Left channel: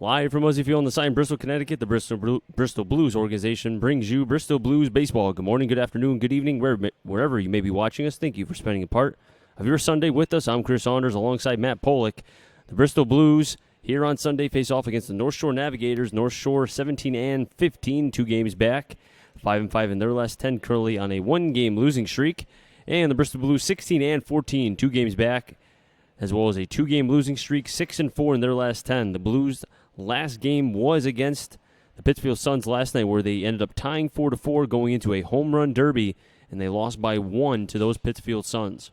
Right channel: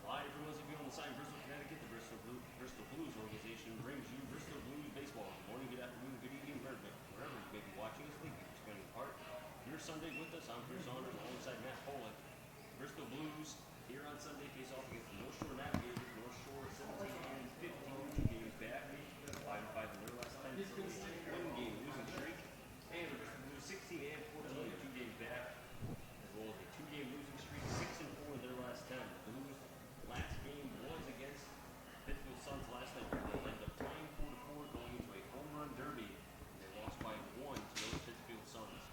Live from Muzzy Field on the site in Bristol, Connecticut, the Bristol Blues organization brings you Bristol Blues baseball. Good morning, good afternoon, good evening, wherever you may be watching us. Thank you for spending a part of your Sunday with us. I'm Chris Saunders alongside Matt Polick. The Bristol Blues here on Sunday face off against the North Shore Navigators. North Shore 17-15, 2 games back, 5-5 in their last 10, currently on a 1-game losing streak. And the Bristol Blues 16-14, 2 games back, as well as a 2-game losing streak, 6-4 in their last 10. The Blues' last game was against the Pittsfield Suns last night, where they ended up tying 4-4 going into a home run derby, and they lost by 1 to those Pittsfield Suns.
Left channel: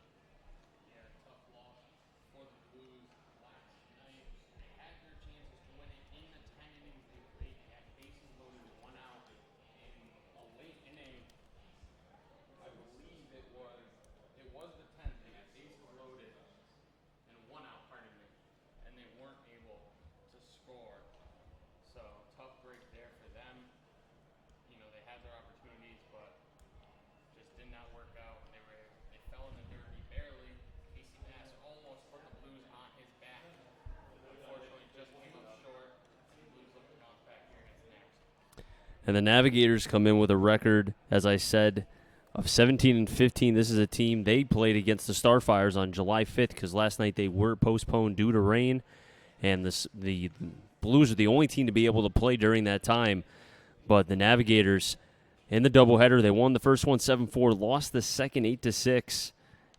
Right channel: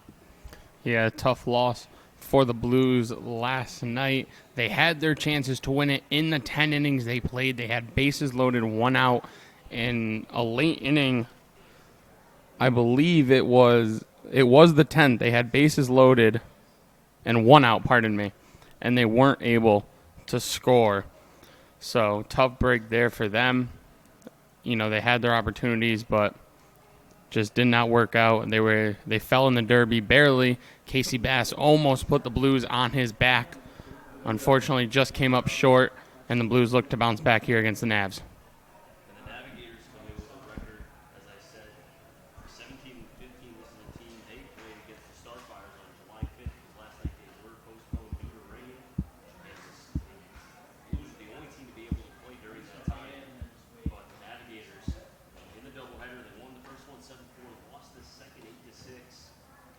Yeah, tough loss for the Blues last night. They had their chances to win it in the 10 innings they played. They had bases loaded, 1 out, in a late inning. I believe it was the 10th. They had bases loaded and 1 out, and they weren't able to score. So tough break there for them. You know, they had their opportunities, but just did not work out. They fell in the derby barely. Casey Bass almost put the Blues on his back. Unfortunately, just came up short, and the Blues look to bounce back here against the Navs. And the Navigators come in with a record, as I said, of 17-15. This is a team they played against the Starfires on July 5th because last night they were postponed due to rain. And the Blues are the only team to be able to play during that time. But the Navigators, in the doubleheader, they won the first one 7-4, lost the second 8-6.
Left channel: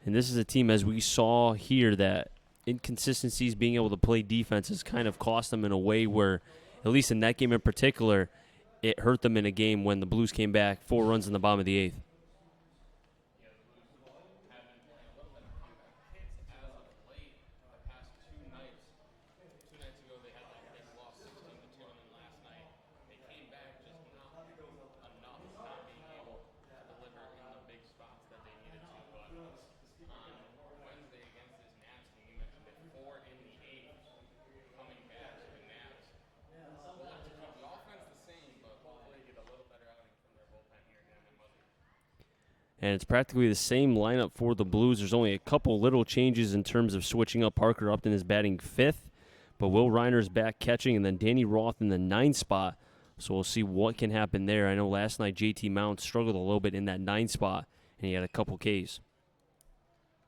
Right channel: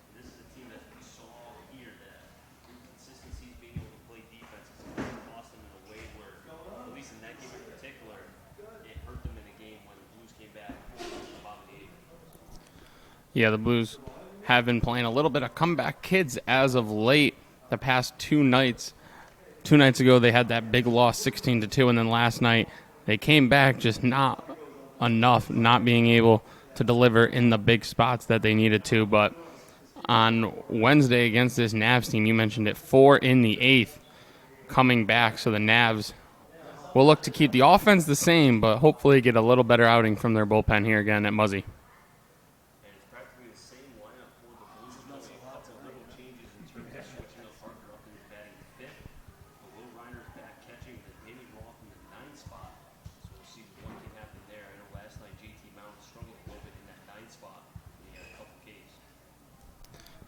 And this is a team, as we saw here, that inconsistencies, being able to play defense, has kind of cost them in a way where, at least in that game in particular, it hurt them in a game when the Blues came back 4 runs in the bottom of the 8th. Yeah, the Blues have been playing a little bit of comeback kids as of late the past 2 nights. 2 nights ago, they had that big loss, 16-2, and then last night they came back, just not enough, not being able to deliver in the big spots that they needed to. But on Wednesday against this Navs team, you mentioned it, 4 in the 8th coming back. So the Navs will look to keep the offense the same, but hopefully get a little better outing from their bullpen here again at Muzzy. And it's practically the same lineup for the Blues. There's only a couple little changes in terms of switching up. Parker Upton is batting 5th. But Will Reiner's back catching, and then Danny Roth in the 9th spot. So we'll see what can happen there. I know last night JT Mount struggled a little bit in that 9th spot, and he had a couple Ks.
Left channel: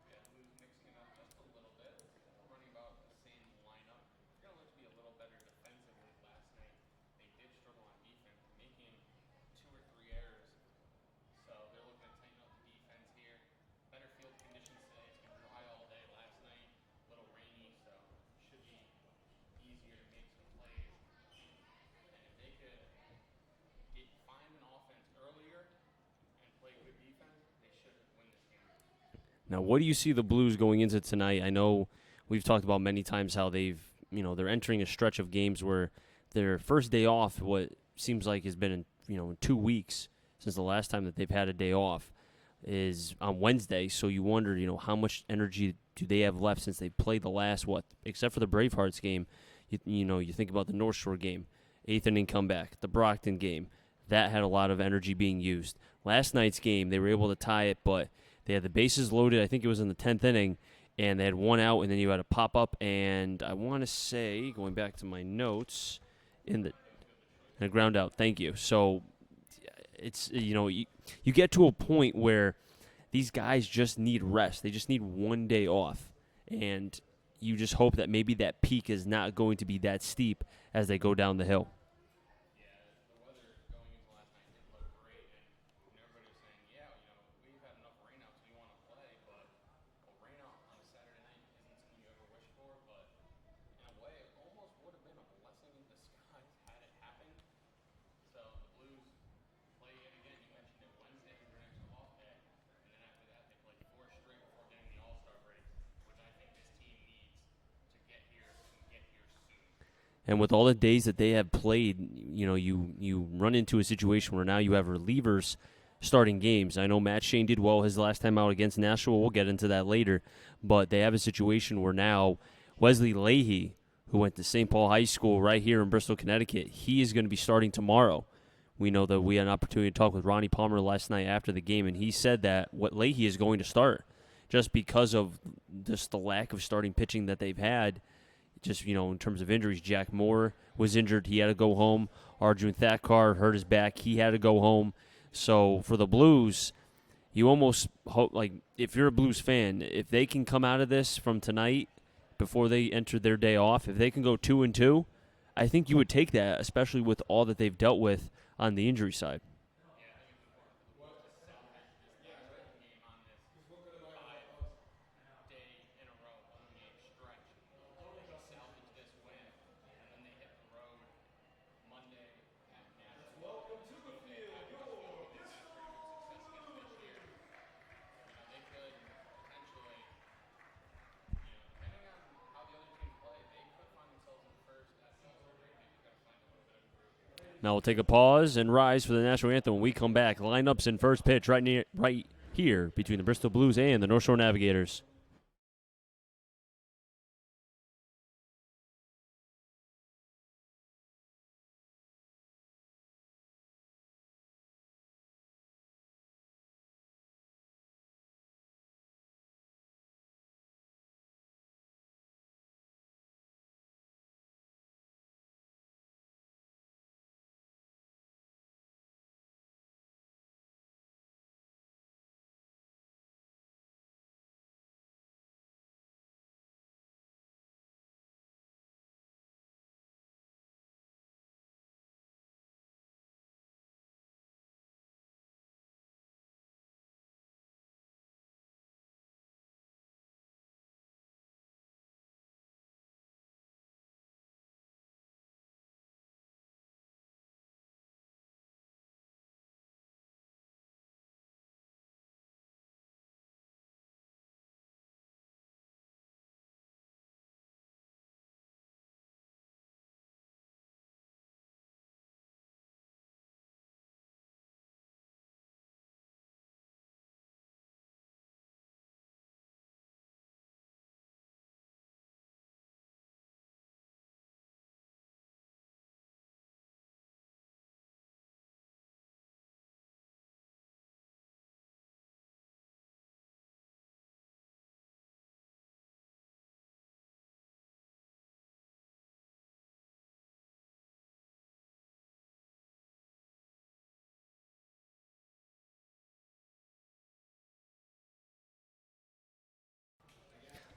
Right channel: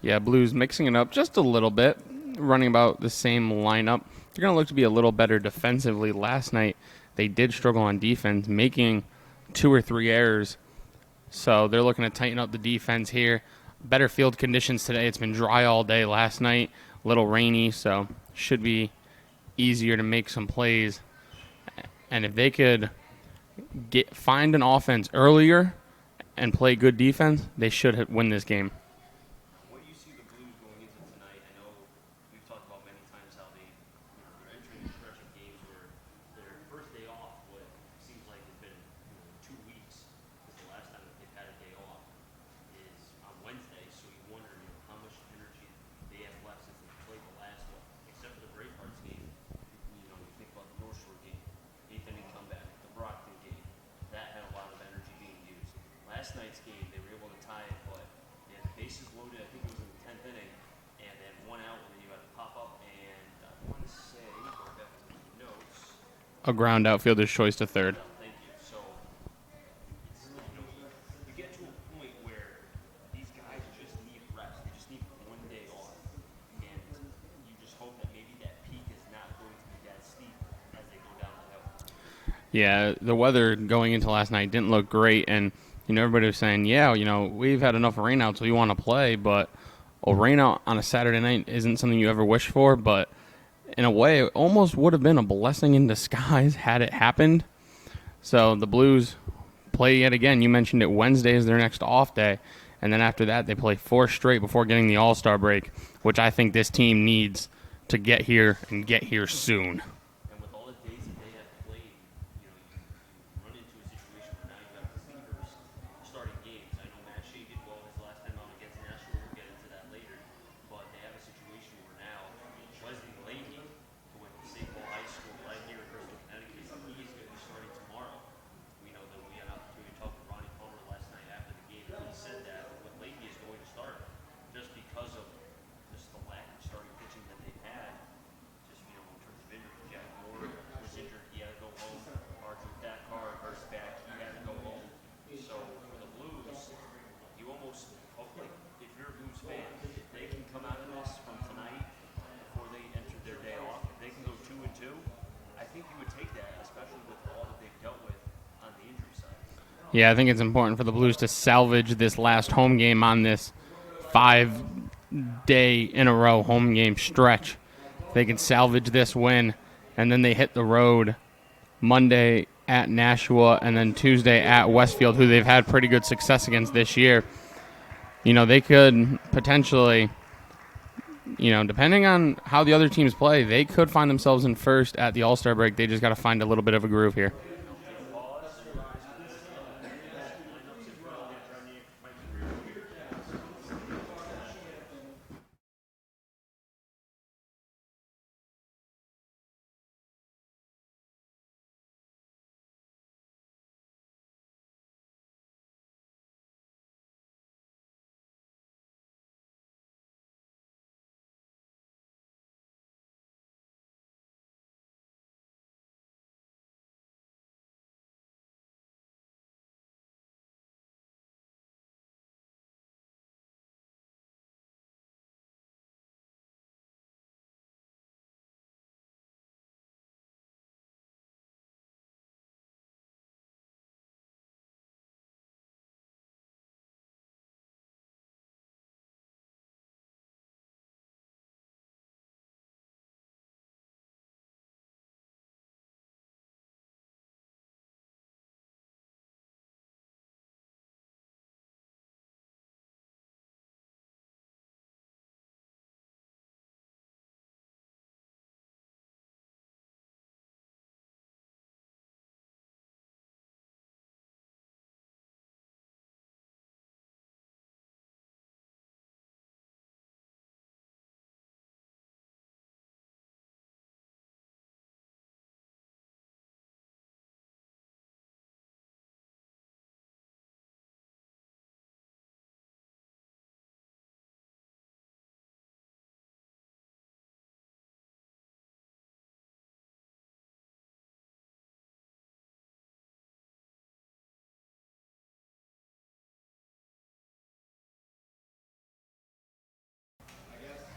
Yeah, Blues mixing it up just a little bit, running about the same lineup. They're going to look to be a little better defensively. Last night, they did struggle on defense, making 2 or 3 errors. So they're looking to tighten up the defense here. Better field conditions today. It's been dry all day last night, a little rainy, so should be easier to make some plays. And if they could find an offense earlier and play good defense, they should win this game. Now, what do you see the Blues going into tonight? I know we've talked about many times how they're entering a stretch of games where their first day off, what seems like has been in 2 weeks since the last time that they've had a day off, is on Wednesday. So you wonder, how much energy do they have left since they played the last, except for the Bravehearts game. You think about the North Shore game, 8th inning comeback, the Brockton game. That had a lot of energy being used. Last night's game, they were able to tie it, but they had the bases loaded. I think it was in the 10th inning, and they had 1 out, and then you had a pop-up, and I want to say, going back to my notes, A ground out, fielder's choice to a third. ground out. Thank you. So it's, you get to a point where these guys just need rest. They just need 1 day off, and you just hope that maybe that peak is not going to be that steep as they go down the hill. Yeah, the weather going into last night didn't look great, and everybody was saying, we've had enough rainouts, we want to play, but a rainout on a Saturday night isn't something you ever wish for, but in a way, it almost would have been a blessing in disguise had it happened. So the Blues play yet again. You mentioned it, Wednesday is their next off day, and then after that, they play 4 straight before getting the All-Star break, which I think this team needs to get here and get here soon. And with all the days that they have played, you run into a situation where now you have relievers starting games. I know Matt Shane did well his last time out against Nashville. We'll get into that later. But they have a situation where now Wesley Leahy, who went to St. Paul High School right here in Bristol, Connecticut, he is going to be starting tomorrow. We know that we had an opportunity to talk with Ronnie Palmer last night after the game, and he said that what Leahy is going to start just because of just the lack of starting pitching that they've had just, in terms of injuries, Jack Moore was injured. He had to go home. Arjun Thakkar hurt his back. He had to go home. So for the Blues, you almost hope, like, if you're a Blues fan, if they can come out of this from tonight before they enter their day off, if they can go 2-2, I think you would take that, especially with all that they've dealt with on the injury side. Yeah, I think it's important for the Blues to salvage this last home game on this 5-day-in-a-row home game stretch. If they can salvage this win, and then they hit the road Monday at Nashua and then Tuesday at Westfield, who they've had pretty good success against this year. They could potentially, depending on how the other teams play, they could find themselves in first at the All-Star break. They just got to find a little bit of a groove here. Now we'll take a pause and rise for the national anthem when we come back. Lineups in first pitch right here between the Bristol Blues and the North Shore Navigators.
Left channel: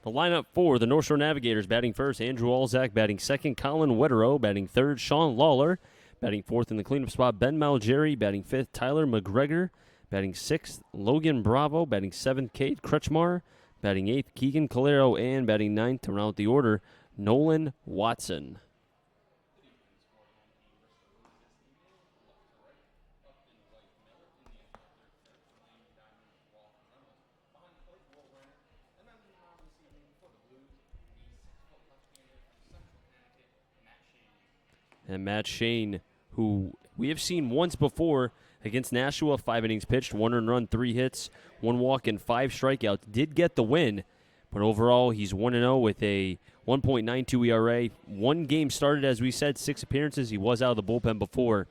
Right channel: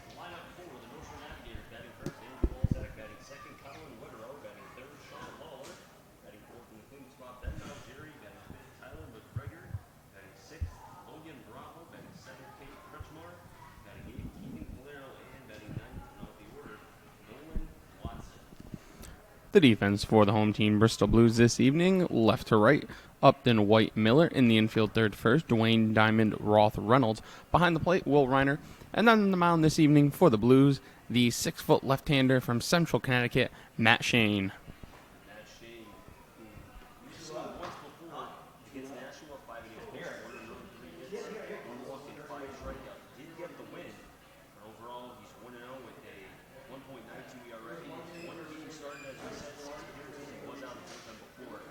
The lineup for the North Shore Navigators: batting first, Andrew Alzak; batting second, Colin Wetterow; batting third, Sean Lawler; batting fourth in the cleanup spot, Ben Malgeri; batting fifth, Tyler McGregor; batting sixth, Logan Bravo; batting seventh, Kate Kretschmar; batting eighth, Keegan Calero; and batting ninth to round out the order, Nolan Watson. The defense for the home team, Bristol Blues, this evening, left to right. Upton, White, Miller. In the infield, third first, Dwayne, Diamond, Roth, Reynolds. Behind the plate, Will Reiner. And then on the mound this evening for the Blues, the 6-foot left-hander from Central Connecticut, Matt Shane. And Matt Shane, who we have seen once before against Nashua, 5 innings pitched, 1 earned run, 3 hits, 1 walk, and 5 strikeouts. Did get the win, but overall he's 1-0 with a 1.92 ERA. 1 game started, as we said, 6 appearances. He was out of the bullpen before.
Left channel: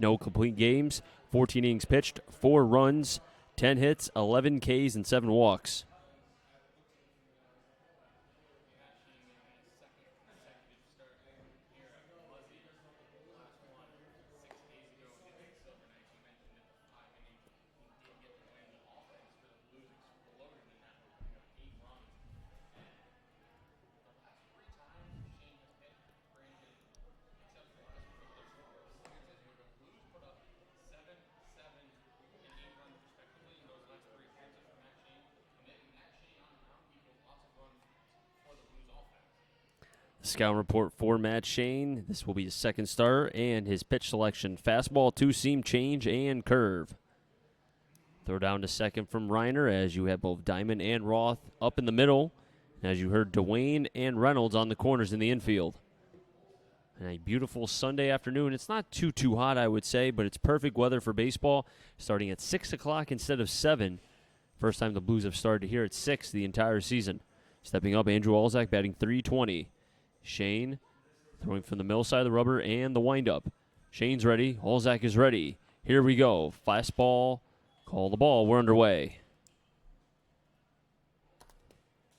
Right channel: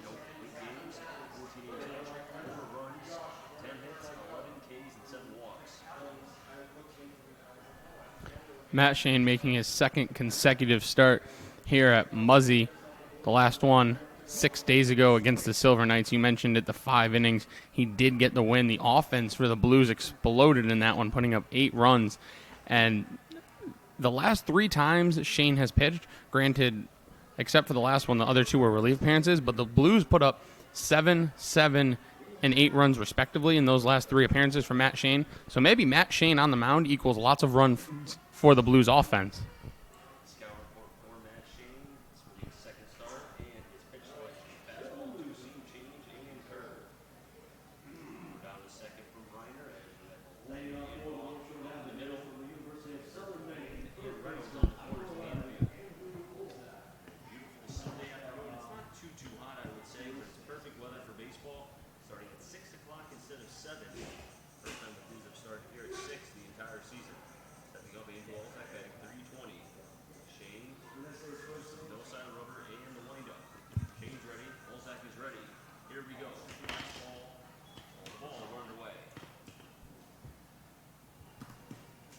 No complete games, 14 innings pitched, 4 runs, 10 hits, 11 Ks, and 7 walks. Matt Shane making his second consecutive start here at Muzzy. The last one 6 days ago against the Silver Knights. You mentioned it, the 5 innings. He did get the win. The offense for the Blues exploded in that one, putting up 8 runs. And the last 3 times Shane has pitched, granted, except for the last one, the other 2 were relief appearances, but the Blues put up 7, 7, and 8 runs respectively in those last 3 appearances for Matt Shane. So maybe Matt Shane on the mound equals lots of runs for the Blues offense. Scout report for Matt Shane. This will be his second start, and his pitch selection: fastball, 2-seam, change, and curve. Throw down to second from Reiner, as you have both Diamond and Roth up in the middle. As you heard, Dwayne and Reynolds on the corners in the infield. And a beautiful Sunday afternoon. It's not too hot, I would say, but it's perfect weather for baseball. Starting at 6 o'clock instead of 7. First time the Blues have started here at 6 the entire season. Stepping up, Andrew Alzak batting .320. Shane throwing from the middle side of the rubber and the windup. Shane's ready. Alzak is ready. Here we go. Fastball. Call the ball. We're underway.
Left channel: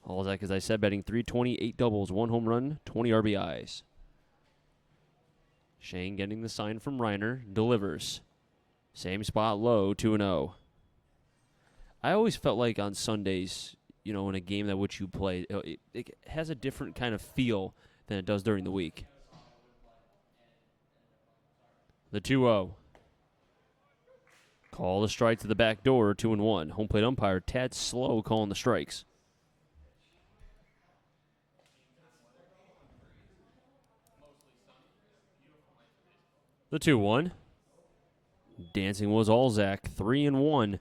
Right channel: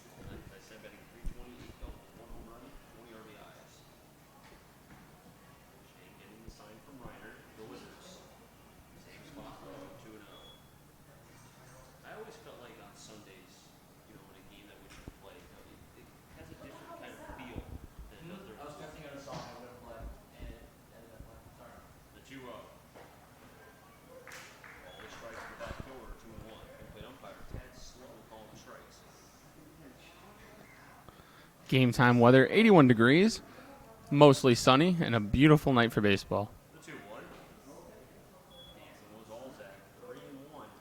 Alzak, as I said, batting .320, 8 doubles, 1 home run, 20 RBIs. Shane getting the sign from Reiner, delivers. Same spot, low, 2-0. I always felt like on Sundays, in a game that which you play, it has a different kind of feel than it does during the week. The 2-0. Call the strike to the back door, 2-1. Home plate umpire Tad Slow calling the strikes. Game time weather, 81 degrees, mostly sunny, and a beautiful night for baseball. The 2-1. Dancing was Alzak, 3-1.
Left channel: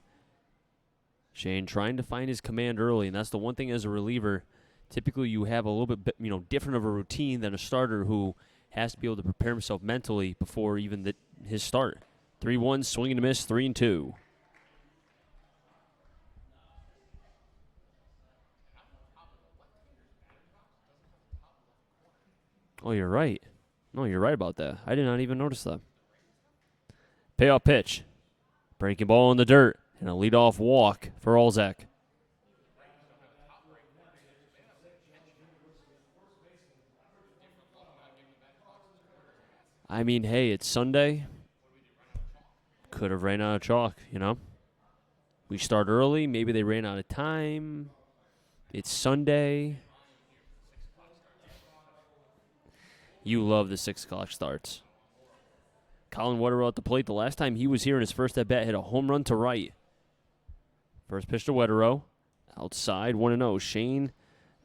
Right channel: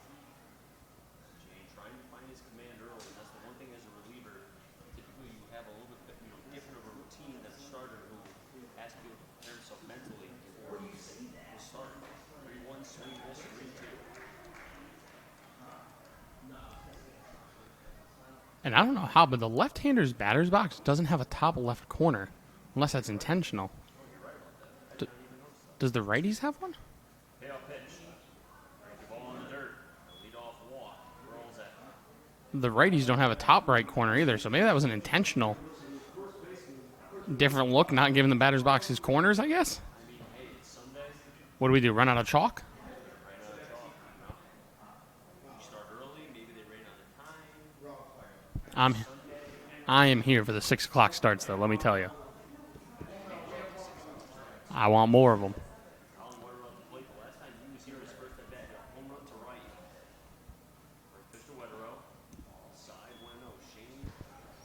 Shane trying to find his command early, and that's the one thing as a reliever. Typically, you have a little bit, different of a routine than a starter who has to be able to prepare himself mentally before even his start. 3-1, swing and a miss, 3-2. And I don't know how, but the left-hander's batter's box doesn't have a top left corner, unless Oh, that's you're right. intentional. No, you're right about that. I did not even notice that. Does the righties have one? Payoff pitch. Breaking ball in the dirt, and a leadoff walk for Alzak. The righties don't have a top right corner either, so maybe that was an intentional different look, not giving the batter's box his corners, I guess. I mean, hey, it's Sunday. What do we do, run out of chalk? Could have ran out of chalk, We start early. Maybe they ran out of time. It's Sunday. I am here for the 6 o'clock starts, though, let me tell you. You love the 6 o'clock starts. I want more of them. Colin Wetterell at the plate. The last time he was here in his first at-bat, hit a home run to right. First pitch to Wetterell. Outside, 1-0. Shane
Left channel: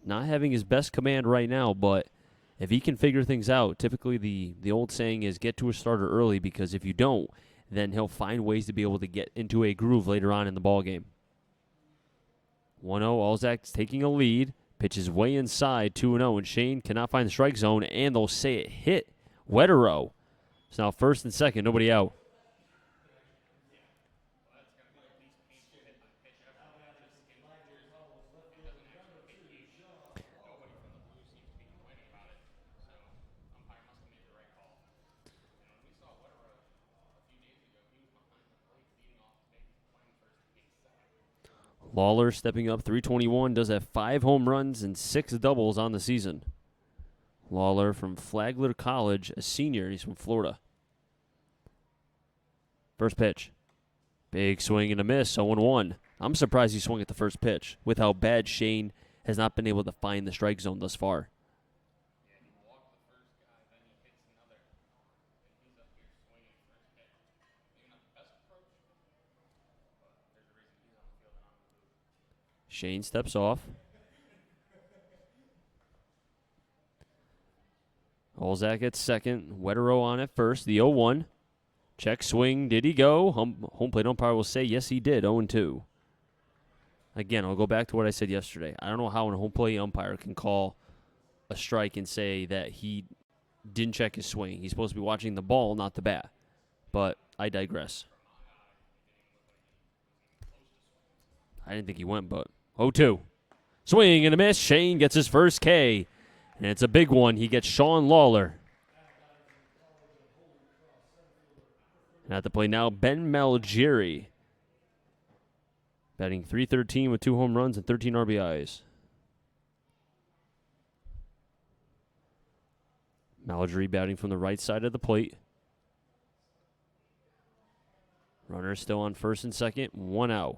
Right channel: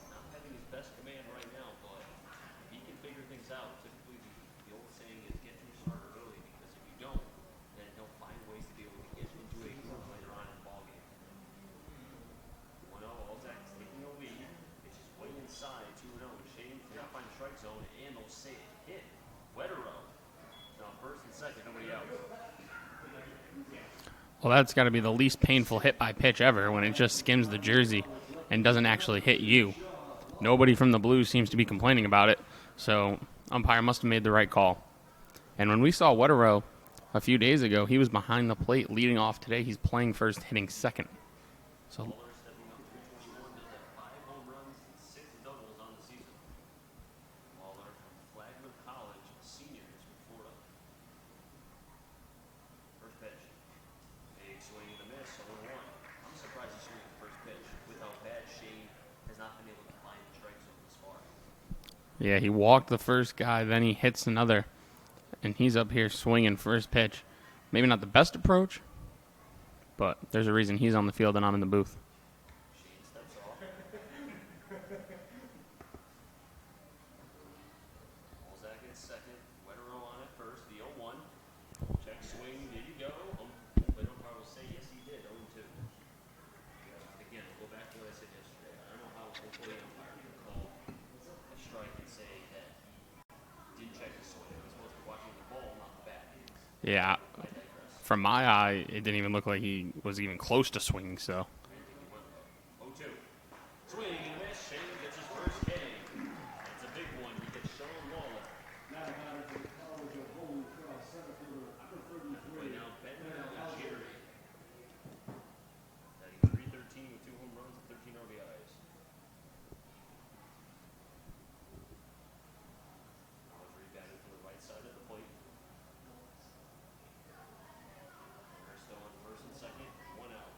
not having his best command right now, but if he can figure things out, typically the old saying is get to a starter early, because if you don't, then he'll find ways to be able to get into a groove later on in the ballgame. 1-0, Alzak's taking a lead. Pitches way inside, 2-0, and Shane cannot find the strike zone, and they'll say it hit Wetterell. It's now first and second, nobody out. Well, that's got to be the least painful hit by pitch ever, when it just skims the jersey and doesn't actually hit you. Nobody from the Blues seems to be complaining about it, so umpire must have made the right call. And when we saw Wetterell a few days ago, he was behind the plate leading off. Today he's playing first, hitting second. Lawler stepping up, 321, does have 5 home runs and 6 doubles on the season. Lawler from Flagler College, a senior. He's from Florida. First pitch. Big swing and a miss, 0-1. I'm surprised he swung at the first pitch with how bad Shane has not been able to find the strike zone thus far. Yeah, he walked the first guy, then he hits another, and he's up here swinging first pitch. Maybe not the best approach, but there's a reason he's on the field and I'm in the booth. Shane steps off. Alzak at second. Wetterell on at first. The 0-1. Check swing. Did he go? Home plate umpire will say yes, he did. 0-2. Again, I'll go back to what I said yesterday. I don't know how a home plate umpire can call a strike and say that he didn't check his swing. He's supposed to be watching the ball, not the bat. Yeah. But I digress. From my eye, it didn't even look like he was even close to swinging, so. I didn't think he went, but 0-2. Swing and a miss. Shane gets his first K, and it's a big one. He gets Sean Lawler. At the plate now, Ben Malgeri. Batting .313 with 2 home runs and 13 RBIs. Malgeri batting from the right side of the plate. Runner still on first and second, 1 out.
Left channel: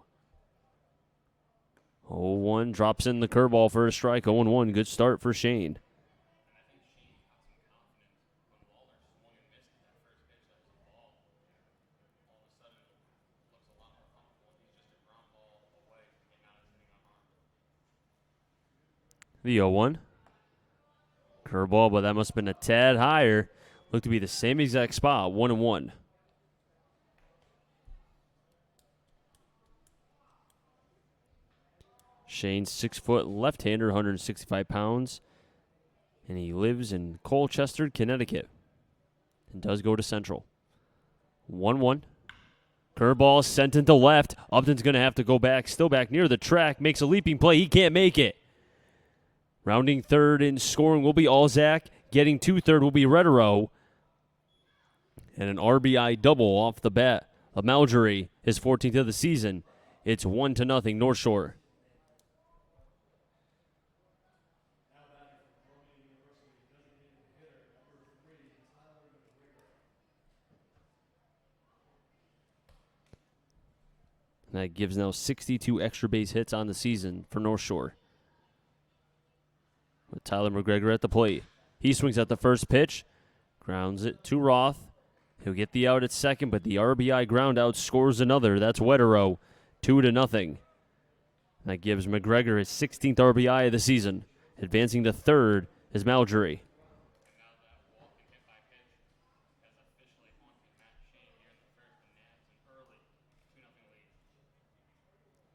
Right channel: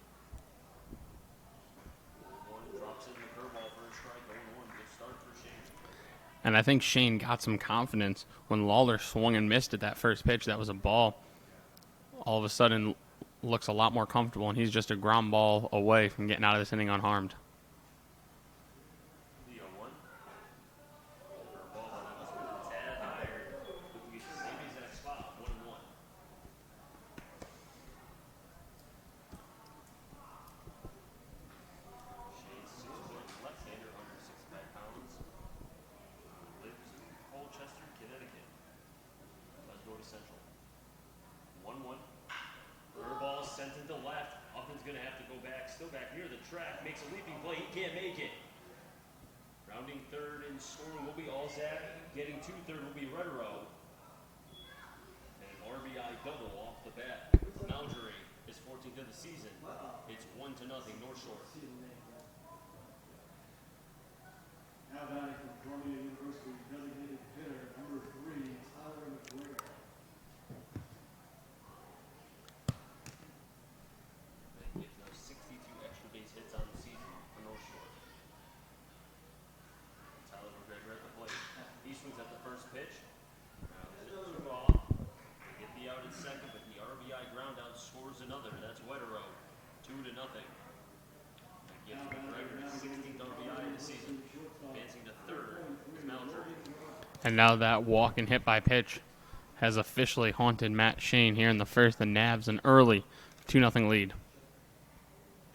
0-1, drops in the curveball for a strike, 0-1, good start for Shane. And I think Shane got some confidence when Lawler swung and missed at that first pitch. That was a ball. All of a sudden, looks a lot more comfortable, and he's just a ground ball away from getting out of this inning unharmed. The 0-1. Curveball, but that must have been a tad higher. Looked to be the same exact spot, 1-1. Shane's 6-foot left-hander, 165 pounds. And he lives in Colchester, Connecticut. He does go to Central. 1-1. Curveball sent into left. Upton's going to have to go back. Still back near the track. Makes a leaping play. He can't make it. Rounding third in scoring will be Alzak. Getting to third will be Wetterell. And an RBI double off the bat of Malgeri, his 14th of the season. It's 1-0 North Shore. That gives now 62 extra base hits on the season for North Shore. With Tyler McGregor at the plate. He swings at the first pitch, grounds it to Roth. He'll get the out at second, but the RBI ground out scores another. That's Wetterow, 2-0. That gives McGregor his 16th RBI of the season. Advancing to third is Malgery. And now that walk and hit by pitch has officially haunted Matt Shane here in the first. The Navs an early 2-0 lead.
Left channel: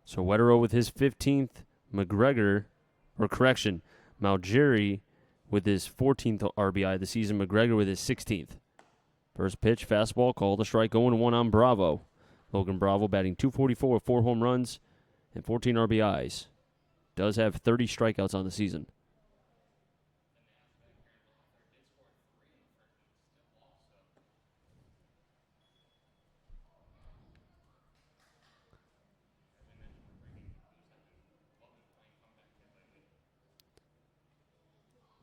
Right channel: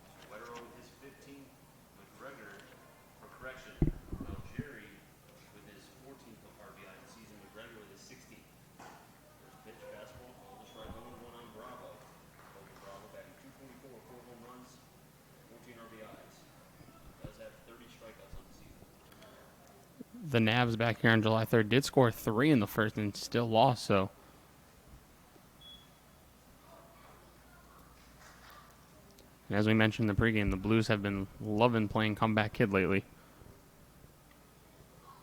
So Wetterow with his 15th, Malgery with his 14th RBI of the season, McGregor with his 16th. First pitch, fastball, called a strike, 0-1 on Bravo. Logan Bravo batting .244 with 4 home runs and 14 RBIs. Does have 30 strikeouts on the season. The Navs back here on July 3rd did score 3 in the first and still lost, so. And as we mentioned in the pregame, the Blues have been loving playing comeback kid lately.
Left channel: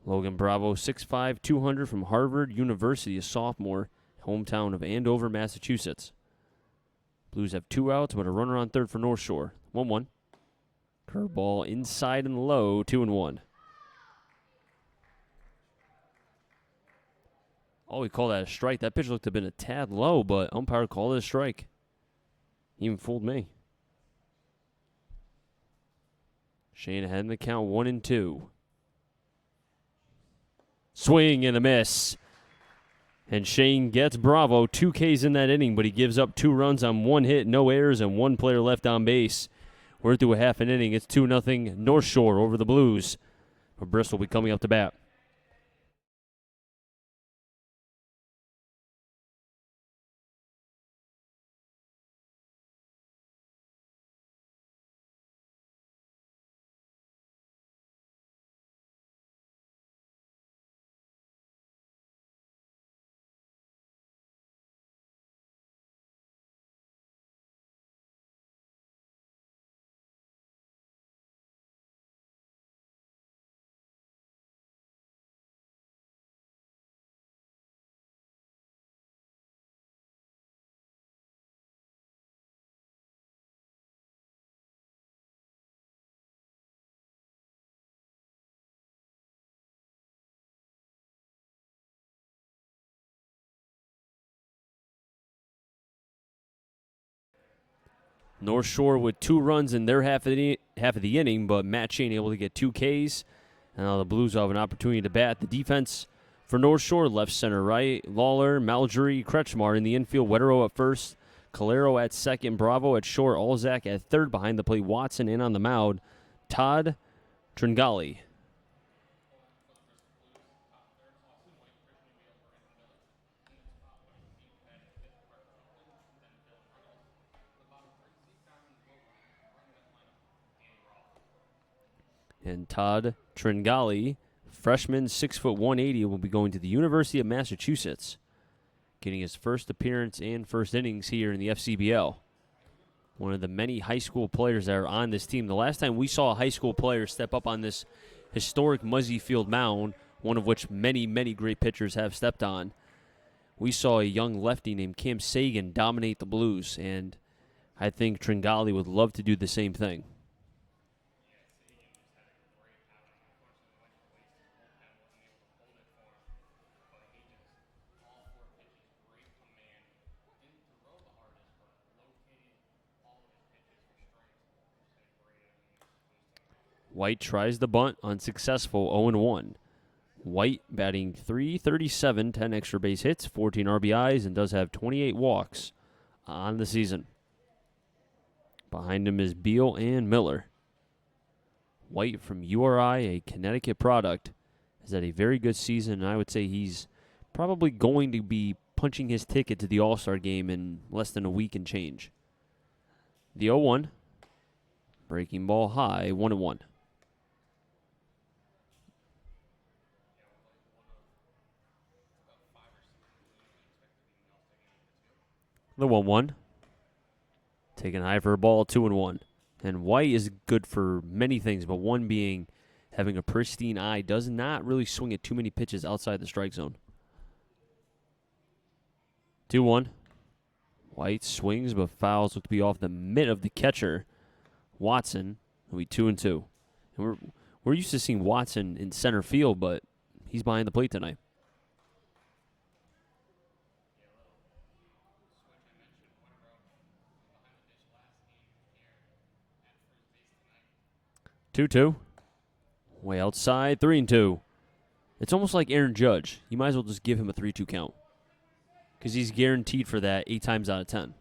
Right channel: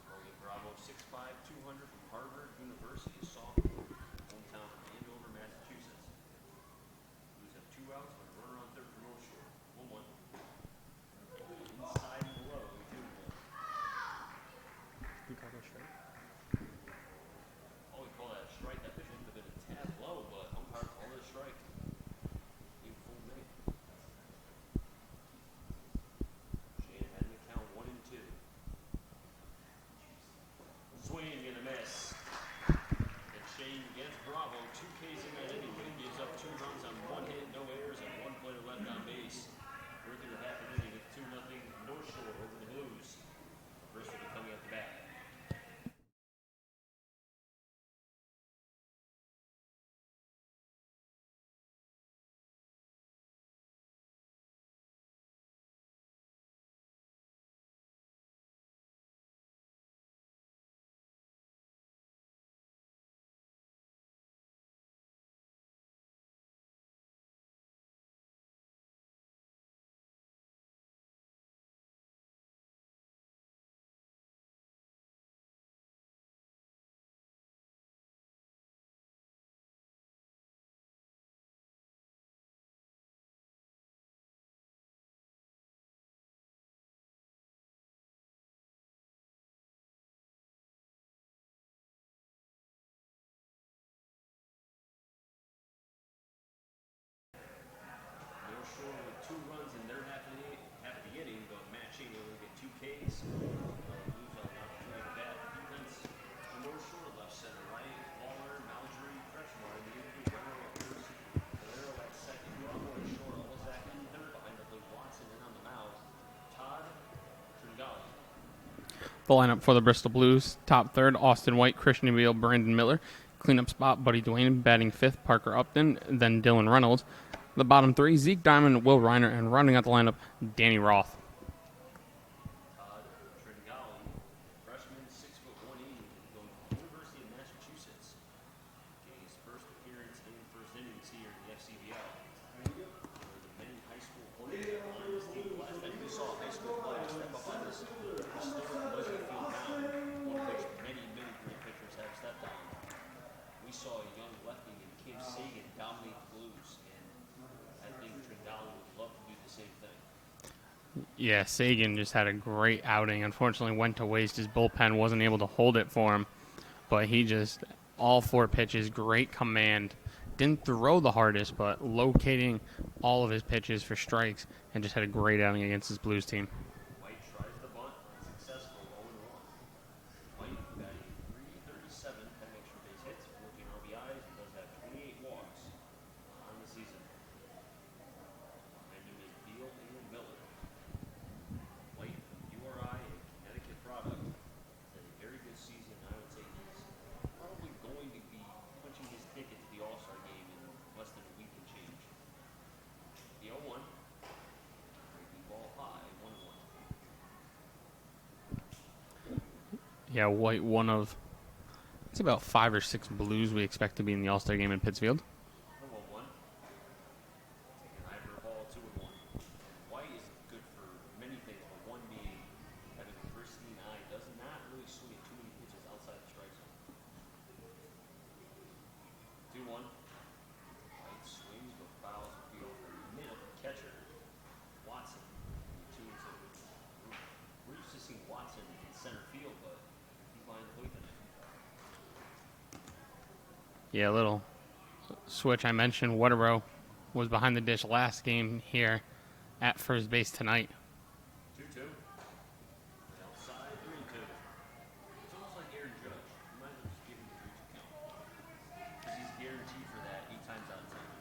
Logan Bravo, 6'5", 200 from Harvard University, a sophomore, hometown of Andover, Massachusetts. Blues have 2 outs, but a runner on third for North Shore. 1-1. Curveball inside and low, 2-1. Oh, we call that a strike. That pitch looked to have been a tad low, but umpire called it a strike. Even fooled me. Shane ahead in the count, 1-2. Swing and a miss. And Shane gets Bravo 2 Ks in that inning, but he gives up 2 runs on 1 hit, no errors, and 1 player left on base. We're through a half an inning. It's 2-0 North Shore over the Blues. Bristol will be coming up to bat. North Shore with 2 runs in their half of the inning, but Matt Shane able to get 2 Ks. And now the Blues have an opportunity to bat. The defense for North Shore, left, center, right. Lawler, Malgery, Kretschmar in the infield. Wetterow at first. Calero at second. Bravo at short. Alzak at third. Behind the plate, Watson in on the mound. Todd Tringali. The lineup for the Bristol Blues: top third, Austin White, Christian Beal, Brandon Miller. Cleanup spot, Buddy Duane. Batting fifth, Parker Upton. Then Dylan Reynolds. The bottom 3, Zeke Diamond, Will Reiner, and rounding out the lineup, Danny Roth. And Todd Tringali, freshman, 6', 180, will be going to the University of Massachusetts, getting his first appearance and first innings here in the FCBL. One of the many high school players that are on this team. The last time we saw a high school player step up on this historic Muzzy Field mound, one of which many, many great pitchers have stepped on, we saw a young lefty named Cam Sagan dominate the Blues, and I think Tringali would love to do the same thing. Yeah, Sagan just had a great outing. Unfortunately, went to waste. His bullpen wasn't able to hold it for him. But he just, all 4 pitches, great command. Didn't throw the hardest, but locating all of his pitches for strikes, and just had a great outing against his Blues team. White tries the bunt, unsuccessful, 0-1. White batting .337, 10 extra base hits, 14 RBIs, and does have 28 walks on the season. Behind him is Beal and Miller. White from URI, a Connecticut product, has had a very good season, and I would say he's probably going to be punching his ticket to the All-Star game in less than a week and change. The 0-1, breaking ball high, 1-1. Yeah, White, one of, it's about 5 or 6 Blues we expect to be in the All-Star game in Pittsfield. The 1-1. Taking high for a ball, 2-1. And White is good for many things, but one being having a pristine eye, does not really swing at too many pitches outside the strike zone. 2-1. White swings but fouls, look to be off the mitt of the catcher. Watson will be 2-2. We're used to seeing Watson in center field, but he's behind the plate tonight. Yeah, a little switch. I mentioned Waterow was behind the dish last game here at first base tonight. 2-2. Way outside, 3-2. It's almost like Aaron Judge. You might as well just give him a 3-2 count, because he's guaranteed for that 8 times out of 10,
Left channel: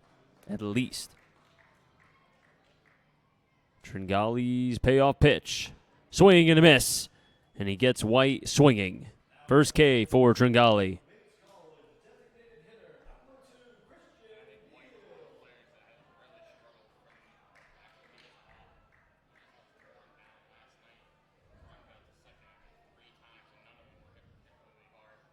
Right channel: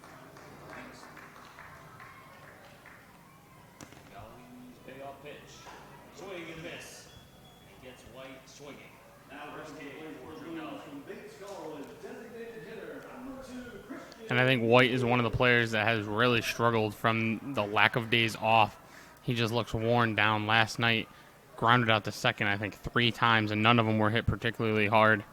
at least. Tringale's payoff pitch. Swing and a miss. And he gets White swinging. First K for Tringale. And I think White is one of the players that has really struggled from the lack of days off. He just looks worn down. Last night, grounded out to second, I think, 3 times, and none of them were hit particularly hard.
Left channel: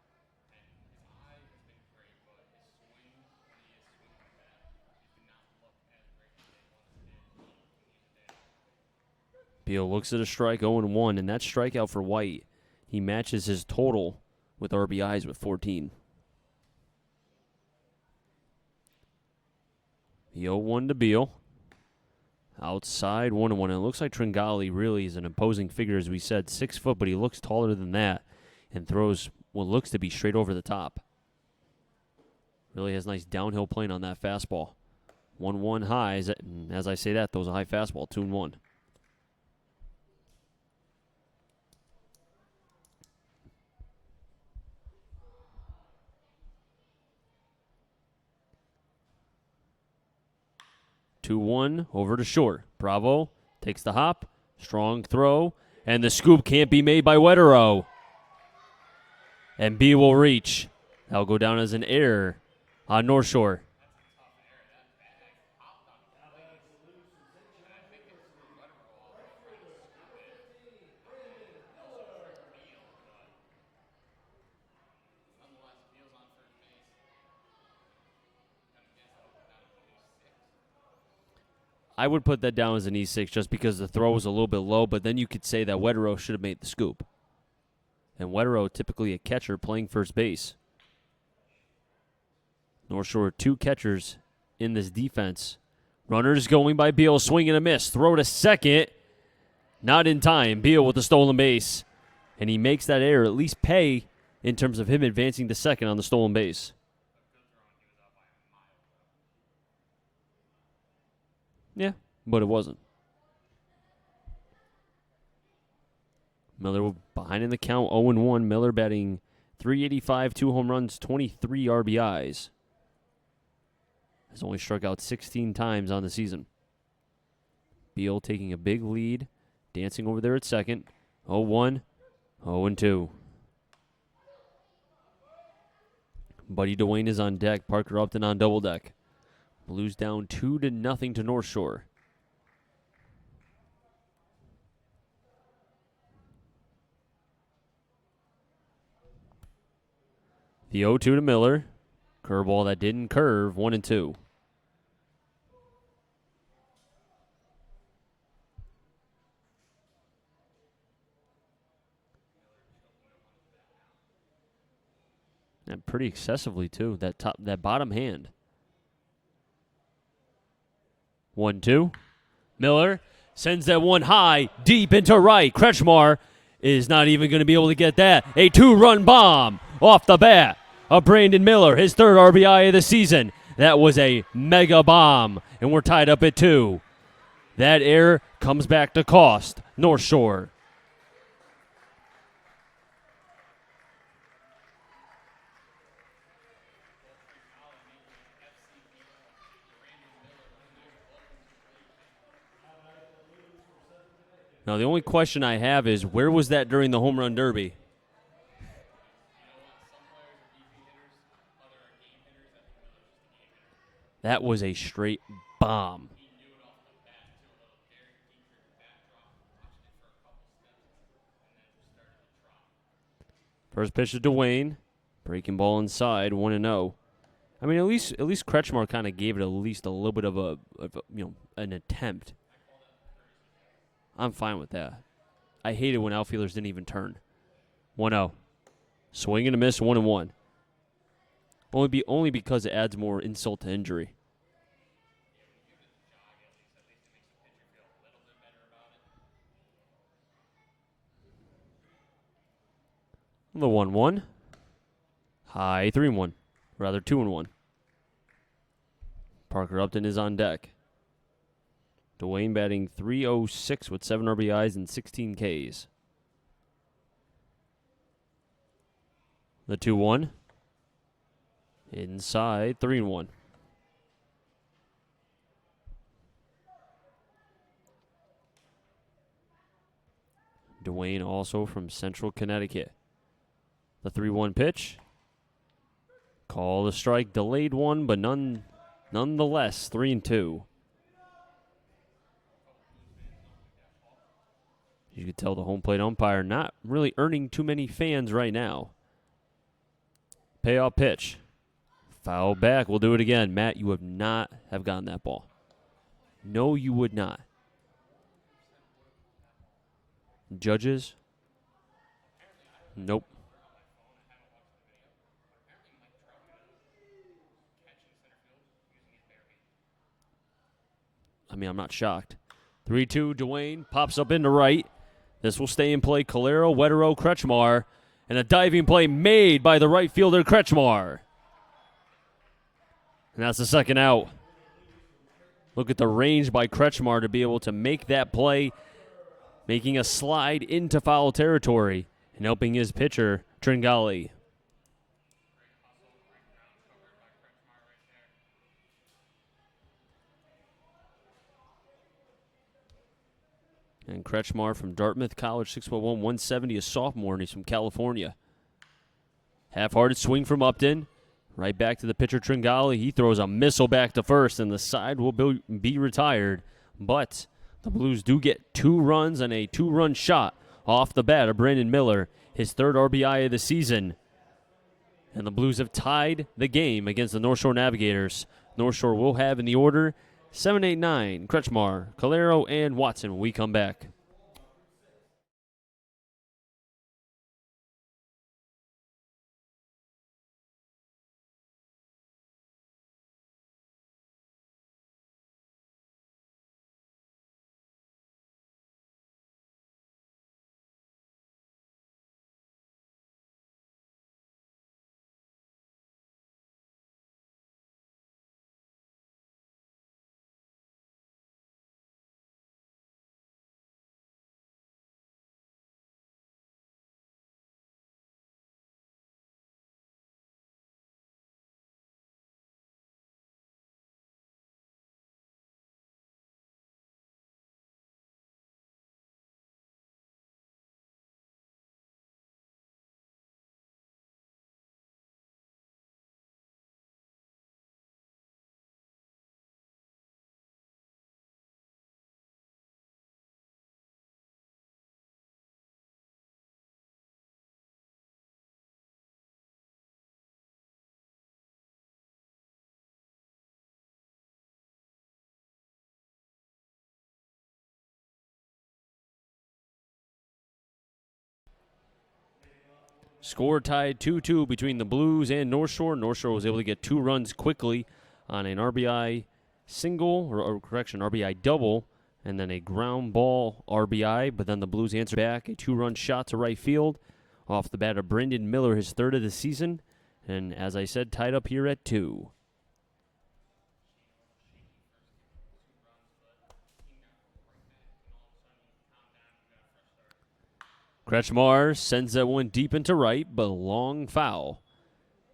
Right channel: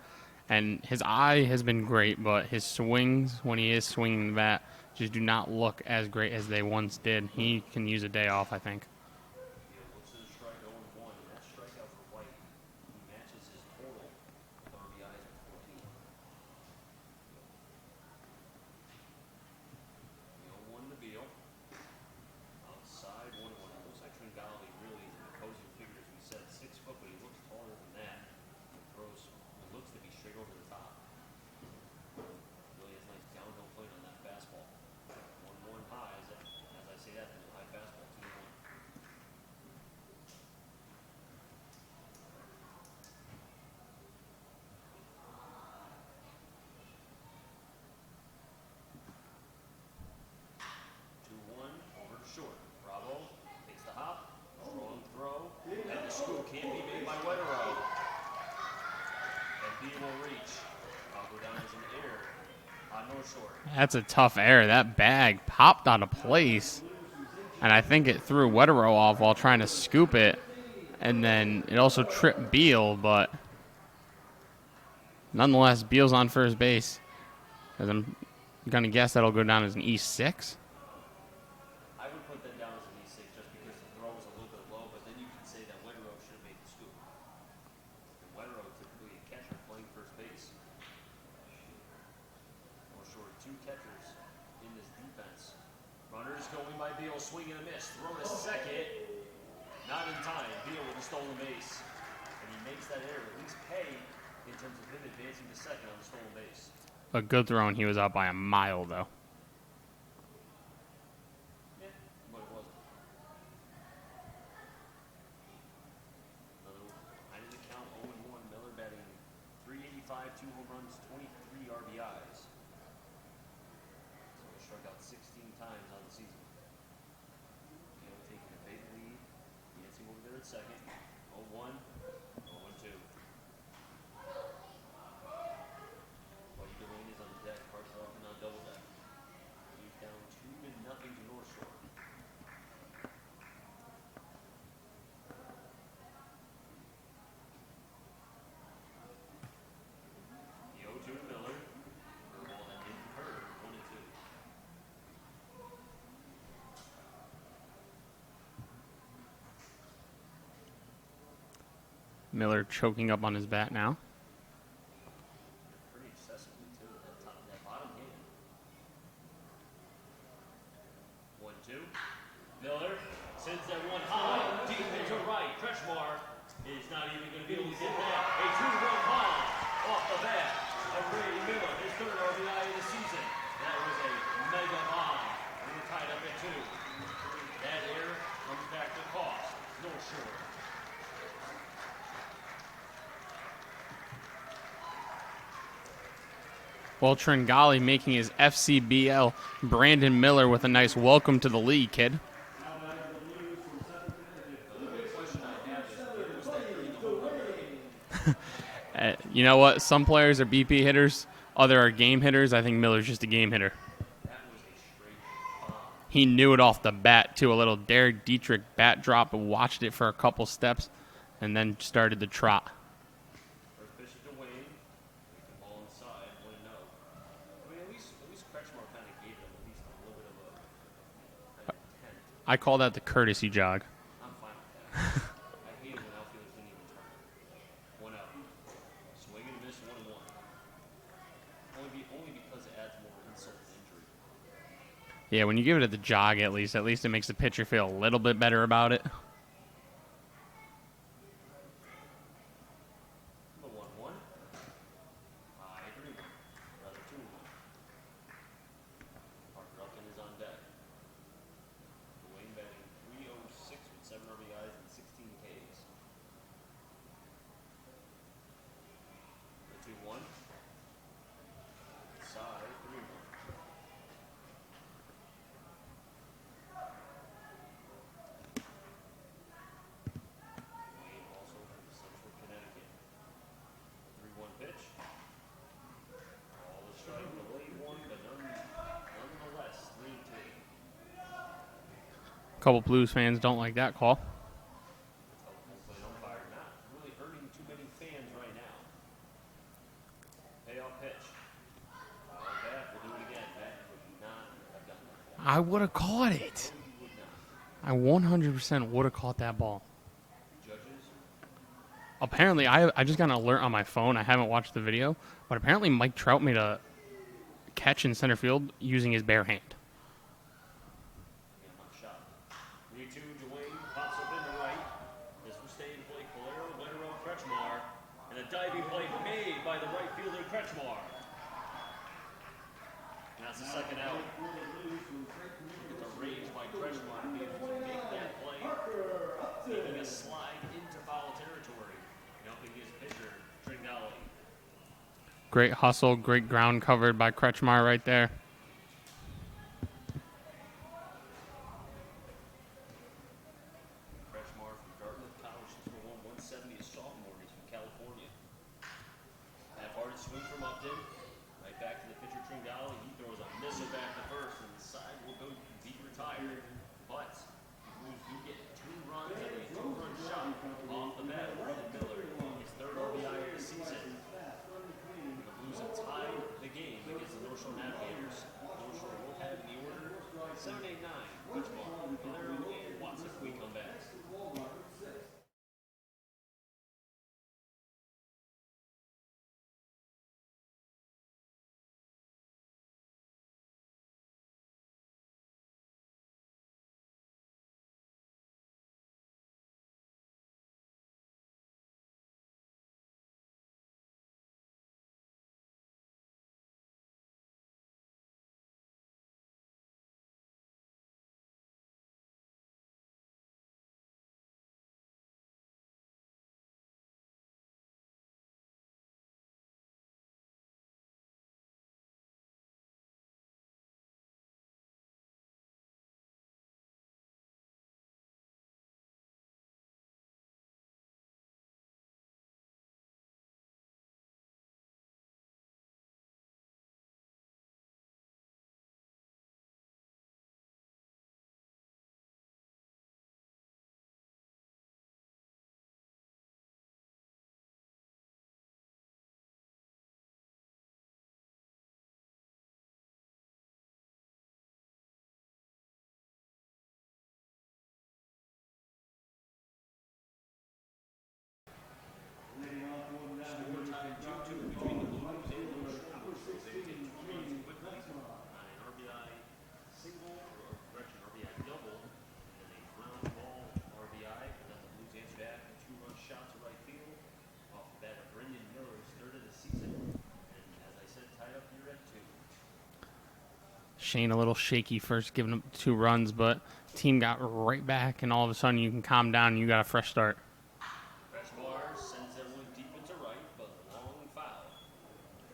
And his eye has been great, but his swings, when he is swinging the bat, just do not look as great as they once did. He can use a day off, I think. Beal looks at a strike, 0-1, and that strikeout for White, he matches his total with RBIs with 14. The 0-1 to Beal. Outside, 1-1. And it looks like Tringale really is an imposing figure, as we said. 6 foot, but he looks taller than that and throws what looks to be straight over the top. Really has nice downhill plane on that fastball. 1-1 high. As I say that, those a high fastball, 2-1. Over to short. Bravo takes the hop. Strong throw. And the scoop can't be made by Wetterow. And B will reach. That'll go down as an error on North Shore. That's a tough error. That bag popped out of place. And I think it threw Wetterow off while trying to scoop it. And then it also tripped Beal, but nonetheless, Beal's on first base. As I'm going to guess that'll go down as an E6. I would put that down as an E6 just because the throw was a little bit low, but then you could say that Wetterow should have made the scoop. And Wetterow, typically a catcher playing first base. North Shore, 2 catchers in this defense. Runners going by Beal, swing and a miss. Throw to second. Not in time. Beal with the stolen base. And he makes that error at least pay in terms of him advancing to second on the stolen base. A good throw, and he was out by a mile, though. Yeah, but it wasn't. Miller behind in the count, 0-1. Miller batting .385, 2 home runs, 23 RBIs. Has only struck out 16 times on the season. Beal taking a big lead, dancing over there at second. 0-1, 0-2. Buddy Dwayne is on deck. Parker Upton on double deck. Blues down 2-0 to North Shore. The 0-2 to Miller. Curveball that didn't curve, 1-2. Miller choking up on his bat now. And pretty excessively, too. That bottom hand. 1-2. Miller sends that one high, deep into right. Kretschmar is not even going to be able to get that. A 2-run bomb off the bat of Brandon Miller, his 3rd RBI of the season. That was a mega bomb, and we're tied up at 2. That error comes back to cost North Shore. Well, Tringale making his FCBL. Brandon Miller with a nice welcome to the league, kid. Now, the only question I have is, where was that during the home run derby? You know what? Some players are BP hitters. Other are game hitters. I think Miller's just a game hitter. That was a straight bomb. He knew it off the bat, too. A little Derek Dietrich bat drop, and watched it for a couple steps, and then started the trot. First pitch to Dwayne. Breaking ball inside, 1-0. I mean, at least Kretschmar kind of gave it at least a little bit of an attempt. I call that the courtesy jog. I'm fine with that. I hate it when outfielders didn't even turn. 1-0. Swing and a miss, 1-1. Only because it adds more insult to injury. Yeah, when you give it at the jog, at least it makes the pitcher feel a little bit better about it. The 1-1. High 3-1. Rather 2-1. Parker Upton is on deck. Dwayne batting .306 with 7 RBIs and 16 Ks. The 2-1. Inside 3-1. Dwayne also from Central Connecticut. The 3-1 pitch. Call the strike, delayed one, but nonetheless 3-2. A couple Blues fans don't like that call. You could tell the home plate umpire not really earning too many fans right now. Payoff pitch. Foul back. We'll do it again. Matt, you would not have gotten that ball. I would have caught it. No, you would not. I 100% would have caught that ball. Judges? Apparently, I just Nope. got an alert on my phone. I haven't watched the video, but apparently Mike Trout made a catch in center field using his bare hand. I mean, I'm not shocked. 3-2, Dwayne pops up into right. This will stay in play. Calero, Wetero, Kretschmar. And a diving play made by the right fielder, Kretschmar. And that's the second out. Look at the range by Kretschmar to be able to make that play, making a slide into foul territory and helping his pitcher, Tringali. Great hustle, great ground covered by Kretschmar right there. And Kretschmar from Dartmouth College, 6'1", 170, a sophomore, and he's from California. Half-hearted swing from Upton. Right back to the pitcher, Tringali. He throws a missile back to first, and the side will be retired. But the Blues do get 2 runs and a 2-run shot off the bat of Brandon Miller, his 3rd RBI of the season. And the Blues have tied the game against the North Shore Navigators. North Shore will have in the order 7, 8, 9, Kretschmar, Calero, and Watson when we come back. Score tied 2-2 between the Blues and North Shore. North Shore was able to get 2 runs quickly on an RBI single, or correction, RBI double, and then a ground ball RBI. But then the Blues answered back, a 2-run shot to right field off the bat of Brendan Miller, his 3rd of the season. And as I said, tied up here at 2. Shane a little shaky first, giving up 2 runs, but team got right back, and all of a sudden you can calm down and you got a fresh start. Kretschmar sends that one deep into right, but long foul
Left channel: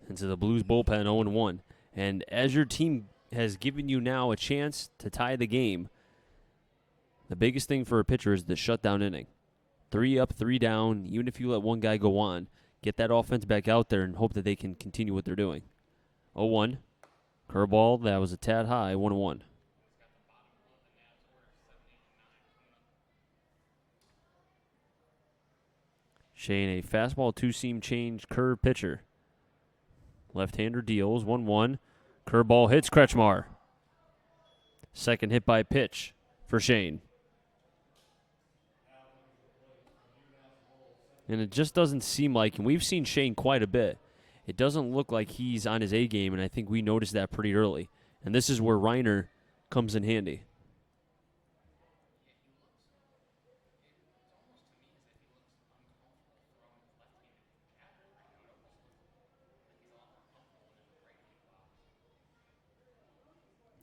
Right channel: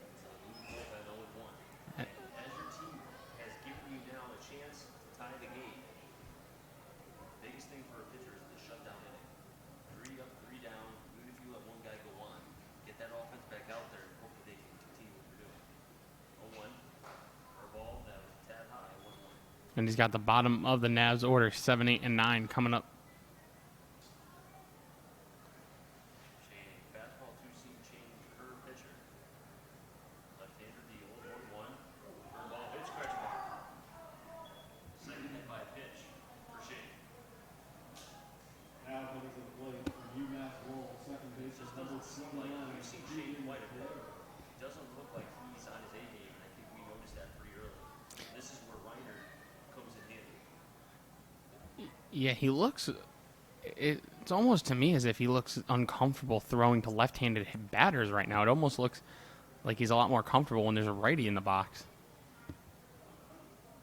into the Blues bullpen, 0-1. And as your team has given you now a chance to tie the game, the biggest thing for a pitcher is the shutdown inning. 3 up, 3 down, even if you let one guy go on, get that offense back out there and hope that they can continue what they're doing. 0-1. Curveball, that was a tad high, 1-1. And he's got the bottom of the Navs order, 7, 8, and 9 coming up. Shane, a fastball 2-seam change curve pitcher. Left-hander deals, 1-1. Curveball hits Kretschmar. Second hit by pitch for Shane. And it just doesn't seem like, and we've seen Shane quite a bit, it doesn't look like he's on his A game, and I think we noticed that pretty early. And this is where Reiner comes in handy. Yeah, he looks. It's almost to me as if he looks uncomfortable throwing to left-handed batters right now. It almost looks like he's a lot more comfortable when there's a righty in the box.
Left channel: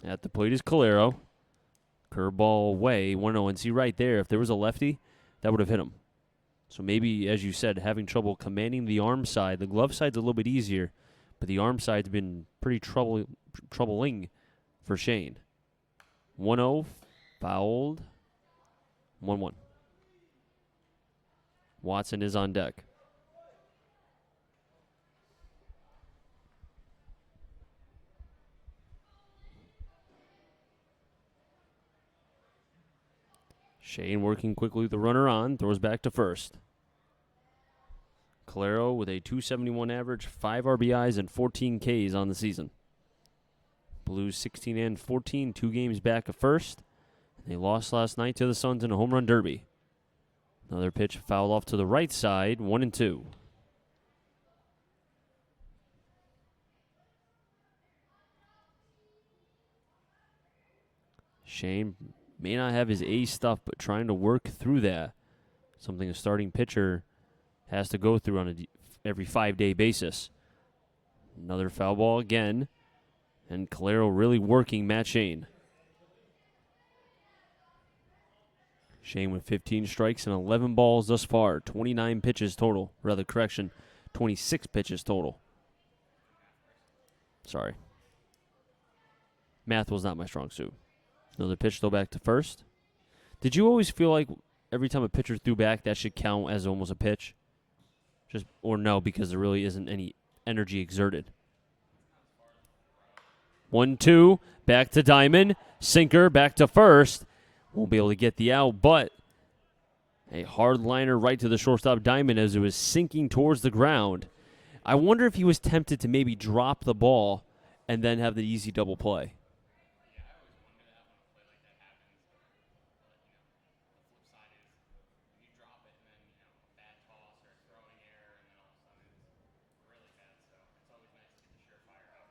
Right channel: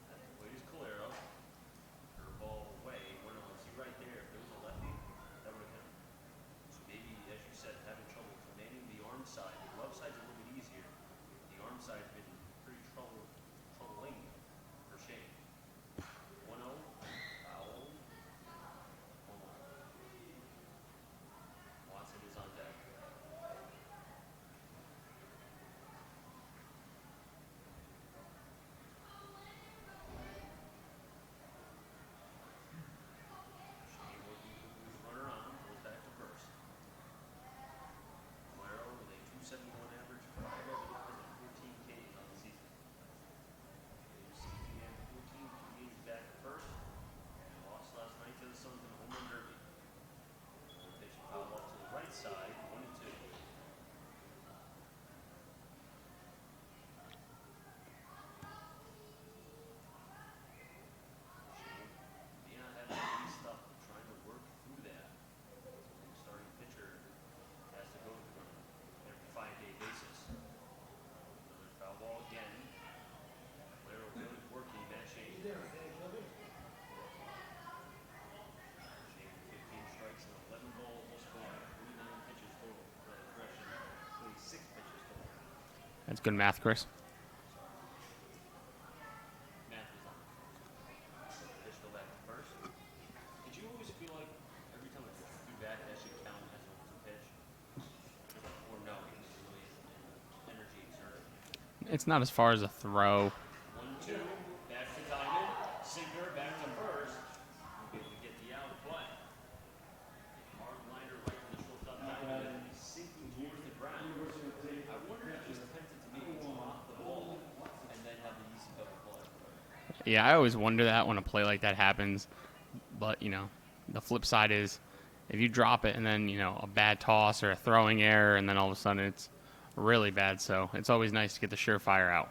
At the plate is Calero. Curveball away, 1-0. And see right there, if there was a lefty, that would have hit him. So maybe, as you said, having trouble commanding the arm side. The glove side's a little bit easier, but the arm side's been pretty troubling for Shane. 1-0, fouled. 1-1. Watson is on deck. Shane working quickly the runner on, throws back to first. Calero with a 271 average, 5 RBIs, and 14 Ks on the season. Blues 16 and 14, 2 games back of first. They lost last night to the Suns in a home run derby. Another pitch fouled off to the right side, 1-2. Shane may not have his A stuff, but trying to work through that. Something a starting pitcher has to go through on every 5-day basis. Another foul ball again. And Calero really working Matt Shane. Shane with 15 strikes and 11 balls thus far. 29 pitches total. Rather, correction, 26 pitches total. That's good math, Chris. Sorry. Math was not my strong suit. Another pitch throw back to first. Did you always feel like every time a pitcher threw back, that should count as almost a pitch? Or no, because there really isn't any energy exerted? It's not as far as a throw. 1-2, back to Diamond. Sinker, back to first. Won't be able to get the out, but a hard liner right to the shortstop Diamond as it was sinking towards the ground. I wonder if he was tempted to maybe drop the ball and then have the easy double play. Yeah, I always wonder that when a play like that happens. But, the flip side is if you drop it and then, a bad toss or a throwing error and then all of a sudden it's really bad. So it's always nice to get the surefire out.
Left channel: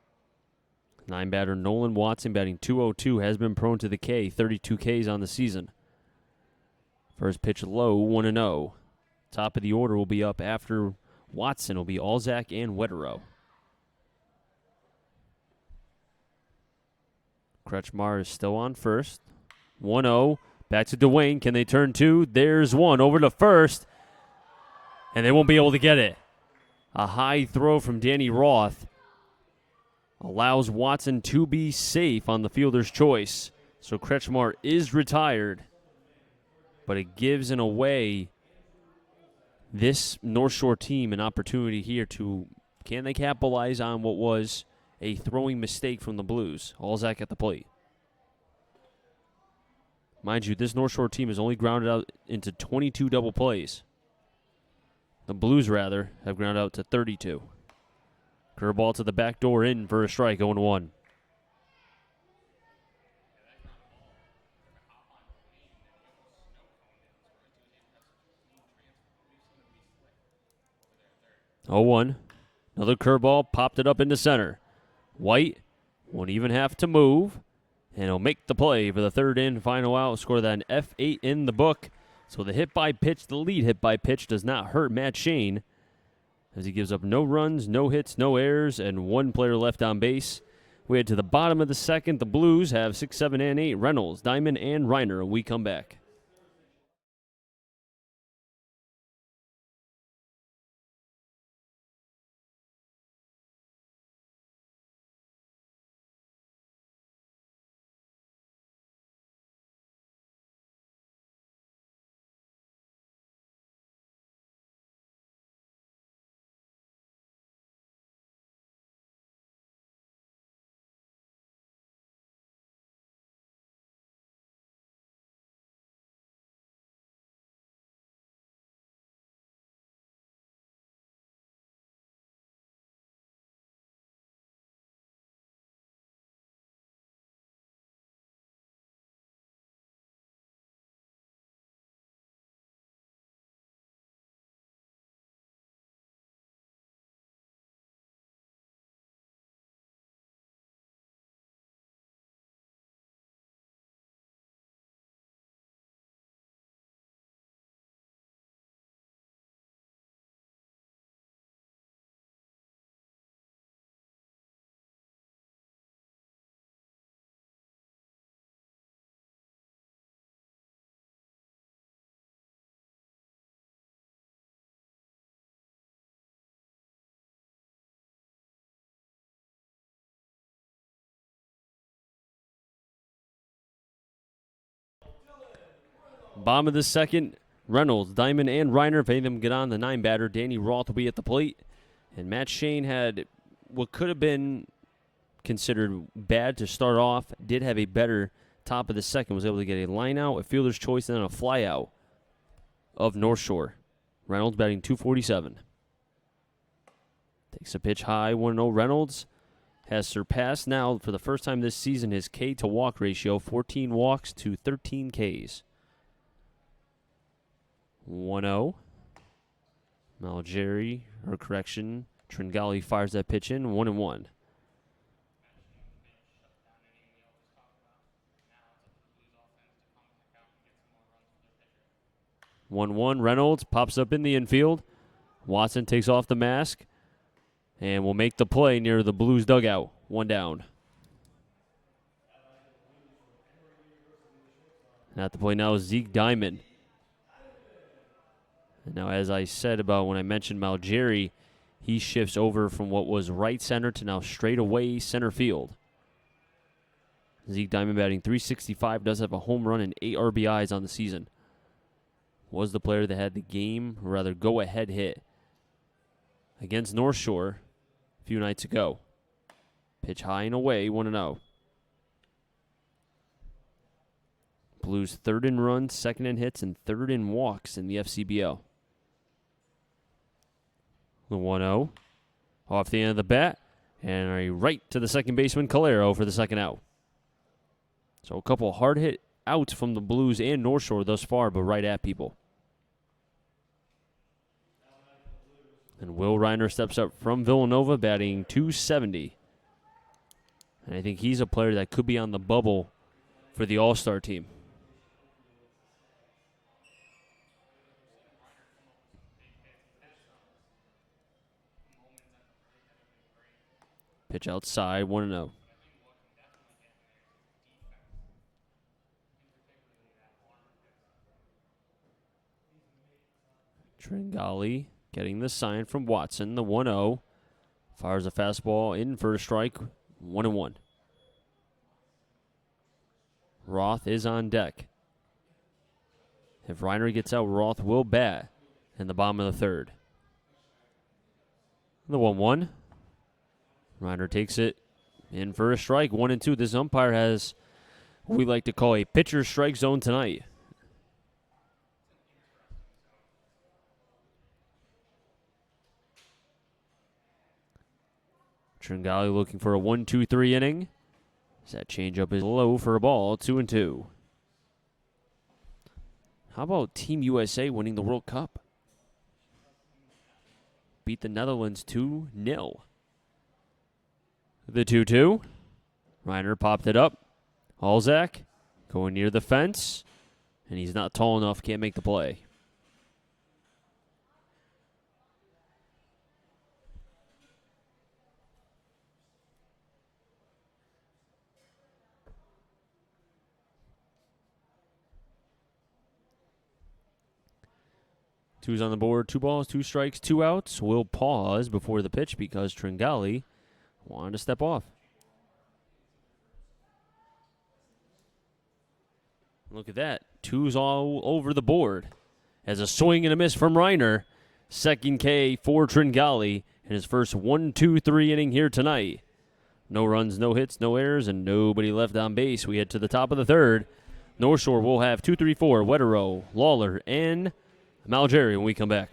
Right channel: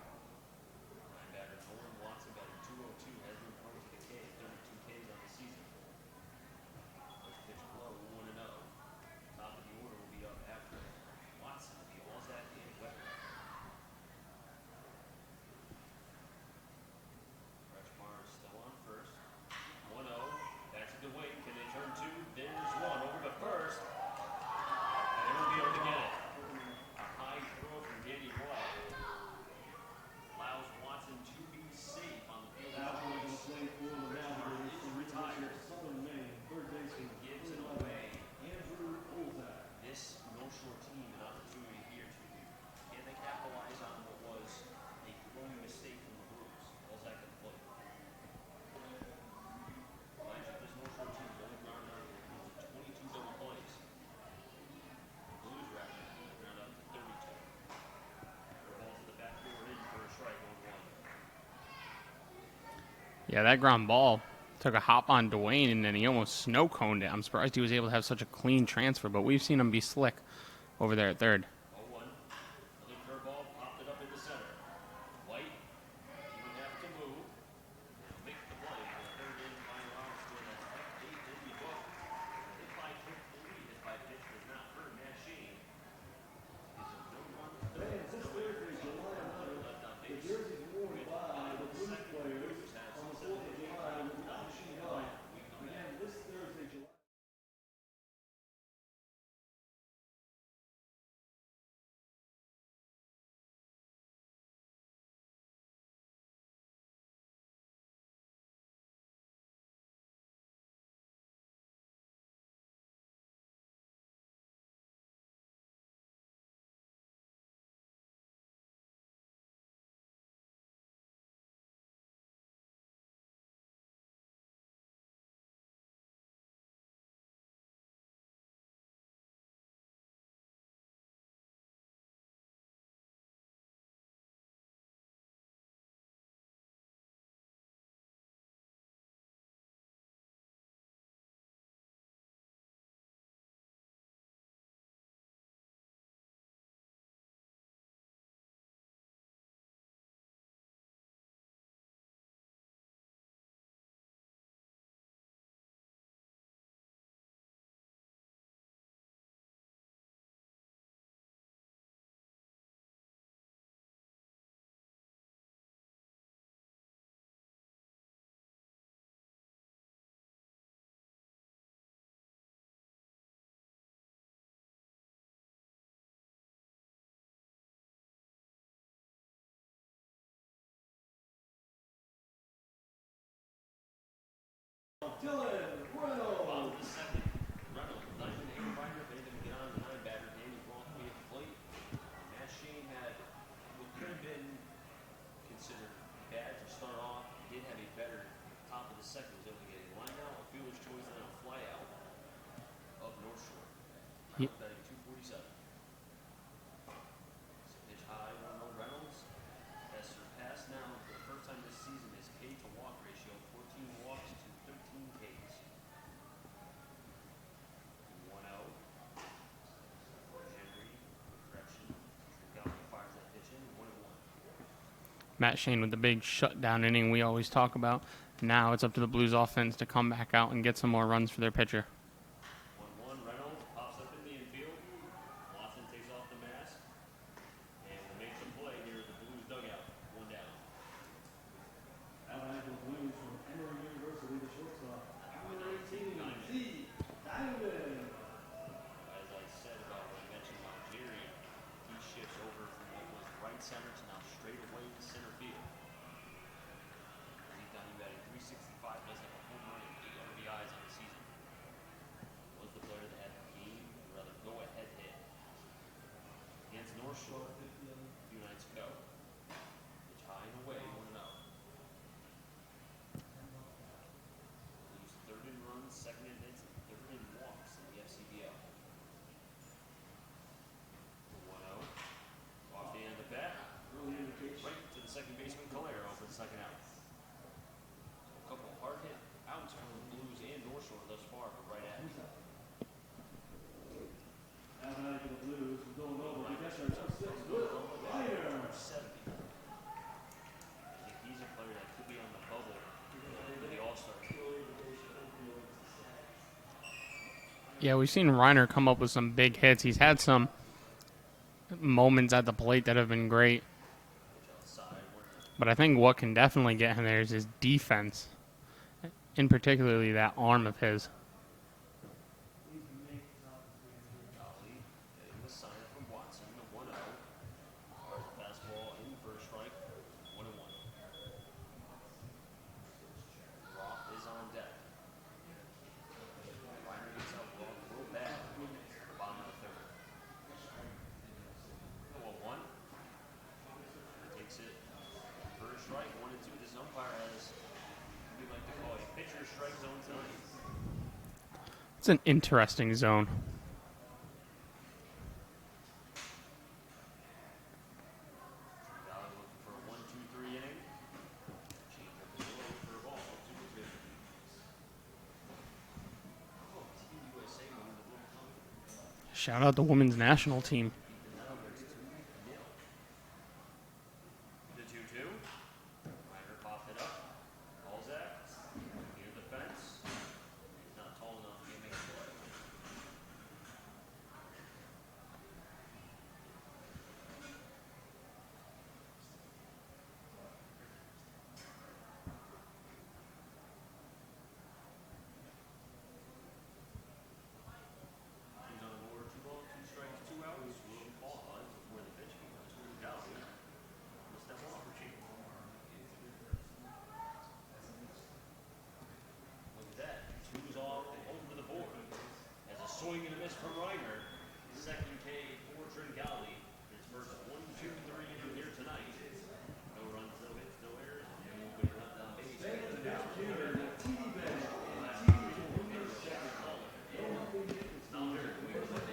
9-batter Nolan Watson batting .202 has been prone to the K, 32 Ks on the season. First pitch low, 1-0. Top of the order will be up after Watson. Will be Alzak and Wetero. Kretschmar is still on first. 1-0. Back to Dwayne. Can they turn two? There's one over to first. And they won't be able to get it. A high throw from Danny Roth allows Watson to be safe on the fielder's choice. So Kretschmar is retired. But it gives, in a way, this North Shore team an opportunity here to, can they capitalize on what was a throwing mistake from the Blues? Alzak at the plate. Mind you, this North Shore team has only grounded out into 22 double plays. The Blues, rather, have grounded out to 32. Curveball to the back door in for a strike, 0-1. Yeah, that ground ball took a hop on Dwayne, and then he almost snow-coned it. I'm surprised he was able to have such a clean transfer, but we've seen him be slick over there at third. 0-1. Another curveball popped it up into center. White won't even have to move, and he'll make the play for the third and final out. Score that an F8 in the book. So the lead hit by pitch does not hurt Matt Shane, as he gives up no runs, no hits, no errors, and one player left on base. We head to the bottom of the second. The Blues have 6, 7, and 8. Reynolds, Diamond, and Reiner. We come back. Bottom of the second, Reynolds, Diamond, and Reiner. If any of them get on, the 9-batter, Danny Roth will be at the plate. And Matt Shane had what could have been considered bad to start off. Did have a better top of the second. Was able to get a line out, a fielder's choice, and then a fly out of North Shore. Reynolds batting .247. Takes a pitch high, 1-0. Reynolds has surpassed now for the first time this season his K to walk ratio, 14 walks to 13 Ks. 1-0. Tringali fires that pitch in, 1-1. Matt Shane with the big shutdown inning we always talk about. Now it's up to the Blues offense to come back out and get some more runs for their pitcher. 1-1. Reynolds pops up in the infield. Watson takes off the mask and will make the play near the Blues dugout. 1 down. At the play now is Zeke Diamond. Now, as I said about when I mentioned Malgeri, he shifts over from what was right center to now straight away center field. Zeke Diamond batting .365, does have a home run and 8 RBIs on the season. Was the player that had the game, or rather go-ahead hit against North Shore a few nights ago. Pitch high and away, 1-0. Blues third in runs, second in hits, and third in walks in the FCBL. The 1-0 off the end of the bat, and a right to the second baseman, Calero, for the second out. So a couple hard hit outs from the Blues and North Shore thus far, but right at people. And Will Reiner steps up from Villanova, batting .270. And I think he's a player that could be on the bubble for the All-Star team. Yeah, we've seen Reiner come up with some big hits. He's had some moments at the plate that have been great. Pitch outside, 1-0. But I think what can definitely get him there is his defense, in particularly that arm of his. Tringali getting the sign from Watson, the 1-0. Fires a fastball in for a strike, 1-1. Roth is on deck. If Reiner gets out, Roth will bat in the bottom of the third. The 1-1. Reiner takes it in for a strike, 1-2. This umpire has what we like to call a pitcher strike zone tonight. It's an interesting zone. Tringali looking for a 1-2-3 inning. That changeup is low for a ball, 2-2. How about Team USA winning the World Cup? Shout out the women's national team. Beat the Netherlands 2-0. The 2-2. Reiner popped it up. Alzak going near the fence. And he's not tall enough, can't make the play. Two's on the board, 2 balls, 2 strikes, 2 outs. We'll pause before the pitch because Tringali wanted to step off. Look at that. 2's all over the board. As a swing and a miss from Reiner. Second K for Tringali in his first 1-2-3 inning here tonight. No runs, no hits, no errors, and nobody left on base. We head to the top of the third. North Shore will have 2, 3, 4, Wetero, Lawler, and Malgeri when we come back.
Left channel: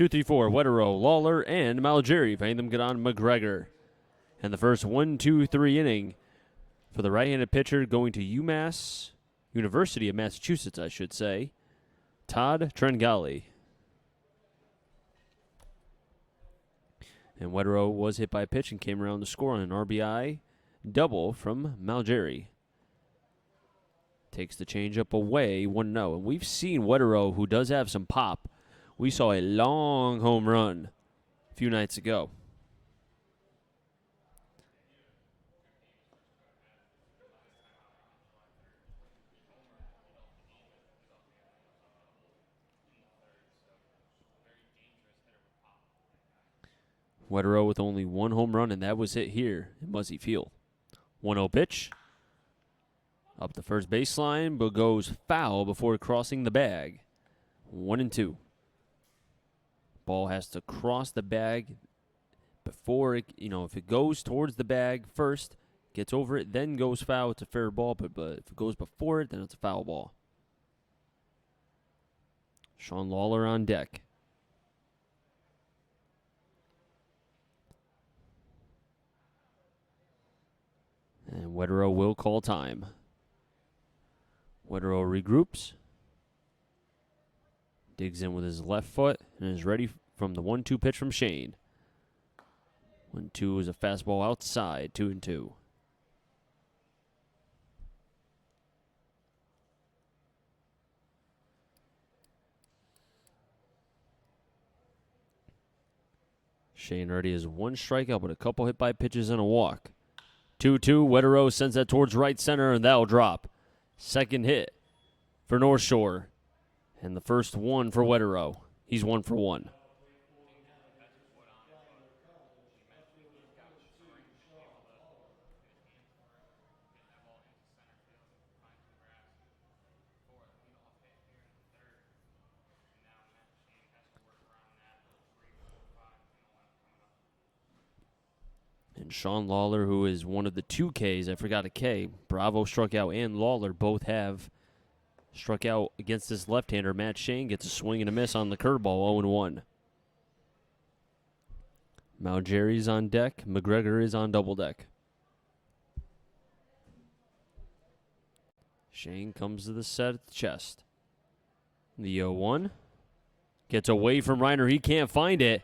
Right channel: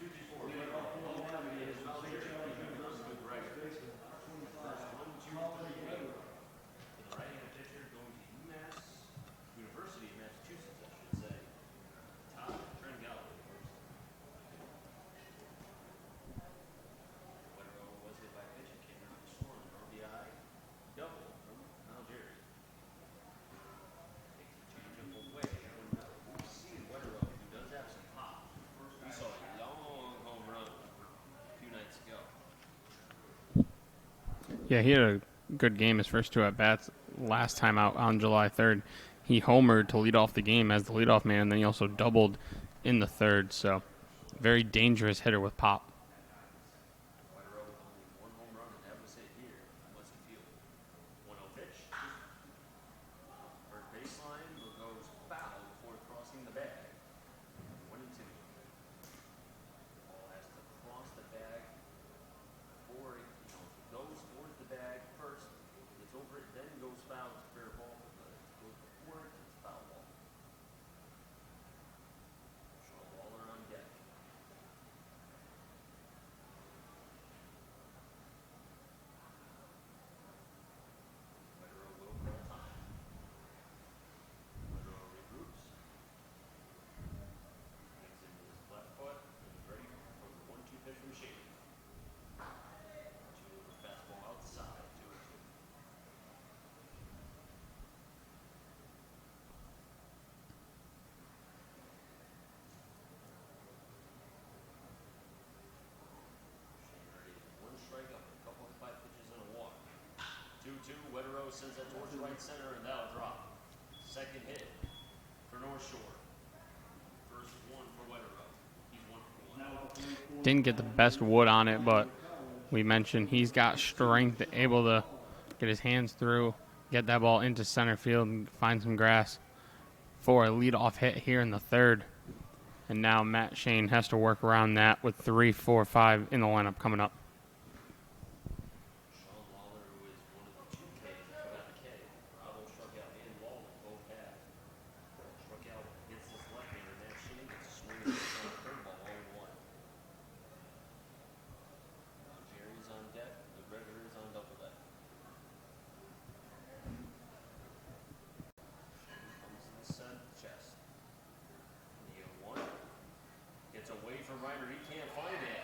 2, 3, 4, Wetterow, Lawler, and Malgeri. Paying them get on McGregor. And the first 1, 2, 3 inning for the right-handed pitcher going to UMass, University of Massachusetts, I should say, Todd Trengali. And Wetterow was hit by a pitch and came around to score on an RBI double from Malgeri. Takes the changeup away, 1-0. And we've seen Wetterow, who does have some pop. We saw a long home run a few nights ago. Yeah, he had a good game his first 2 at-bats. Last time out on July 3rd, he homered to lead off the game as the leadoff man, and then he also doubled in the 3rd. So, very dangerous hitter with pop. Wetterow with only 1 home run, and that was hit here at Muzzy Field. 1-0 pitch. Up the first baseline, but goes foul before crossing the bag. 1-2. Ball has to cross the bag before it, if it goes towards the bag first, gets over it, then goes foul, it's a fair ball, but if it goes before it, then it's a foul ball. Sean Lawler on deck. And Wetterow will call time. Wetterow regroups. Digs in with his left foot and is ready from the 1-2 pitch from Shane. 1-2 is a fastball outside, 2-2. Shane already has 1 strikeout, but a couple hit by pitches and a walk. 2-2, Wetterow sends that towards right center, and that'll drop. Second hit for North Shore. And the first one for Wetterow. He's 1 for 1. Didn't get the best wood on it, but we mentioned he's got strength, able to get his hands through, get that ball into center field, and find some grass for a leadoff hit here in the 3rd. And now Matt Shane has to work around that with 3, 4, 5 in the lineup coming up. And Sean Lawler, who is one of the 2 Ks, I forgot a K. Bravo struck out and Lawler both have struck out against this left-hander. Matt Shane gets a swing and a miss on the curveball, 0-1. Malgeri's on deck. McGregor is on double deck. Shane comes to the set at the chest. The 0-1. Gets away from Reiner. He can't find it.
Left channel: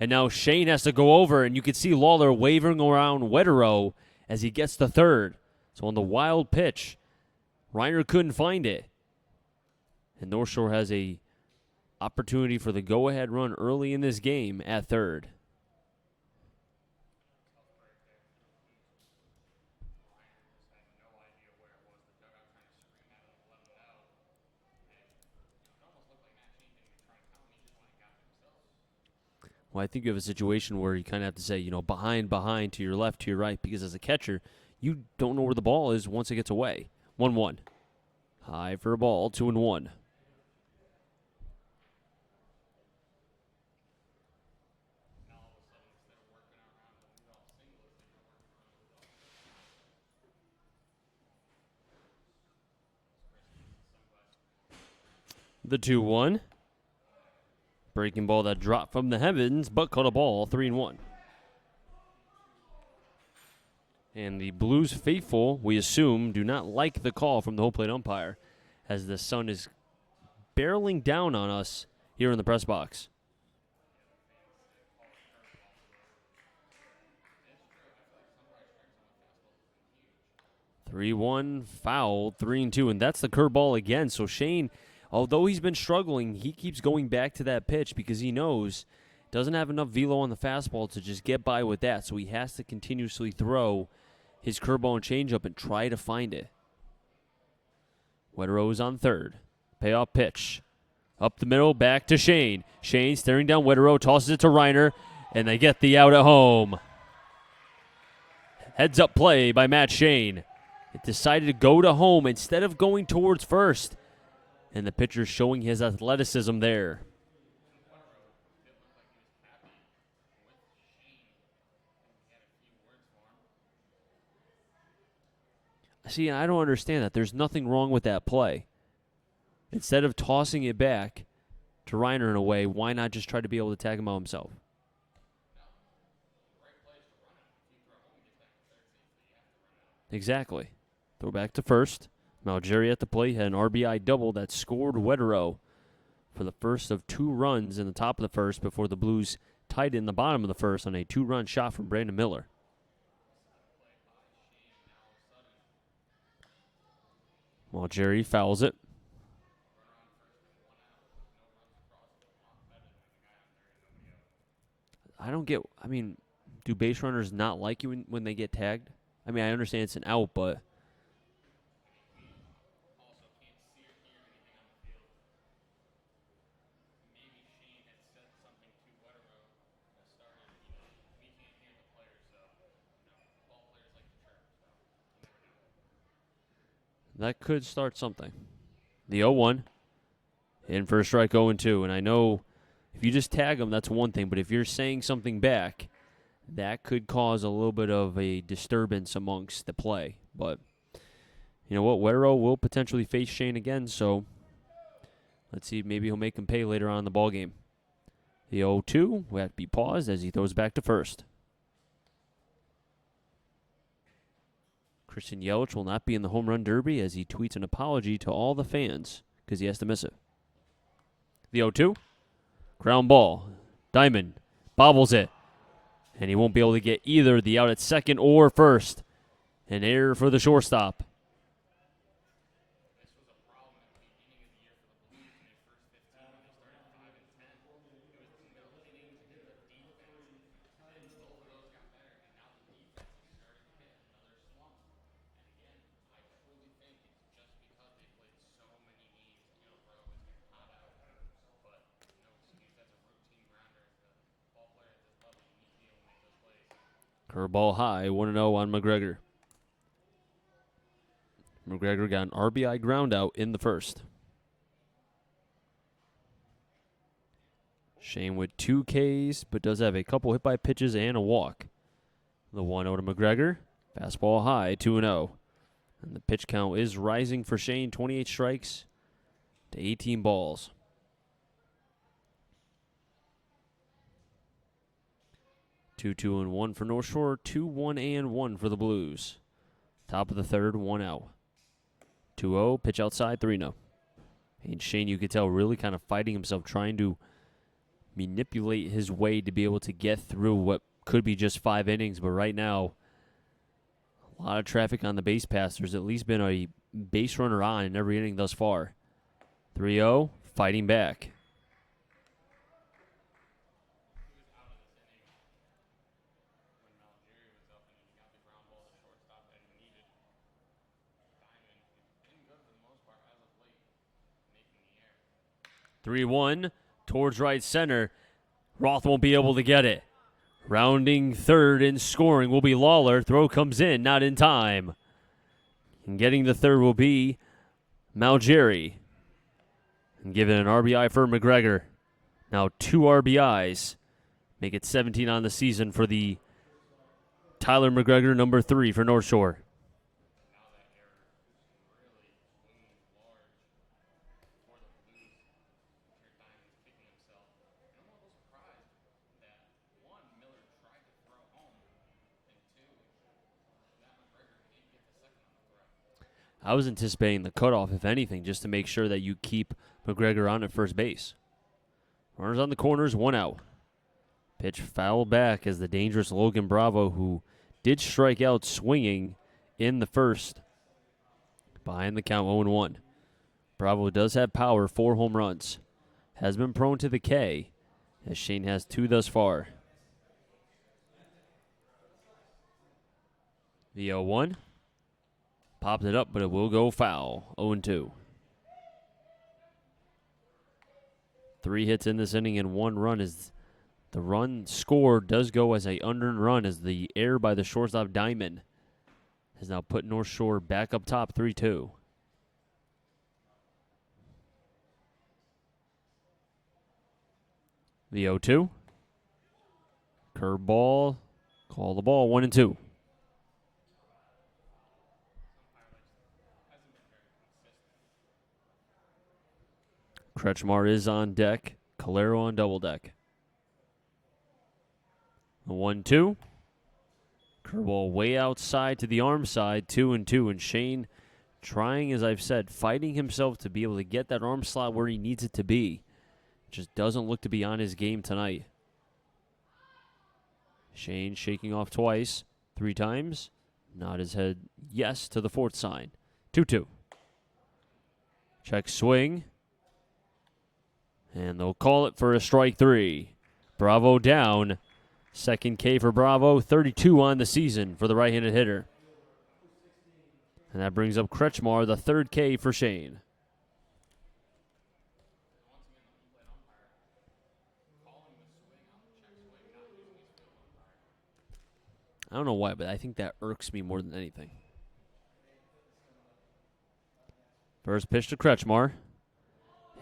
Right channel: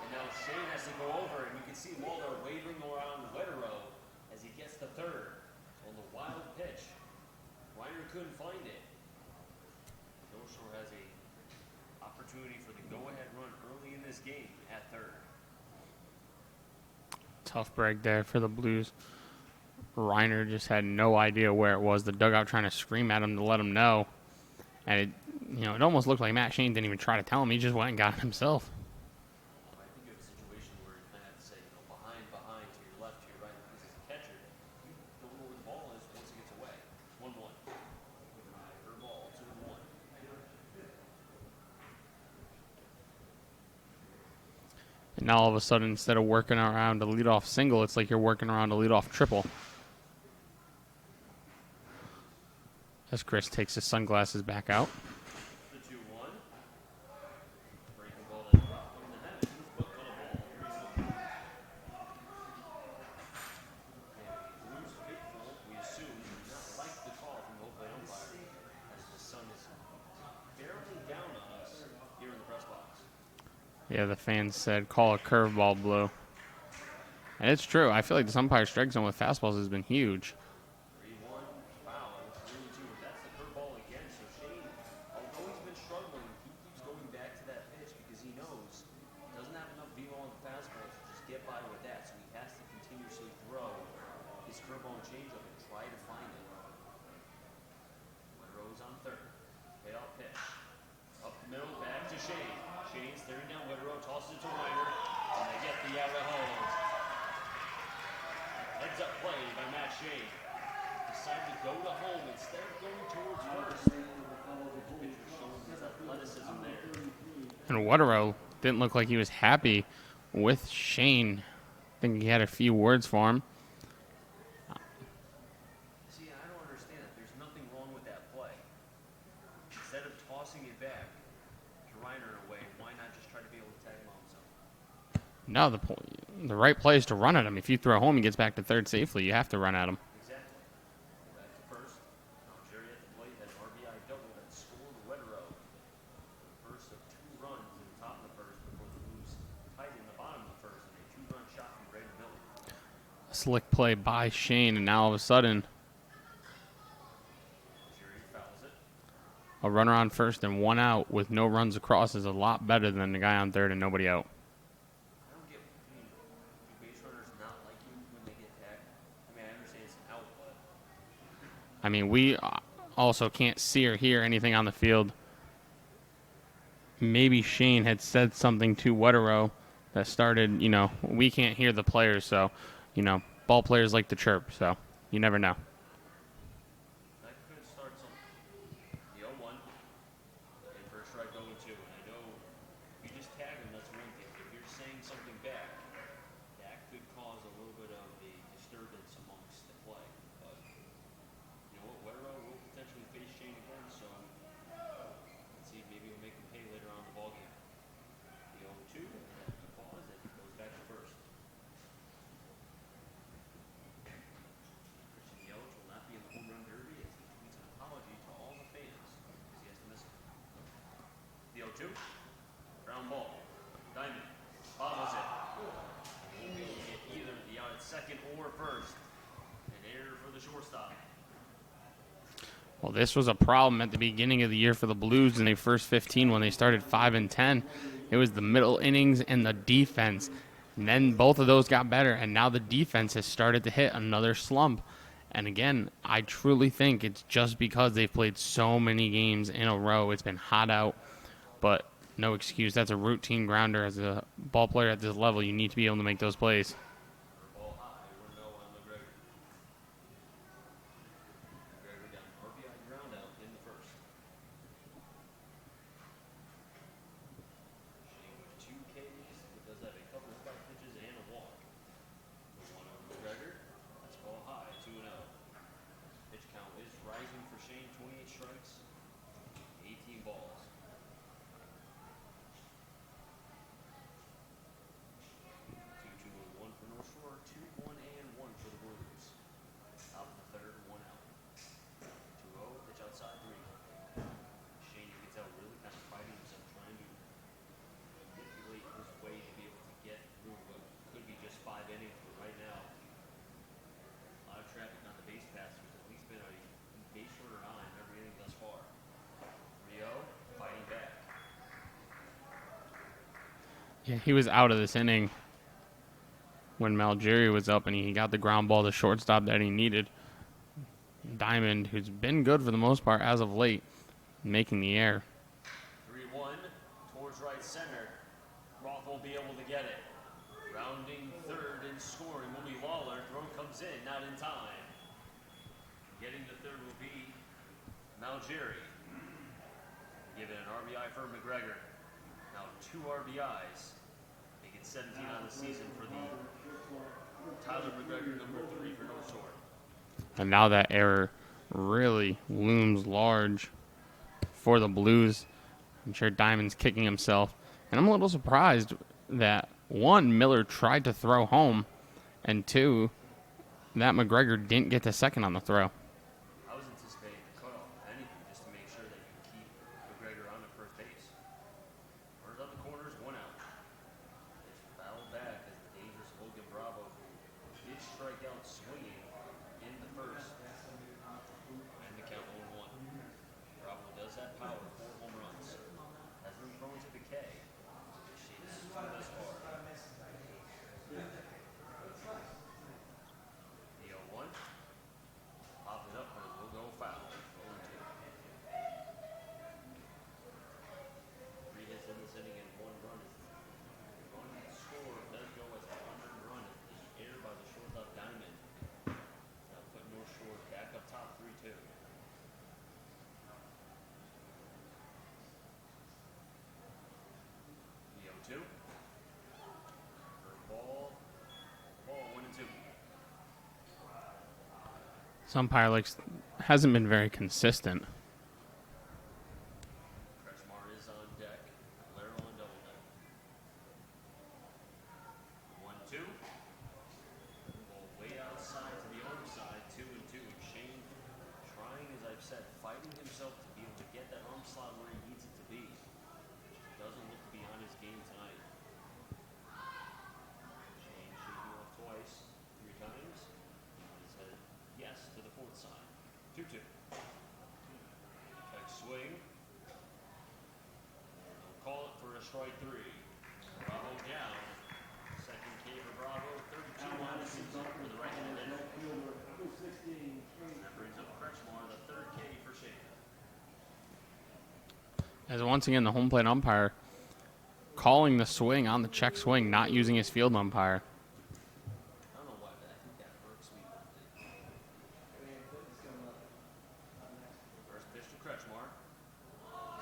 And now Shane has to go over, and you can see Lawler wavering around Wetterow as he gets the 3rd. So on the wild pitch, Reiner couldn't find it. And North Shore has a opportunity for the go-ahead run early in this game at 3rd. Tough break there for the Blues. Reiner just had no idea where it was. The dugout trying to scream at him to let him know. And it almost looked like Matt Shane didn't even try to tell him. He just went and got it himself. Well, I think you have a situation where you kind of have to say, behind, to your left, to your right, because as a catcher, you don't know where the ball is once it gets away. 1-1. High for a ball, 2-1. And now all of a sudden, instead of working around a leadoff single, it's like you're working around a leadoff triple. As Chris takes his sunglasses back out. The 2-1. Breaking ball that dropped from the heavens, but caught a ball, 3-1. And the Blues faithful, we assume, do not like the call from the home plate umpire, as the sun is barreling down on us here in the press box. Yeah, the fans said, call a curveball, Blue. And it's true. I feel like the umpire strike zone with fastballs has been huge. 3-1, foul, 3-2, and that's the curveball again. So Shane, although he's been struggling, he keeps going back to that pitch because he knows doesn't have enough velo on the fastball to just get by with that. So he has to continuously throw his curveball and changeup and try to find it. Wetterow is on 3rd. Payoff pitch. Up the middle, back to Shane. Shane staring down Wetterow, tosses it to Reiner, and they get the out at home. Heads up play by Matt Shane. Decided to go to home instead of going towards first. And the pitcher showing his athleticism there. And Wetterow didn't look like he was happy with Shane. I think he had a few words for him. See, I don't understand that. There's nothing wrong with that play. Instead of tossing it back, to Reiner in a way, why not just try to be able to tag him out himself? No, the right play is to run at him. If you throw home, he gets back to third safely. You have to run at him. Exactly. Throw back to first. Malgeri at the plate had an RBI double that scored Wetero for the first of 2 runs in the top of the first before the Blues tied it in the bottom of the first on a 2-run shot from Brandon Miller. Slick play by Shane, and now all of a sudden, Malgeri fouls it. a runner on first and 1 out with no runs across is a lot better than the guy on third and nobody out. Do base runners not like you when they get tagged? I mean, I understand it's an out, but We also can't see or hear anything on the field. Maybe Shane had said something to Wetero that started, we can't hear the players, so, ball players like to chirp, so you never know. that could start something. The 0-1, in for a strike, 0-2. And I know if you just tag them, that's one thing, but if you're saying something back, that could cause a little bit of a disturbance amongst the play. But you know what? Wetero will potentially face Shane again, so let's see. Maybe he'll make him pay later on in the ballgame. The 0-2 will have to be paused as he throws back to first. Christian Yelich will not be in the home run derby as he tweets an apology to all the fans because he has to miss it. The 0-2, ground ball. Diamond bobbles it, and he won't be able to get either the out at second or first. An error for the shortstop. Well, this was a problem at the beginning of the year for the Blues in their first 15 when they started 5-10. It was the middle innings and the defense. And then both of those got better, and now the defense has started to hit another slump. And again, I truly think it's just because they've played so many games in a row. It's been hot out, but no excuse. That's a routine grounder. As a ball player at this level, you need to be able to make those plays. Curveball high, 1-0 on McGregor. McGregor got an RBI ground out in the first. Shane with 2 Ks, but does have a couple hit by pitches and a walk. The 1-0 to McGregor. Fastball high, 2-0. And the pitch count is rising for Shane, 28 strikes to 18 balls. Two, 2-1 for North Shore, 2-1-1 for the Blues. Top of the third, 1 out. 2-0, pitch outside, 3-0. And Shane, you could tell, really kind of fighting himself, trying to manipulate his way to be able to get through what could be just 5 innings. But right now, a lot of traffic on the base pass. There's at least been a base runner on in every inning thus far. 3-0, fighting back. Yeah, he was out of this inning when Malgeri was up, and he got the ground ball to shortstop that he needed. Diamond, who's been good for the most part as of late, making the error. 3-1 towards right center. Roth won't be able to get it. Rounding third and scoring will be Lawler. Throw comes in, not in time. And getting the third will be Malgeri. And given an RBI for McGregor. Now 2 RBIs. Make it 17 on the season for the Tyler McGregor, number 3 for North Shore. And now that error really looms large for the Blues. I'm sure Diamond's kicking himself. And I'm a little surprised that, 1, Miller tried to throw home, and 2, that McGregor didn't get to second on the throw. I was anticipating the cutoff, if anything, just to make sure that you keep McGregor on at first base. Runners on the corners, 1 out. Pitch fouled back as the dangerous Logan Bravo, who did strike out swinging in the first. Behind the count, 0-1. Bravo does have power, 4 home runs. Has been prone to the K, as Shane has 2 thus far. The 0-1. Popped it up, but it will go foul. 0-2. 3 hits in this inning and 1 run. As the run scored does go as a unearned run, as the error by the shortstop Diamond has now put North Shore back up top, 3-2. The 0-2. Curveball. Call the ball, 1-2. This umpire hasn't been very consistent. Kretschmar is on deck. Calero on double deck. The 1-2. Curveball way outside to the arm side, 2-2. And Shane trying, as I've said, fighting himself to be able to get that arm slot where he needs it to be. Just doesn't look to be on his game tonight. Shane shaking off twice, 3 times. Nod his head yes to the 4th sign. 2-2. Check swing. And they'll call it for a strike 3. Bravo down. Second K for Bravo. 32 on the season for the right-handed hitter. And that brings up Kretschmar, the 3rd K for Shane. As once again, the home plate umpire calling the swing on the check swing, not using his field umpire. I don't know why, but I think that irks me more than anything. First pitch to Kretschmar.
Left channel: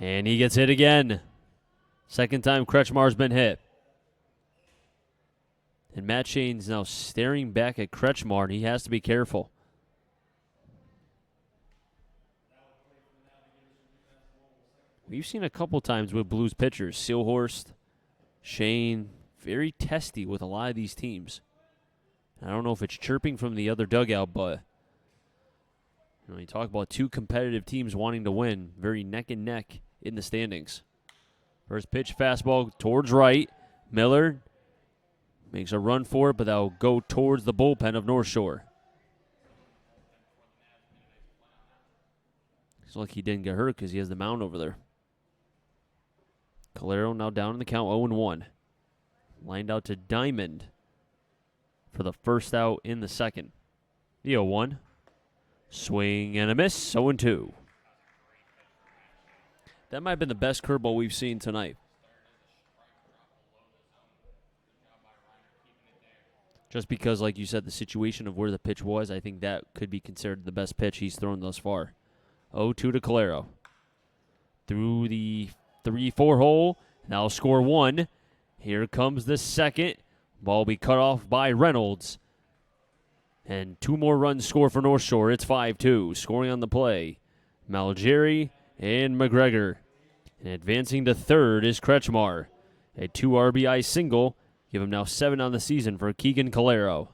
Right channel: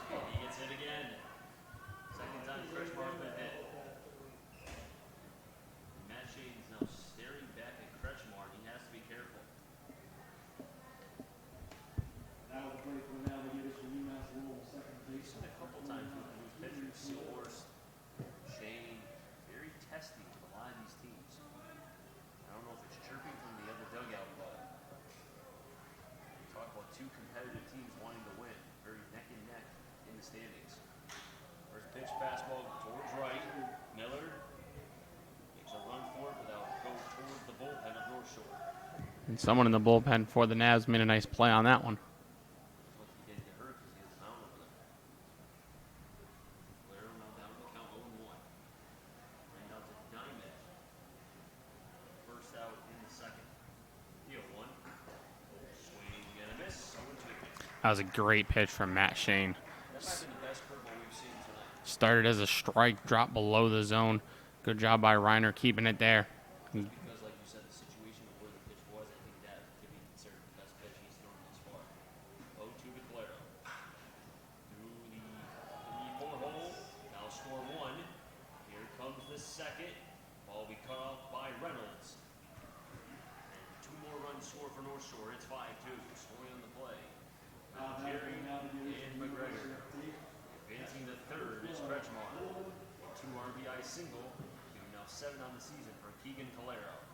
And he gets hit again. Second time Kretschmar's been hit. And Matt Shane's now staring back at Kretschmar, and he has to be careful. We've seen a couple times with Blues pitchers, Seelhorst, Shane, very testy with a lot of these teams. I don't know if it's chirping from the other dugout, but you talk about 2 competitive teams wanting to win, very neck and neck in the standings. First pitch, fastball towards right. Miller makes a run for it, but that'll go towards the bullpen of North Shore. And someone in the bullpen for the Navs made a nice play on that one. It's like he didn't get hurt because he has the mound over there. Calero now down in the count, 0-1. Lined out to Diamond for the first out in the second. The 0-1. Swing and a miss, 0-2. That was a great pitch from Matt Shane. That might have been the best curveball we've seen tonight. Started as a strike, dropped below the zone. Good job by Reiner keeping it there. Just because, like you said, the situation of where the pitch was, I think that could be considered the best pitch he's thrown thus far. 0-2 to Calero. Through the 3-4 hole. Now score 1. Here comes the second. Ball will be cut off by Reynolds. And 2 more runs score for North Shore. It's 5-2. Scoring on the play, Malgeri and McGregor. And advancing to third is Kretschmar. A 2 RBI single. Give him now 7 on the season for Keegan Calero.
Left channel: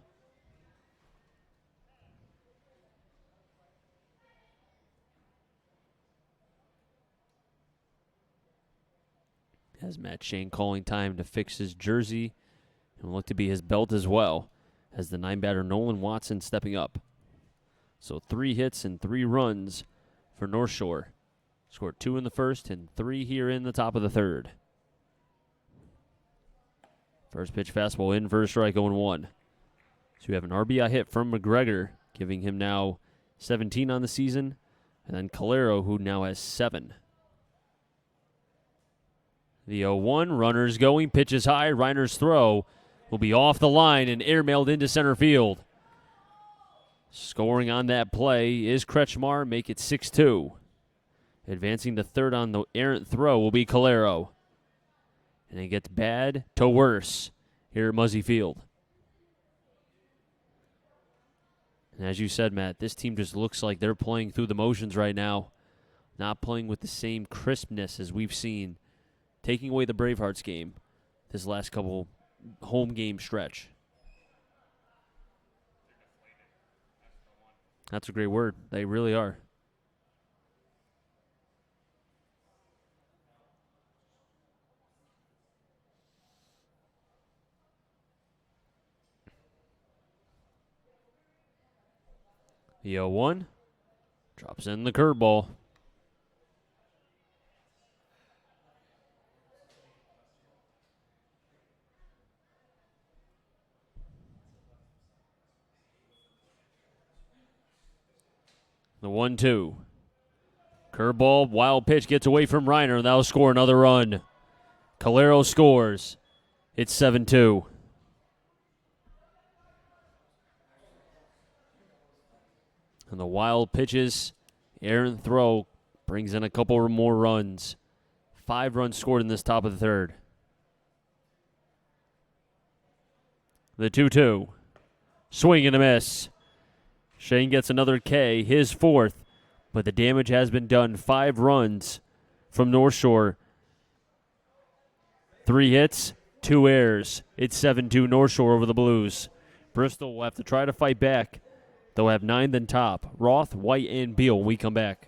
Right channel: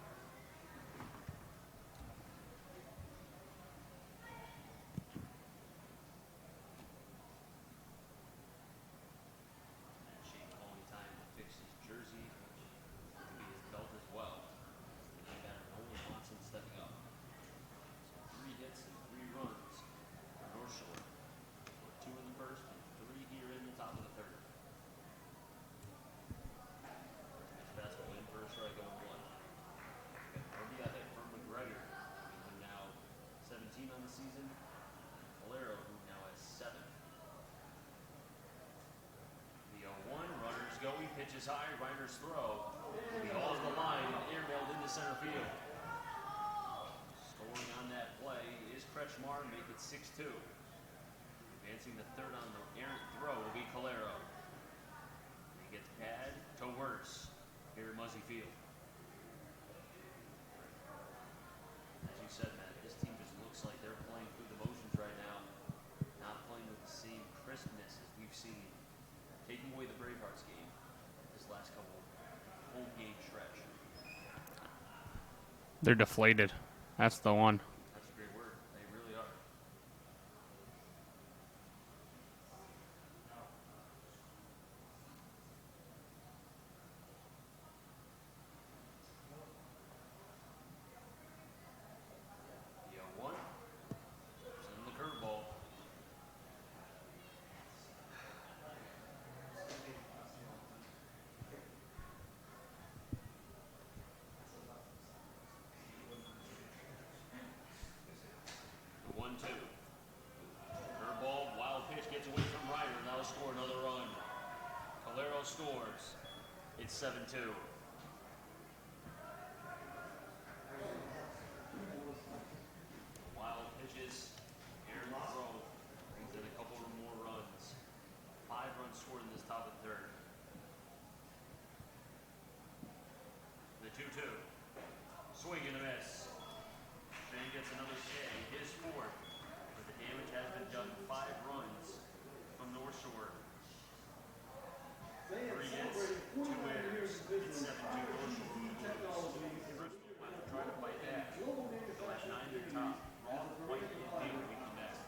Has Matt Shane calling time to fix his jersey and look to be his belt as well, as the 9-batter Nolan Watson stepping up. So 3 hits and 3 runs for North Shore. Scored 2 in the first and 3 here in the top of the third. First pitch fastball in for a strike, 0-1. So we have an RBI hit from McGregor, giving him now 17 on the season. And then Calero, who now has 7. The 0-1, runners going, pitches high. Reiner's throw will be off the line and airmailed into center field. Scoring on that play is Kretschmar, make it 6-2. Advancing to third on the errant throw will be Calero. And it gets bad to worse here at Muzzy Field. And as you said, Matt, this team just looks like they're playing through the motions right now. Not playing with the same crispness as we've seen. Taking away the Bravehearts game this last couple home game stretch. They're deflated. That's the one. That's a great word. They really are. The 0-1 drops in the curveball. The 1-2. Curveball, wild pitch gets away from Reiner, and that'll score another run. Calero scores. It's 7-2. And the wild pitches, errant throw brings in a couple more runs. 5 runs scored in this top of the third. The 2-2. Swing and a miss. Shane gets another K, his 4th, but the damage has been done. 5 runs from North Shore. 3 hits, 2 errors. It's 7-2 North Shore over the Blues. Bristol will have to try to fight back. They'll have 9th and top. Roth, White, and Beal when we come back.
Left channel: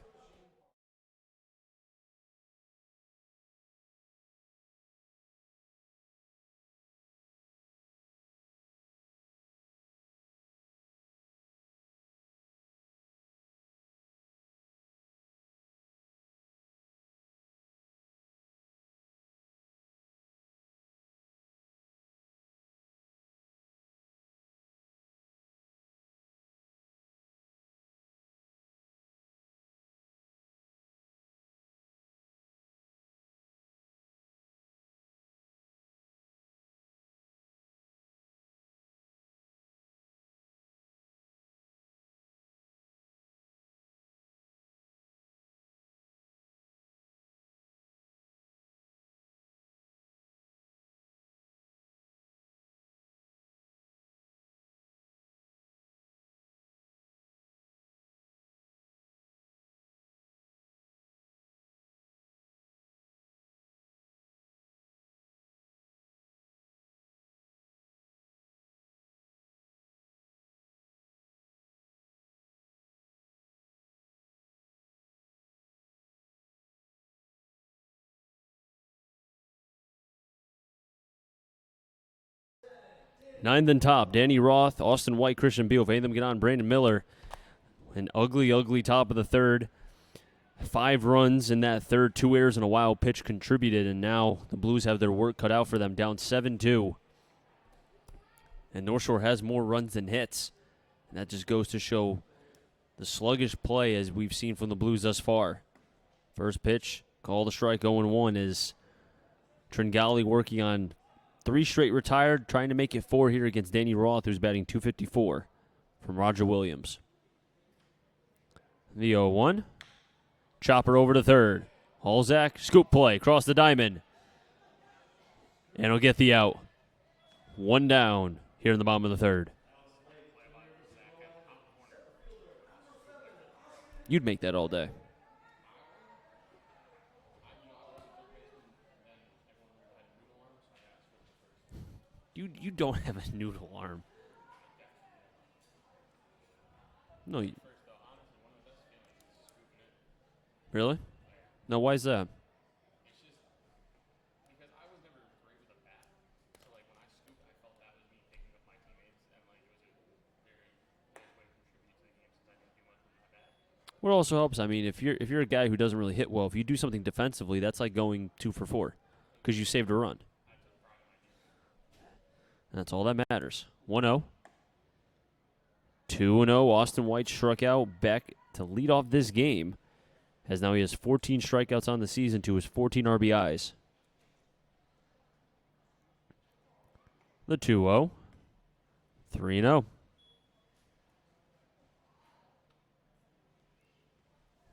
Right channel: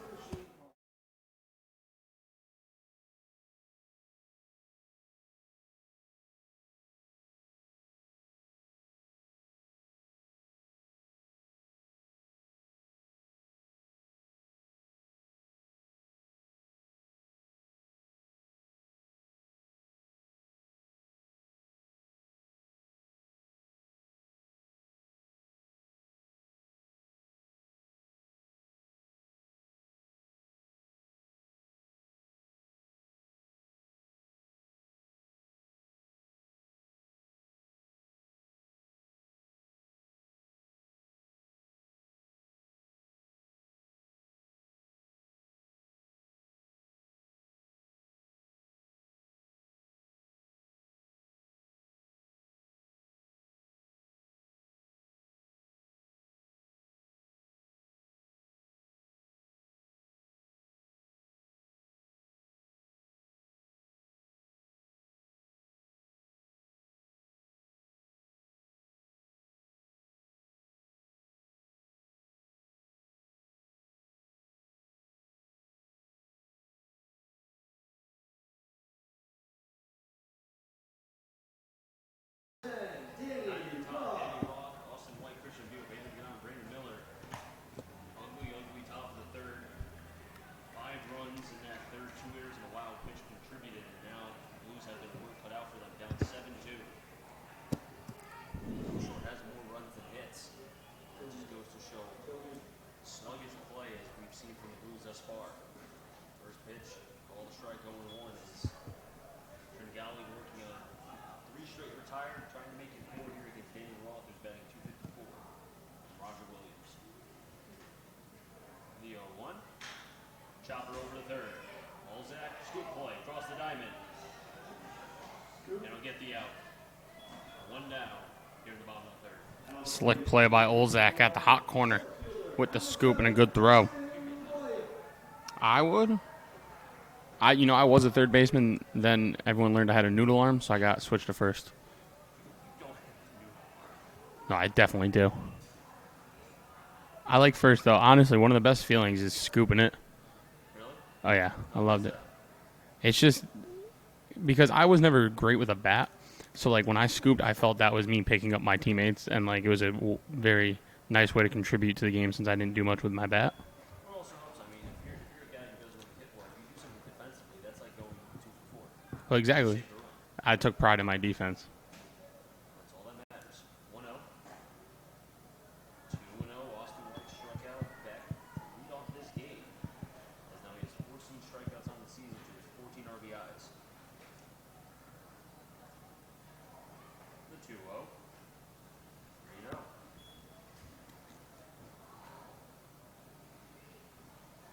Ninth and top, Danny Roth, Austin White, Christian Beal. If any of them get on, Brandon Miller. An ugly, ugly top of the third. 5 runs in that third, 2 errors and a wild pitch contributed, and now the Blues have their work cut out for them, down 7-2. And North Shore has more runs than hits. And that just goes to show the sluggish play as we've seen from the Blues thus far. First pitch, call the strike, 0-1 is Tringali working on 3 straight retired, trying to make it 4 here against Danny Roth, who's batting .254 from Roger Williams. The 0-1. Chopper over to third. Halzak, scoop play, across the diamond. And he'll get the out. 1 down here in the bottom of the third. Slick play by Olzak at the hot corner with the scoop and a good throw. You'd make that all day. I would. I was a third baseman. Then everyone learned I had a noodle arm, so I got switched to first. You don't have a noodle arm. No, I definitely do. I like first, though. Honestly, one of the best feelings is scooping it. Really? Oh, yeah. No, why is that? It's just because I was never great with a bat. So, like, when I scooped, I felt that was me picking up my teammates. And, like, it was a very nice way to contribute to the game since I didn't do much with my bat. What also helps, I mean, if you're a guy who doesn't really hit well, if you do something defensively, that's like going 2 for 4. Well, exactly. You saved a run. I took pride in my defense. That's all that matters. 1-0. 2-0. Austin White struck out back to lead off this game, as now he has 14 strikeouts on the season to his 14 RBIs. The 2-0. 3-0.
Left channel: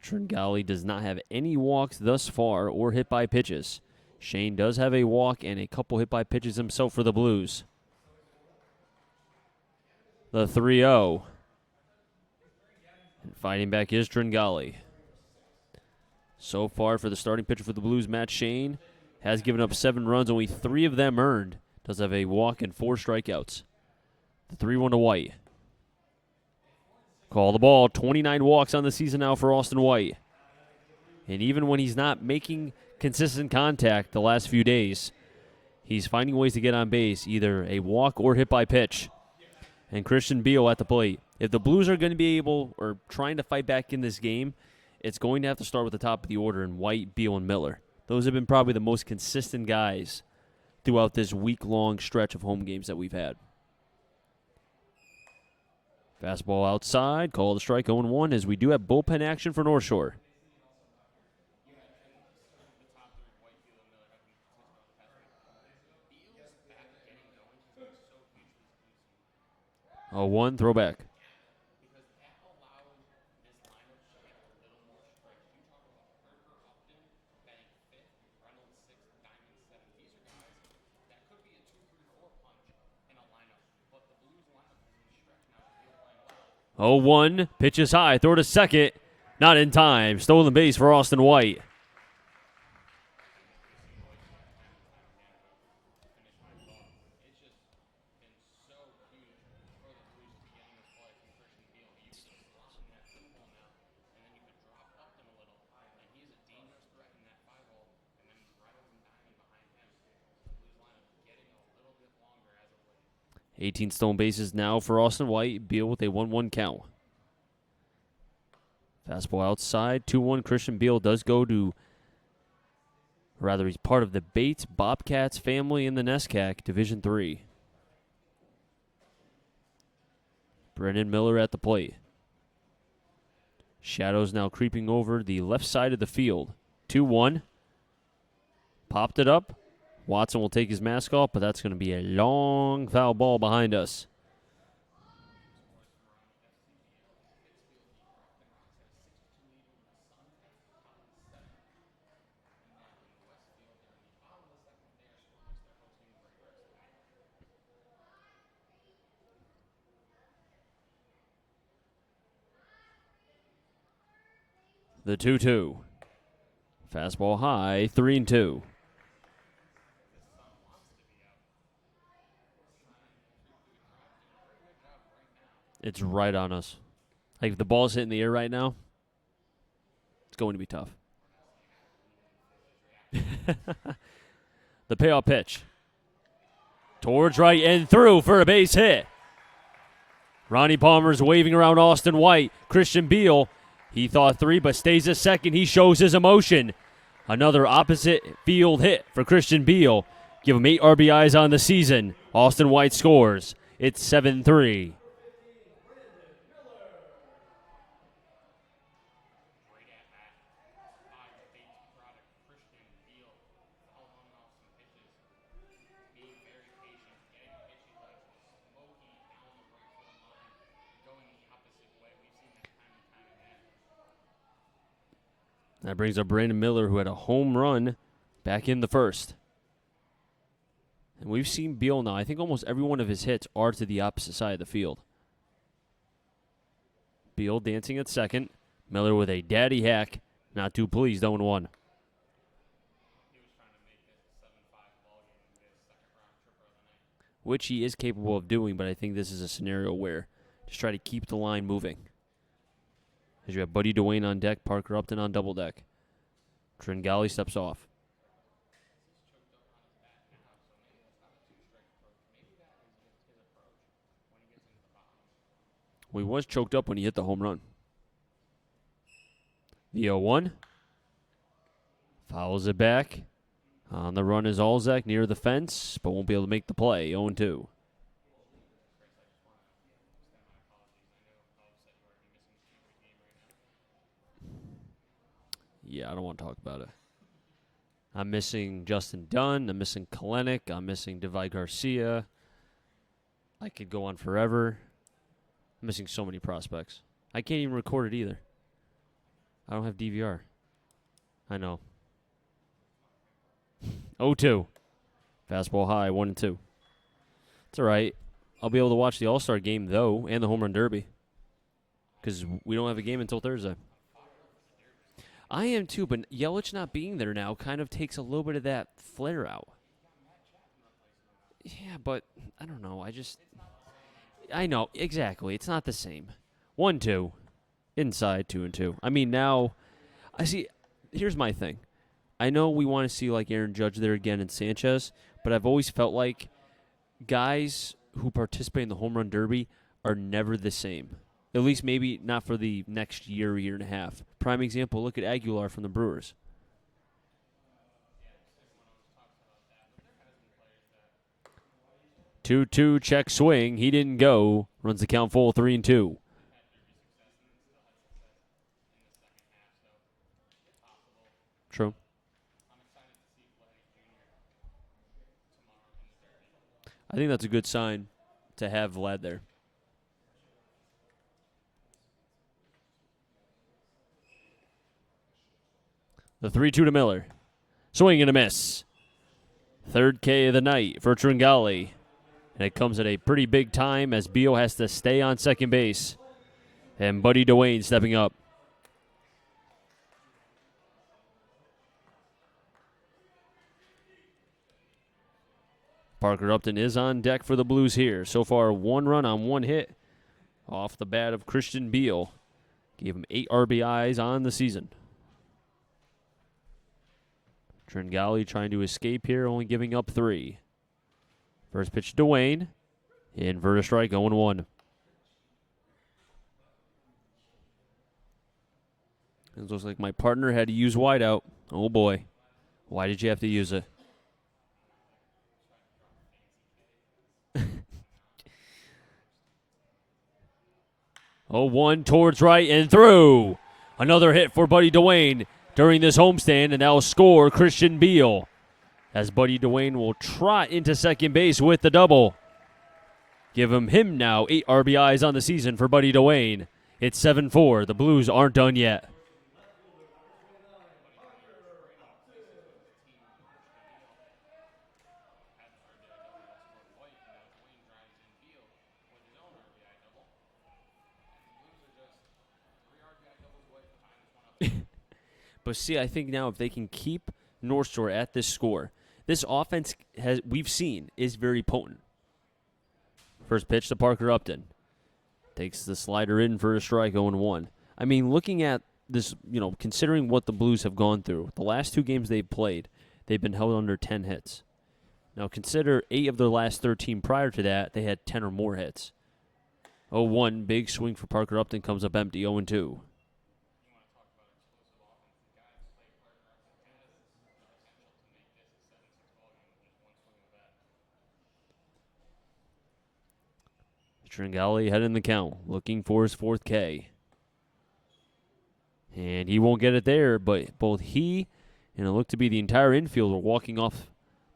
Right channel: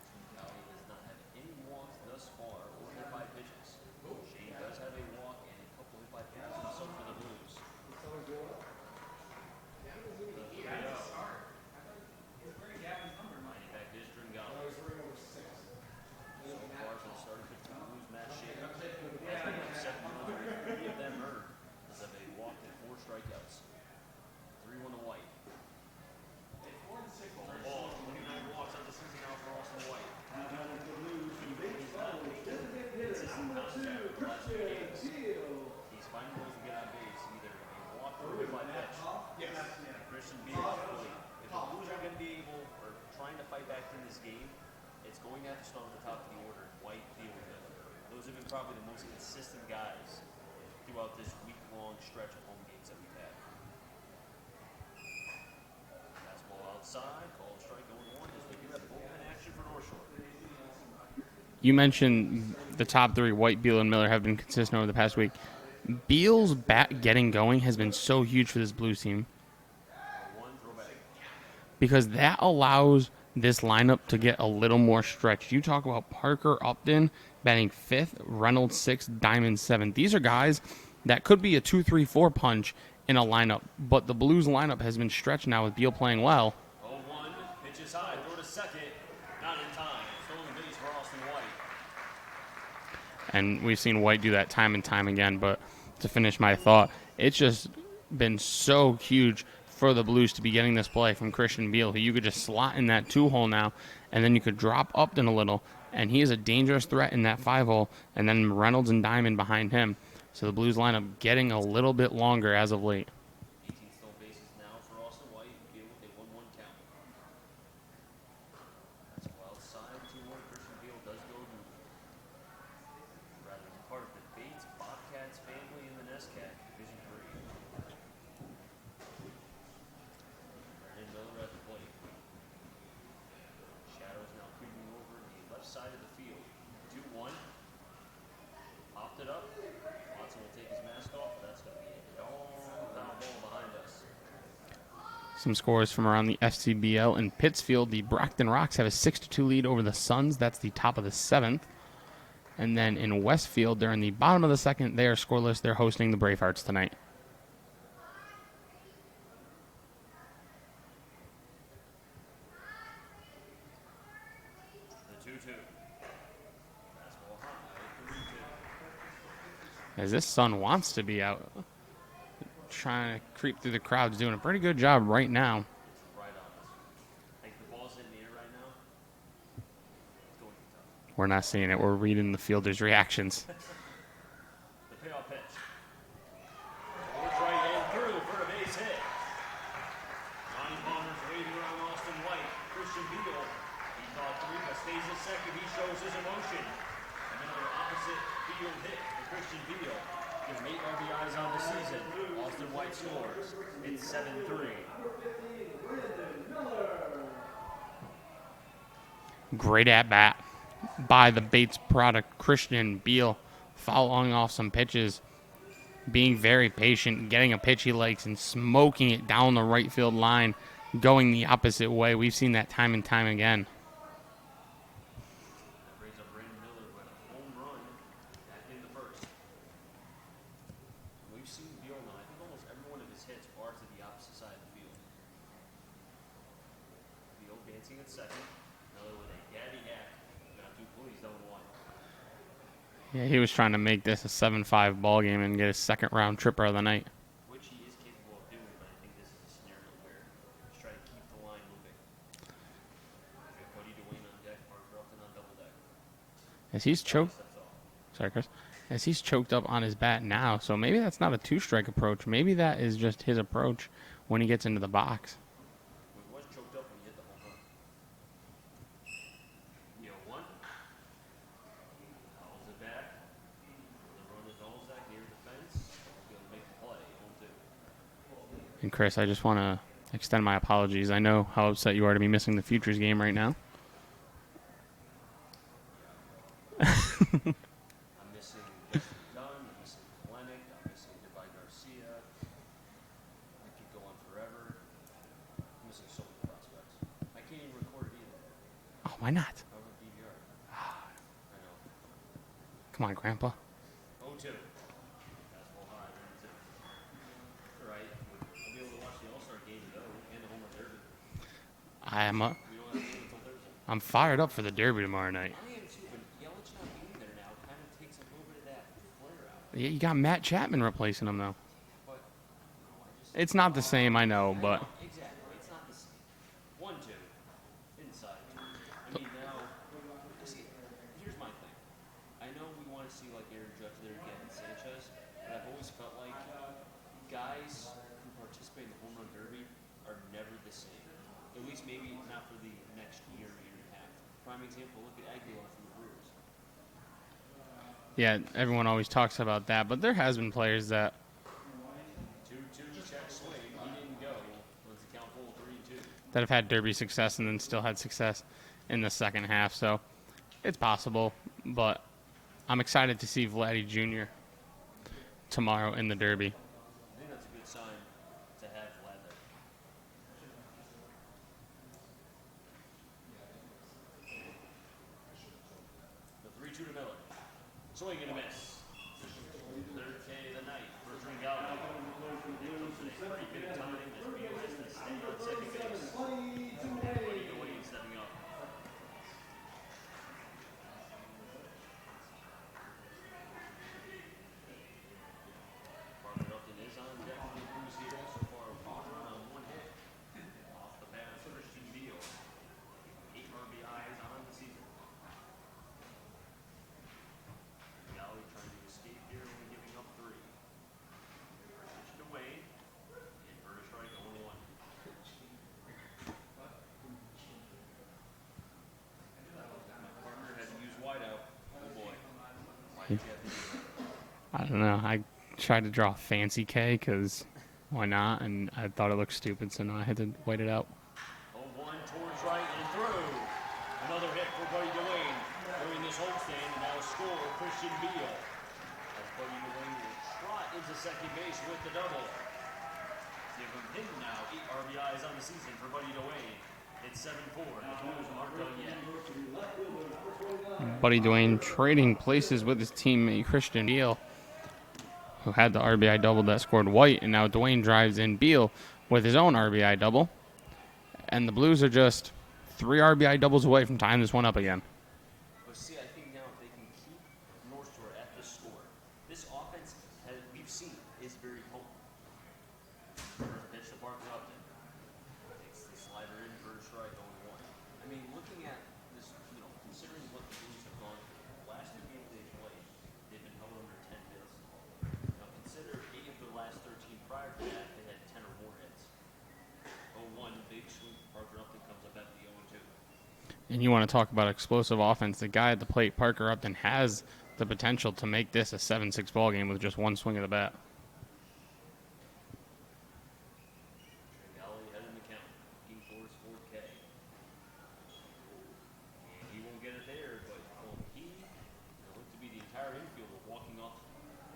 Tringali does not have any walks thus far or hit by pitches. Shane does have a walk and a couple hit by pitches himself for the Blues. The 3-0. Fighting back is Tringali. So far for the starting pitcher for the Blues, Matt Shane, has given up 7 runs, only 3 of them earned. Does have a walk and 4 strikeouts. The 3-1 to White. Call the ball. 29 walks on the season now for Austin White. And even when he's not making consistent contact the last few days, he's finding ways to get on base, either a walk or hit by pitch. And Christian Beal at the plate. If the Blues are going to be able, or trying to fight back in this game, it's going to have to start with the top of the order in White, Beal, and Miller. Those have been probably the most consistent guys throughout this week-long stretch of home games that we've had. Fastball outside, call the strike 0-1 as we do have bullpen action for North Shore. You mentioned the top 3, White, Beal, and Miller, have been consistent over the past week. Beal's bat getting going has been so huge for this Blues team. 0-1, throwback. Because that allows this lineup to get a little more stretched. You talk about Parker Upton batting 5th, Reynolds 6th, Diamond 7th. These are guys that could be a 2-3-4 punch in a lineup, but the Blues lineup has been stretched now with Beal playing well. 0-1, pitches high, throw to second, not in time. Stolen base for Austin White. And we've seen White do that time and time again. But to finish my thought, it's just been so huge for the Blues to be getting this play from Christian Beal, who you could just slot in that 2-hole now, and then you could drop Upton a little, and he is a dangerous threat in that 5-hole, and then Reynolds and Diamond behind him. So the Blues lineup getting a little bit longer as of late. 18 stolen bases now for Austin White. Beal with a 1-1 count. Fastball outside, 2-1. Christian Beal does go to, rather, he's part of the Bates Bobcats family in the NESCAC, Division III. Brendan Miller at the plate. Shadows now creeping over the left side of the field. 2-1. Popped it up. Watson will take his mask off, but that's going to be a long foul ball behind us. Some scores from around the FCBL in Pittsfield. The Brockton Rocks have a 6-2 lead over the Suns. That's the top of the 7th. And then in Westfield, they're in the bottom of the 2nd. They are scoreless. They're hosting the Bravehearts tonight. The 2-2. Fastball high, 3-2. As this Sun wants to be out, trying to creep through the crowd, doing a pretty good job right now. It's right on us. Like, if the ball's hitting the air right now, it's going to be tough. We're not seeing it. We're reading the fielders' reactions. The payoff pitch. Towards right and through for a base hit. Ronnie Palmer's waving around Austin White. Christian Beal, he thought 3, but stays a second. He shows his emotion. Another opposite field hit for Christian Beal. Give him 8 RBIs on the season. Austin White scores. It's 7-3. Great at-bat by the Bates product, Christian Beal, fouling off some pitches, being very patient, getting a pitch he likes, and smoking it down the right field line, going the opposite way. We've seen that time and time again. That brings up Brandon Miller, who had a home run back in the first. And we've seen Beal now. I think almost every one of his hits are to the opposite side of the field. Beal dancing at second. Miller with a daddy hack. Not too pleased, 0-1. Yeah, he was trying to make this a 7-5 ball game and get his second-round tripper of the night. Which he is capable of doing, but I think this is a scenario where just try to keep the line moving. Because you have Buddy Dwayne on deck, Parker Upton on double deck. As he's Galley steps off. Sorry, Chris. As he's choked up on his bat now, so maybe that's not a 2-strike approach. Maybe that is just his approach when he gets into the box. Well, he was choked up when he hit the home run. The 0-1. Fouls it back. On the run is Alzak near the fence, but won't be able to make the play. 0-2. And Chris, I just want to extend my apologies. I know how upset you are to be missing the Futures game right now. Yeah, I don't want to talk about it. I'm missing Justin Dunn. I'm missing Kalenic. I'm missing Devi Garcia. I could go on forever. I'm missing so many prospects. I can't even record it either. Oh, why not? I don't have DVR. I know. Come on, Grandpa. 0-2. Fastball high, 1-2. It's all right. I'll be able to watch the All-Star game, though, and the Home Run Derby. We don't have a game until Thursday. I'm fired up for the Derby tomorrow night. I am, too, but Yelich not being there now kind of takes a little bit of that flair out. Yeah, you got Matt Chapman replacing him, though. Yeah, but I don't know. It's not the same, I know. I know, exactly. It's not the same. 1-2. Inside, 2-2. I mean, now, I see, here's my thing. I know we want to see, like, Aaron Judge there again and Sanchez, but I've always felt like guys who participate in the Home Run Derby are never the same. At least maybe not for the next year and a half. Prime example, look at Aguilar from the Brewers. Yeah, everyone always talks about that, but there has been players that 2-2 check swing. He didn't go. Runs the count full, 3-2. that have had Derby success and then still had success in the second half. So it's possible, True. but I'm excited to see Vladdy Jr. tomorrow in the Derby. I think that's a good sign to have Vlad there. The 3-2 to Miller. Swing and a miss. Third K of the night for Tringali. And it comes at a pretty big time as Beal has to stay on second base. And Buddy Dwayne stepping up. Parker Upton is on deck for the Blues here. So far, 1 run on 1 hit off the bat of Christian Beal. Gave him 8 RBIs on the season. Tringali trying to escape here, only giving up 3. First pitch to Dwayne. Inverted strike, 0-1. It looks like my partner had to use wideout. Oh boy. Why did you have to use it? I don't know. I tried to draw a fancy K because why not? And I thought it looked stupid, so now I had to wait it out. 0-1 towards right and through. Another hit for Buddy Dwayne during this homestand, and now score Christian Beal. As Buddy Dwayne will trot into second base with the double. Give him now 8 RBIs on the season for Buddy Dwayne. It's 7-4. The Blues aren't done yet. Buddy Dwayne trading places with his teammate Christian Beal, who had the RBI double that scored White, and now Dwayne drives in Beal with his own RBI double. And the Blues are just 3 RBI doubles away from tying this one up again. But see, I think now if they can keep North Shore at this score, this offense we've seen is very potent. First pitch to Parker Upton. Takes the slider in for a strike, 0-1. I mean, looking at this, considering what the Blues have gone through, the last 2 games they've played, they've been held under 10 hits. Now, consider 8 of their last 13 prior to that, they had 10 or more hits. 0-1, big swing for Parker Upton, comes up empty, 0-2. And you want to talk about explosive offense. The guy at the plate, Parker Upton, has the potential to make this a 7-6 ball game with just 1 swing of the bat. Tringali head in the count, looking for his 4th K. And he won't get it there, but both he and it looked to be the entire infield were walking off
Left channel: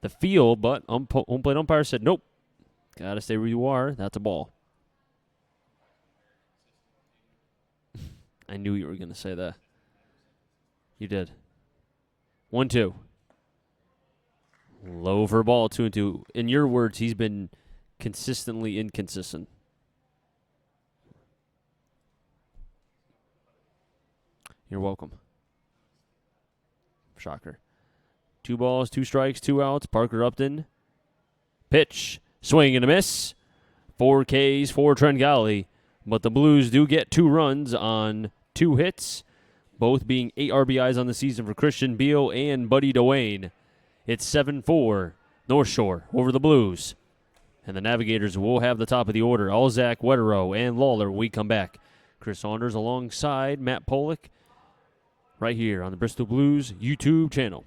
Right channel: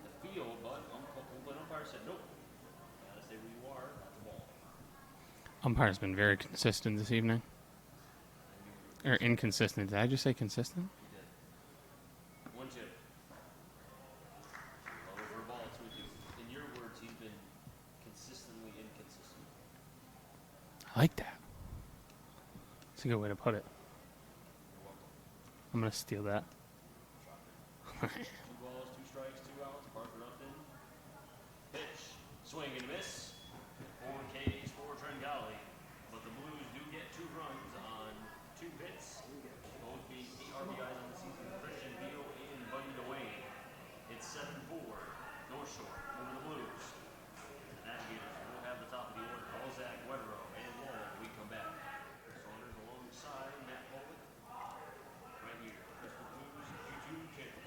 the field, but home plate umpire said, nope, got to stay where you are. That's a ball. Umpire's been very consistent this evening. I knew you were going to say that. Inconsistent. Did I just say consistent? You did. 1-2. Low for a ball, 2-2. In your words, he's been consistently inconsistent. I like that. It's a good way to put it. You're welcome. I'm going to steal that. Shocker. 2 balls, 2 strikes, 2 outs. Parker Upton. Pitch. Swing and a miss. 4 Ks for Tringali. But the Blues do get 2 runs on 2 hits, both being 8 RBIs on the season for Christian Beal and Buddy Dwayne. It's 7-4. North Shore over the Blues. And the Navigators will have the top of the order. Alzak, Wetterow, and Lawler when we come back. Chris Saunders alongside Matt Pollock right here on the Bristol Blues YouTube channel.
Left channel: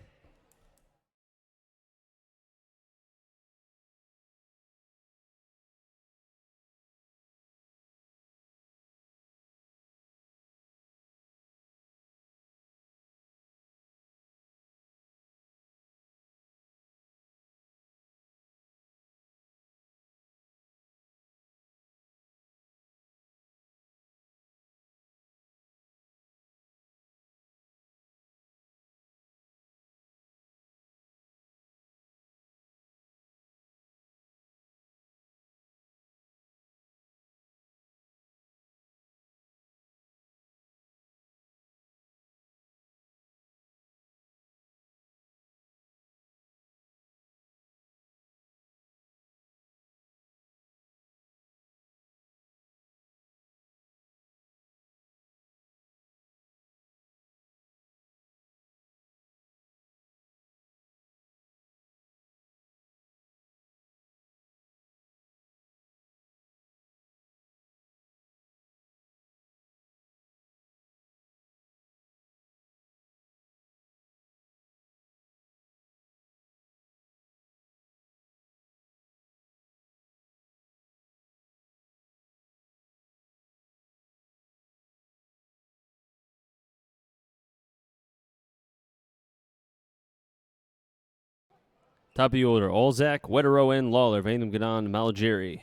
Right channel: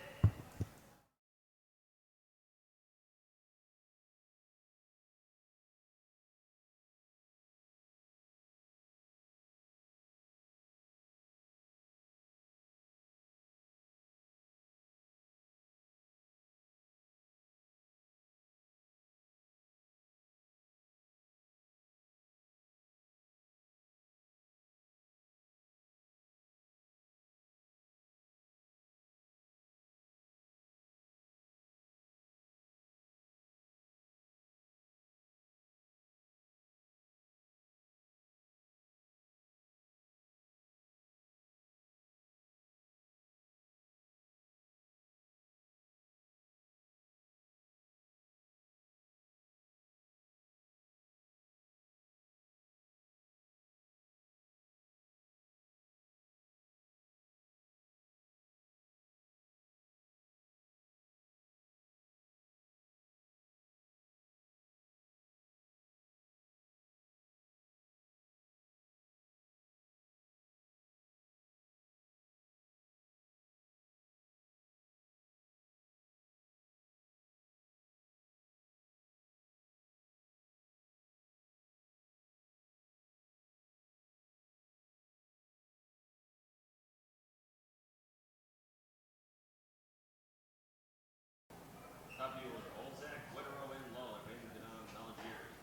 Top of the order, Alzak, Wetterow, and Lawler. Van them get on Malgeri.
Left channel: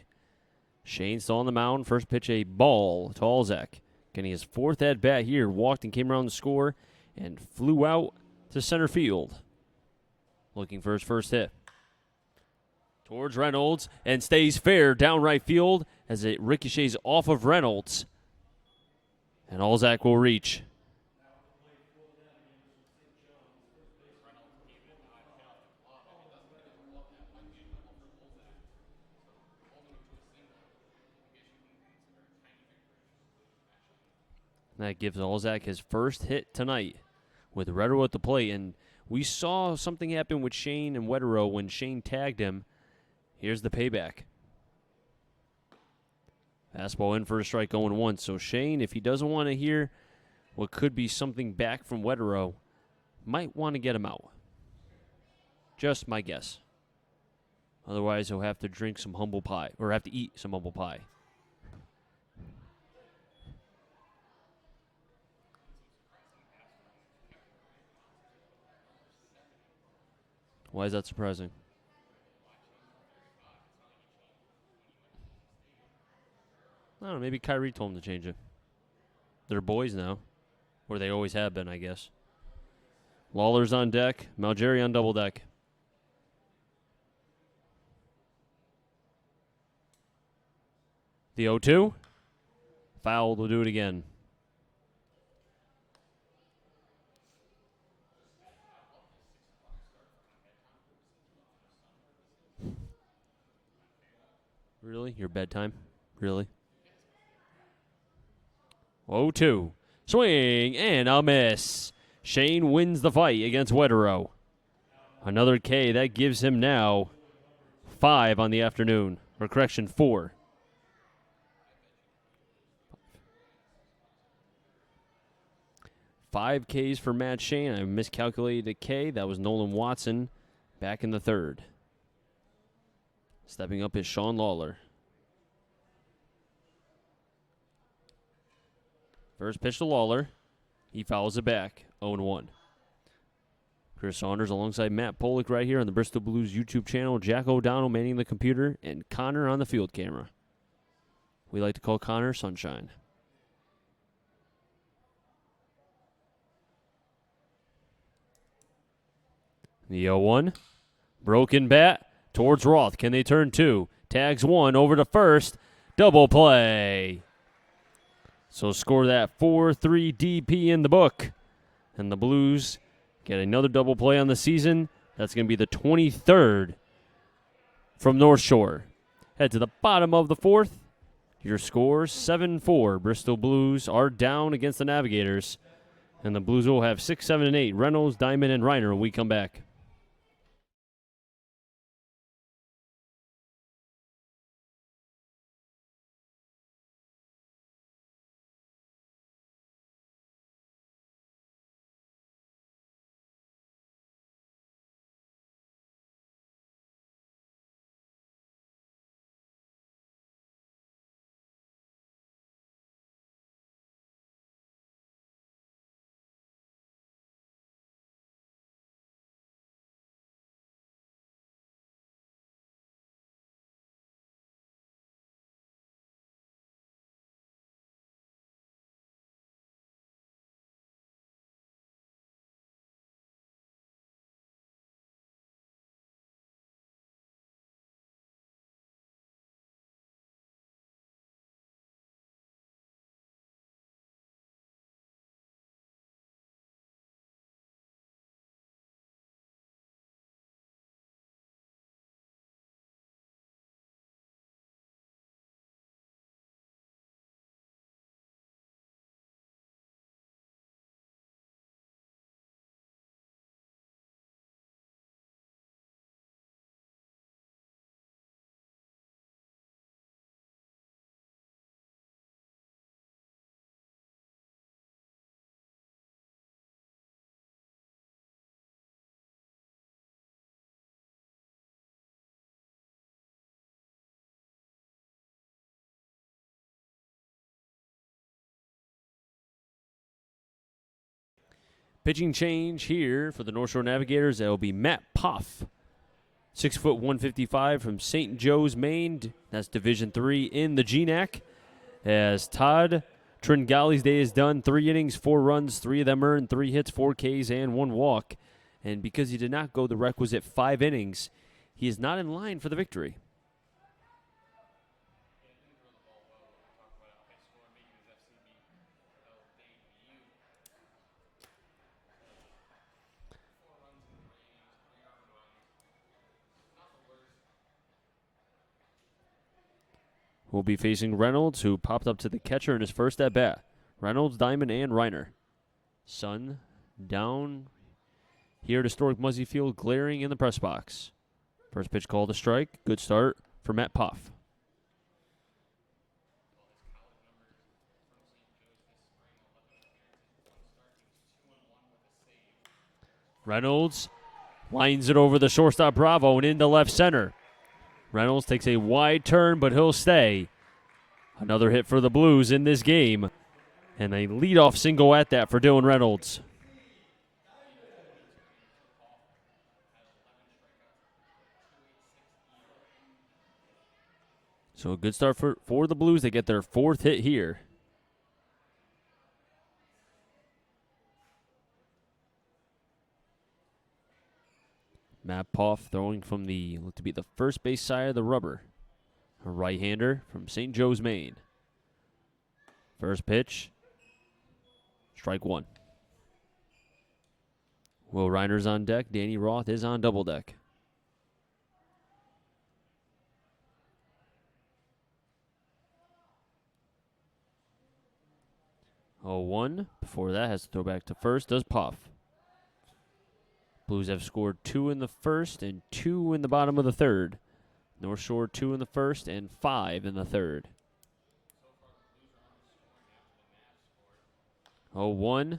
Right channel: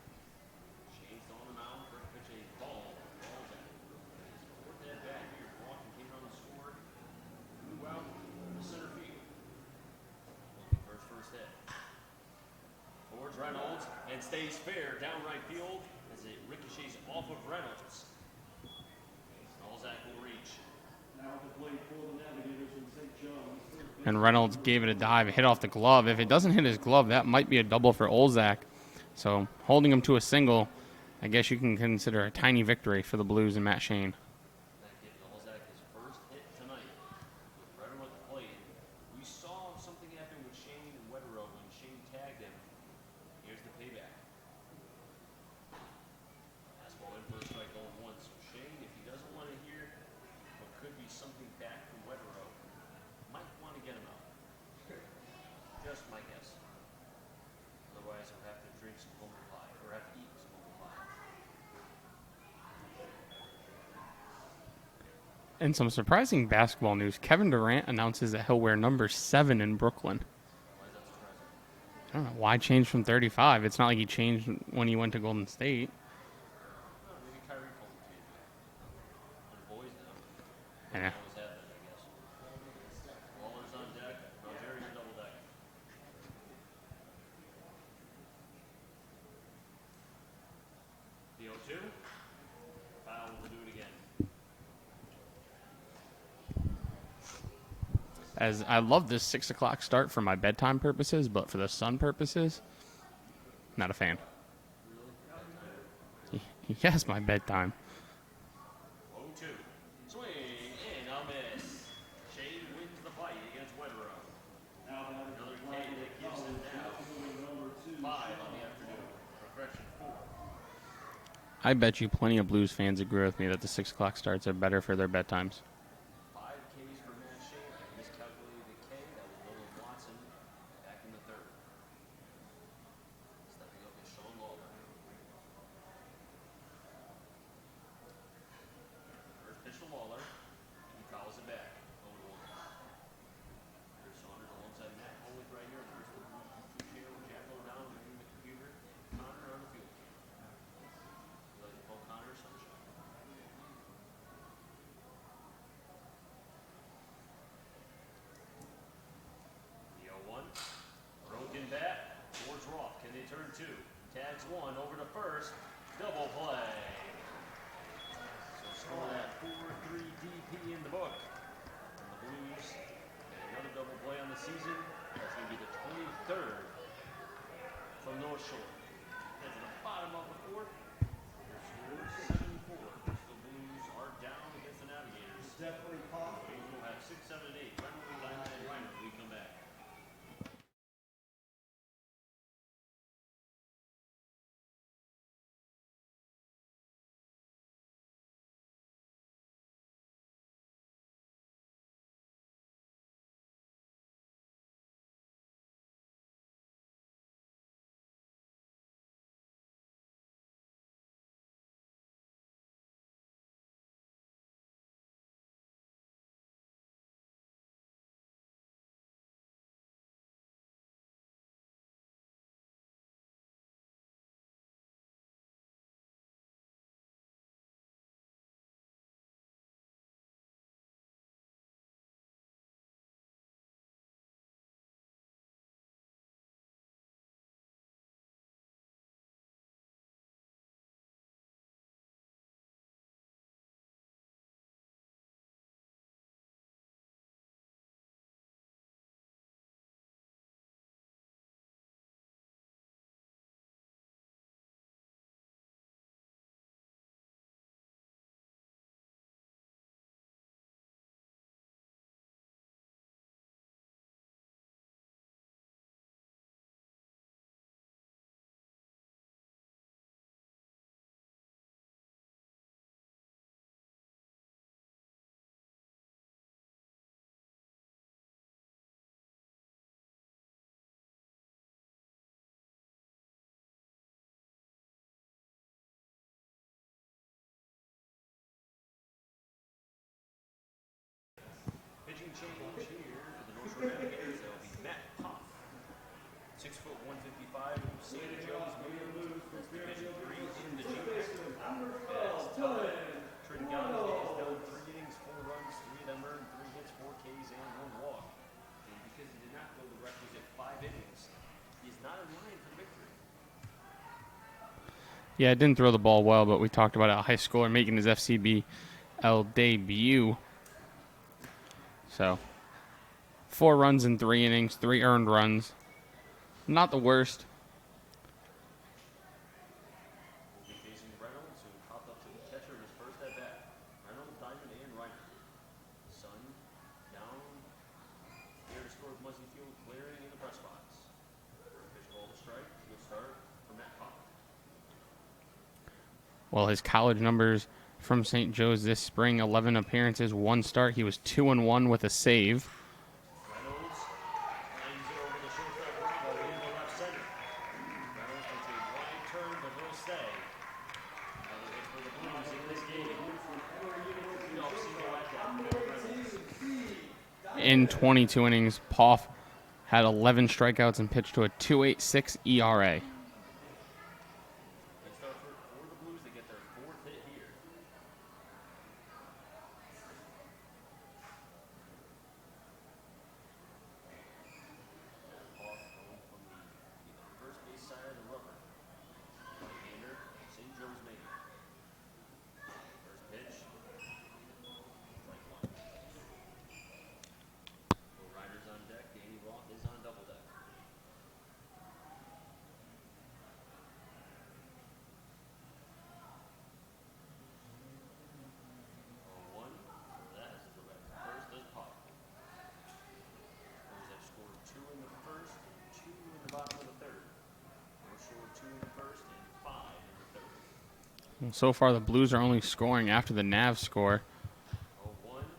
Shane still on the mound. First pitch, a ball to Alzak. Getting his 4th at-bat here. Walked and came around the score and flew out to center field. Looking for his first hit. Towards Reynolds and stays fair down right field as it ricochets off of Reynolds. And Alzak will reach. and Reynolds gave it a dive, hit off the glove. If it doesn't hit his glove, that might be a double for Olzak. So holding him to a single, I guess you can consider a tiny victory for the Blues and Matt Shane. That gives Olzak his first hit tonight with Wetero at the plate. And we saw something happen with Shane and Wetero when Shane tagged him. Here's the payback. Fastball in for a strike, 0-1. So Shane, if he doesn't want to hear what could be something back from Wetero, might want to get him out. Just my guess. Otherwise, he'll have to drink some humble pie, or have to eat some humble pie. And some surprising basketball news. Kevin Durant announces that he'll wear number 7 in Brooklyn. Why is that surprising? I don't know. Why change from 35? It's not like he changed when he went to Golden State. I don't know, maybe Kyrie told him to change it. They're boys now. Or they always have been, I guess. Lawler's on deck. Malgeri on double deck. The 0-2. Foul will do it again. As I love this 6 o'clock start for my bedtime purposes, but for the sun purposes, not a fan. Really? Your bedtime? Really? Yes, my bedtime. 0-2. Swing and a miss. Shane wins the fight against Wetero. Another K. That gives him now 5 on the afternoon. Or correction, 4. I bet you plenty of Blues fans agree with me that the 6 o'clock starts are better for their bedtimes. 5 Ks for Matt Shane. I miscalculated a K. That was Nolan Watson back in the third. Stepping up is Sean Lawler. First pitch to Lawler. He fouls it back. 0-1. Chris Saunders alongside Matt Pollock right here on the Bristol Blues YouTube channel. Jack O'Donnell manning the computer, and Connor on the field camera. We like to call Connor Sunshine. The 0-1. Broken bat towards Roth. Can they turn 2? Tags 1 over to first. Double play. So score that 4-3 DP in the book. And the Blues get another double play on the season. That's going to be the 23rd from North Shore. Head to the bottom of the fourth. Your scores 7-4. Bristol Blues are down against the Navigators. And the Blues will have 6, 7, and 8. Reynolds, Diamond, and Reiner when we come back. Pitching change here for the North Shore Navigators. That will be Matt Puff. 6 foot 155 from St. Joe's, Maine. That's Division III in the GNAC. As Todd Tringali's day is done. 3 innings, 4 runs, 3 of them earned, 3 hits, 4 Ks, and 1 walk. And because he did not go the requisite 5 innings, he is not in line for the victory. Yeah, didn't throw the ball well, but we talked about a high schooler making his FCBL debut. So 4 runs in 3 innings, 3 earned runs. Not the worst. We'll be facing Reynolds, who popped up to the catcher in his first at-bat. Reynolds, Diamond, and Reiner. Sun down here at historic Muzzy Field, glaring in the press box. First pitch called a strike. Good start for Matt Poff. Well, his college numbers from St. Joe's this spring, 11 appearances, 1 start. He was 2-1 with a save. Reynolds lines it over the shortstop Bravo and into left center. Reynolds takes a wide turn, but he'll stay. Another hit for the Blues in this game. And a leadoff single at that for Dylan Reynolds. In 22 innings, Poff had 11 strikeouts and pitched to a 2.86 ERA. So a good start for the Blues. They get their 4th hit here. Matt Poff throwing from the, look to be the first base side of the rubber. A right-hander from St. Joe's, Maine. First pitch, strike 1. Will Reiner's on deck. Danny Roth is on double deck. Oh, 1. Before that, has to throw back to first. Does Poff. Blues have scored 2 in the first and 2 in the bottom of the third. North Shore 2 in the first and 5 in the third. Well, so far, the Blues are only scoring after the Nav score. 0-1.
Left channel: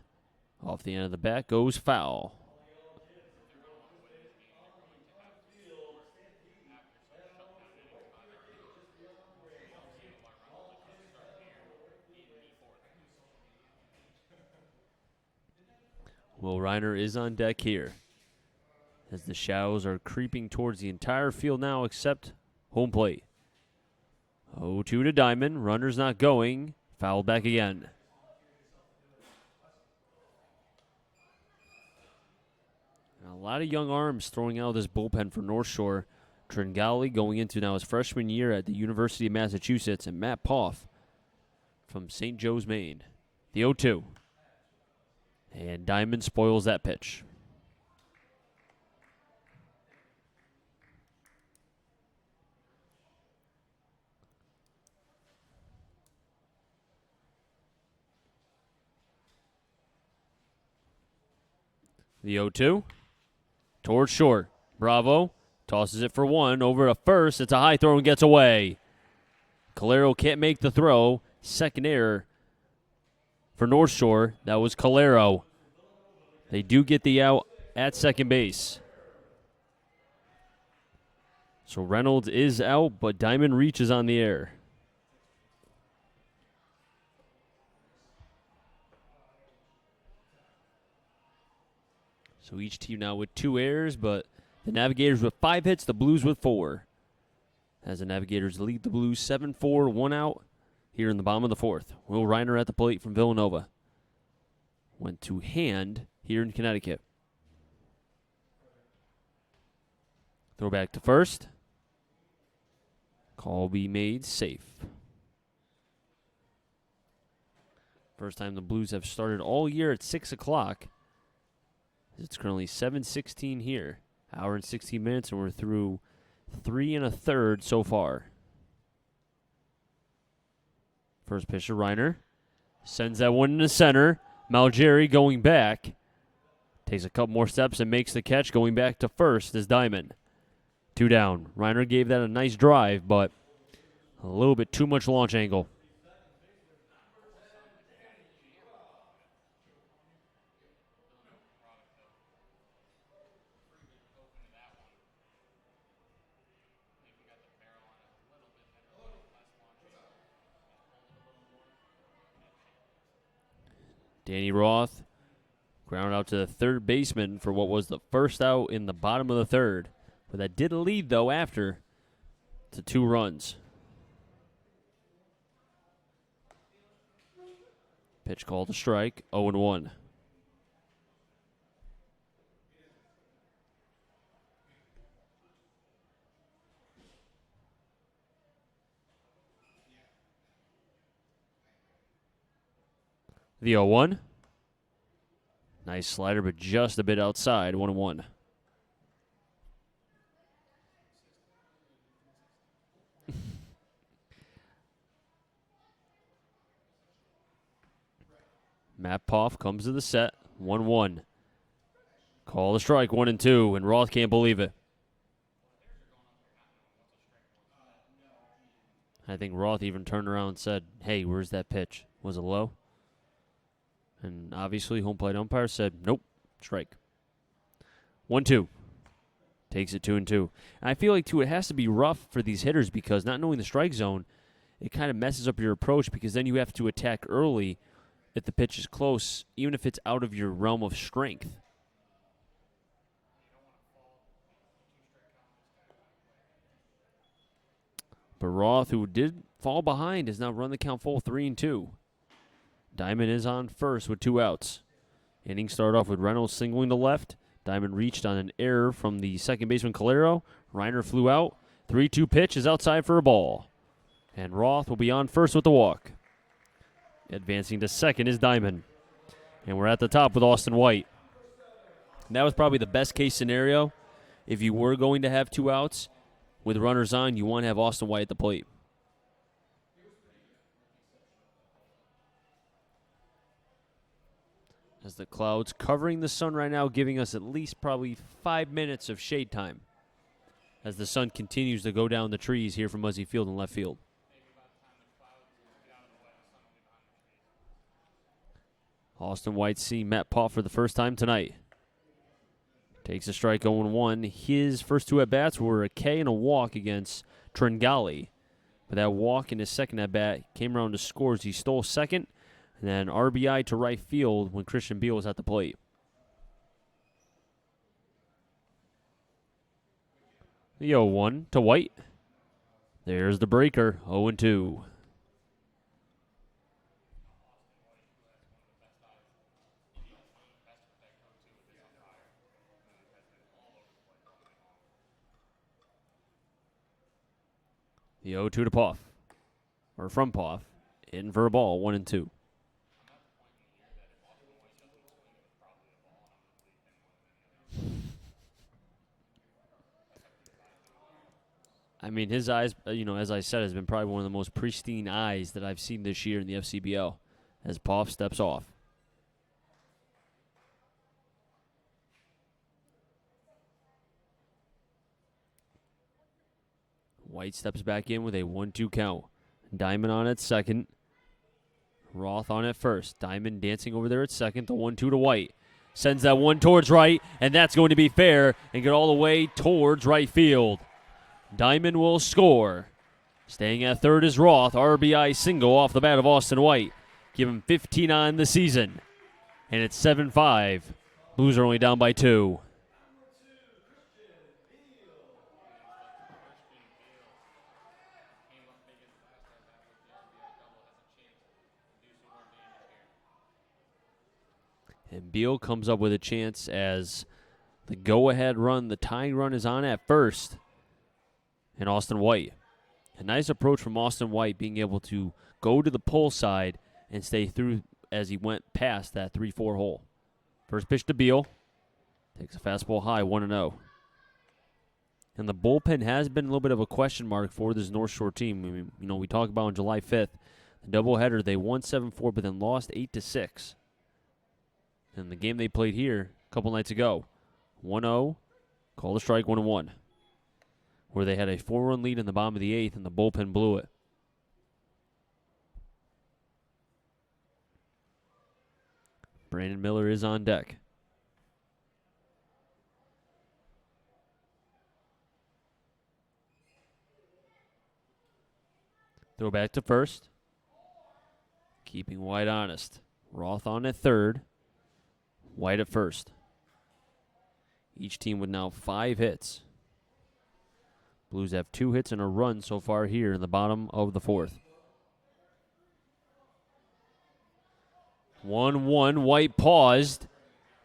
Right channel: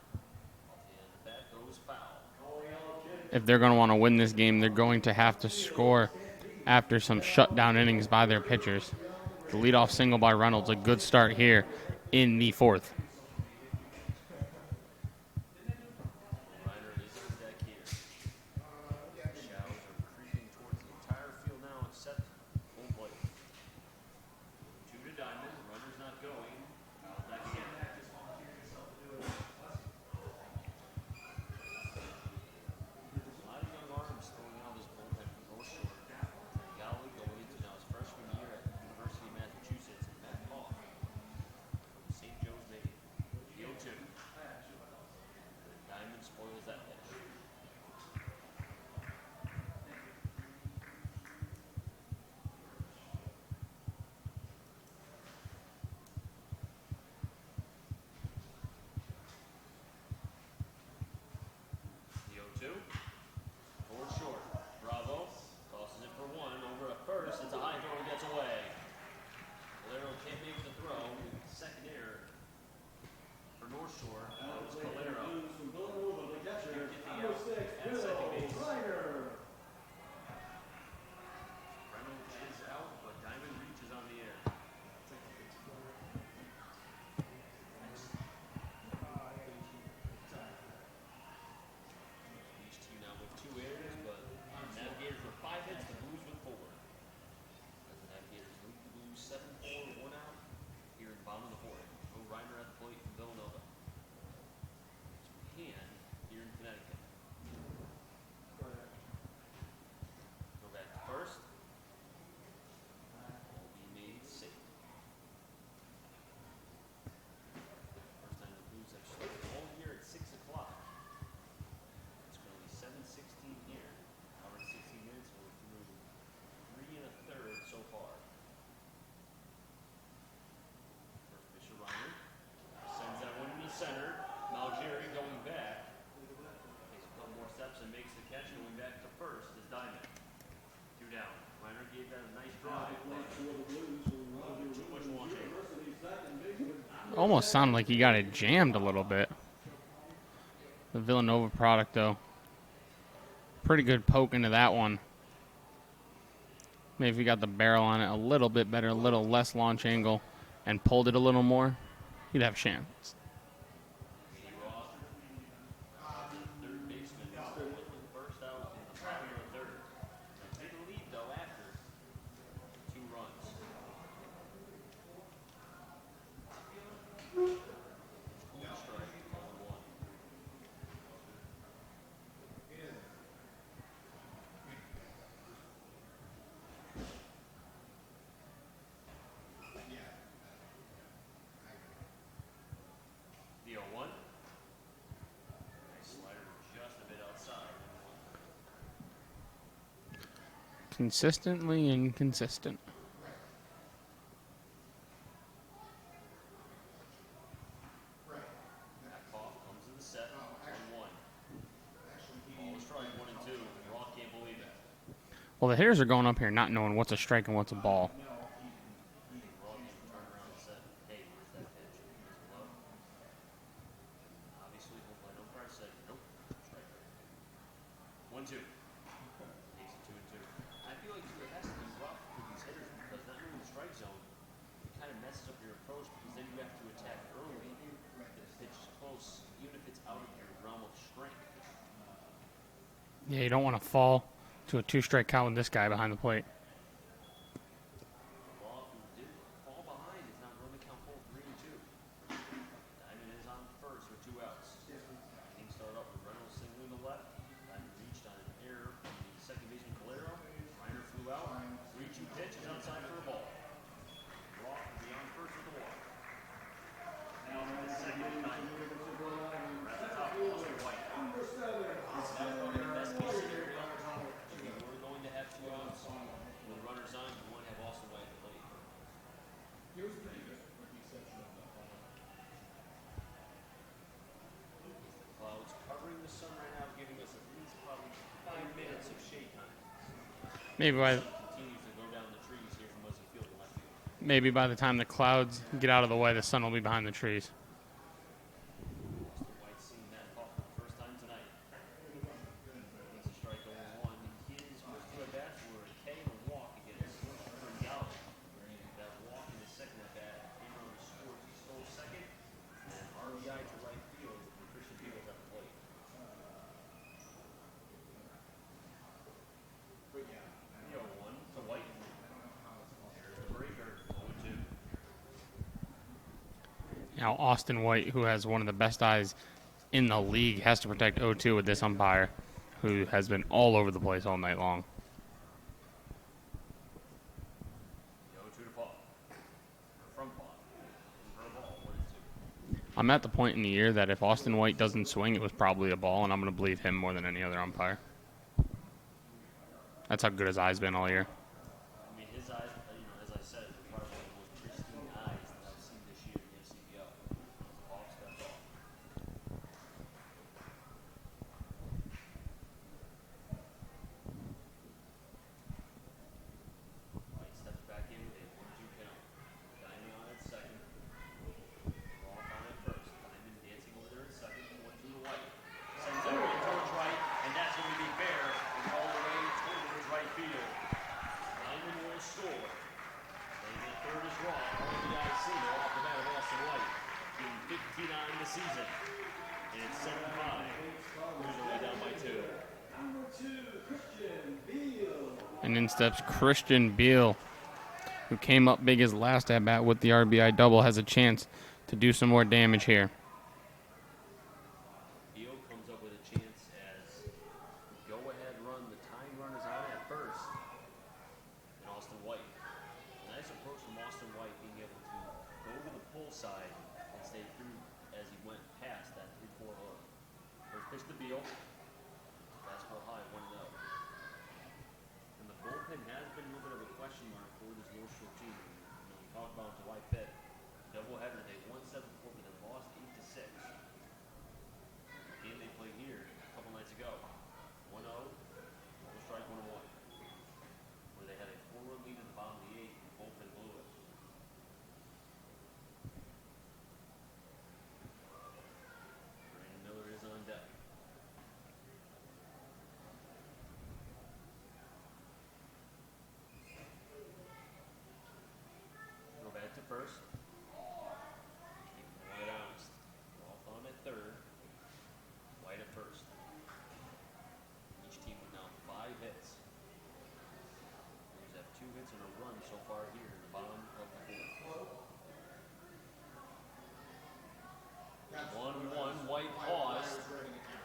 Off the end of the bat goes foul. If they're going to want to win this game, they're going to have to score after some shutdown innings by their pitchers. The leadoff single by Reynolds, a good start here in the 4th. Will Reiner is on deck here, as the shadows are creeping towards the entire field now except home plate. 0-2 to Diamond. Runner's not going. Fouled back again. A lot of young arms throwing out of this bullpen for North Shore. Tringali going into now his freshman year at the University of Massachusetts, and Matt Poff from St. Joe's, Maine. The 0-2. And Diamond spoils that pitch. The 0-2. Towards short. Bravo tosses it for 1 over to first. It's a high throw and gets away. Calero can't make the throw. Second error for North Shore. That was Calero. They do get the out at second base. So Reynolds is out, but Diamond reaches on the air. So each team now with 2 errors, but the Navigators with 5 hits, the Blues with 4. As the Navigators lead the Blues 7-4, 1 out here in the bottom of the 4th. Will Reiner at the plate from Villanova. Went to hand here in Connecticut. Throw back to first. Call be made safe. First time the Blues have started all year at 6 o'clock. It's currently 7:16 here. Hour and 16 minutes, and we're through 3 1/3 so far. First pitch to Reiner. Sends that one into center. Malgeri going back. Takes a couple more steps and makes the catch. Going back to first is Diamond. 2 down. Reiner gave that a nice drive, but a little bit too much launch angle. Almost sounded like he got it jammed a little bit. The Villanova product, though. Pretty good poke into that one. Maybe if he got the barrel on it a little bit better, a little less launch angle, and pulled it a little more, he'd have a chance. Danny Roth ground out to the third baseman for what was the first out in the bottom of the third. But that did lead, though, after to 2 runs. Pitch called a strike, 0-1. The 0-1. Nice Nice slider, but just a bit outside. 1-1. Consistently inconsistent. Matt Poff comes to the set. 1-1. Call the strike. 1-2. And Roth can't believe it. Well, the hitters are going up here not knowing what's a strike and what's a ball. I think Roth even turned around and said, hey, where's that pitch? Was it low? And obviously, home plate umpire said, nope, strike. 1-2. Takes it 2-2. And I feel like, too, it has to be rough for these hitters because not knowing the strike zone, it kind of messes up your approach because then you have to attack early if the pitch is close, even if it's out of your realm of strength. Yeah, you don't want to fall to a 2-strike count with this guy behind the plate. But Roth, who did fall behind, has now run the count full 3-2. Diamond is on first with 2 outs. Inning start off with Reynolds singling to left. Diamond reached on an error from the second baseman Calero. Reiner flew out. 3-2 pitch is outside for a ball. And Roth will be on first with the walk. Advancing to second is Diamond. And we're at the top with Austin White. That was probably the best case scenario. If you were going to have 2 outs with runners on, you want to have Austin White at the plate. As the clouds covering the sun right now, giving us at least probably 5 minutes of shade time. Maybe as the sun continues to go down the trees here from Muzzy Field and left field. Maybe by the time the clouds get out of the way, the sun will be behind the trees. Austin White seeing Matt Poff for the first time tonight. Takes a strike 0-1. His first 2 at-bats were a K and a walk against Tringali. But that walk in his second at-bat came around to scores. He stole second, and then RBI to right field when Christian Beal was at the plate. The 0-1 to White. There's the breaker, 0-2. Now, Austin White, who has one of the best eyes in the league, has to protect 0-2 with this umpire, who has been all over the place all night long. The 0-2 to Poff, or from Poff, in for a ball, 1-2. I'm at the point in the year that if Austin White doesn't swing, it was probably a ball, and I'm going to believe him more than any other umpire. That's how good his eye's been all year. I mean, his eyes, as I said, has been probably one of the most pristine eyes that I've seen this year in the FCBL as Poff steps off. White steps back in with a 1-2 count. Diamond on at second. Roth on at first. Diamond dancing over there at second. The 1-2 to White. Sends that one towards right, and that's going to be fair and get all the way towards right field. Diamond will score. Staying at third is Roth. RBI single off the bat of Austin White. Give him 15 on the season. And it's 7-5. Blues are only down by 2. And in steps Christian Beal, who came up big his last at-bat with the RBI double, has a chance to do some more damage here. And Beal comes up with a chance as the go-ahead run, the tying run is on at first. And Austin White. A nice approach from Austin White, being able to go to the pull side and stay through as he went past that 3-4 hole. First pitch to Beal. Takes a fastball high, 1-0. And the bullpen has been a little bit of a question mark for this North Shore team. I mean, we talked about on July 5th, doubleheader, they won 7-4, but then lost 8-6. And the game they played here a couple nights ago, 1-0, called a strike, 1-1, where they had a 4-run lead in the bottom of the 8th, and the bullpen blew it. Brandon Miller is on deck. Throw back to first. Keeping White honest. Roth on at third. White at first. Each team with now 5 hits. Blues have 2 hits and a run so far here in the bottom of the 4th. 1-1. White paused.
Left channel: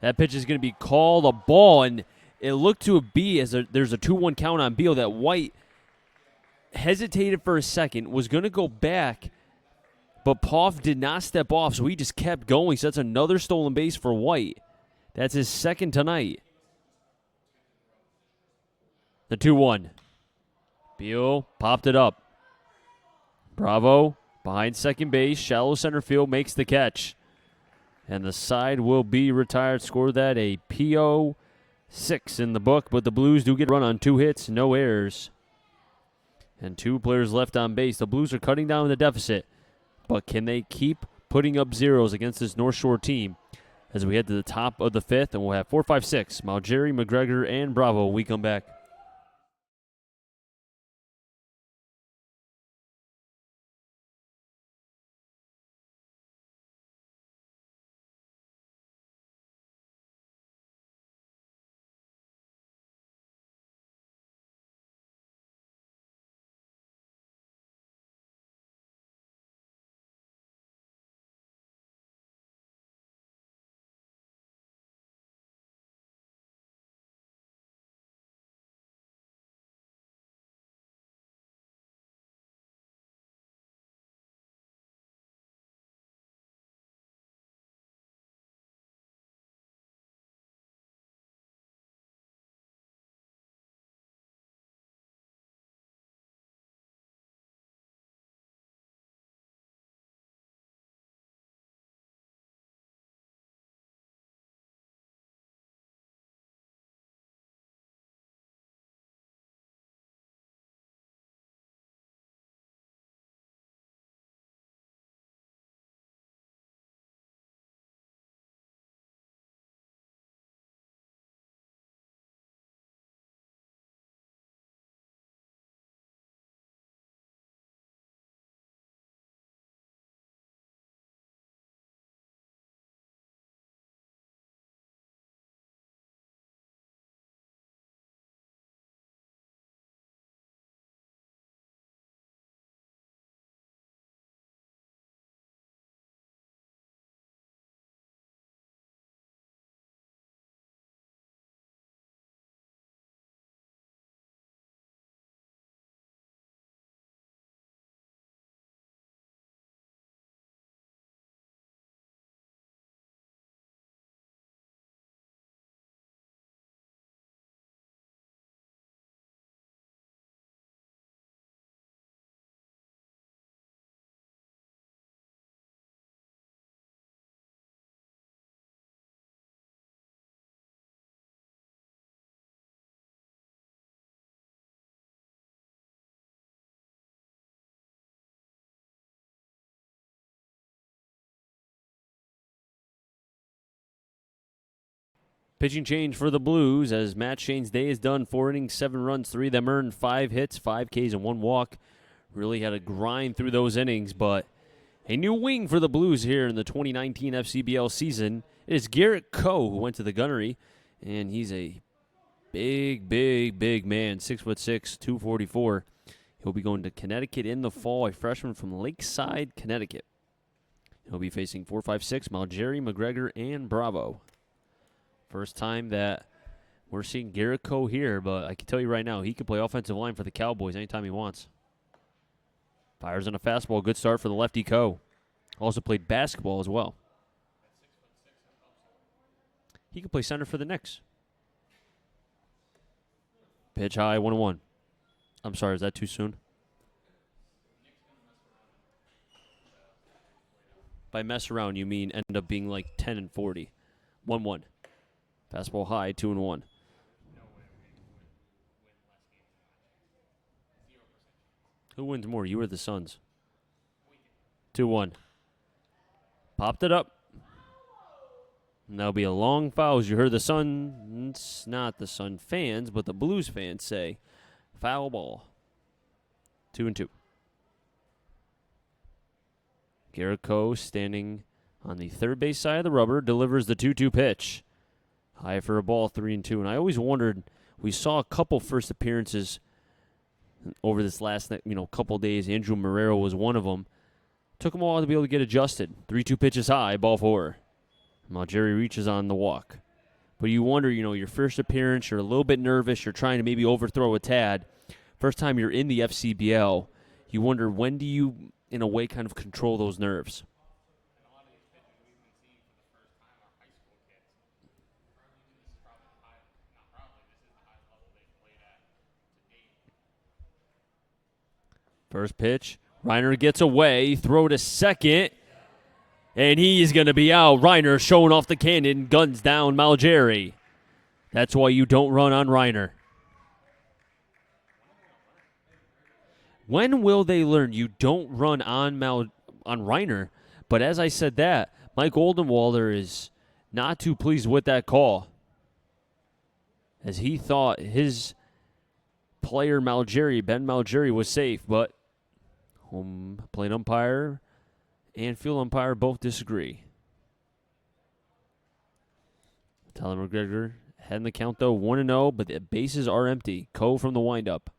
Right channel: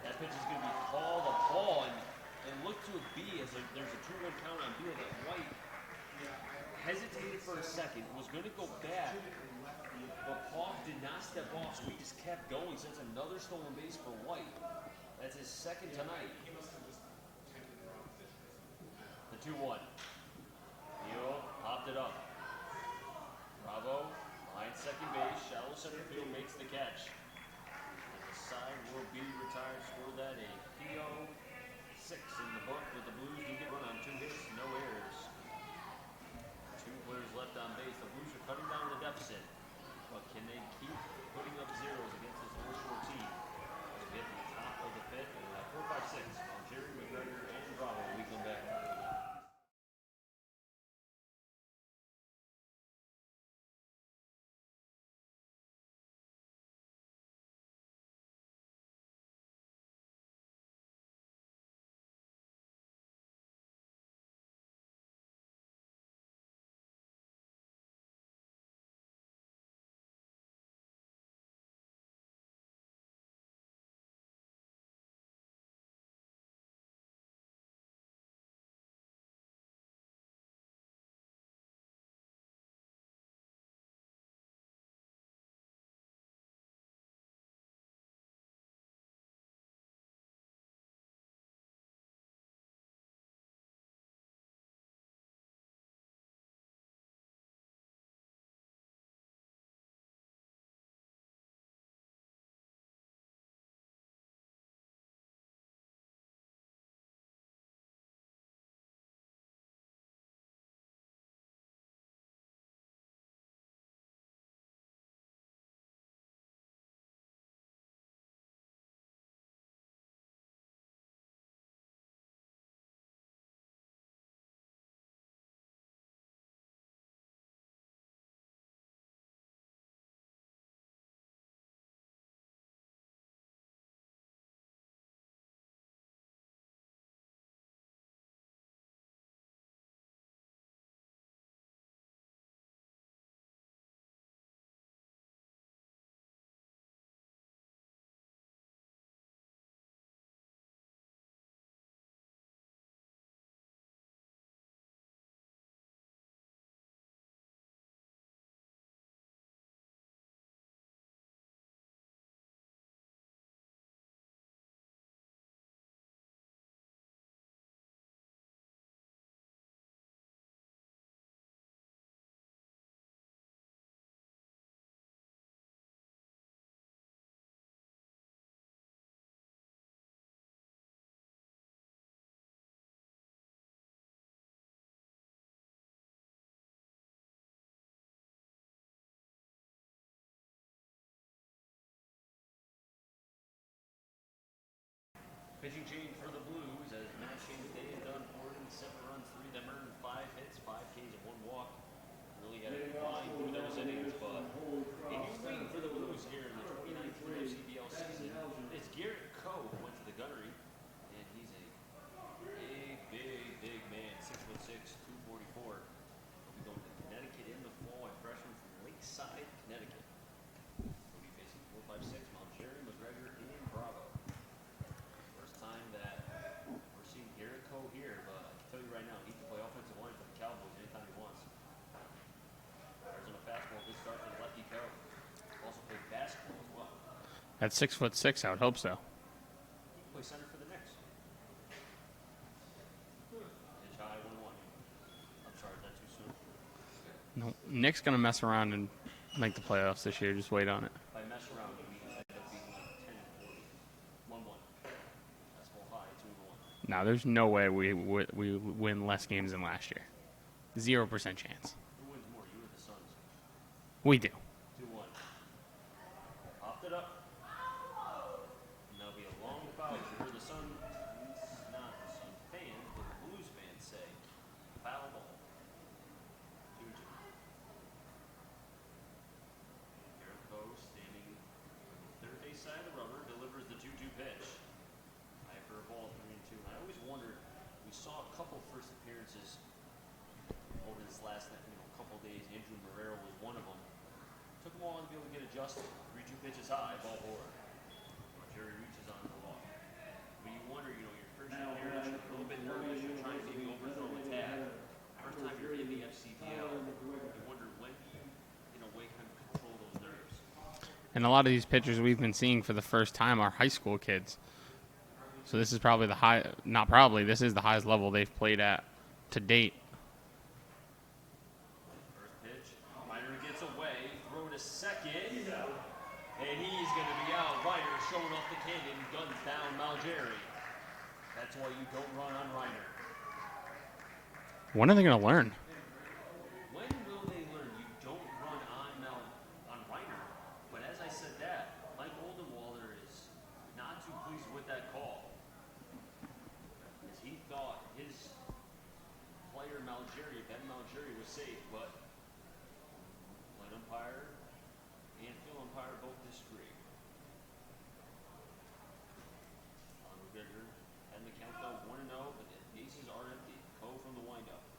That pitch is going to be called a ball, and it looked to be as there's a 2-1 count on Beal that White hesitated for a second, was going to go back, but Poff did not step off, so he just kept going. So that's another stolen base for White. That's his second tonight. The 2-1. Beal popped it up. Bravo behind second base. Shallow center field makes the catch. And the side will be retired. Scored that a PO 6 in the book, but the Blues do get a run on 2 hits, no errors. And 2 players left on base. The Blues are cutting down the deficit, but can they keep putting up zeros against this North Shore team as we head to the top of the 5th? And we'll have 4, 5, 6. Malgeri, McGregor, and Bravo when we come back. Pitching change for the Blues as Matt Shane's day is done. 4 innings, 7 runs, 3 of them earned, 5 hits, 5 Ks, and 1 walk. Really had to grind through those innings, but a new wing for the Blues here in the 2019 FCBL season. It is Garrett Coe who went to the gunnery, and he's a big man, 6'6", 244. He'll be going to Connecticut in the fall, a freshman from Lakeside, Connecticut. He'll be facing 4, 5, 6, Malgeri, McGregor, and Bravo. First time that we're seeing Garrett Coe here, but I can tell you right now, he can play offensive line for the Cowboys anytime he wants. Fires on a fastball. Good start for the lefty Coe. Also played basketball as well. At 6'6", I would hope so. He can play center for the Knicks. Pitch high, 1-1. I'm sorry, is that too soon? No, Nick's going to mess around and make the playoffs this year. Just wait on it. By mess around, you mean end up being like 10-40. 1-1. Fastball high, 2-1. No, there's no way we win less games than last year. 0% chance. Who wins more, you or the Suns? We do. 2-1. Popped it up. And that'll be a long foul. As you heard the Suns, not the Sun fans, but the Blues fans say, foul ball. 2-2. Garrett Coe standing on the third base side of the rubber, delivers the 2-2 pitch. High for a ball, 3-2. And I always wondered, we saw a couple first appearances over this last couple days. Andrew Marrero was one of them. Took him a while to be able to get adjusted. 3-2 pitches high, ball 4. Malgeri reaches on the walk. But you wonder, your first appearance, you're a little bit nervous. You're trying to maybe overthrow a tad. First time you're in the FCBL, you wonder when do you, in a way, kind of control those nerves. And a lot of these pitchers we've been seeing for the first time are high school kids. So this is probably the high, not probably, this is the highest level they've played at to date. First pitch. Reiner gets away. Throw to second. And he's going to be out. Reiner showing off the cannon. Guns down Malgeri. That's why you don't run on Reiner. When are they going to learn? When will they learn you don't run on Reiner? But as I said that, Mike Oldenwalder is not too pleased with that call, as he thought his player Ben Malgeri, was safe, but home plate umpire and field umpire both disagree. Tyler McGregor heading the count though, 1-0, but the bases are empty. Coe from the windup.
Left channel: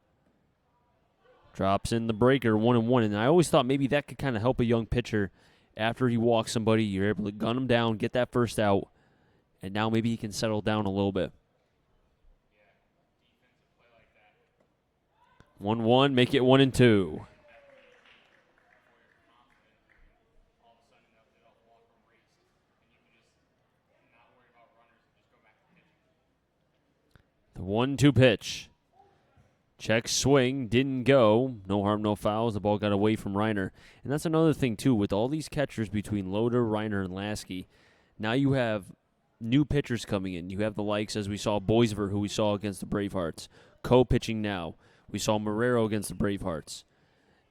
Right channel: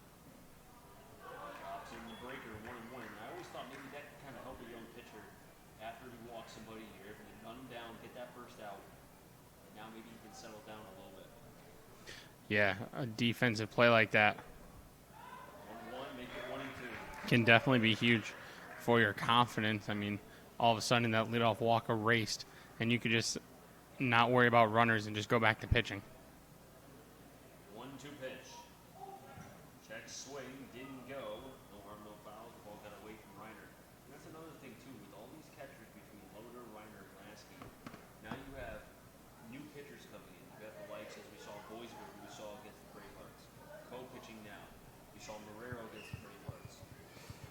Drops in the breaker, 1-1, and I always thought maybe that could kind of help a young pitcher. After he walks somebody, you're able to gun him down, get that first out, and now maybe he can settle down a little bit. Yeah, a defensive play like that 1-1, make it 1-2. can definitely be huge for your confidence. I mean, all of a sudden that leadoff walk erased, and you could just not worry about runners and just go back to pitching. The 1-2 pitch. Check swing, didn't go. No harm, no fouls. The ball got away from Reiner. And that's another thing, too, with all these catchers between Loader, Reiner, and Lasky. Now you have new pitchers coming in. You have the likes, as we saw, Boisver, who we saw against the Bravehearts. Coe pitching now. We saw Marrero against the Bravehearts.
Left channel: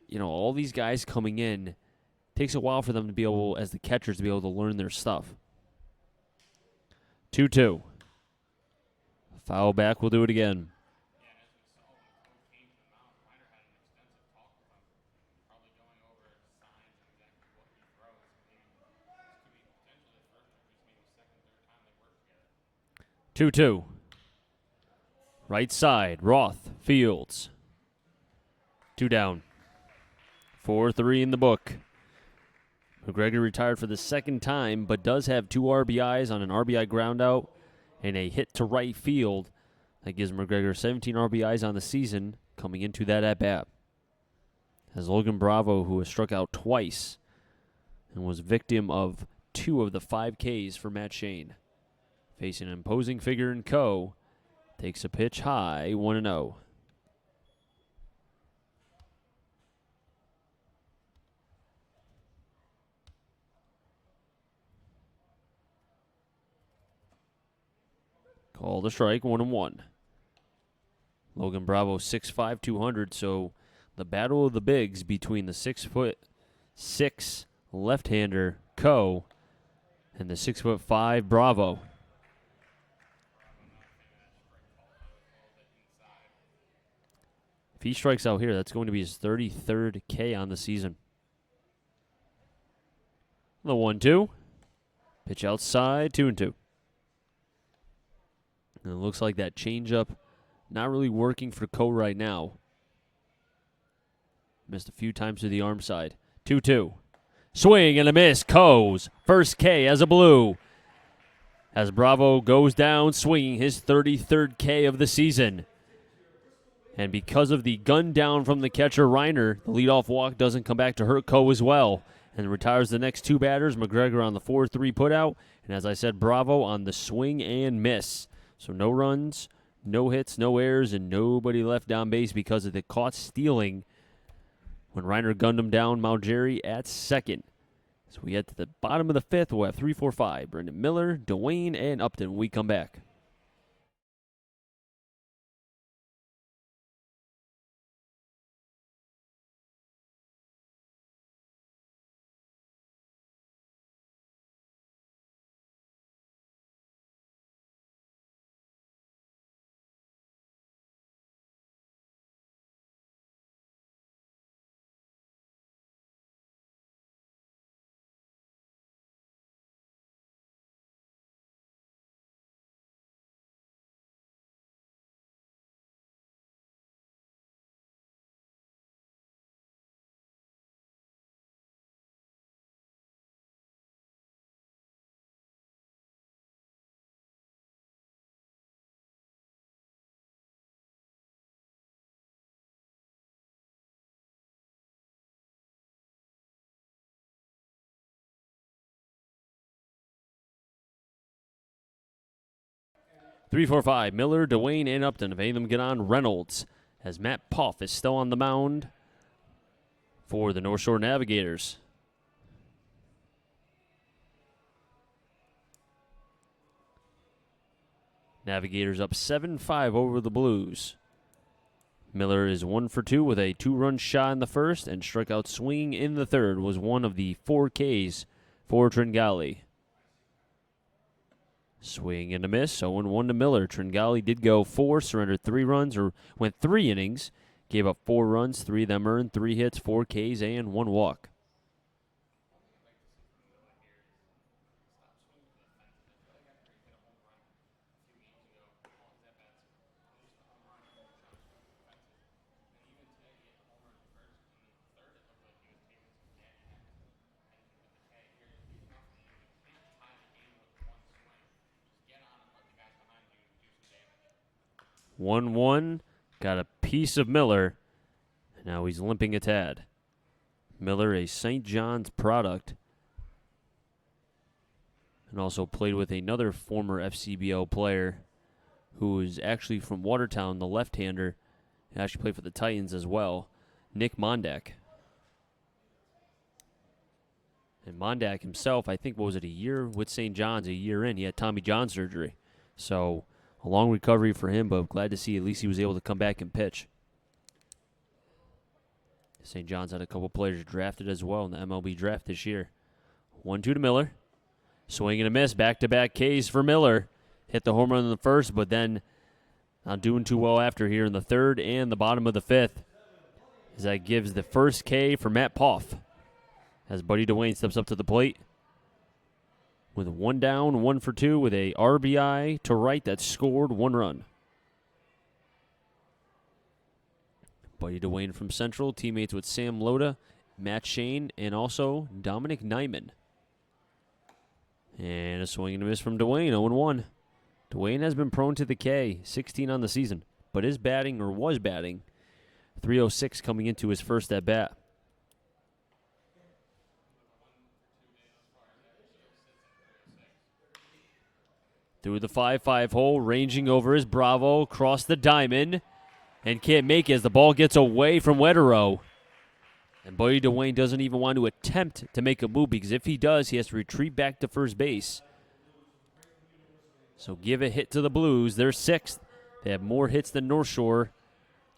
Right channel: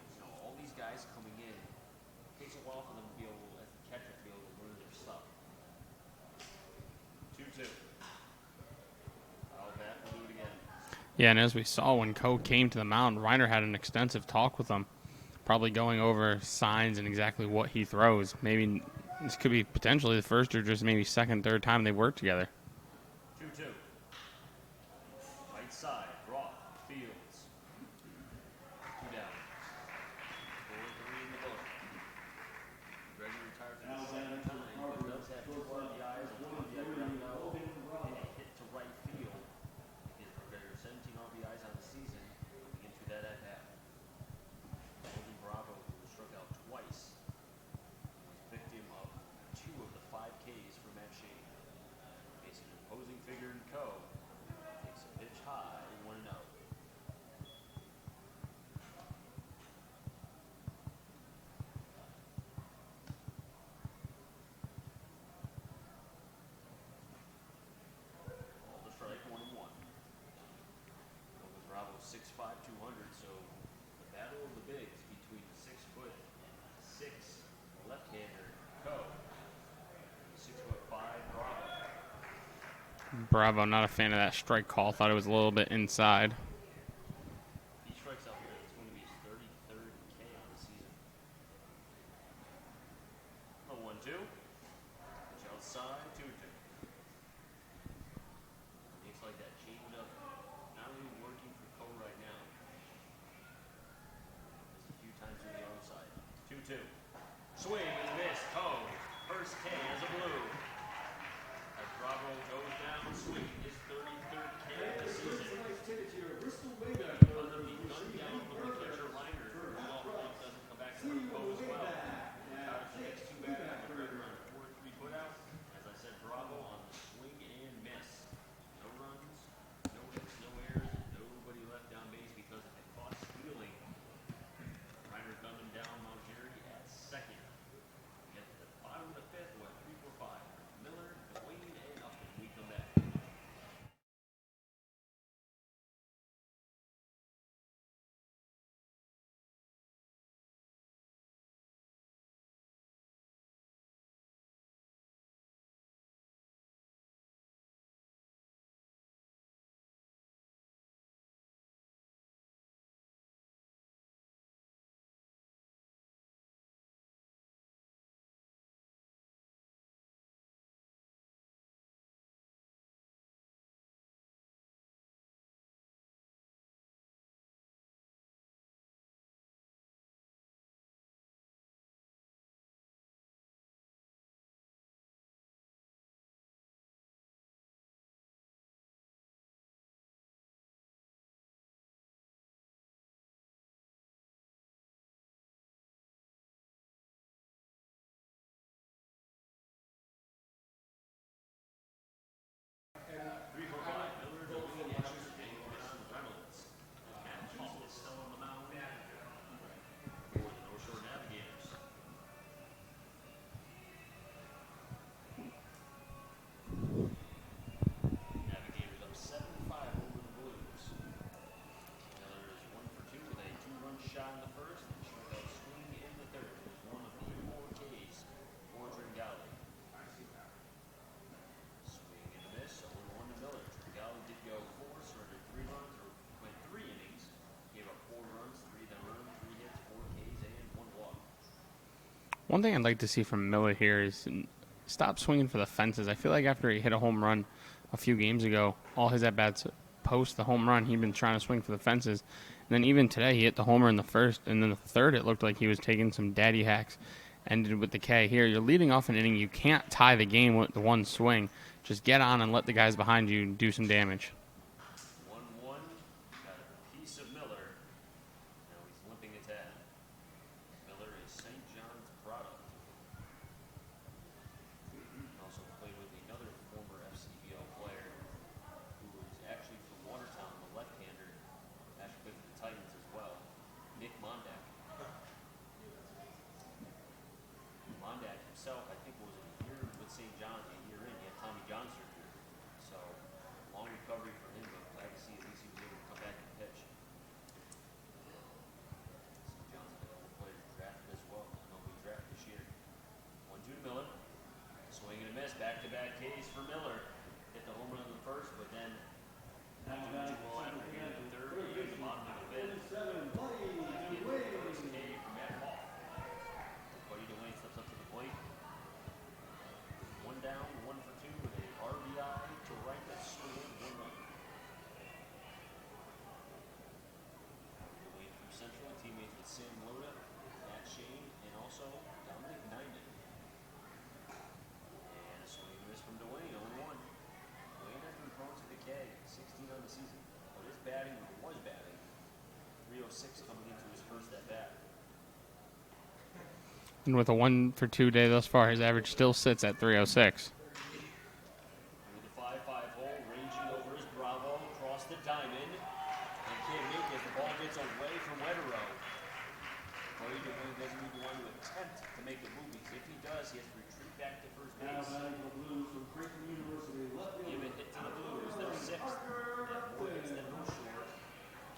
You know, all these guys coming in, takes a while for them to be able, as the catchers, to be able to learn their stuff. 2-2. Foul back, we'll do it again. Yeah, and as we saw when Coe came to the mound, Reiner had an extensive talk with him, probably going over signs and exactly what he throws. Maybe this could be potentially the first or just maybe second, third time they work together. 2-2. Right side, Roth, Fields. 2 down. 4-3 in the book. McGregor retired for the second time, but does have 2 RBIs on an RBI groundout and a hit to right field. That gives McGregor 17 RBIs on the season coming into that at-bat. As Logan Bravo, who has struck out twice and was victim of 2 of the 5 Ks for Matt Shane. Facing an imposing figure in Coe, takes a pitch high, 1-0. Call the strike, 1-1. Logan Bravo, 6'5", 200, so the battle of the bigs between the 6'6" left-hander Coe and the 6'5" Bravo. Bravo, not a fan of that strike call. Thought it was a little bit inside. If he strikes out here, that's going to be his 33rd K on the season. The 1-2. Pitch outside, 2-2. And it looks like that changeup not really working for Coe right now. Missed a few times to the arm side. 2-2. Swing and a miss. Coe's first K as a Blue. As Bravo goes down swinging his 33rd K of the season. And because of the gun down from the catcher Reiner, the leadoff walk doesn't come back to hurt Coe as well. And retires the next 2 batters. McGregor on the 4-3 putout. And as I said, Bravo on the swing and miss. So no runs, no hits, no errors, and nobody left down base because of the caught stealing when Reiner gunned him down Malgeri at second. So we head to the bottom of the 5th. We'll have 3, 4, 5. Brendan Miller, Dwayne, and Upton when we come back. 3, 4, 5. Miller, Dwayne, and Upton. If any of them get on, Reynolds, as Matt Poff is still on the mound for the North Shore Navigators. Navigators up 7-5 over the Blues. Miller is 1 for 2 with a 2-run shot in the first, and strikeout swing in the third was one of the 4 Ks for Tringali. Swing and a miss, 0-1 to Miller. Tringali did go 4, surrendered 3 runs, or went 3 innings, gave up 4 runs, 3 of them earned, 3 hits, 4 Ks, and 1 walk. One thing I'd like to see from Miller here is stop swinging for the fences. I feel like after he hit a home run a few games ago, all his at-bats post the home run, he'd been trying to swing for the fences. And then even today, he hit the homer in the first, and then the third, it looked like he was taking some daddy hacks. Ended with the K. Here, you're leading off an inning. You can't tie the game with the one swing. Just get on and let the guys behind you do some damage. 1-1, got a piece of Miller. Now he's limping a tad. Miller, a St. John's product, and also played with another former FCBO player who is actually from Watertown, the left-hander. He actually played for the Titans as well, Nick Mondak. And Mondak himself, I think, what was it, a year with St. John's, a year in. He had Tommy John surgery. So a long recovery for him, but glad to see at least he was able to come back and pitch. St. John's had a couple players drafted as well in the MLB draft this year. 1-2 to Miller. Swing and a miss, back-to-back Ks for Miller. Hit the home run in the first, but then not doing too well after here in the third and the bottom of the fifth. As that gives the first K for Matt Poff. As Buddy Dwayne steps up to the plate with 1 down, 1 for 2 with a RBI to right that scored 1 run. Buddy Dwayne from Central, teammates with Sam Loda, Matt Shane, and also Dominic Nyman. And a swing and a miss from Dwayne, 0-1. Dwayne has been prone to the K, 16 on the season, but is batting, or was batting, .306 coming into his first at-bat. And with a 1 for 2 day thus far, his average still sits at .306. Through the 5-5 hole, ranging over his Bravo, across the diamond, and can't make it as the ball gets away from Wetero. And Buddy Dwayne doesn't even want to attempt to make a move, because if he does, he has to retreat back to first base. So give a hit to the Blues. They're 6th. They have more hits than North Shore.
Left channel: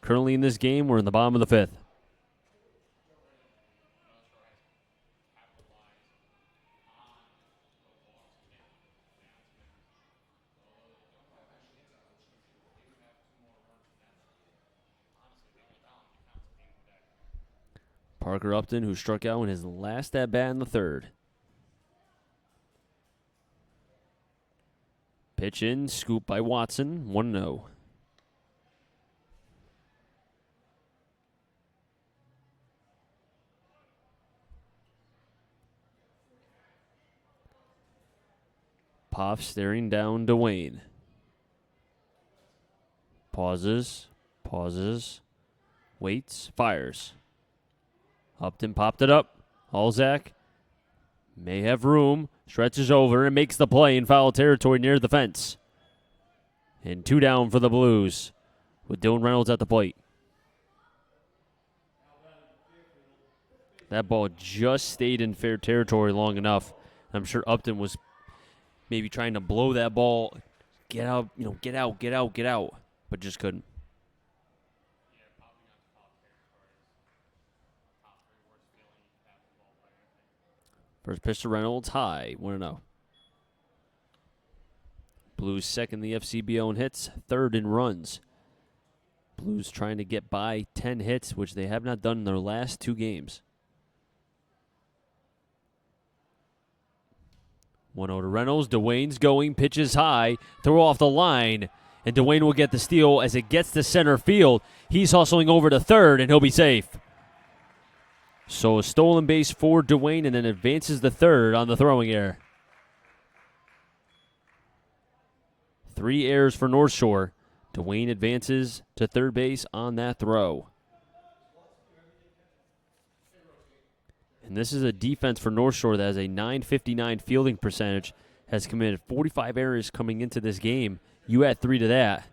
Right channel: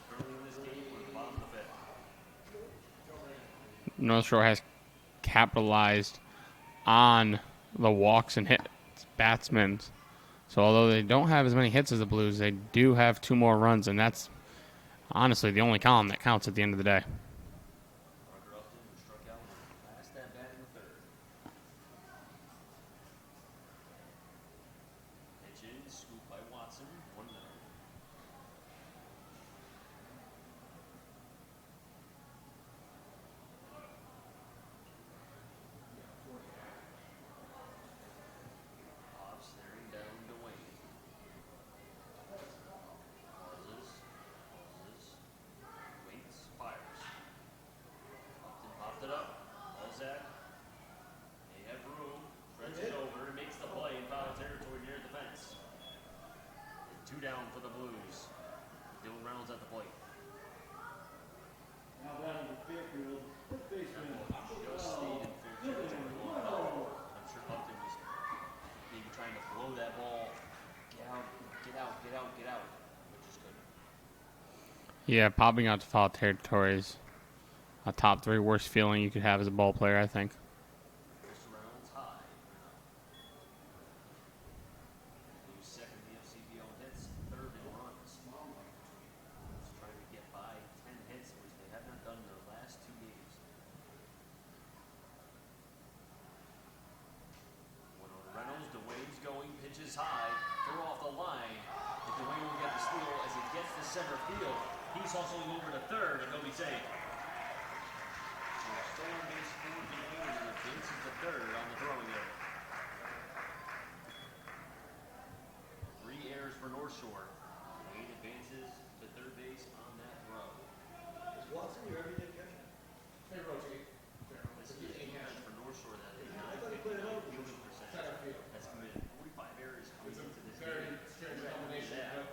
Currently in this game, we're in the bottom of the 5th. North Shore has capitalized on the walks and hits batsmen. So although they don't have as many hits as the Blues, they do have 2 more runs, and that's honestly the only column that counts at the end of the day. Parker Upton, who struck out in his last at-bat in the third. Pitch in, scoop by Watson, 1-0. Poff staring down Dwayne. Pauses, waits, fires. Upton popped it up. Alzak may have room, stretches over and makes the play in foul territory near the fence. And 2 down for the Blues with Dylan Reynolds at the plate. That ball just stayed in fair territory long enough. I'm sure Upton was maybe trying to blow that ball, get out, get out, but just couldn't. Yeah, popping out to foul territory is a top 3 worst feeling you could have as a ball player, I think. First pitch to Reynolds, high, 1-0. Blues 2nd in the FCBO in hits, 3rd in runs. Blues trying to get by 10 hits, which they have not done in their last 2 games. 1-0 to Reynolds. Dwayne's going, pitches high, throw off the line, and Dwayne will get the steal as it gets to center field. He's hustling over to third, and he'll be safe. So a stolen base for Dwayne, and then advances the third on the throwing error. 3 errors for North Shore. Dwayne advances to third base on that throw. And this is a defense for North Shore that has a .959 fielding percentage, has committed 45 errors coming into this game, You add 3 to that.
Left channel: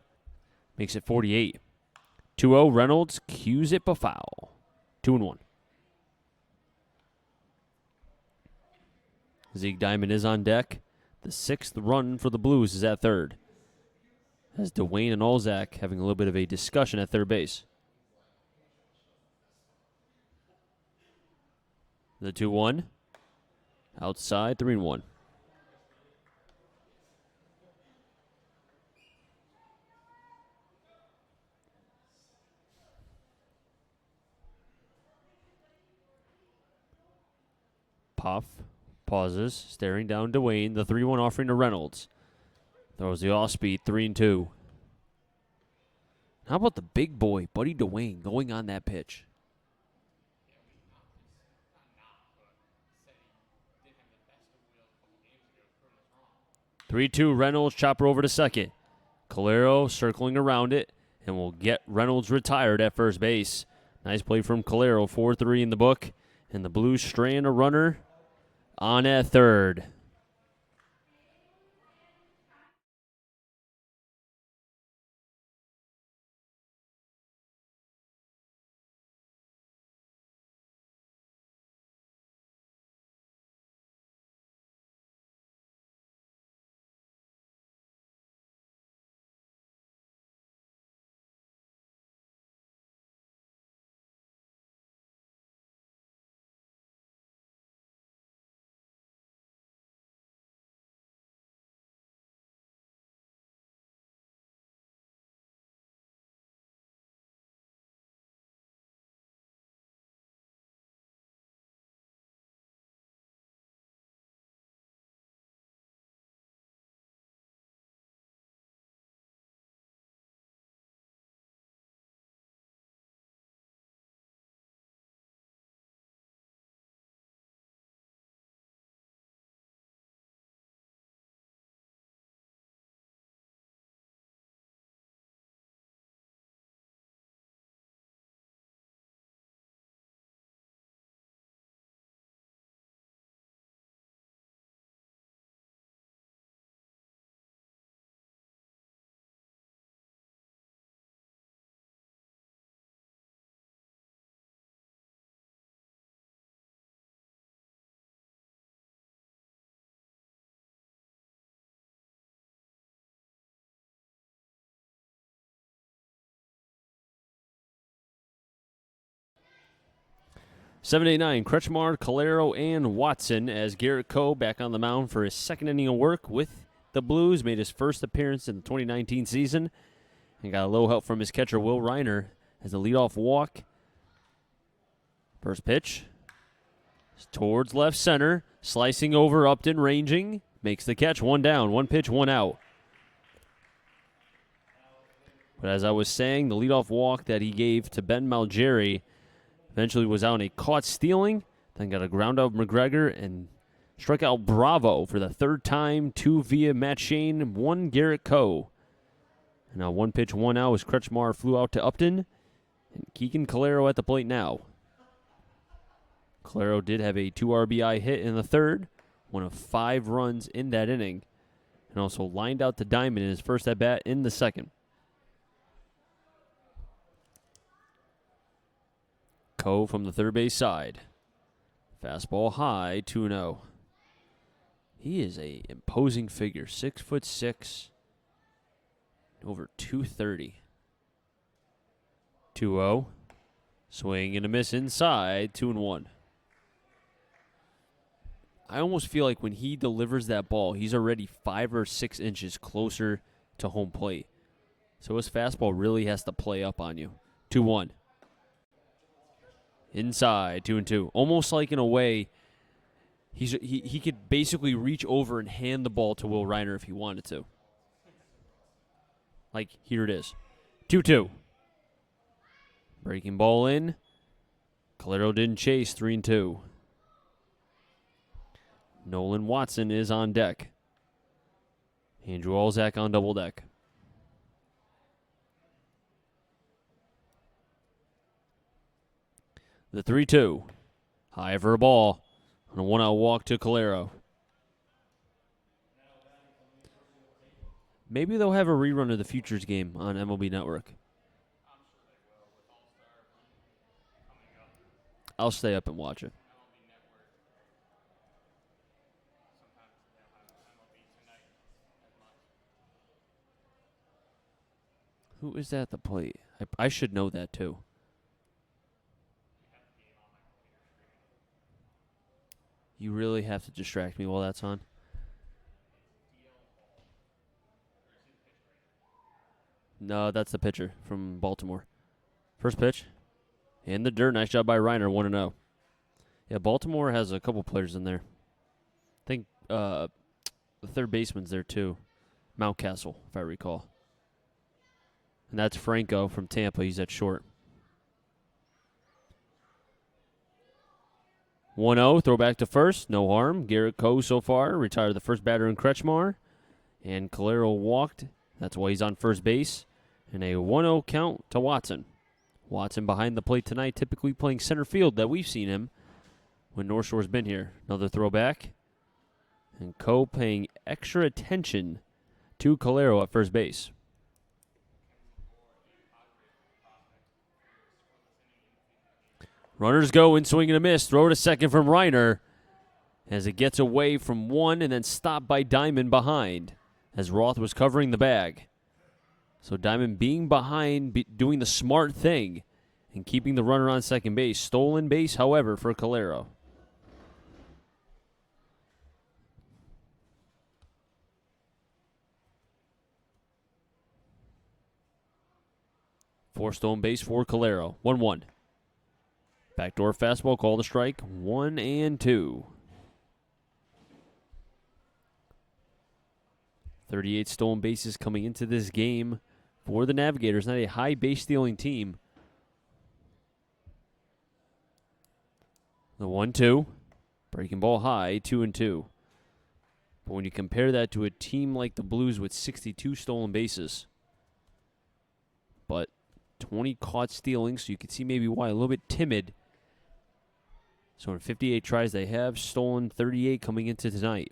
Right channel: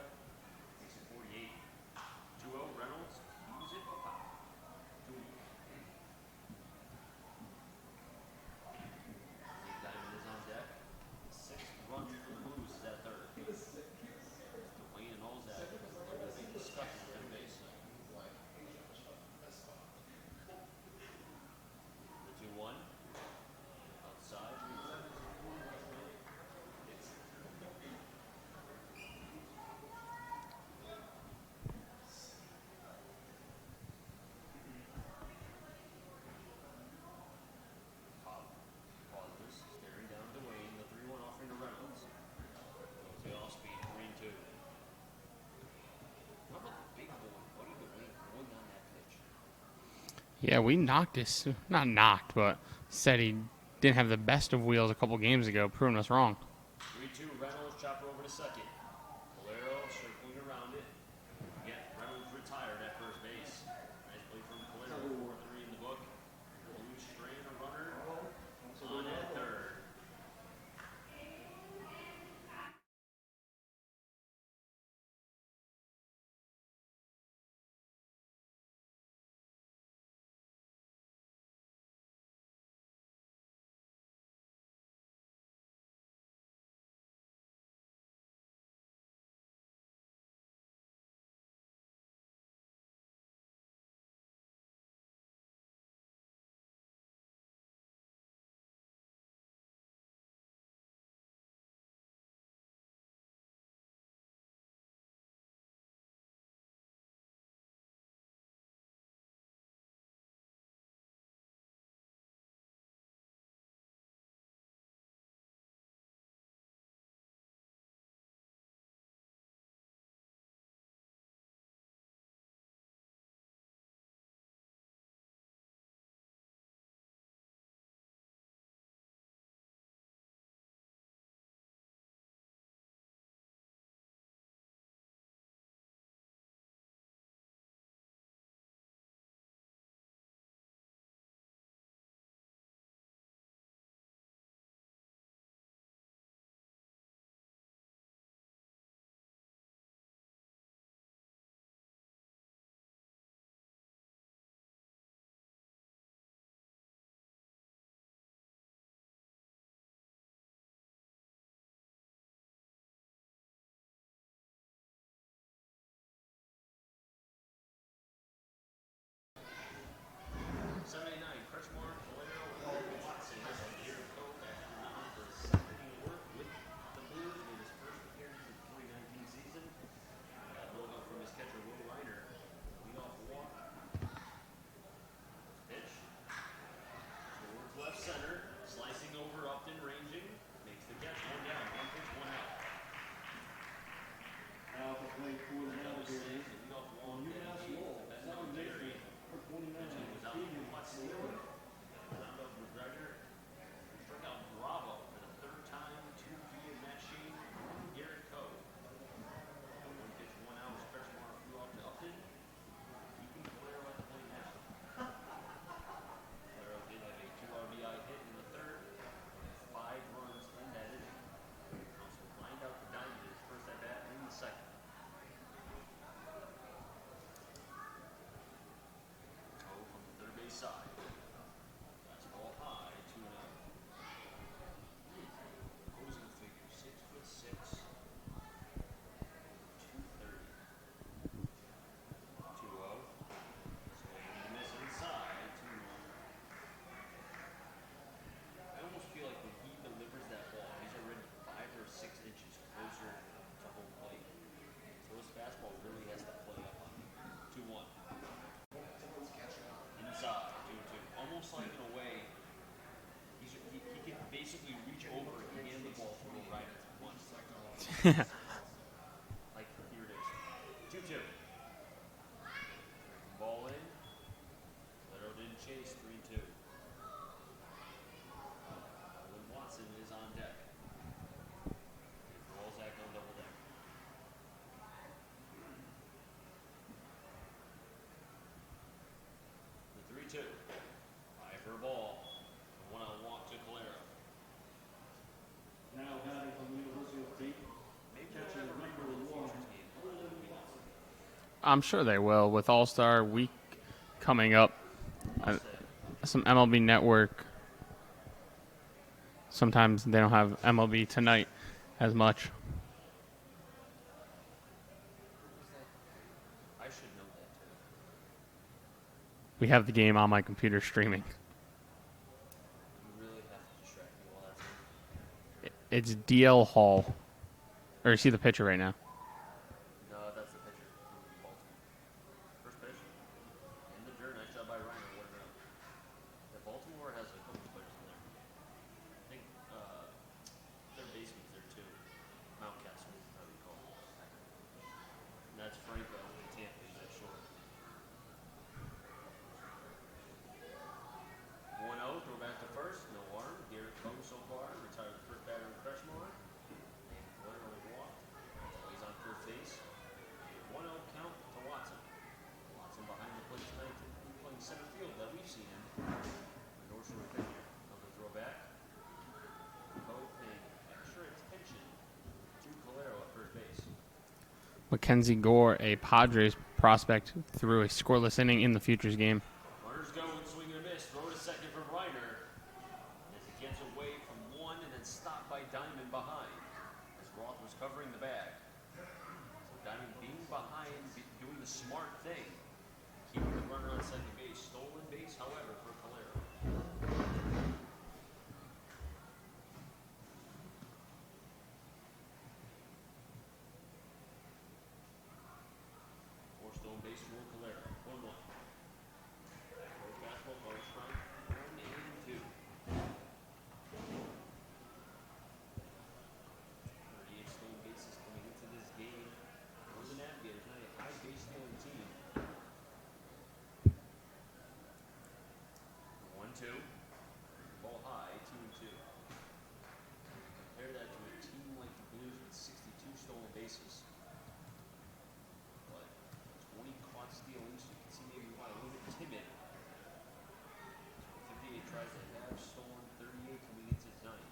Makes it 48. 2-0. Reynolds cues it for foul. 2-1. Zeke Diamond is on deck. The 6th run for the Blues is at third. As Dwayne and Olzak having a little bit of a discussion at third base. The 2-1. Outside, 3-1. Puff pauses, staring down Dwayne. The 3-1 offering to Reynolds. Throws the off-speed, 3-2. How about the big boy, Buddy Dwayne, going on that pitch? Yeah, we knocked this. Not knocked, but said he didn't have the best of wheels a couple games ago, proving us wrong. 3-2, Reynolds, chopper over to second. Calero circling around it, and will get Reynolds retired at first base. Nice play from Calero, 4-3 in the book. And the Blues straying a runner on at third. Seven, 8, 9, Kretschmar, Calero, and Watson as Garrett Coe back on the mound for his second inning of work with the Blues. Made his first appearance in the 2019 season. He got a little help from his catcher, Will Reiner, as a leadoff walk. First pitch. Towards left center. Slicing over, Upton ranging. Makes the catch. One down. One pitch, one out. But as I was saying, the leadoff walk that he gave to Ben Malgeri eventually was out on a caught stealing. Then got a ground out McGregor and struck out Bravo for the third time. 2 via Matt Shane, 1 Garrett Coe. Now 1 pitch, 1 out as Kretschmar flew out to Upton. Keegan Calero at the plate now. Calero did have a 2 RBI hit in the third, 1 of 5 runs in that inning, and also lined out to Diamond in his first at-bat in the second. Coe from the third base side. Fastball high, 2-0. He is a imposing figure, 6'6", over 230. 2-0. Swing and a miss inside, 2-1. I almost feel like when he delivers that ball, he's already 5 or 6 inches closer to home plate. So his fastball really has to play up on you. 2-1. Inside, 2-2. Almost like in a way, he could basically reach over and hand the ball to Will Reiner if he wanted to. Like, here it is. 2-2. Breaking ball in. Calero didn't chase, 3-2. Nolan Watson is on deck. Andrew Olzak on double deck. The 3-2. High for a ball. And a 1-out walk to Calero. Maybe they'll have a rerun of the Futures game on MLB Network. I'm sure they will with All-Star Week coming up. I'll stay up and watch it. Some MLB Network. Sometimes they don't have MLB Tonight as much. Who is at the plate? I should know that, too. We have the game on my computer streaming. You really have to distract me while that's on. It's DL Hall. Or you see the pitcher right now. No, that's the pitcher from Baltimore. First pitch. In the dirt. Nice job by Reiner, 1-0. Yeah, Baltimore has a couple players in there. I think the third baseman's there, too. Mountcastle, if I recall. And that's Franco from Tampa. He's at short. 1-0, throw back to first. No harm. Garrett Coe so far. Retired the first batter in Kretschmar. And Calero walked. That's why he's on first base. And a 1-0 count to Watson. Watson behind the plate tonight, typically playing center field that we've seen him when North Shore's been here. Another throwback. And Coe paying extra attention to Calero at first base. Mackenzie Gore, a Padres prospect, threw a scoreless inning in the Futures game. Runners go in, swing and a miss. Throw to second from Reiner as it gets away from one and then stopped by Diamond behind as Roth was covering the bag. So Diamond being behind, doing the smart thing and keeping the runner on second base. Stolen base, however, for Calero. Four stolen base for Calero. 1-1. Backdoor fastball, call the strike. 1-2. 38 stolen bases coming into this game for the Navigators. Not a high base stealing team. The 1-2. Breaking ball high, 2-2. But when you compare that to a team like the Blues with 62 stolen bases, but 20 caught stealing, so you can see maybe why a little bit timid. So in 58 tries, they have stolen 38 coming into tonight.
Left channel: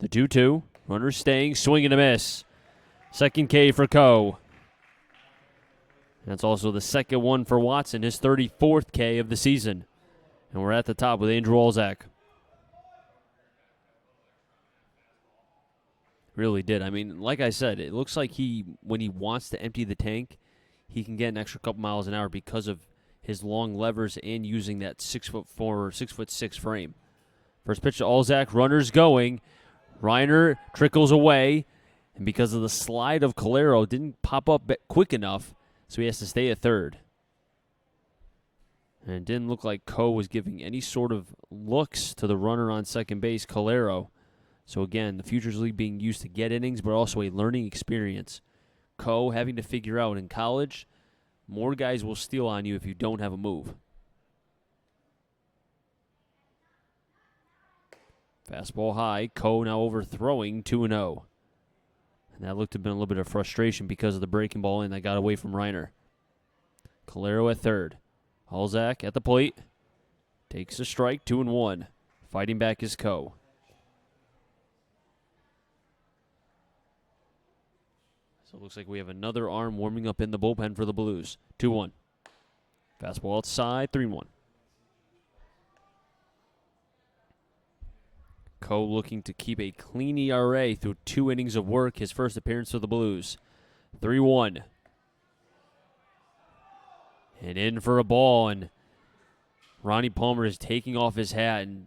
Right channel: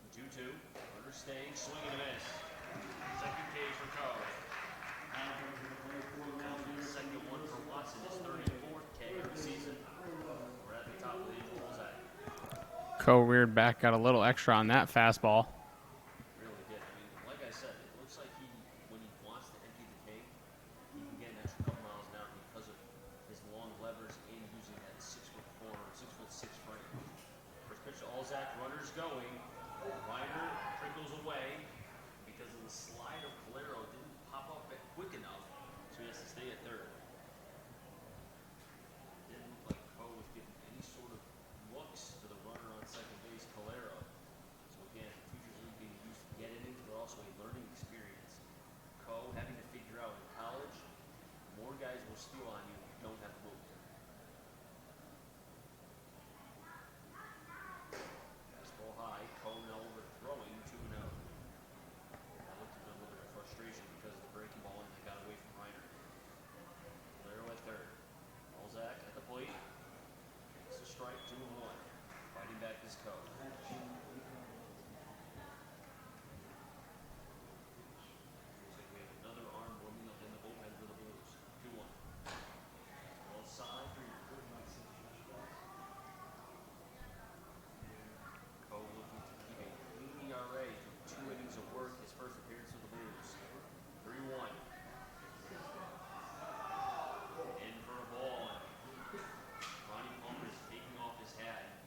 The 2-2, runner staying, swing and a miss. Second K for Coe. That's also the second one for Watson, his 34th K of the season. And we're at the top with Andrew Olzak. Coe reared back, got a little extra on that fastball. Really did. I mean, like I said, it looks like when he wants to empty the tank, he can get an extra couple miles an hour because of his long levers and using that 6'4" or 6'6" frame. First pitch to Olzak, runners going. Reiner trickles away, and because of the slide of Calero, didn't pop up quick enough, so he has to stay at third. And it didn't look like Coe was giving any sort of looks to the runner on second base, Calero. So again, the Futures League being used to get innings, but also a learning experience. Coe having to figure out in college, more guys will steal on you if you don't have a move. Fastball high. Coe now overthrowing 2-0. And that looked to have been a little bit of frustration because of the breaking ball in that got away from Reiner. Calero at third. Olzak at the plate. Takes a strike, 2-1. Fighting back is Coe. So it looks like we have another arm warming up in the bullpen for the Blues. 2-1. Fastball outside, 3-1. Coe looking to keep a clean ERA through 2 innings of work. His first appearance for the Blues. 3-1. And in for a ball, and Ronnie Palmer is taking off his hat. And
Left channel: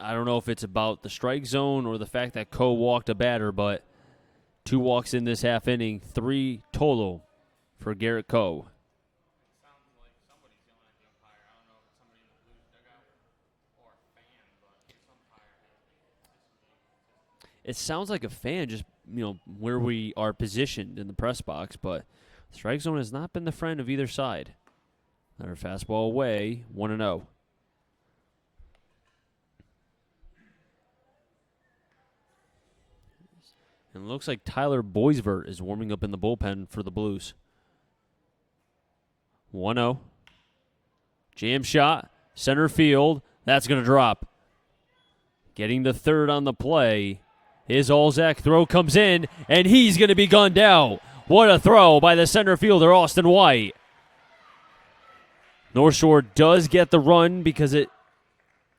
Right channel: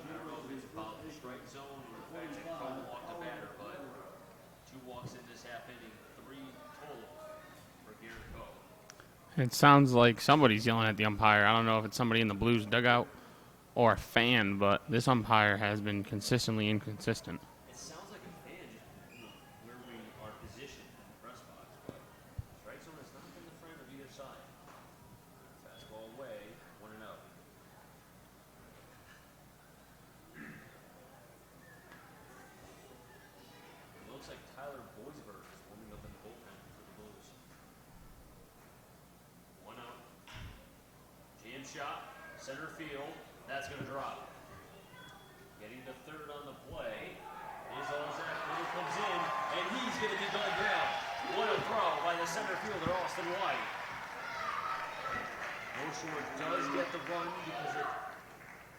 I don't know if it's about the strike zone or the fact that Coe walked a batter, but 2 walks in this half inning, 3 total for Garrett Coe. It sounds like somebody's yelling at the umpire. I don't know if it's somebody in the Blues dugout or a fan, but this umpire has been consistently inconsistent. It sounds like a fan, just where we are positioned in the press box, but strike zone has not been the friend of either side. Another fastball away, 1-0. And it looks like Tyler Boisvert is warming up in the bullpen for the Blues. 1-0. Jam shot, center field. That's going to drop. Getting the third on the play His Olzak throw comes in, and he's going to be gunned out. What a throw by the center fielder, Austin White. North Shore does get the run because it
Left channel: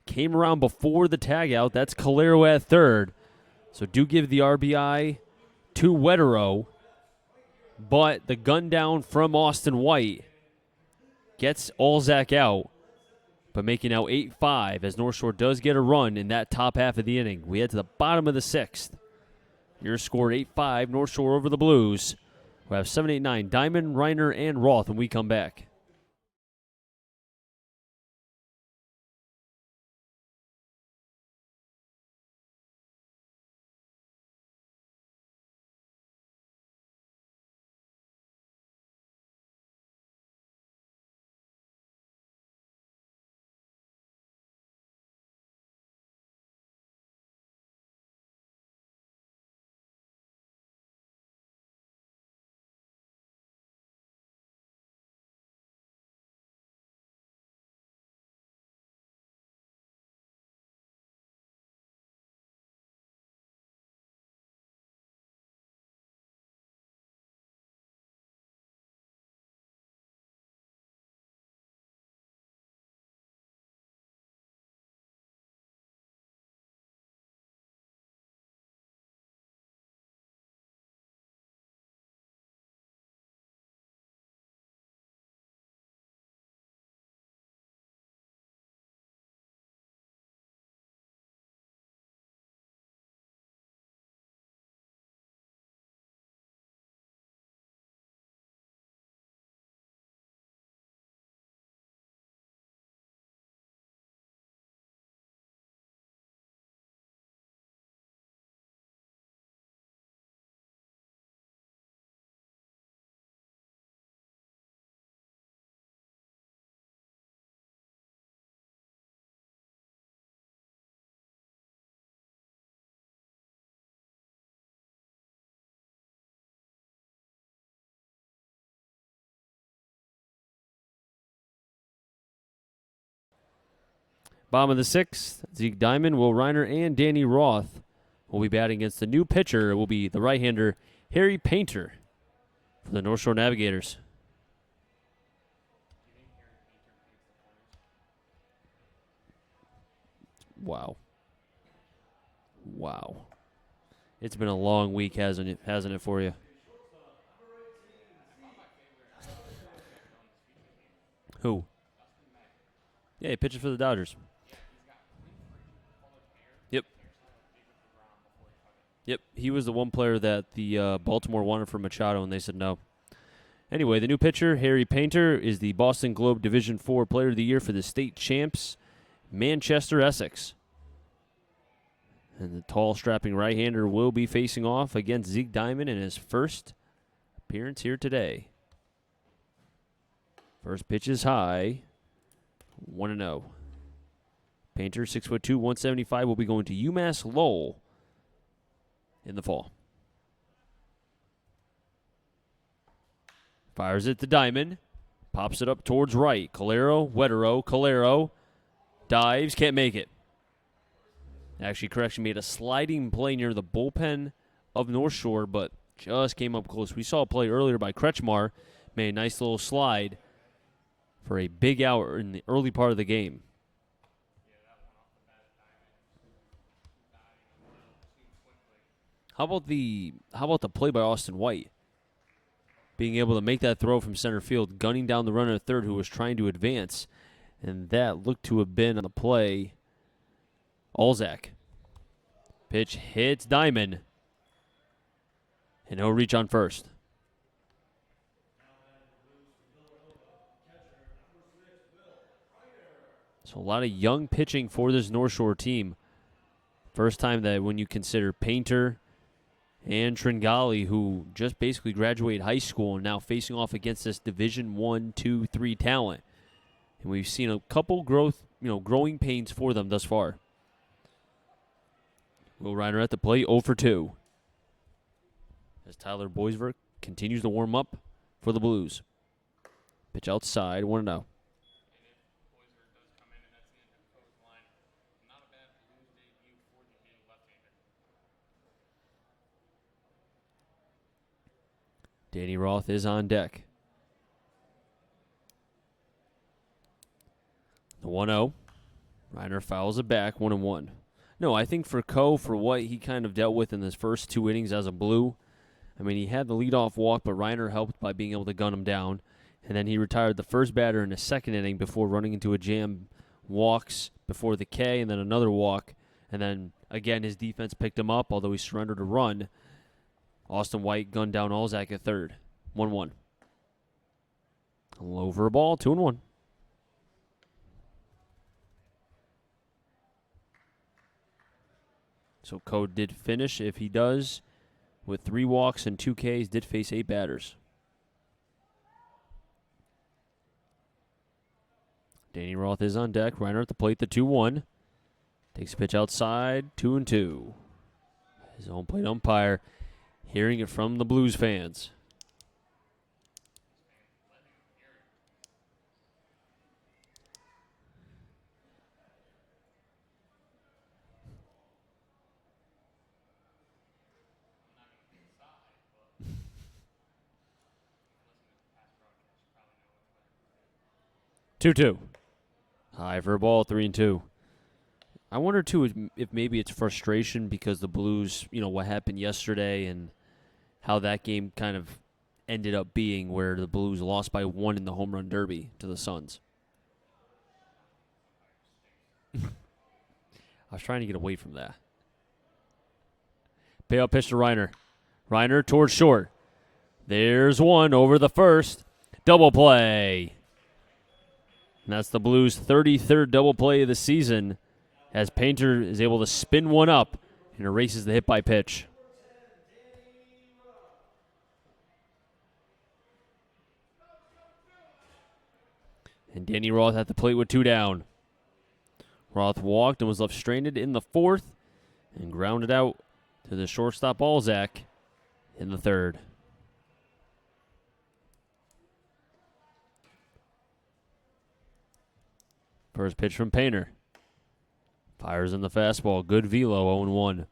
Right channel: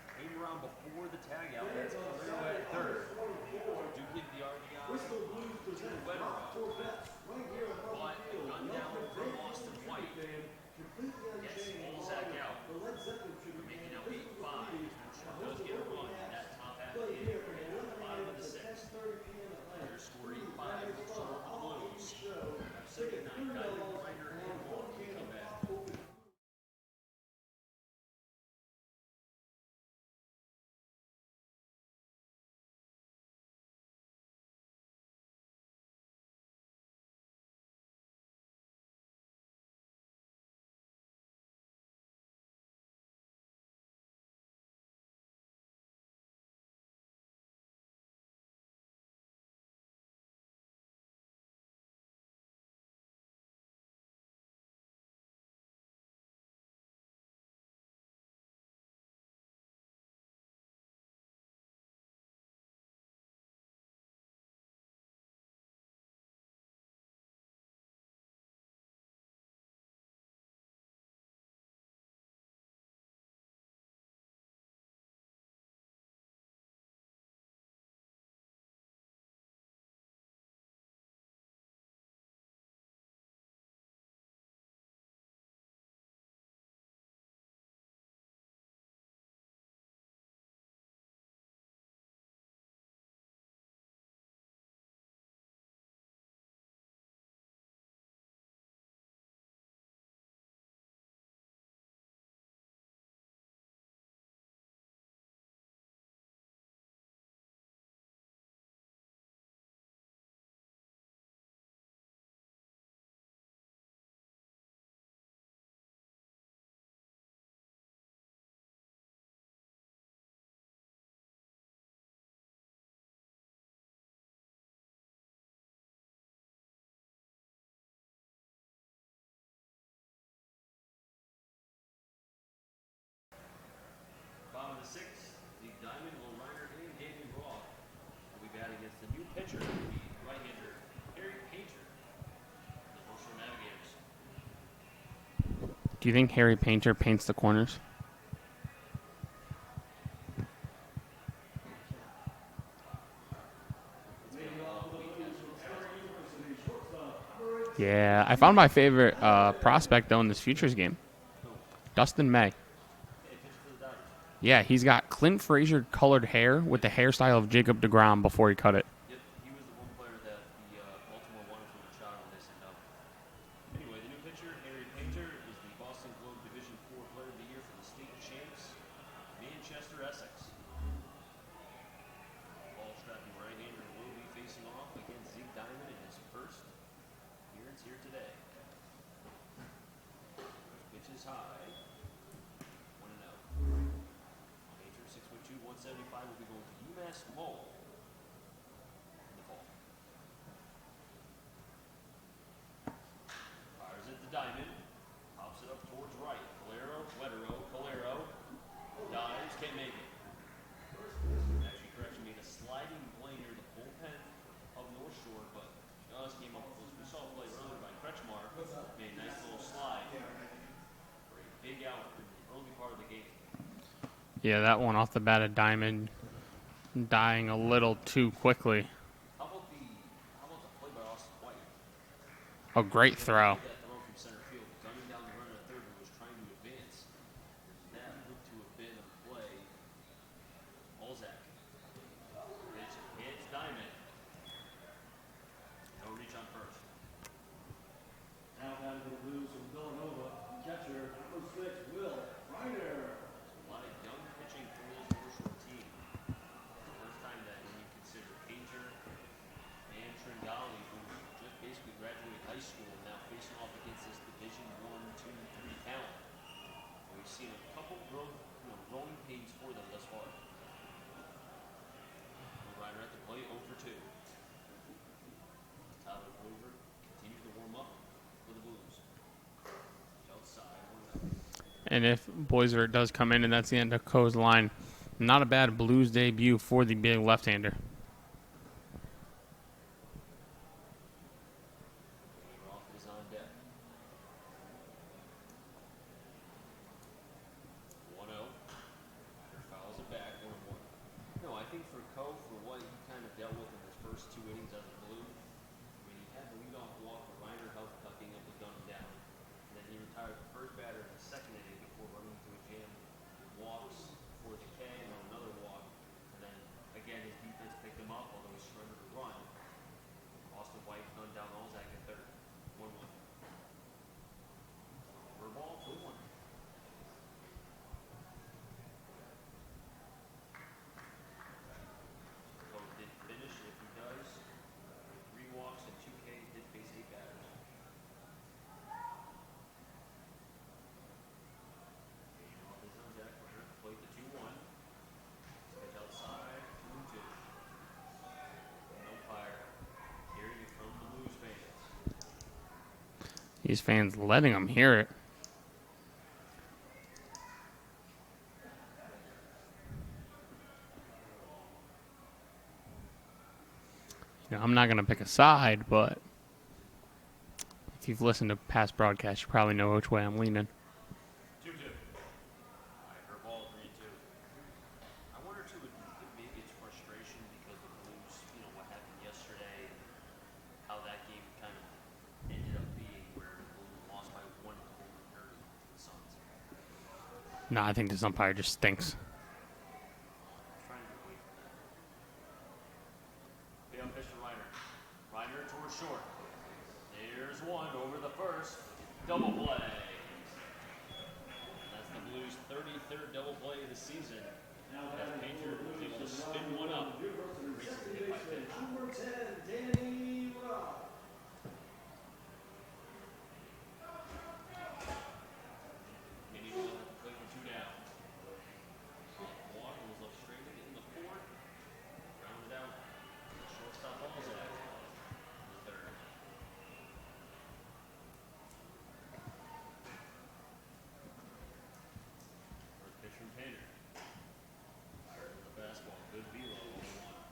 came around before the tag out. That's Calero at third. So do give the RBI to Wetero. But the gun down from Austin White gets Olzak out. But making now 8-5 as North Shore does get a run in that top half of the inning. We head to the bottom of the sixth. Your score 8-5, North Shore over the Blues. We have 7, 8, 9, Diamond, Reiner, and Roth when we come back. Bottom of the sixth, Zeke Diamond, Will Reiner, and Danny Roth will be batting against the new pitcher. It will be the right-hander Harry Painter for the North Shore Navigators. Do you think Harry Painter paints the corners? Wow. It's been a long week, hasn't it for you? Yeah, I found my favorite prospect, though, in this Futures game. Who? Dustin May. Yeah, he pitches for the Dodgers. Yeah, he's got Clint Frazier colored hair with the hairstyle of Jacob deGrom before he cut it. Yep, he was the one player that the Baltimore wanted for Machado, and they said no. Anyway, the new pitcher, Harry Painter, is the Boston Globe Division IV Player of the Year for the state champs, Manchester Essex. And the tall, strapping right-hander will be facing off against Zeke Diamond in his first appearance here today. First pitch is high, 1-0. Painter, 6'2", 175, will be going to UMass Lowell in the fall. Fires it to Diamond. Pops it up towards right. Calero, dives, can't make it. Actually, correction, made a sliding play near the bullpen of North Shore, but just came up close. We saw a play earlier by Kretschmar, made a nice little slide for a big out in the early part of the game. Yeah, that one off the bat of Diamond dying a little too quickly. How about the play by Austin White? A great being able throw. to make that throw from center field, gunning down the runner at third who was trying to advance, and that looked to have been on the play. Olzak. Pitch hits Diamond, and he'll reach on first. So a lot of young pitching for this North Shore team. First time that when you consider Painter and Tringali, who just basically graduated high school and now facing off against this Division I, II, III talent. And we've seen a couple growing pains for them thus far. Will Reiner at the plate, 0 for 2. As Tyler Boisvert continues to warm up for the Blues. Pitch outside, 1-0. And if Boisvert does come in and that's the end of Coe's line, not a bad Blues debut for the big left-hander. Danny Roth is on deck. The 1-0. Reiner fouls it back, 1-1. No, I think for Coe, for what he kind of dealt with in his first 2 innings as a Blue, I mean, he had the leadoff walk, but Reiner helped by being able to gun him down. And then he retired the first batter in the second inning before running into a jam, walks before the K, and then another walk. And then, again, his defense picked him up, although he surrendered a run. Austin White gunned down Alzak at third, 1-1. Low for a ball, 2-1. So Coe did finish. If he does, with 3 walks and 2 Ks, did face 8 batters. Danny Roth is on deck. Reiner at the plate, the 2-1. Takes a pitch outside, 2-2. His home plate umpire hearing it from the Blues fans. These fans letting them hear it. You know, I'm not going to pick a side, but if you've listened to past broadcasts, you probably know which way I'm leaning. 2-2. High for a ball, 3-2. I wonder, too, if maybe it's frustration because the Blues, you know, what happened yesterday and how that game kind of ended up being, where the Blues lost by 1 in the home run derby to the Suns. No, I think this umpire just stinks. I was trying to get away from that. Payout pitch to Reiner. Reiner towards short. There's one over the first. Double play. And that's the Blues' 33rd double play of the season, as Painter is able to spin one up and erases the hit by pitch. And Danny Roth at the plate with 2 down. Roth walked and was left stranded in the 4th and grounded out to the shortstop Alzak in the 3rd. First pitch from Painter. Fires in the fastball. Good velo, 0-1.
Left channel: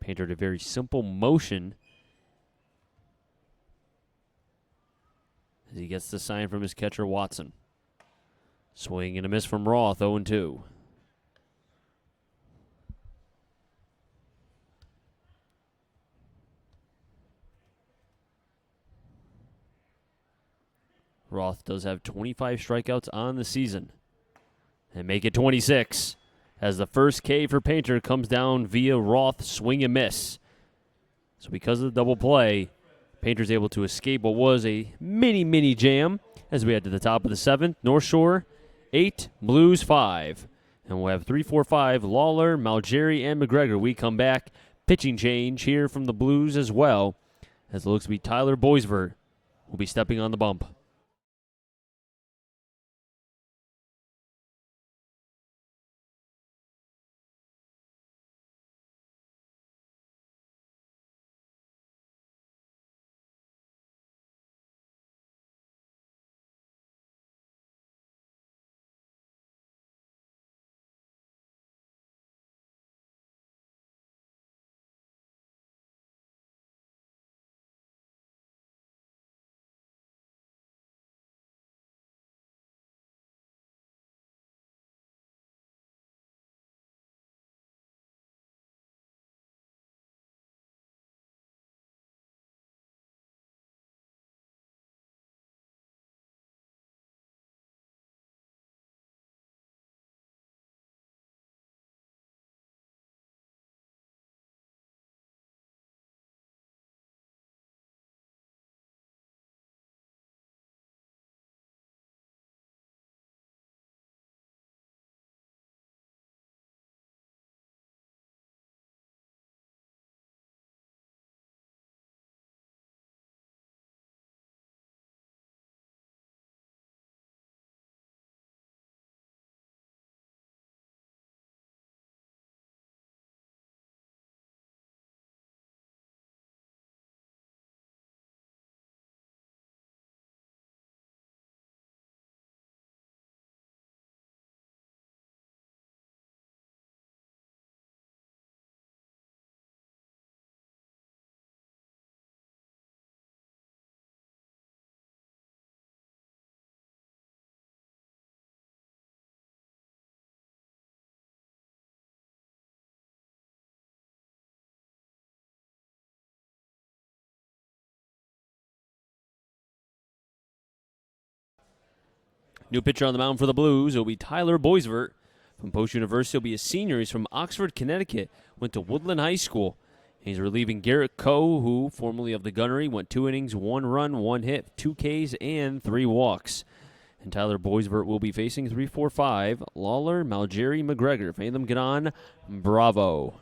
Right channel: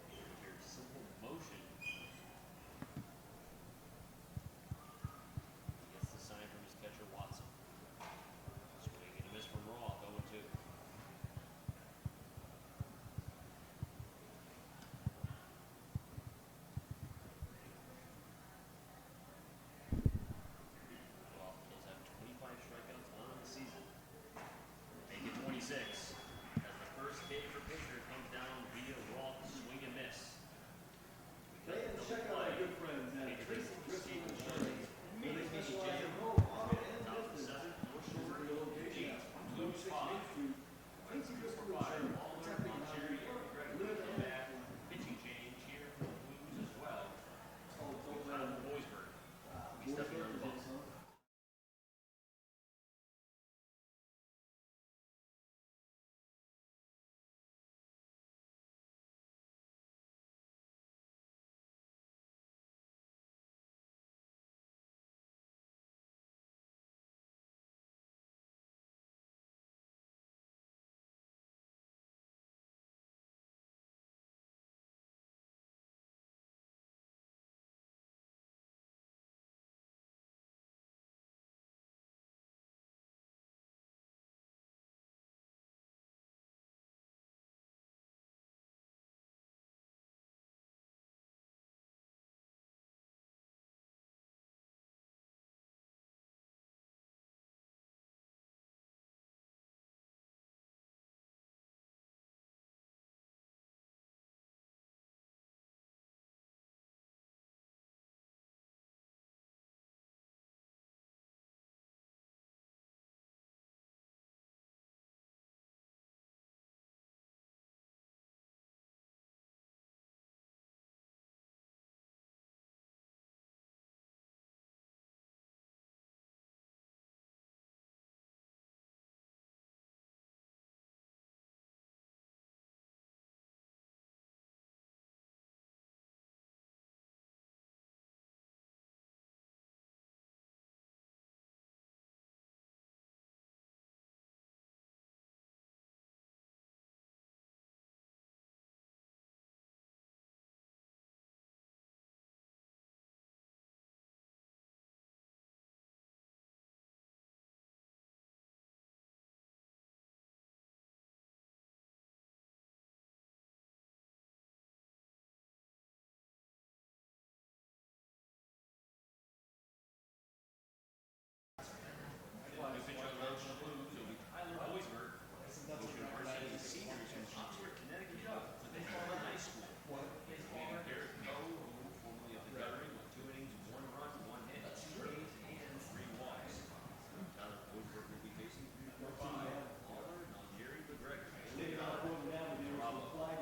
Painter did a very simple motion as he gets the sign from his catcher, Watson. Swing and a miss from Roth, 0-2. Roth does have 25 strikeouts on the season and make it 26 as the first K for Painter comes down via Roth swing and miss. So because of the double play, Painter's able to escape what was a mini jam as we head to the top of the 7th. North Shore 8, Blues 5. And we'll have 3, 4, 5, Lawler, Malgeri, and McGregor. We come back. Pitching change here from the Blues as well, as it looks to be Tyler Boisvert will be stepping on the bump. New pitcher on the mound for the Blues will be Tyler Boisvert from Post University. He'll be a senior. He's from Oxford, Connecticut. Went to Woodland High School. He's relieving Garrett Coe, who, formerly of the Gunnery, went 2 innings, 1 run, 1 hit, 2 Ks, and 3 walks. And Tyler Boisvert will be facing 3-4-5, Lawler, Malgeri, McGregor. If any of them get on, bravo.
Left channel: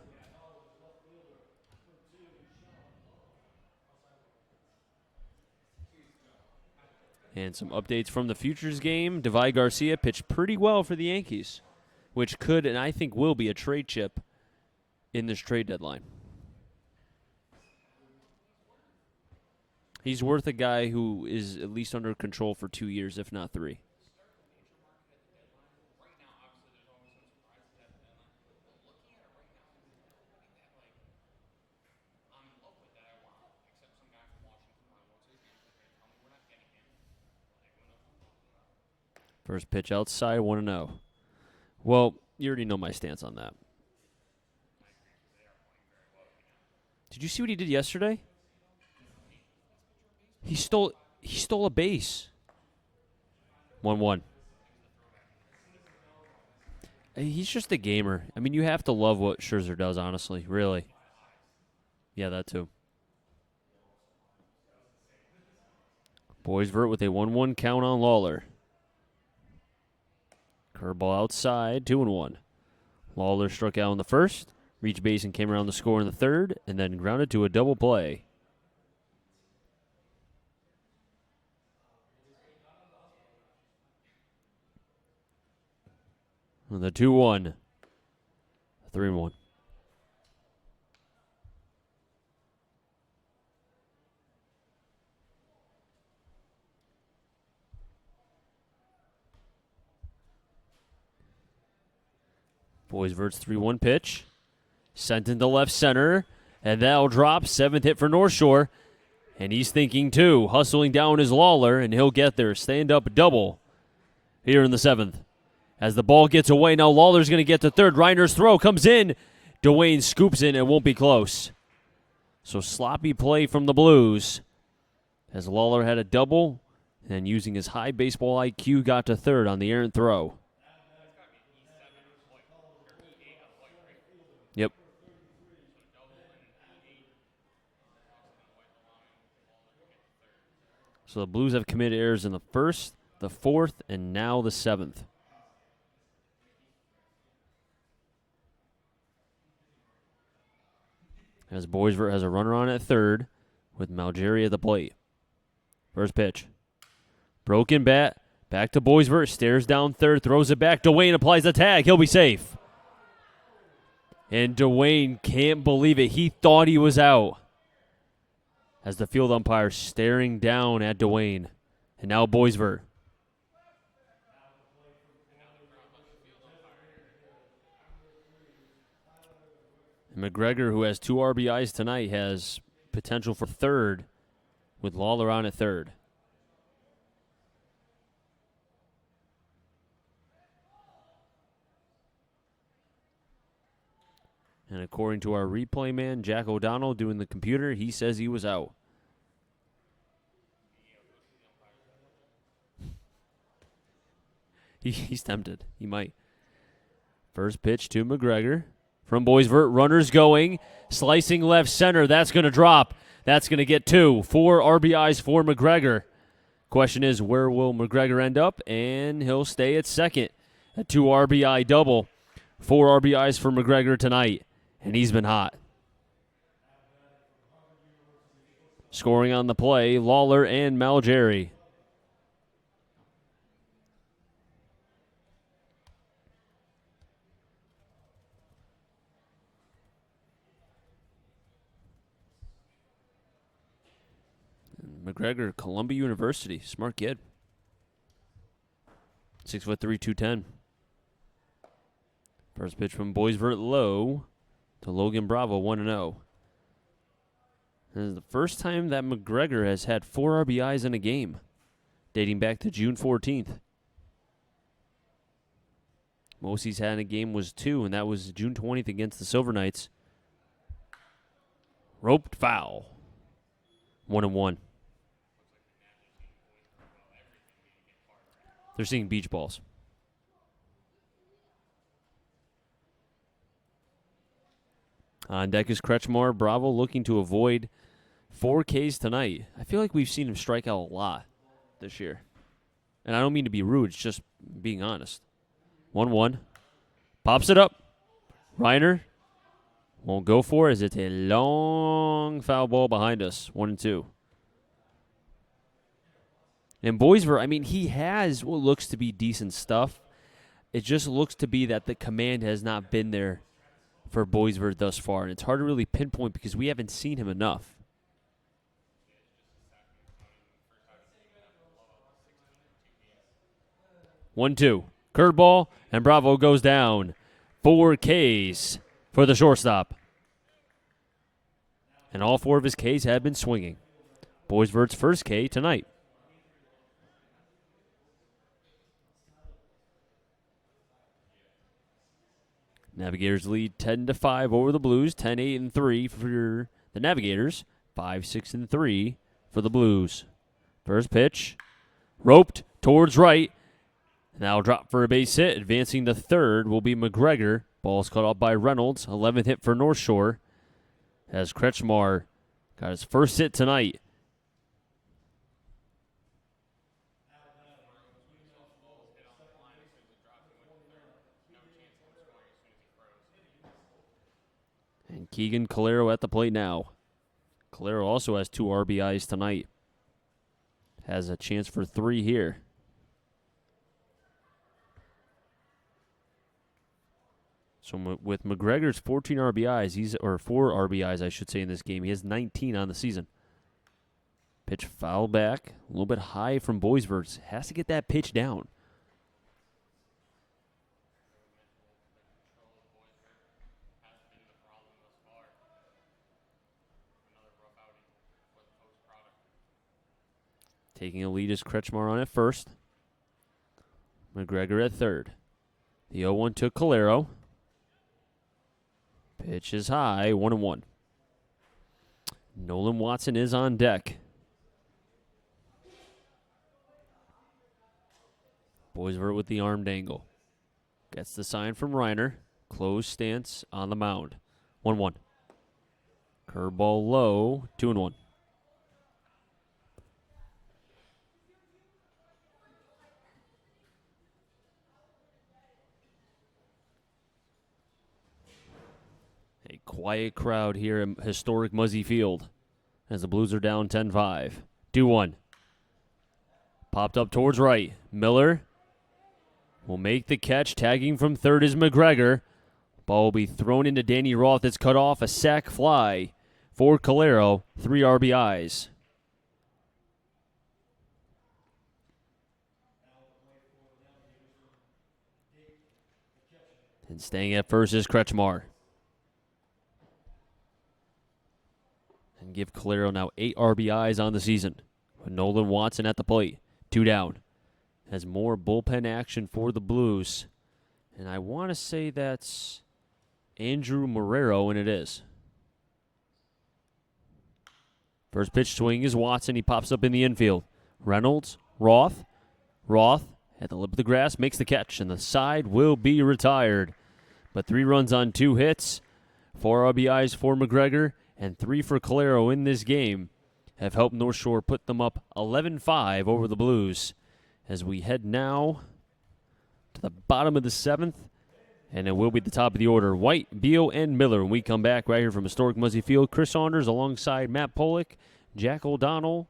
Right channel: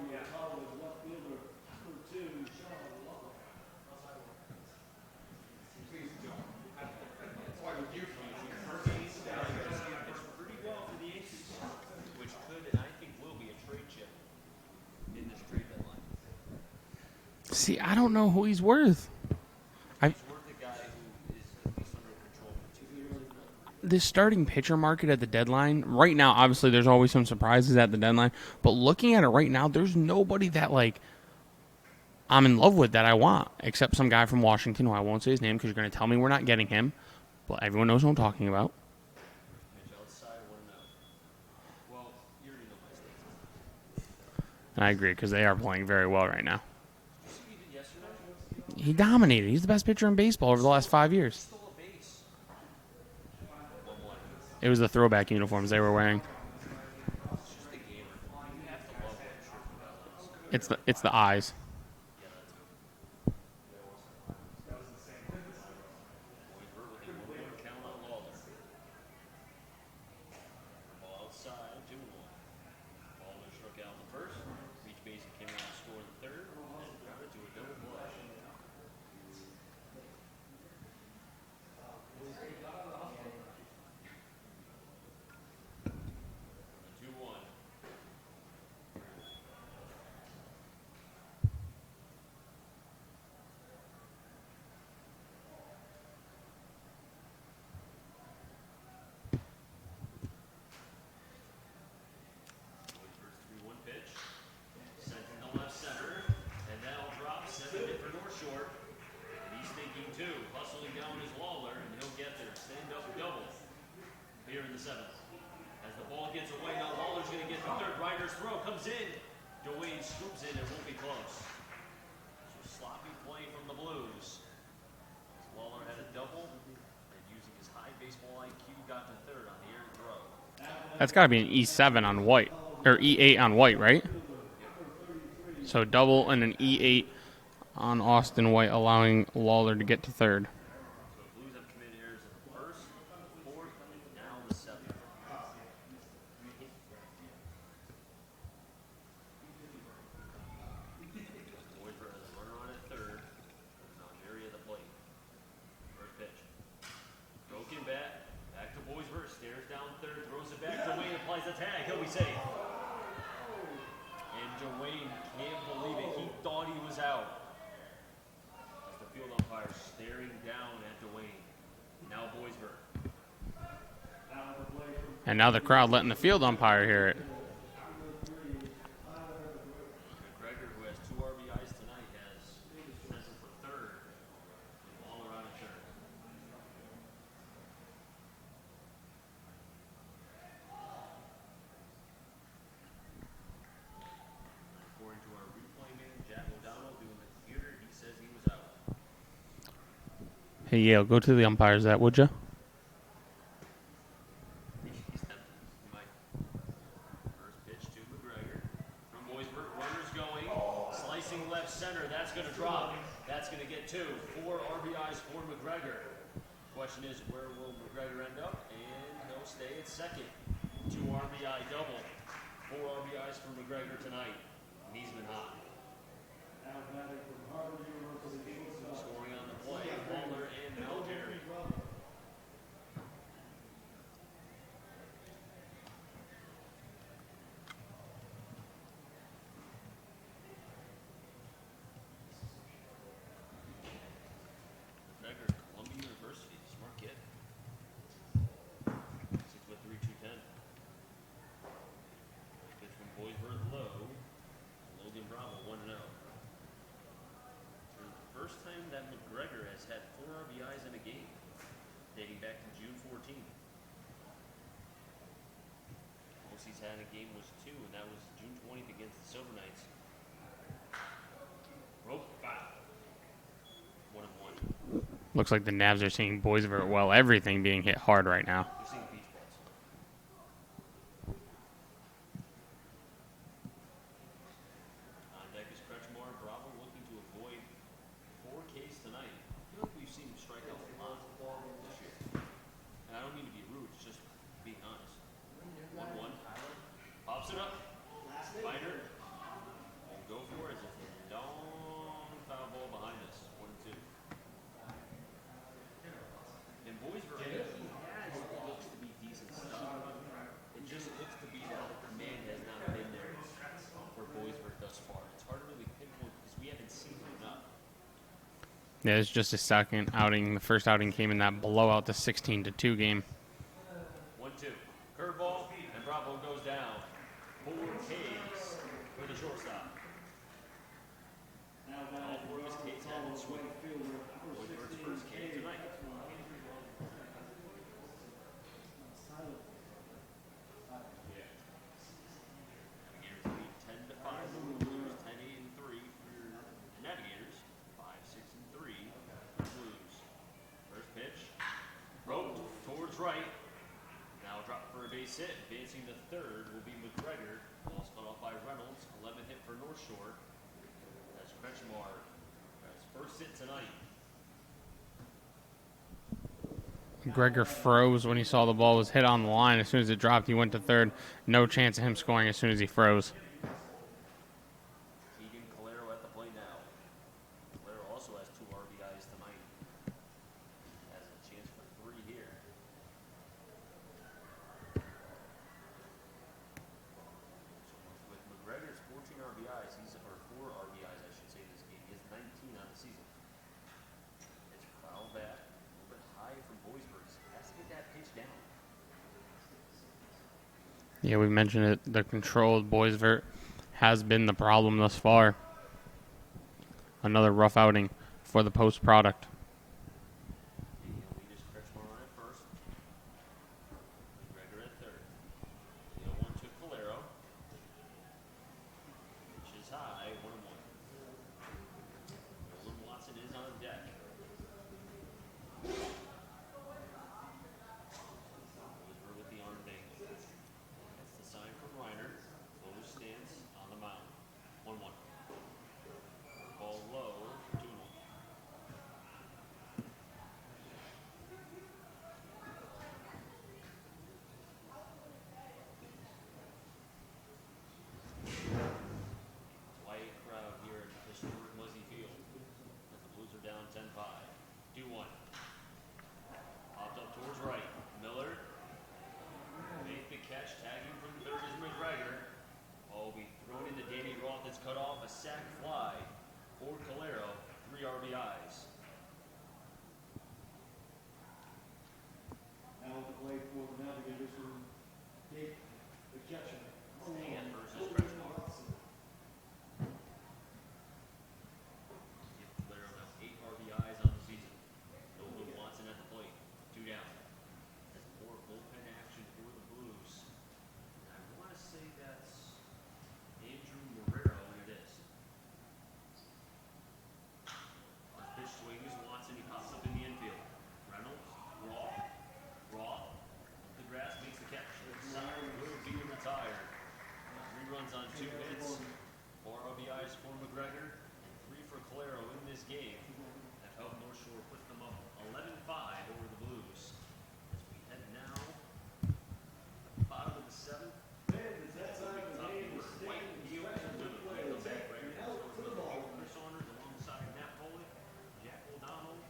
And some updates from the Futures game. Devy Garcia pitched pretty well for the Yankees, which could and I think will be a trade chip in this trade deadline. See, I don't know who he's worth. He's worth a guy who is at least under control for 2 years, if not 3. This starting pitcher market at the deadline, right now, obviously there's always some surprises at the deadline, but looking at it right now, there's nobody that, like, I'm in love with that I want, except some guy from Washington who I won't say his name because you're going to tell me we're not getting him, but everyone knows who I'm talking about. First pitch outside, 1-0. Well, you already know my stance on that. And I agree because they are playing very well right now. Did you see what he did yesterday? He dominated. He's the best pitcher in baseball over the last 5 years. He stole a base. 1-1. It was the throwback uniforms they were wearing. He's just a gamer. I mean, you have to love what Scherzer does, honestly. Really. It's the eyes. Yeah, that too. Boisvert with a 1-1 count on Lawler. Curveball outside, 2-1. Lawler struck out in the first, reached base and came around the score in the third, and then grounded to a double play. And the 2-1. 3-1. Boisvert's 3-1 pitch. Sent into left center. And that'll drop. 7th hit for North Shore. And he's thinking too. Hustling down his Lawler, and he'll get there. Stand up double here in the 7th. As the ball gets away, now Lawler's going to get to third. Reiner's throw comes in. Dwayne scoops in and won't be close. So sloppy play from the Blues. As Lawler had a double, and using his high baseball IQ, got to third on the errant throw. That's got to be an E7 on White, or E8 on White, right? Yep. So double and an E8 on Austin White, allowing Lawler to get to third. So the Blues have committed errors in the first, the fourth, and now the 7th. As Boisvert has a runner on at third with Malgeri at the plate. First pitch. Broken bat. Back to Boisvert. Stares down third. Throws it back. Dwayne applies the tag. He'll be safe. And Dwayne can't believe it. He thought he was out. As the field umpire staring down at Dwayne. And now Boisvert. And now the crowd letting the field umpire hear it. McGregor, who has 2 RBIs tonight, has potential for third with Lawler on at third. And according to our replay man, Jack O'Donnell, doing the computer, he says he was out. Hey, Yale, go to the umpires that, would you? He's tempted. He might. First pitch to McGregor. From Boisvert, runners going, slicing left center. That's going to drop. That's going to get 2. 4 RBIs for McGregor. Question is, where will McGregor end up? And he'll stay at second. A 2 RBI double. 4 RBIs for McGregor tonight. And he's been hot. Scoring on the play, Lawler and Malgeri. McGregor, Columbia University. Smart kid. 6'3", 210. First pitch from Boisvert low to Logan Bravo, 1-0. This is the first time that McGregor has had 4 RBIs in a game, dating back to June 14th. Most he's had in a game was 2, and that was June 20th against the Silver Knights. Roped foul. 1-1. Looks like the Navs are seeing Boisvert well. Everything being hit hard right now. They're seeing beach balls. On deck is Kretschmar. Bravo looking to avoid 4 Ks tonight. I feel like we've seen him strike out a lot this year. And I don't mean to be rude, it's just being honest. 1-1. Pops it up. Reiner won't go for it as it's a long foul ball behind us. 1-2. And Boisvert, I mean, he has what looks to be decent stuff. It just looks to be that the command has not been there for Boisvert thus far. And it's hard to really pinpoint because we haven't seen him enough. Yeah, it's just his second outing. The first outing came in that blowout, the 16-2 game. 1-2. Curveball, and Bravo goes down. 4 Ks for the shortstop. And all 4 of his Ks have been swinging. Boisvert's first K tonight. Navigators lead 10-5 over the Blues. 10-8-3 for the Navigators. 5-6-3 for the Blues. First pitch, roped towards right. Now drop for a base hit. Advancing to third will be McGregor. Ball's caught up by Reynolds. 11th hit for North Shore. As Kretschmar got his first hit tonight. McGregor froze when he saw the ball was hit on the line. As soon as it dropped, he went to third. No chance of him scoring as soon as he froze. And Keegan Calero at the plate now. Calero also has 2 RBIs tonight. Has a chance for 3 here. So with McGregor's 14 RBIs, or 4 RBIs, I should say, in this game, he has 19 on the season. Pitch foul back, a little bit high from Boisvert. Has to get that pitch down. Yeah, we mentioned it. The controlled Boisvert has been the problem thus far. Another rough outing for the post product. Taking a lead is Kretschmar on at first. McGregor at third. The 0-1 to Calero. Pitch is high, 1-1. Nolan Watson is on deck. Boisvert with the armed angle. Gets the sign from Reiner. Closed stance on the mound. 1-1. Curveball low, 2-1. A quiet crowd here at historic Muzzy Field as the Blues are down 10-5. 2-1. Popped up towards right. Miller will make the catch. Tagging from third is McGregor. Ball will be thrown into Danny Roth. It's cut off. A sac fly for Calero. 3 RBIs. And staying at first is Kretschmar. And give Calero now 8 RBIs on the season. With Nolan Watson at the plate. 2 down. Has more bullpen action for the Blues. And I want to say that's Andrew Marrero, and it is. First pitch swing is Watson. He pops up in the infield. Reynolds, Roth at the lip of the grass makes the catch, and the side will be retired. But 3 runs on 2 hits, 4 RBIs for McGregor, and 3 for Calero in this game have helped North Shore put them up 11-5 over the Blues. As we head now to the bottom of the 7th, and it will be the top of the order. White, Beal, and Miller. When we come back right here from historic Muzzy Field, Chris Saunders alongside Matt Pollock, Jack O'Donnell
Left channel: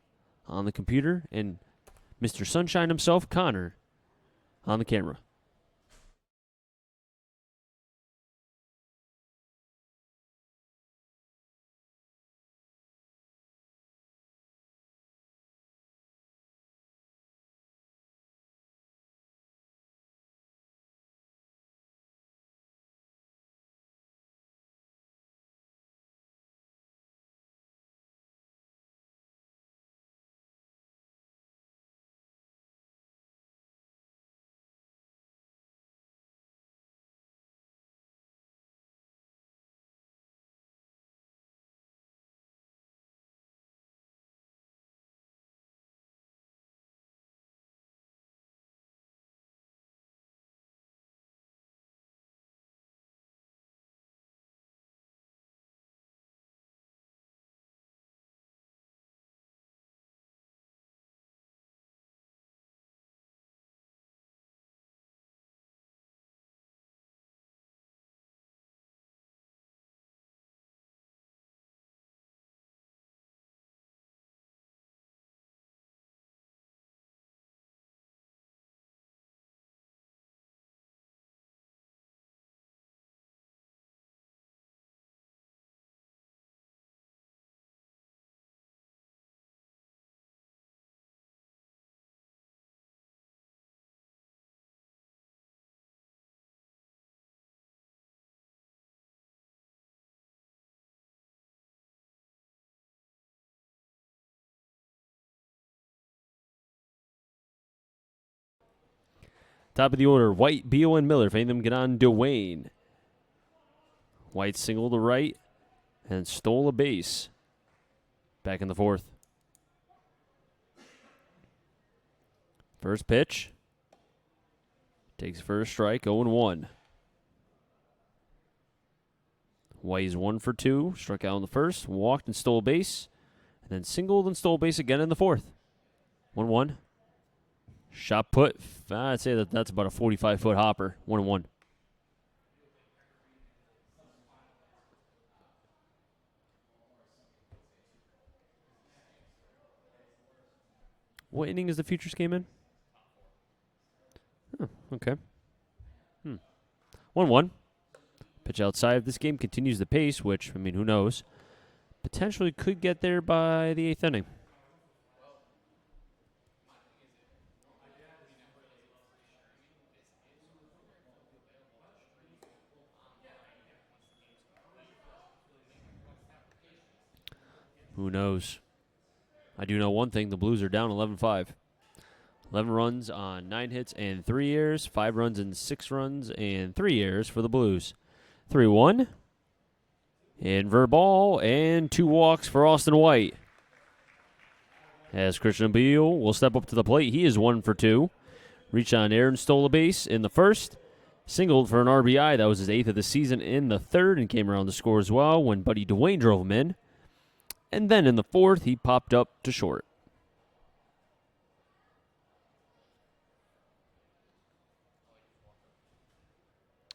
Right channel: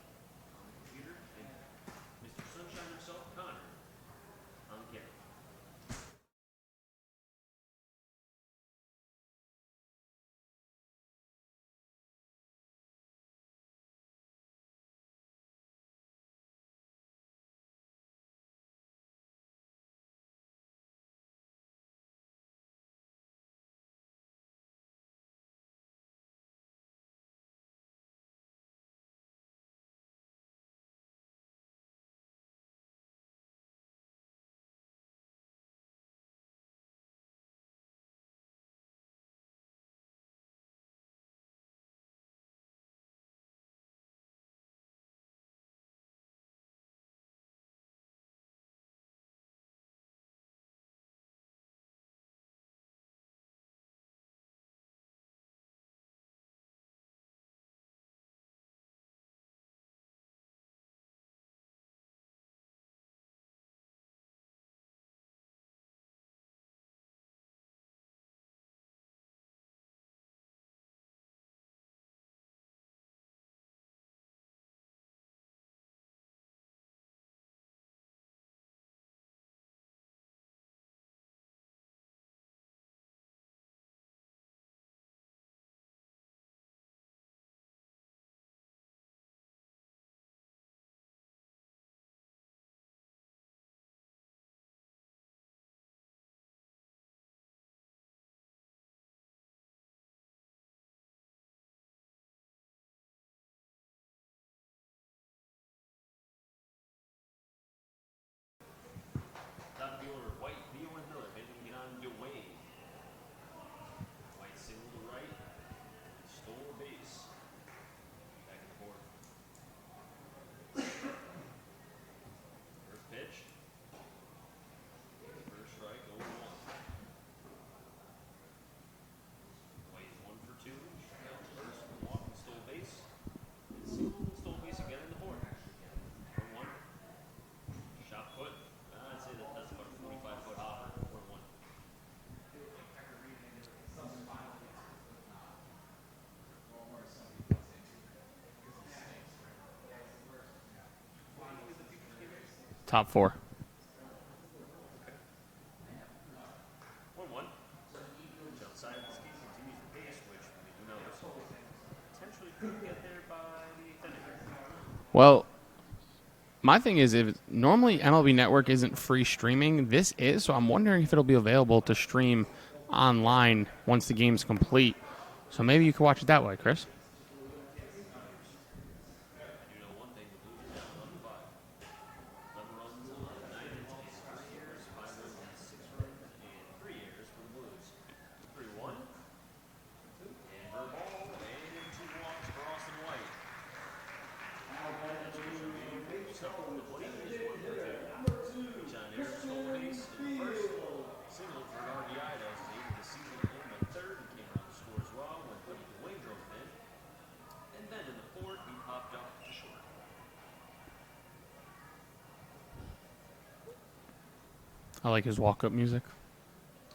on the computer, and Mr. Sunshine himself, Connor, on the camera. Top of the order, White, Beal, and Miller. If any of them get on, Dwayne. White singled to right and stole a base. Back in the fourth. First pitch. Takes first strike, 0-1. White is 1 for 2. Struck out in the first, walked and stole a base. Then singled and stole a base again in the fourth. 1-1. Shot put. I'd say that's about a 45-foot hopper. 1-1. What inning is the Futures game in? Top 4. Okay. 1-1. Pitch outside of this game continues the pace, which, I mean, who knows? Potentially could get there by the 8th inning. Well, my thing is, if normally MLB Network isn't free streaming, this is, so I'm wondering if it'll be available to stream online once the game's complete. So maybe you could watch it that way, Chris. Who knows? I do know one thing. The Blues are down 11-5. 11 runs on 9 hits and 3 errors. 5 runs and 6 runs and 3 errors for the Blues. 3-1. Invert ball and 2 walks for Austin White. As Christian Beal will step up to the plate. He is 1 for 2. Reached on air and stole a base in the first. Singled for an RBI. That was his 8th of the season in the third and came around to score as well when Buddy Dwayne drove him in. And then in the fourth, he popped up to short. I like his walk-up music.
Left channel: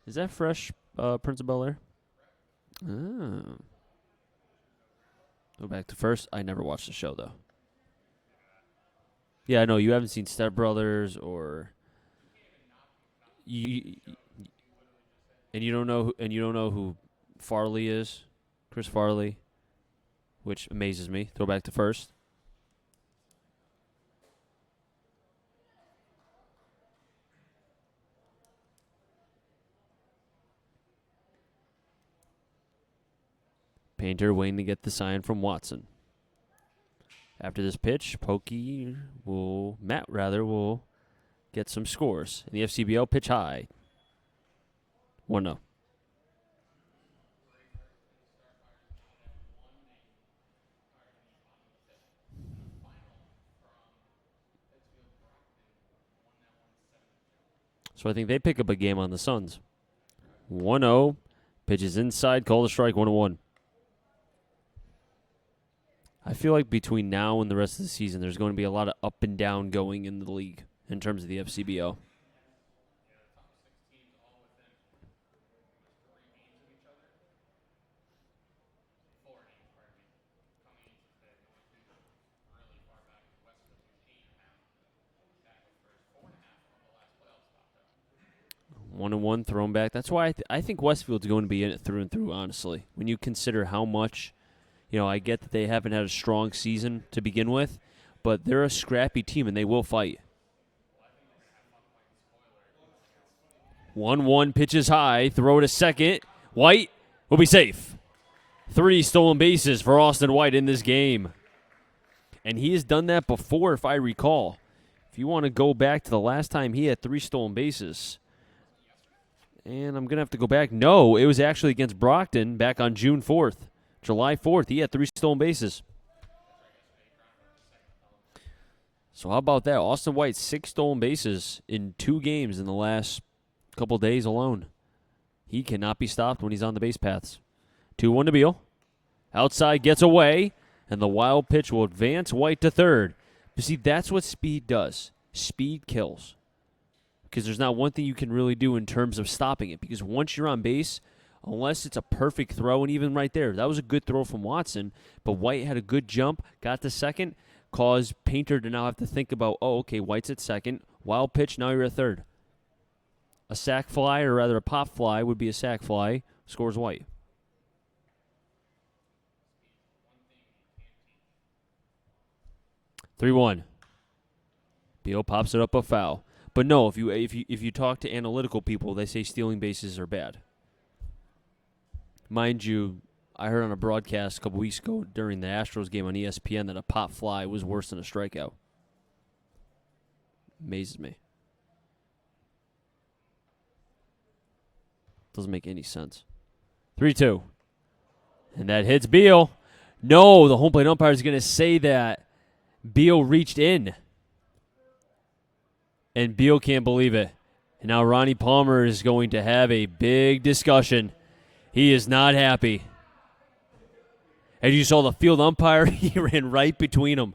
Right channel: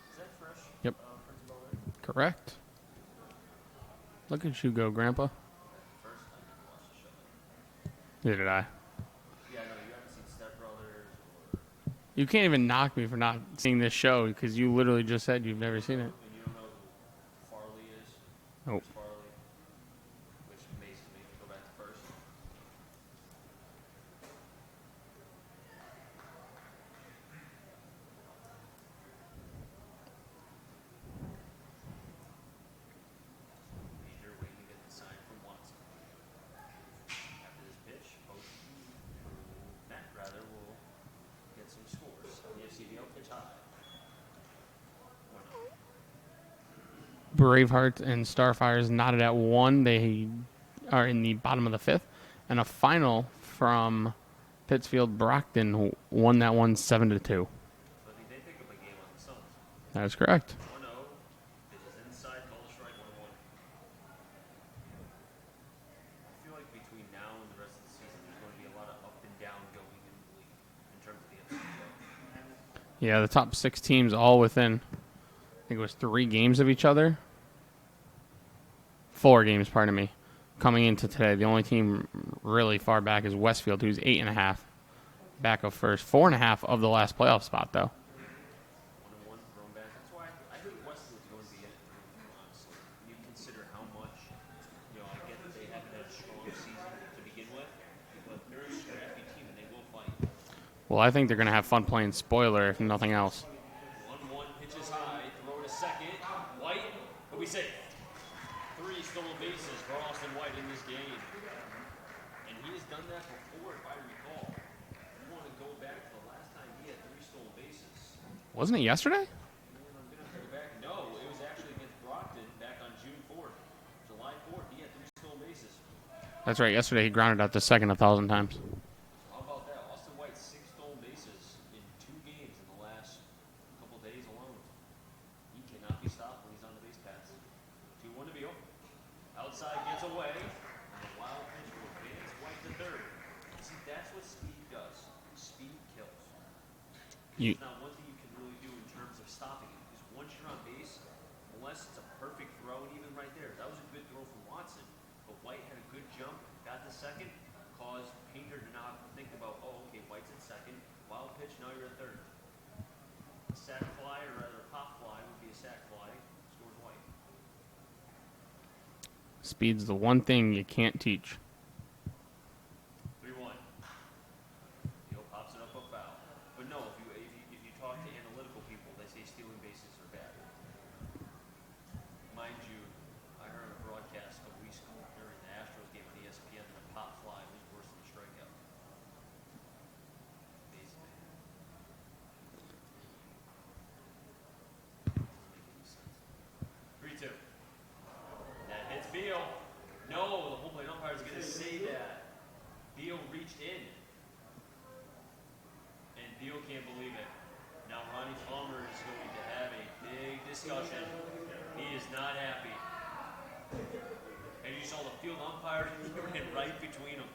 Is that fresh, Prince of Bel-Air? Correct. Look at you go, Grandpa. Go back to first. I never watched the show, though. Neither did I. Yeah, I know. You haven't seen Step Brothers or... You can't even knock me for not seeing this show because you literally just said you've never seen it. And you don't know who Farley is? Nope. Chris Farley, which amazes me. Throw back to first. Painter waiting to get the sign from Watson. After this pitch, Matt will get some scores. In the FCBL, pitch high. 1-0. Bravehearts and Starfires knotted at 1. They are in the bottom of the 5th. And a final from Pittsfield Brockton who won that one 7-2. So I think they pick up a game on the Suns. That is correct. 1-0. Pitches inside, call the strike, 1-1. I feel like between now and the rest of the season, there's going to be a lot of up and down going in the league in terms of the FCBO. Yeah, the top 6 teams all within, I think it was 3 games of each other. 4 games, pardon me, coming into today. The only team really far back is Westfield, who's 8.5 back of first. 4.5 of the last playoff spot, though. 1-1 thrown back. That's why I think Westfield's going to be in it through and through, honestly. When you consider how much... I get that they haven't had a strong season to begin with, but they're a scrappy team, and they will fight. Well, I think they're going to have fun playing spoiler, if nothing else. 1-1 pitches high, throw to second. White will be safe. 3 stolen bases for Austin White in this game. And he has done that before, if I recall. If you want to go back to the last time he had 3 stolen bases. Wasn't it yesterday? And I'm going to have to go back. No, it was actually against Brockton back on June 4th. July 4th, he had 3 stolen bases. That's right. Yesterday, he grounded out the second 1,000 times. So how about that? Austin White, 6 stolen bases in 2 games in the last couple days alone. He cannot be stopped when he's on the base paths. 2-1 to Beal. Outside gets away, and the wild pitch will advance White to third. You see, that's what speed does. Speed kills. Because there's not one thing you can really do in terms of stopping it. Because once you're on base... Unless it's a perfect throw, and even right there, that was a good throw from Watson, but White had a good jump, got to second, caused Painter to now have to think about, White's at second, wild pitch, now you're at third. A sac fly, or rather a pop fly, would be a sac fly, scores White. Speed's the one thing you can't teach. 3-1. Beal pops it up a foul. But no, if you talk to analytical people, they say stealing bases are bad. Mind you, I heard on a broadcast a couple weeks ago during the Astros game on ESPN that a pop fly was worse than a strikeout. Amazes me. Doesn't make any sense. 3-2. And that hits Beal. No, the home plate umpire is going to say that Beal reached in. And Beal can't believe it. And now Ronnie Palmer is going to have a big discussion. He is not happy. As you saw the field umpire, he ran right between them.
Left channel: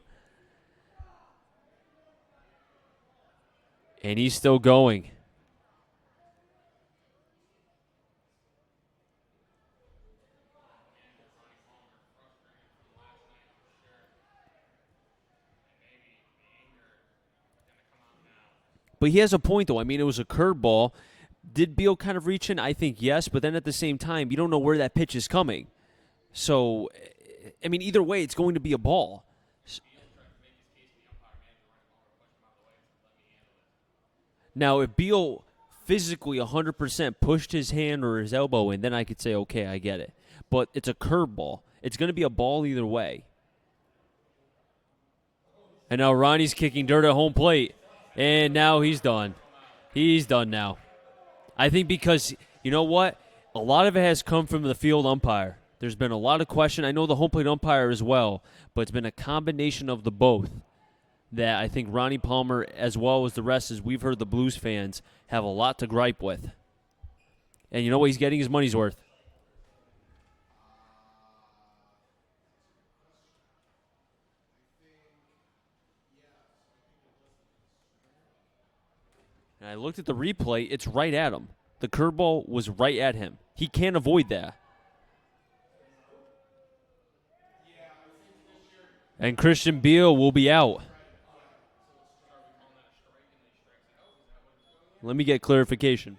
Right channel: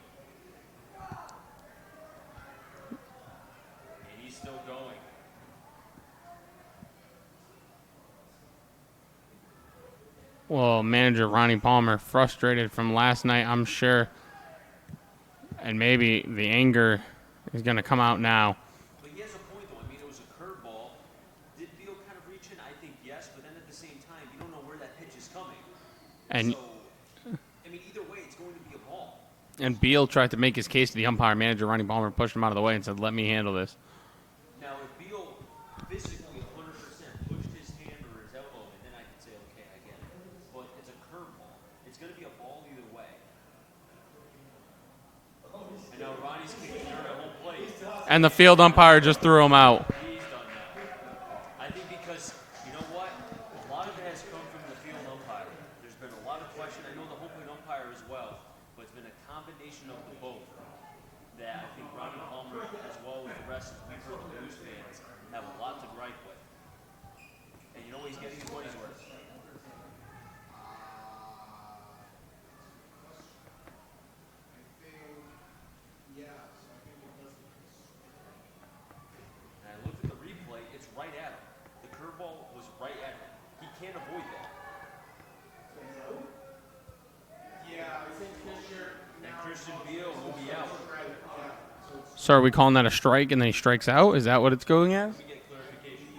And he's still going. Well, manager Ronnie Palmer frustrated from last night, I'm sure. And maybe the anger is going to come out now. But he has a point, though. I mean, it was a curveball. Did Beal kind of reach in? I think yes, but then at the same time, you don't know where that pitch is coming. And so, I mean, either way, it's going to be a ball. And Beal tried to make his case to the umpire. Manager Ronnie Palmer pushed him out of the way and said, let me handle this. Now, if Beal physically 100% pushed his hand or his elbow in, then I could say, okay, I get it. But it's a curveball. It's going to be a ball either way. And now Ronnie's kicking dirt at home plate. And the field umpire just done. threw him out. He's done now. I think because, you know what? A lot of it has come from the field umpire. There's been a lot of question. I know the home plate umpire as well, but it's been a combination of the both that I think Ronnie Palmer, as well as the rest, as we've heard the Blues fans, have a lot to gripe with. And you know what? He's getting his money's worth. I looked at the replay. It's right at him. The curveball was right at him. He can't avoid that. And Christian Beal will be out. So are we calling that a strike and then he strikes out? Is that what it's going at? Let me get clarification.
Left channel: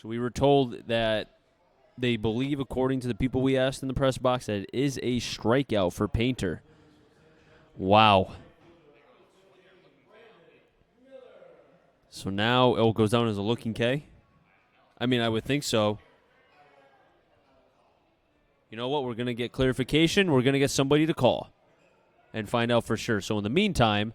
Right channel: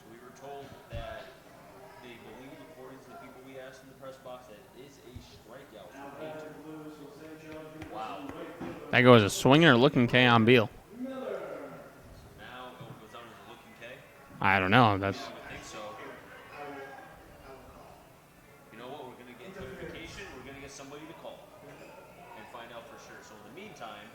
So we were told that they believe, according to the people we asked in the press box, that it is a strikeout for Painter. Wow. That goes a swinging or looking K on Beal. So now it goes down as a looking K? I don't know. I mean, I would think so. You know what? We're going to get clarification. We're going to get somebody to call and find out for sure. So in the meantime,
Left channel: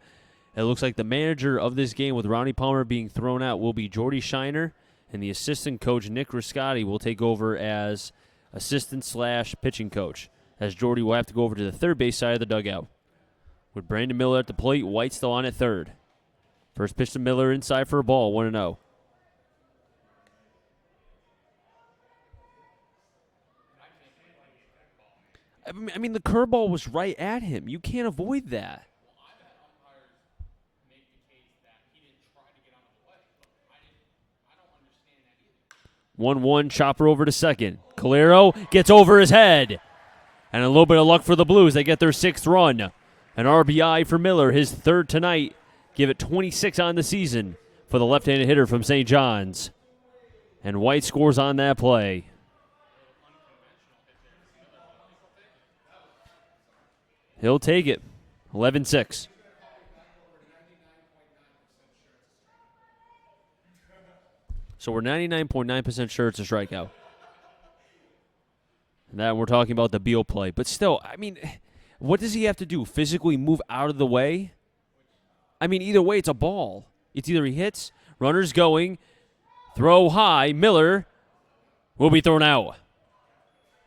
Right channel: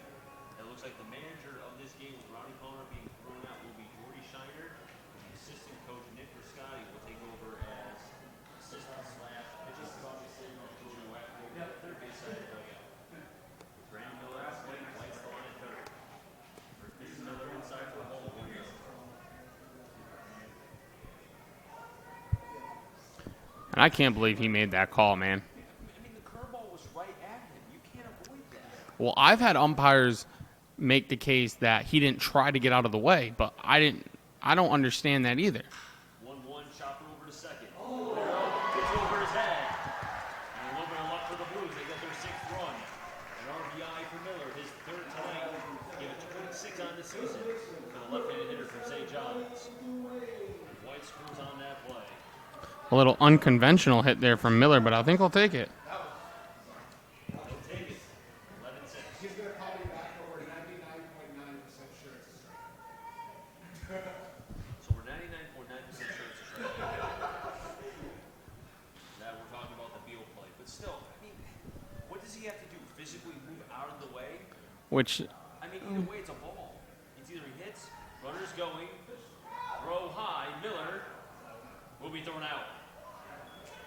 it looks like the manager of this game, with Ronnie Palmer being thrown out, will be Jordy Shiner, and the assistant coach, Nick Riscotti, will take over as assistant/pitching coach, as Jordy will have to go over to the third base side of the dugout. With Brandon Miller at the plate, White still on at third. First pitch to Miller inside for a ball, 1-0. And I can't believe he made that call, man. I mean, the curveball was right at him. You can't avoid that. Well, I've had umpires make the case that he didn't try to get out of the way, but I don't understand that either. 1-1, chopper over to second. Calero gets over his head. And a little bit of luck for the Blues. They get their sixth run. An RBI for Miller, his third tonight. Give it 26 on the season for the left-handed hitter from St. John's. And White scores on that play. A little unconventional hit there from Miller, but I think he'll take it. He'll take it. 11-6. So we're 99.9% sure it's a strikeout. Now we're talking about the Beal play. But still, I mean, what does he have to do? Physically move out of the way? Which, I mean, either way, it's a ball. It's either he hits, runner's going, throw high, Miller will be thrown out.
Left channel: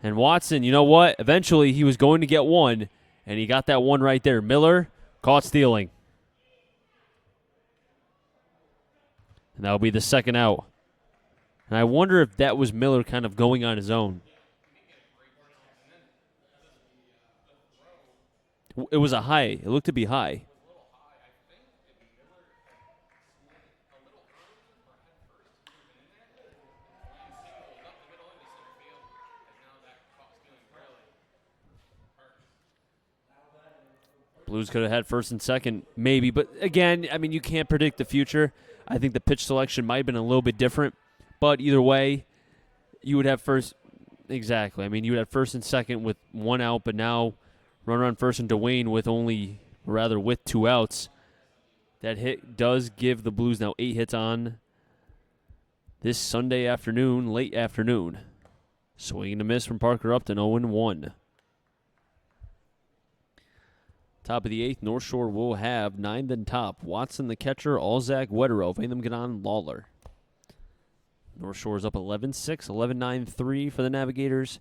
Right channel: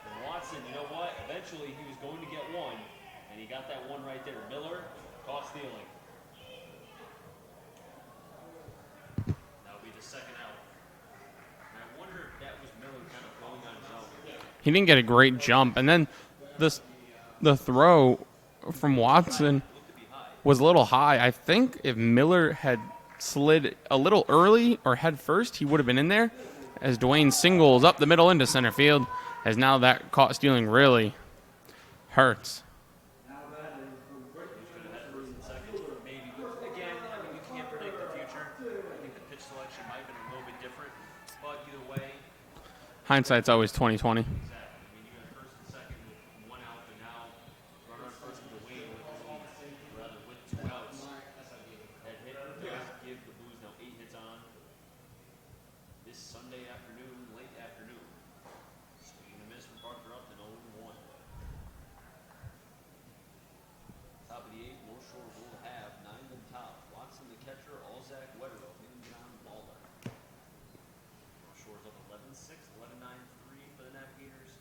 And Watson, you know what? Eventually, he was going to get one, and he got that one right there. Miller caught stealing. And that'll be the second out. And I wonder if that was Miller kind of going on his own. he didn't get a great jump. And then the throw from it was Watson a high. It looked to be high. was a little high. I think if Miller had slid a little early or head first, he would have been in there. As Dwayne singles up the middle into center field, as now that caught stealing really hurts. Blues could have had first and second, maybe. But again, I mean, you can't predict the future. I think the pitch selection might have been a little bit different. But either way, you would have Hindsight's always 20/20. Exactly. I mean, you would have first and second with one out, but now runner on first and Dwayne with 2 outs. That hit does give the Blues now 8 hits on this Sunday afternoon, late afternoon. Swing and a miss from Parker Upton, 0-1. Top of the 8th, North Shore will have 9th and top. Watson the catcher, Alzak, Wetterow, Vantham, Ganon, Lawler. North Shore's up 11-6, 11-9-3 for the Navigators.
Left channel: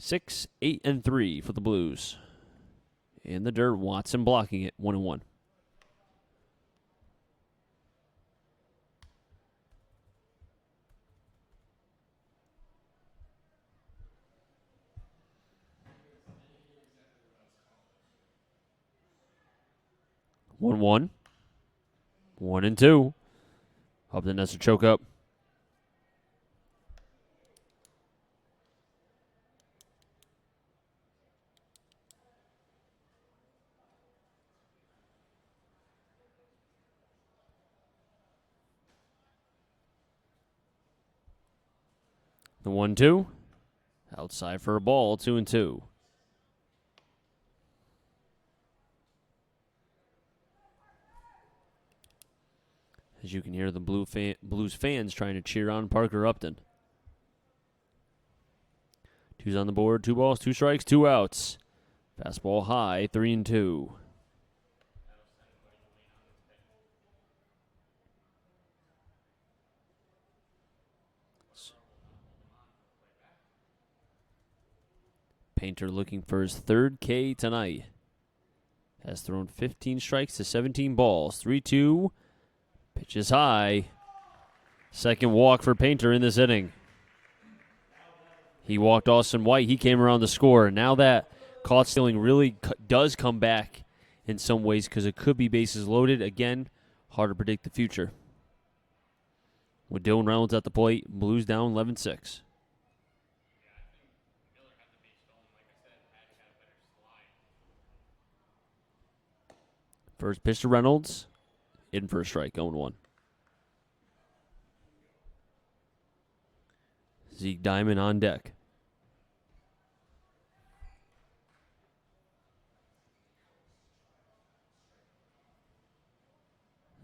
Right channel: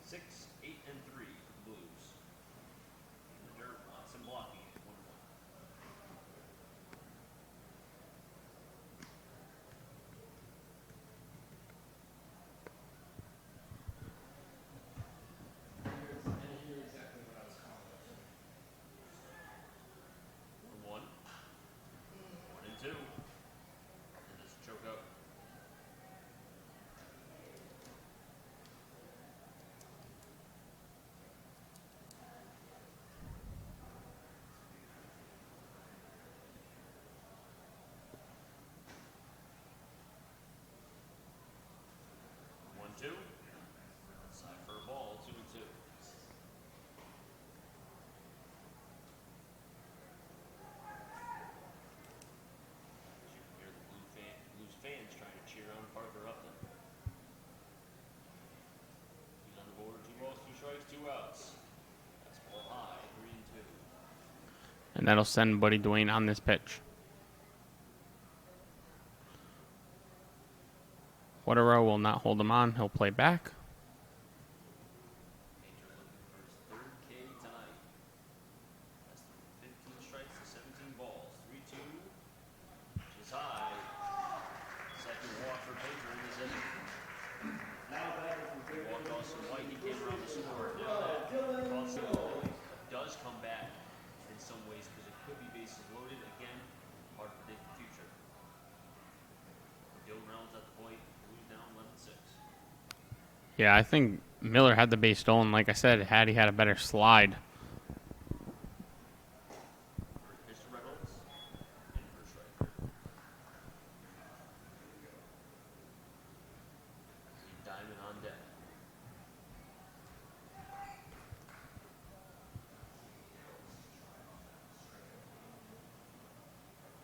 6-8-3 for the Blues. In the dirt, Watson blocking it, 1-1. One. 1-2. Up the nets to choke up. The 1-2. Outside for a ball, 2-2. As you can hear the Blues fans trying to cheer on Parker Upton. 2's on the board, 2 balls, 2 strikes, 2 outs. Fastball high, 3-2. And that'll send Buddy Dwayne on this pitch. Waterrow will not hold him on. He'll play back. Painter looking for his 3rd K tonight. Has thrown 15 strikes to 17 balls. 3-2. Pitch is high. Second walk for Painter in this inning. He walked Austin White. He came around to score. Now that caught stealing really does come back in some ways because it could be bases loaded. Again, hard to predict the future. With Dylan Reynolds at the plate, Blues down 11-6. Yeah, I think Miller had the base stolen. Like I said, had he had a better slide. First pitch to Reynolds. In for a strike, 0-1. Zeke Diamond on deck.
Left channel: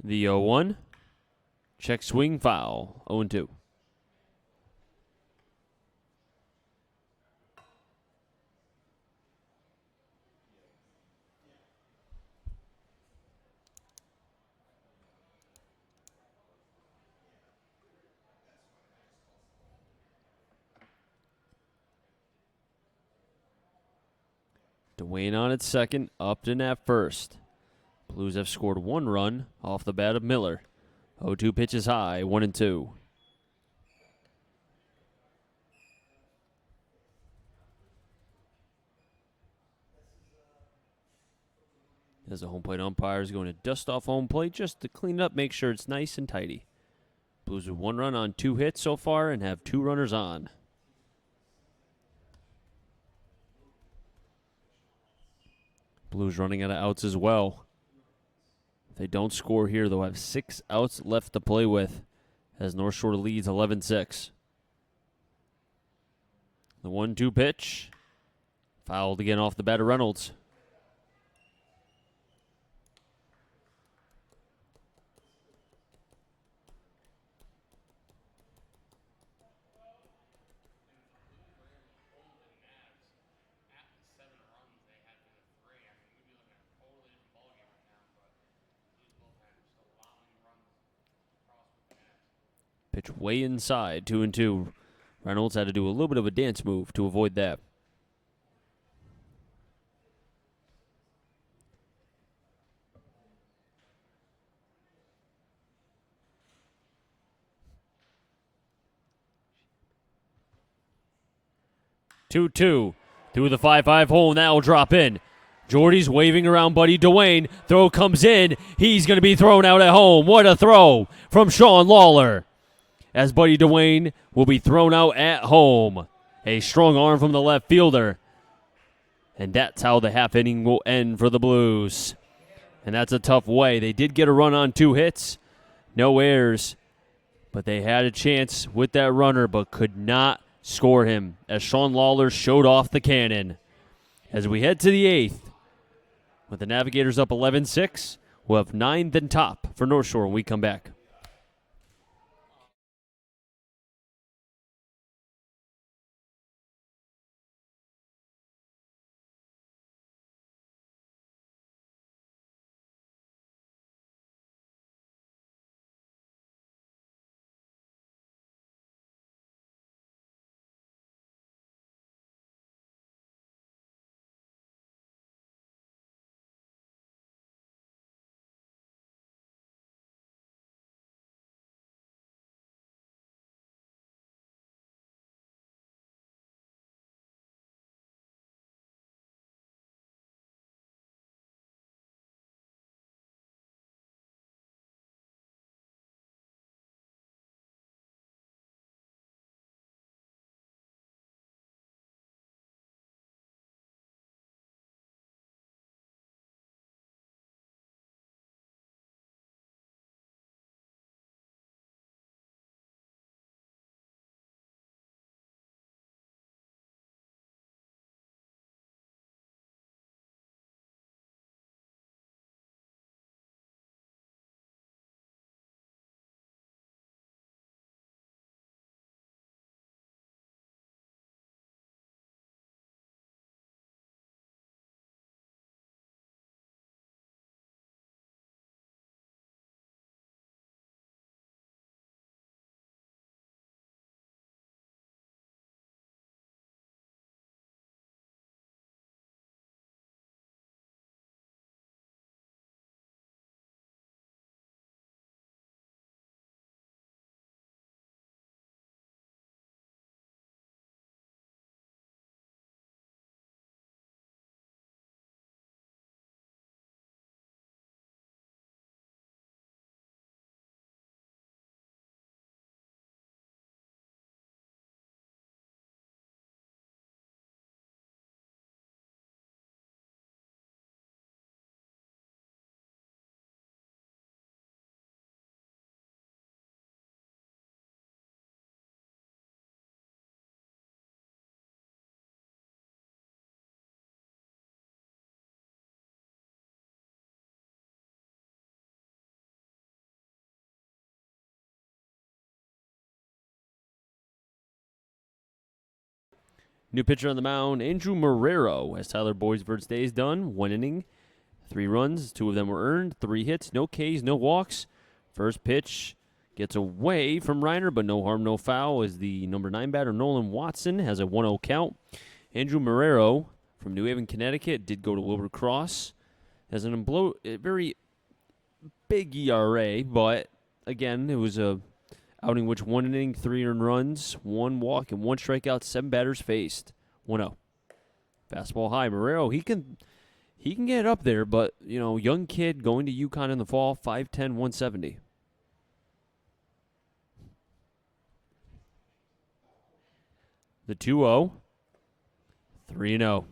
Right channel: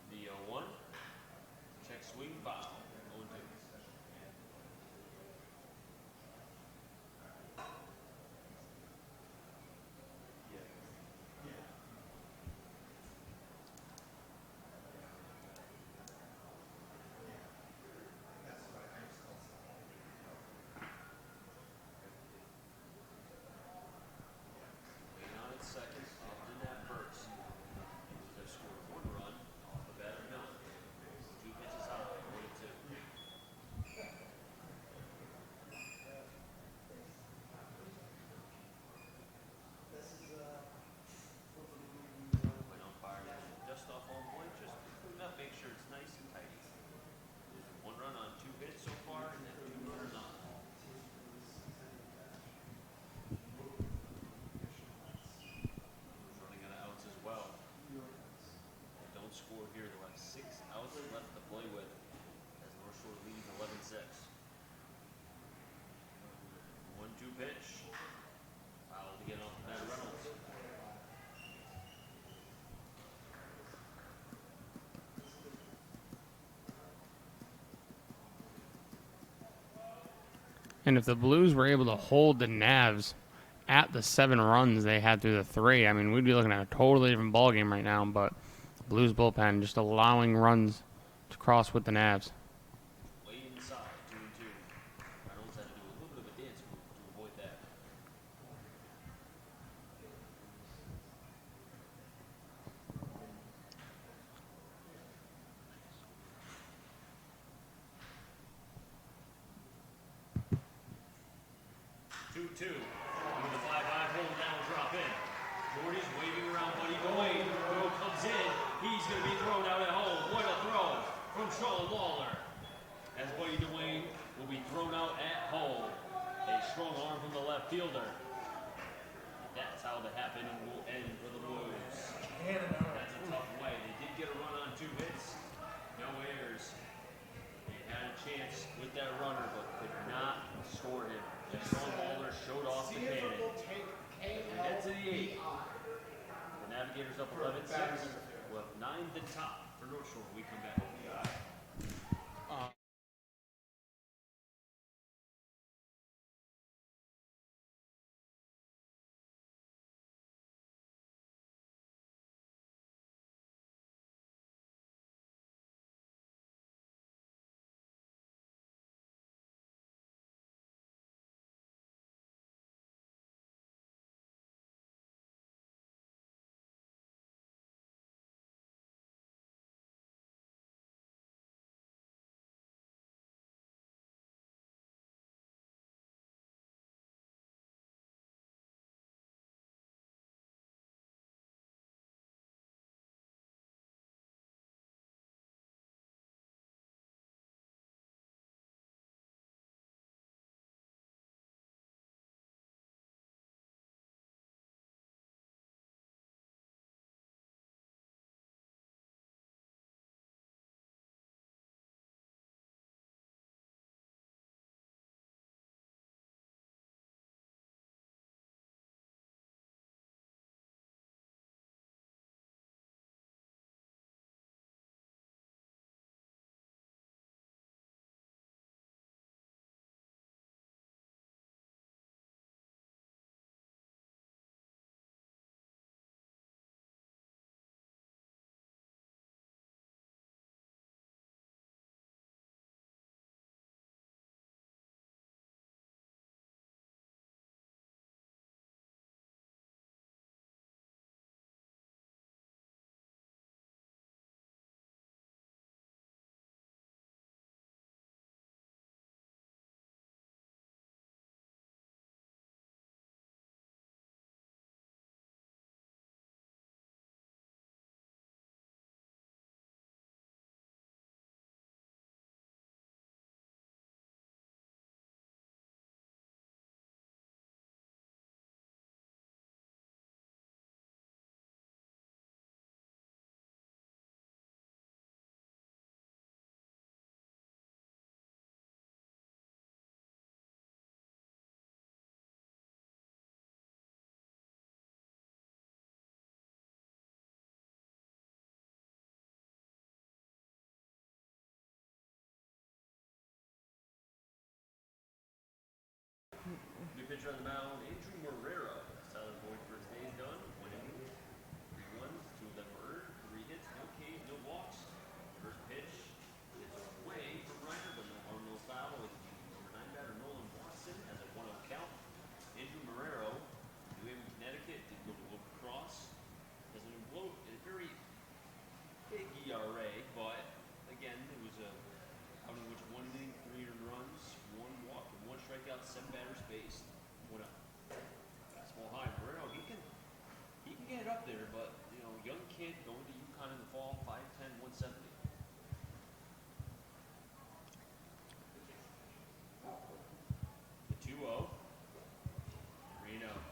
The 0-1. Check swing foul, 0-2. Dwayne on at second, Upton at first. Blues have scored 1 run off the bat of Miller. 0-2 pitches high, 1-2. As the home plate umpire is going to dust off home plate just to clean it up, make sure it's nice and tidy. Blues with 1 run on 2 hits so far and have 2 runners on. Blues running out of outs as well. If they don't score here, they'll have 6 outs left to play with as North Shore leads 11-6. The 1-2 pitch. Fouled again off the bat of Reynolds. And if the Blues were able to hold the Navs at the 7 runs they had through the 3, I mean, we'd be looking at a totally different ballgame right now. But Blues bullpen just allowing runs to cross with the Navs. Pitch way inside, 2-2. Reynolds had to do a little bit of a dance move to avoid that. Two through the 5-5 hole, and that will drop in. Jordy's waving around Buddy Dwayne. Throw comes in. He's going to be thrown out at home. What a throw from Sean Lawler. As Buddy Dwayne will be thrown out at home. A strong arm from the left fielder. And that's how the half inning will end for the Blues. And that's a tough way. They did get a run on 2 hits. No errors. But they had a chance with that runner, but could not score him as Sean Lawler showed off the cannon. As we head to the 8th, with the Navigators up 11-6, we'll have 9th and top for North Shore when we come back. New pitcher on the mound, Andrew Marrero, as Tyler Boisvert's day is done. 1 inning, 3 runs, 2 of them were earned, 3 hits, no Ks, no walks. First pitch gets away from Reiner, but no harm, no foul, as the number 9 batter, Nolan Watson, has a 1-0 count. Andrew Marrero from New Haven, Connecticut, did go to Wilbur Cross. Has a very big ERA, but again, it was a outing which 1 inning, 3 earned runs, 1 walk, and 1 strikeout, 7 batters faced. 1-0. Fastball high. Marrero, he can get up there, but, young kid going to UConn in the fall, 5'10", 170. The 2-0. 3-0.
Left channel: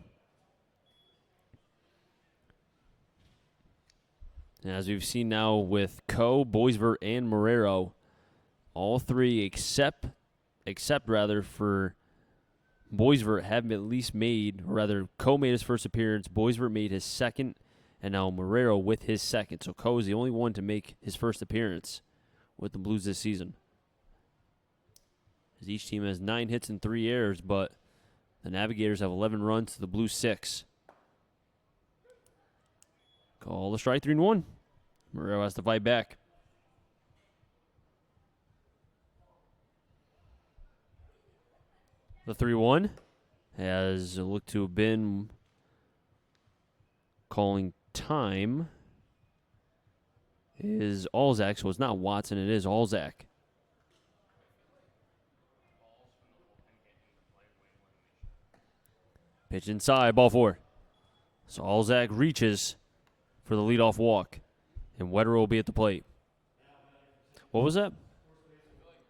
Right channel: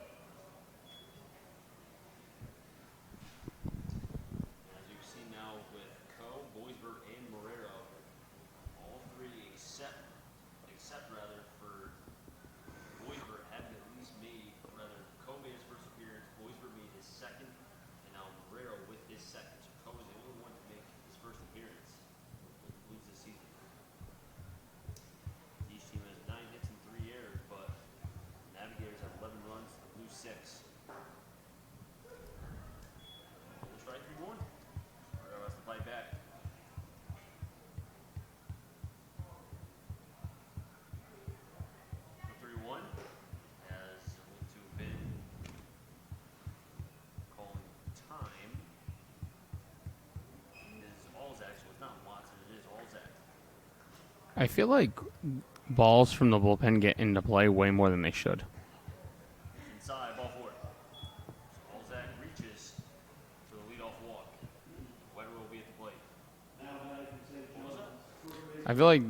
And as we've seen now with Coe, Boisvert, and Marrero, all 3 except for Boisvert have at least Coe made his first appearance, Boisvert made his second, and now Marrero with his second. So Coe is the only one to make his first appearance with the Blues this season. Each team has 9 hits and 3 errors, but the Navigators have 11 runs to the Blues 6. Call the strike, 3-1. Marrero has to fight back. The 3-1 has looked to have been calling time is Alzak, so it's not Watson, it is Alzak. I feel like balls from the bullpen get into play way more than they should. Pitch inside, ball 4. So Alzak reaches for the leadoff walk, and Wetterer will be at the plate. What was that? I feel like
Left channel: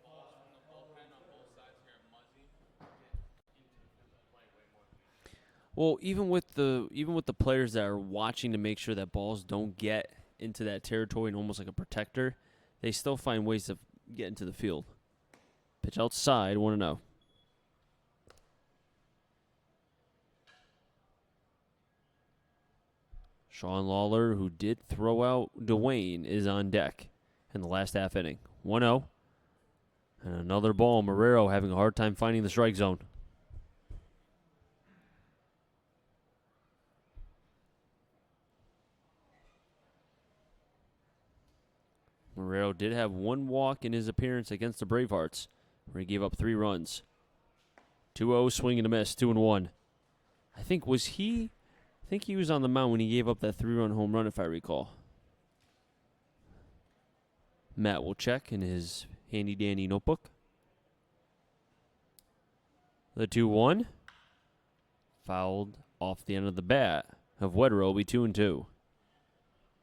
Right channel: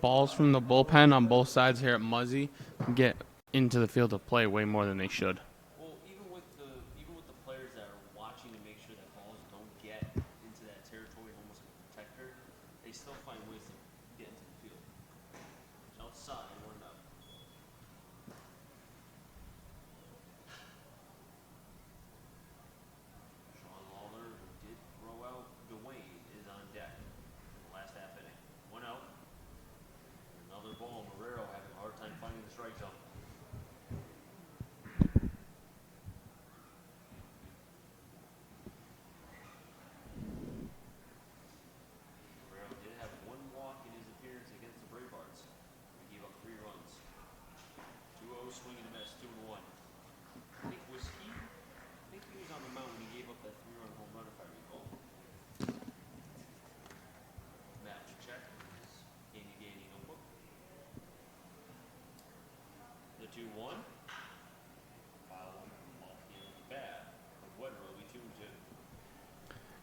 balls from the bullpen on both sides here at Muzzy get into the field of play way more than they should. Well, even with the players that are watching to make sure that balls don't get into that territory and almost like a protector, they still find ways to get into the field. Pitch outside, 1-0. Sean Lawler, who did throw out Dwayne, is on deck in the last half inning. 1-0. And another ball. Marrero having a hard time finding the strike zone. Marrero did have 1 walk in his appearance against the Bravehearts, where he gave up 3 runs. 2-0, swing and a miss, 2-1. I think he was on the mound when he gave up that 3-run home run, if I recall. Matt will check in his handy-dandy notebook. The 2-1. Fouled off the end of the bat of Wetterer will be 2-2.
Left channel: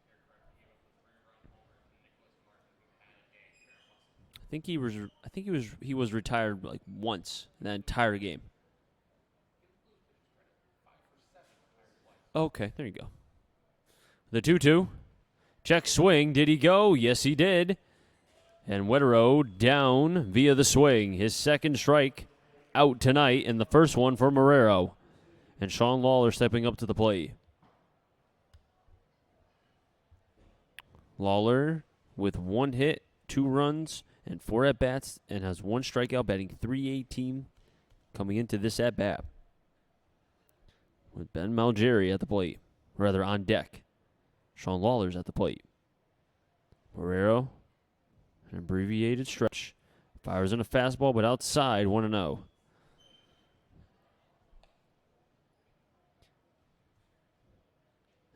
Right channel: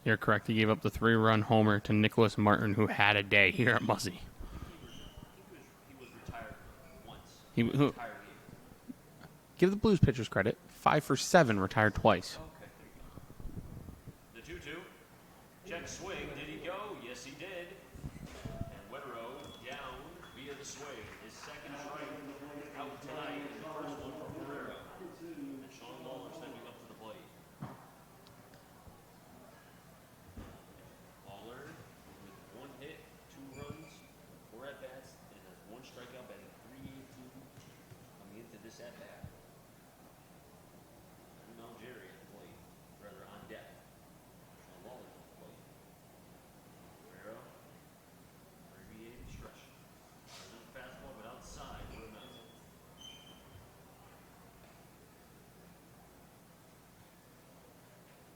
You're correct. He gave up the 3-run homer to Nicholas Martin, who had a day here at Muzzy. I think he was retired like once in the entire game. Give the Blues pitchers credit. 5 for 7, retired twice. Okay, there you go. The 2-2. Check swing. Did he go? Yes, he did. And Wetterer down via the swing. His second strike out tonight, and the first one for Marrero. And Sean Lawler stepping up to the plate. Lawler with 1 hit, 2 runs, and 4 at-bats, and has 1 strikeout, batting .318 coming into this at-bat. With Ben Malgeri at the plate, rather on deck. Sean Lawler's at the plate. Marrero, an abbreviated stretch. Fires in a fastball, but outside, 1-0.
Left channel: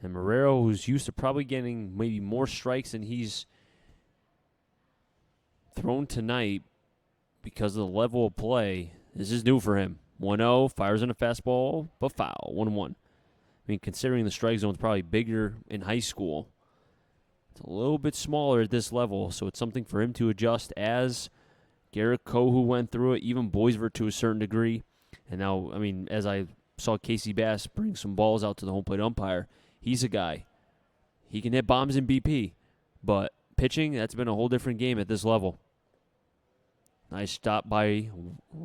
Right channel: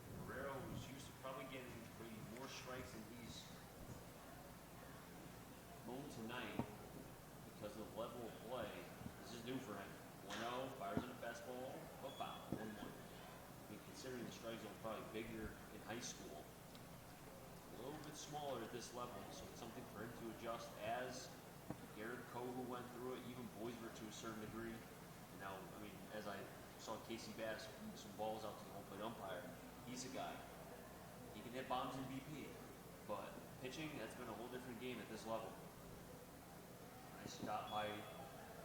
And Marrero, who's used to probably getting maybe more strikes than he's thrown tonight because of the level of play, this is new for him. 1-0, fires in a fastball, but foul, 1-1. I mean, considering the strike zone's probably bigger in high school, it's a little bit smaller at this level, so it's something for him to adjust as Garrett Coe, who went through it, even Boisvert to a certain degree. And now, I mean, as I saw Casey Bass bring some balls out to the home plate umpire, he's a guy. He can hit bombs in BP, but pitching, that's been a whole different game at this level. Nice stop by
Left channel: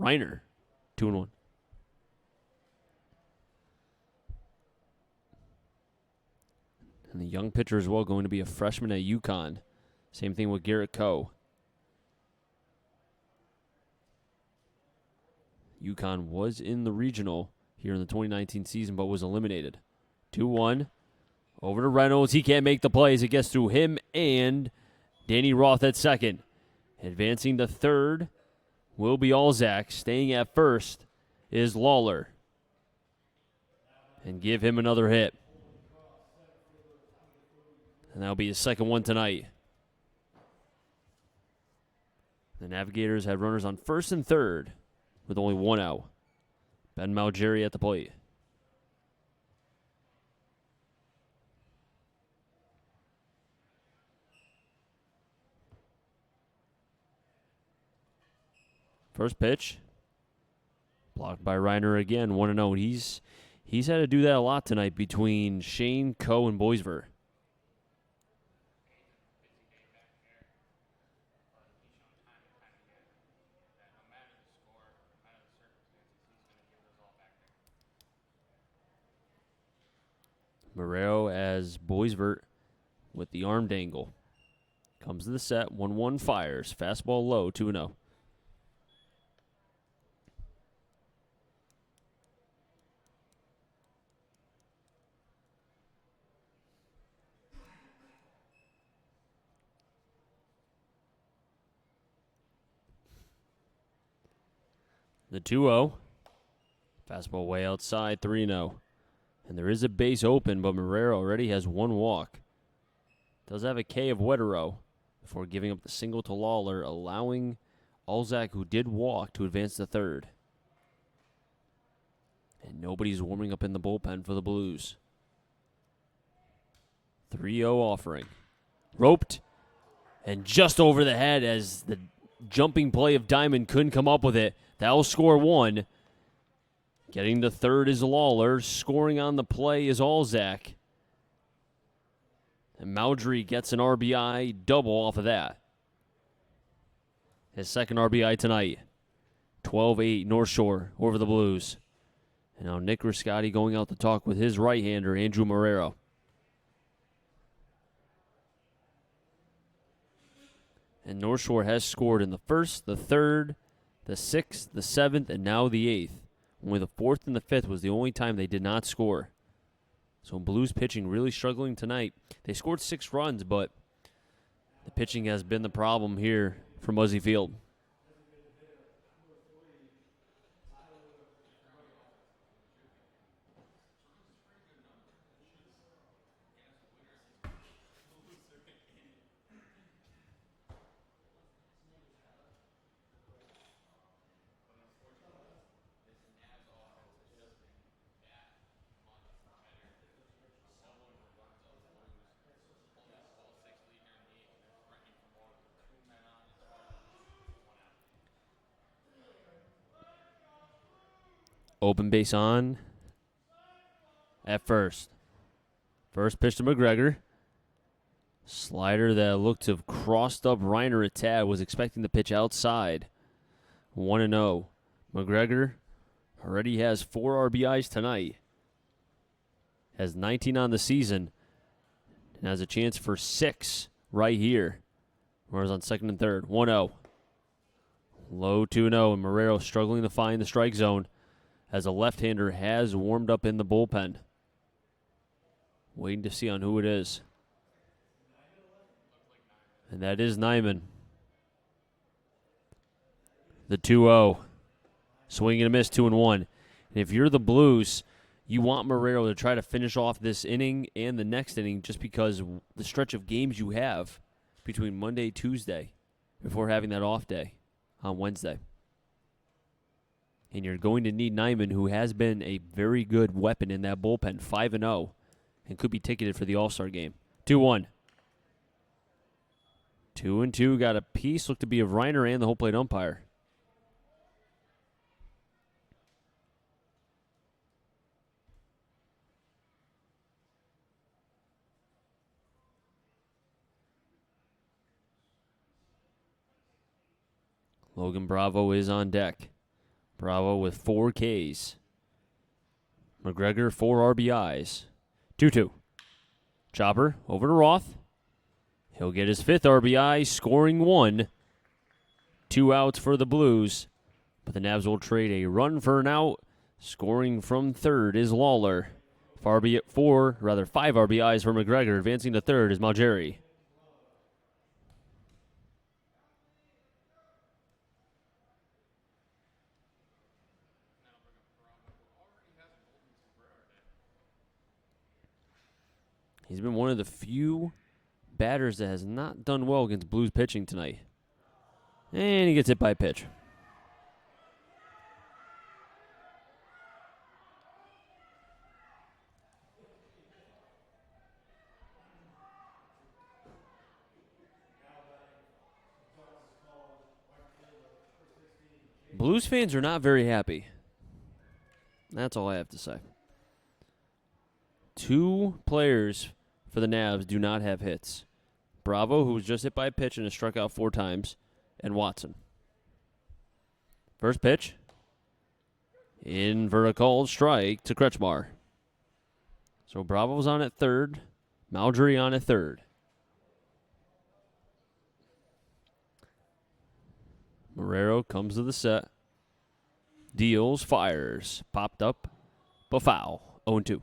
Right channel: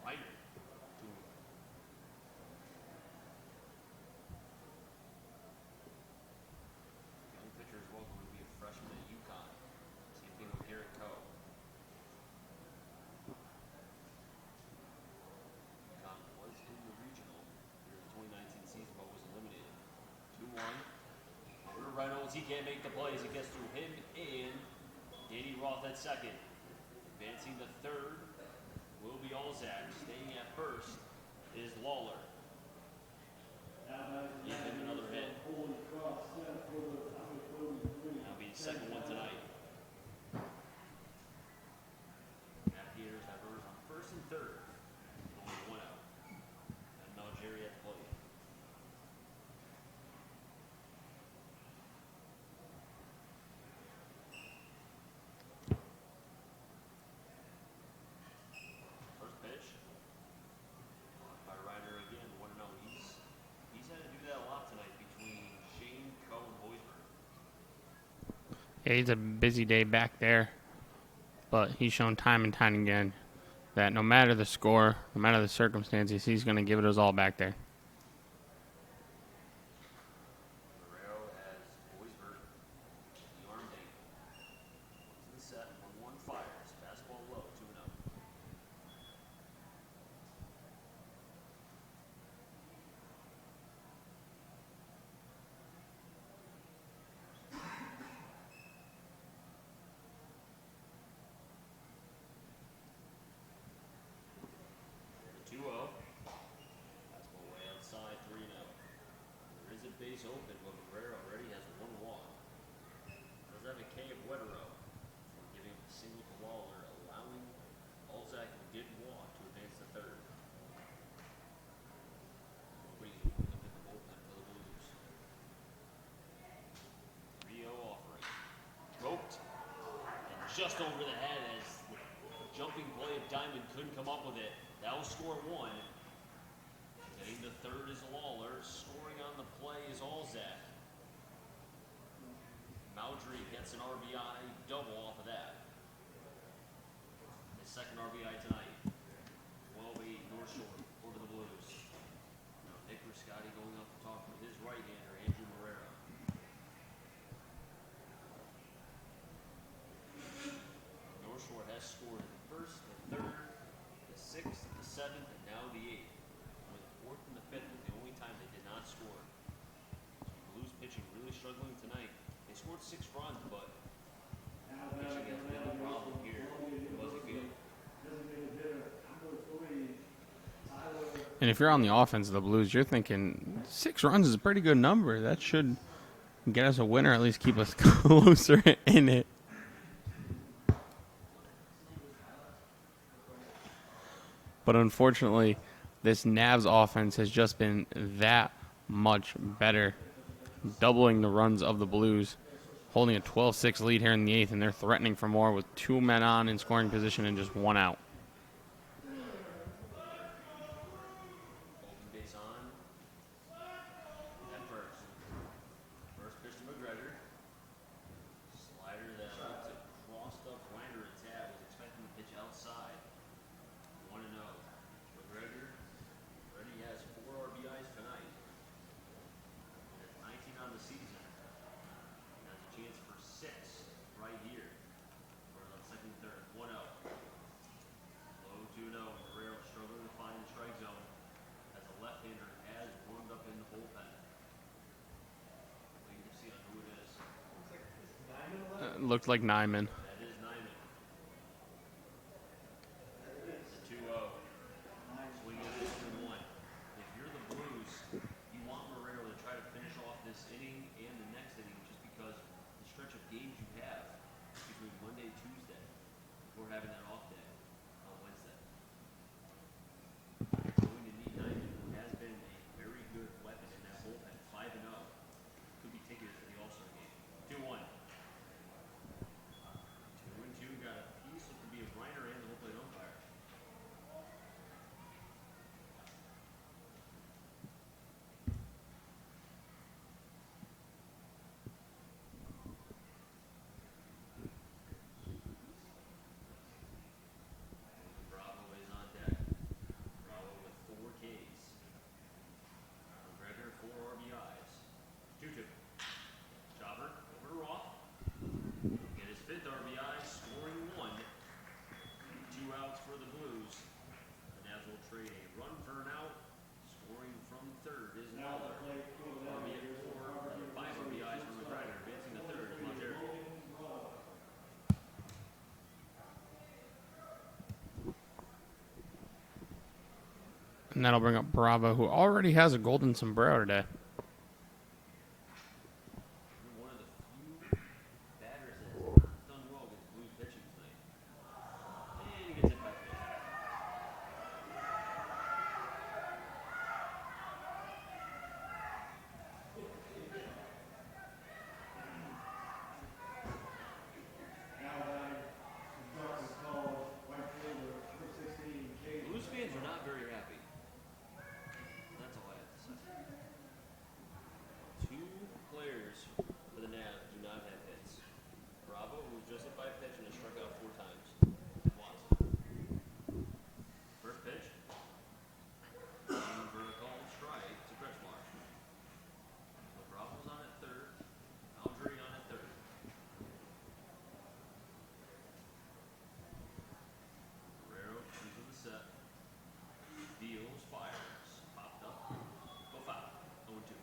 Reiner, 2-1. And the young pitcher as well, going to be a freshman at UConn. Same thing with Garrett Coe. UConn was in the regional here in the 2019 season, but was eliminated. 2-1. Over to Reynolds. He can't make the plays. It gets through him and Danny Roth at second. Advancing to third will be Alzak. Staying at first is Lawler. And give him another hit. And that'll be his second one tonight. The Navigators had runners on first and third with only one out. Ben Malgeri at the plate. First pitch. Blocked by Reiner again, 1-0. He's had to do that a lot tonight between Shane, Coe, and Boisver. Yeah, he's a busy day back there. But he's shown time and time again that no matter the score, no matter the circumstances, he's going to give it his all back there. Marrero as Boisvert with the arm dangle. Comes to the set, 1-1 fires. Fastball low, 2-0. The 2-0. Fastball way outside, 3-0. And there is a base open, but Marrero already has one walk. Does have a K of Wetero before giving up the single to Lawler, allowing Alzak, who did walk, to advance to third. And nobody's warming up in the bullpen for the Blues. 3-0 offering. Roped. And just over the head as the jumping play of Diamond couldn't come up with it. That will score one. Getting to third is Lawler. Scoring on the play is Alzak. And Maudry gets an RBI double off of that. His second RBI tonight. 12-8 North Shore over the Blues. And now Nick Riscotti going out to talk with his right-hander, Andrew Marrero. And North Shore has scored in the first, the third, the 6th, the 7th, and now the 8th. Only the 4th and the 5th was the only time they did not score. So Blues pitching really struggling tonight. They scored 6 runs, but the pitching has been the problem here for Muzzy Field. And if you're on the offense of the Blues, you're thinking 6 runs is a pretty good number. That should get us a winner, at least keep us closer in it. But unfortunately, this Navs offense has just been that much better, doubling the runs of the Blues, holding a 12-6 lead here in the 8th, and they're threatening for more with 2 men on in scoring position and just 1 out. Open base on at first. First pitch to McGregor. Slider that looked to have crossed up Reiner a tad, was expecting the pitch outside. 1-0. McGregor already has 4 RBIs tonight. Has 19 on the season. And has a chance for 6 right here. Marrero's on second and third. 1-0. Low 2-0. And Marrero struggling to find the strike zone as a left-hander has warmed up in the bullpen. Waiting to see on who it is. Looked like Nyman. And that is Nyman. The 2-0. Swing and a miss, 2-1. And if you're the Blues, you want Marrero to try to finish off this inning and the next inning just because the stretch of games you have between Monday, Tuesday, before having that off day on Wednesday. And you're going to need Nyman, who has been a very good weapon in that bullpen, 5-0, and could be ticketed for the All-Star game. 2-1. 2-2, got a piece, looked to be of Reiner and the home plate umpire. Logan Bravo is on deck. Bravo with 4 Ks. McGregor, 4 RBIs. 2-2. Chopper over to Roth. He'll get his 5th RBI, scoring 1. 2 outs for the Blues. But the Navs will trade a run for an out. Scoring from third is Lawler. 5 RBIs for McGregor. Advancing to third is Malgeri. And that'll bring up Bravo, who already has a golden sombrero today. He's been one of the few batters that has not done well against Blues pitching tonight. And he gets hit by a pitch. Blues fans are not very happy. That's all I have to say. 2 players for the Navs do not have hits. Bravo, who was just hit by a pitch and has struck out 4 times, and Watson. First pitch. In for a called strike to Kretschmar. So Bravo's on at third. Malgeri on at third. Marrero comes to the set. Deals, fires. Popped up, but foul. 0-2.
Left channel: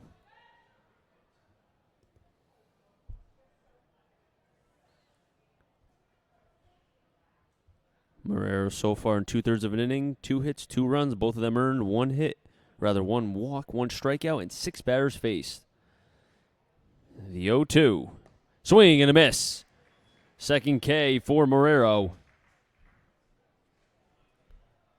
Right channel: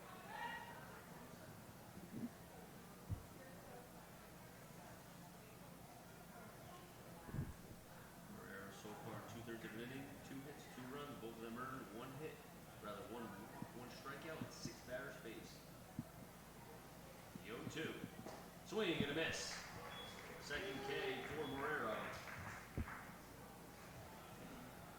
Marrero so far in 2/3 of an inning, 2 hits, 2 runs, both of them earned, 1 walk, 1 strikeout, and 6 batters faced. The 0-2. Swing and a miss. Second K for Marrero.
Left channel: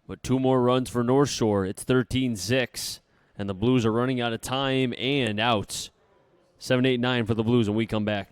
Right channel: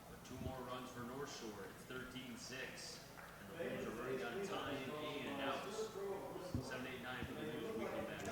But 2 more runs for North Shore. It's 13-6. And the Blues are running out of time and outs. 7-8-9 for the Blues when we come back.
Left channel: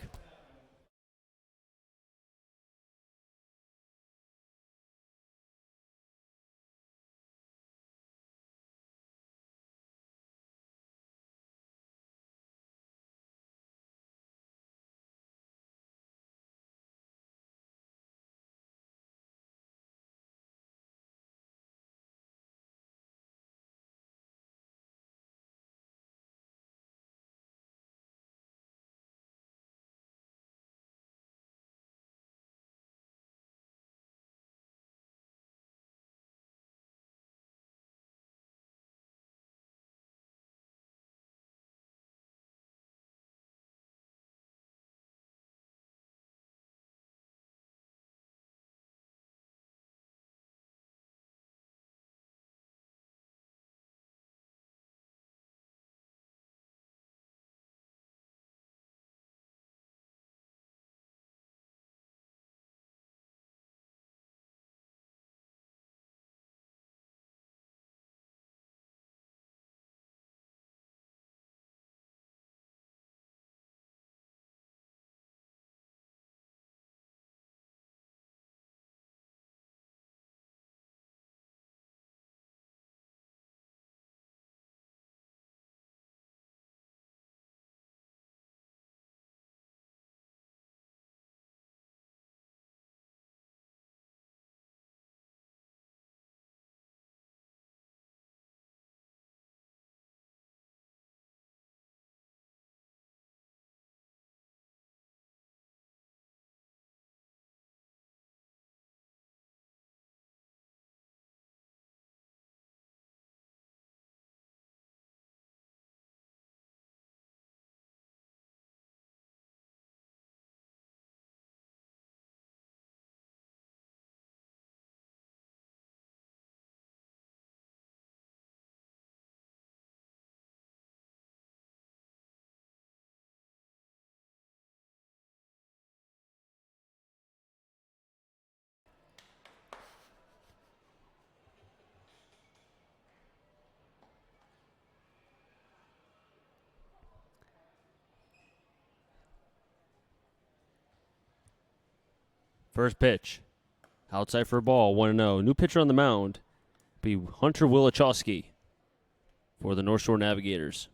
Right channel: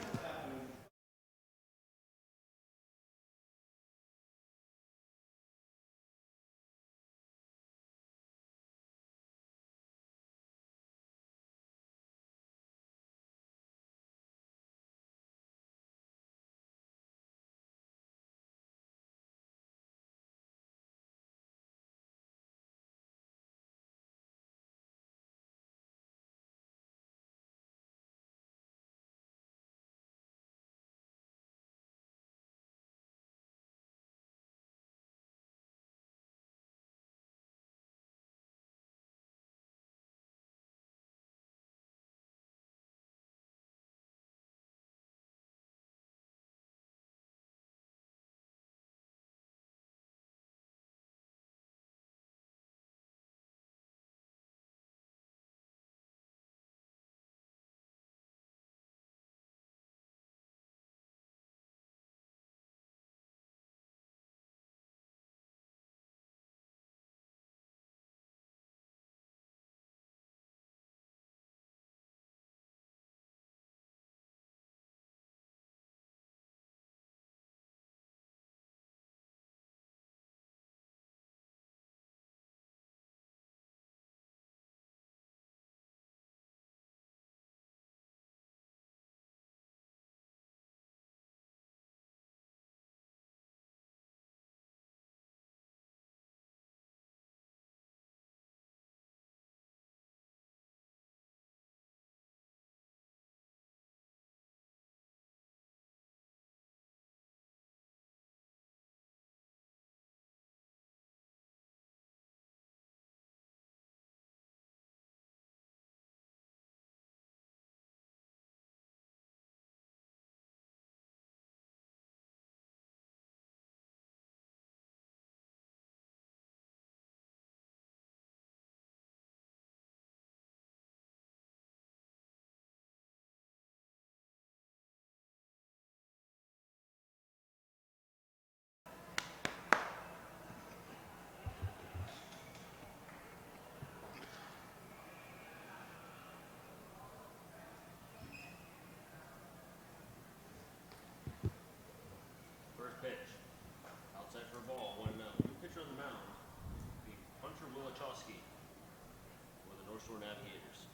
First pitch. Outside for a ball, 1-0. New pitcher on the mound be Hunter Wilachowski for the North Shore Navigators.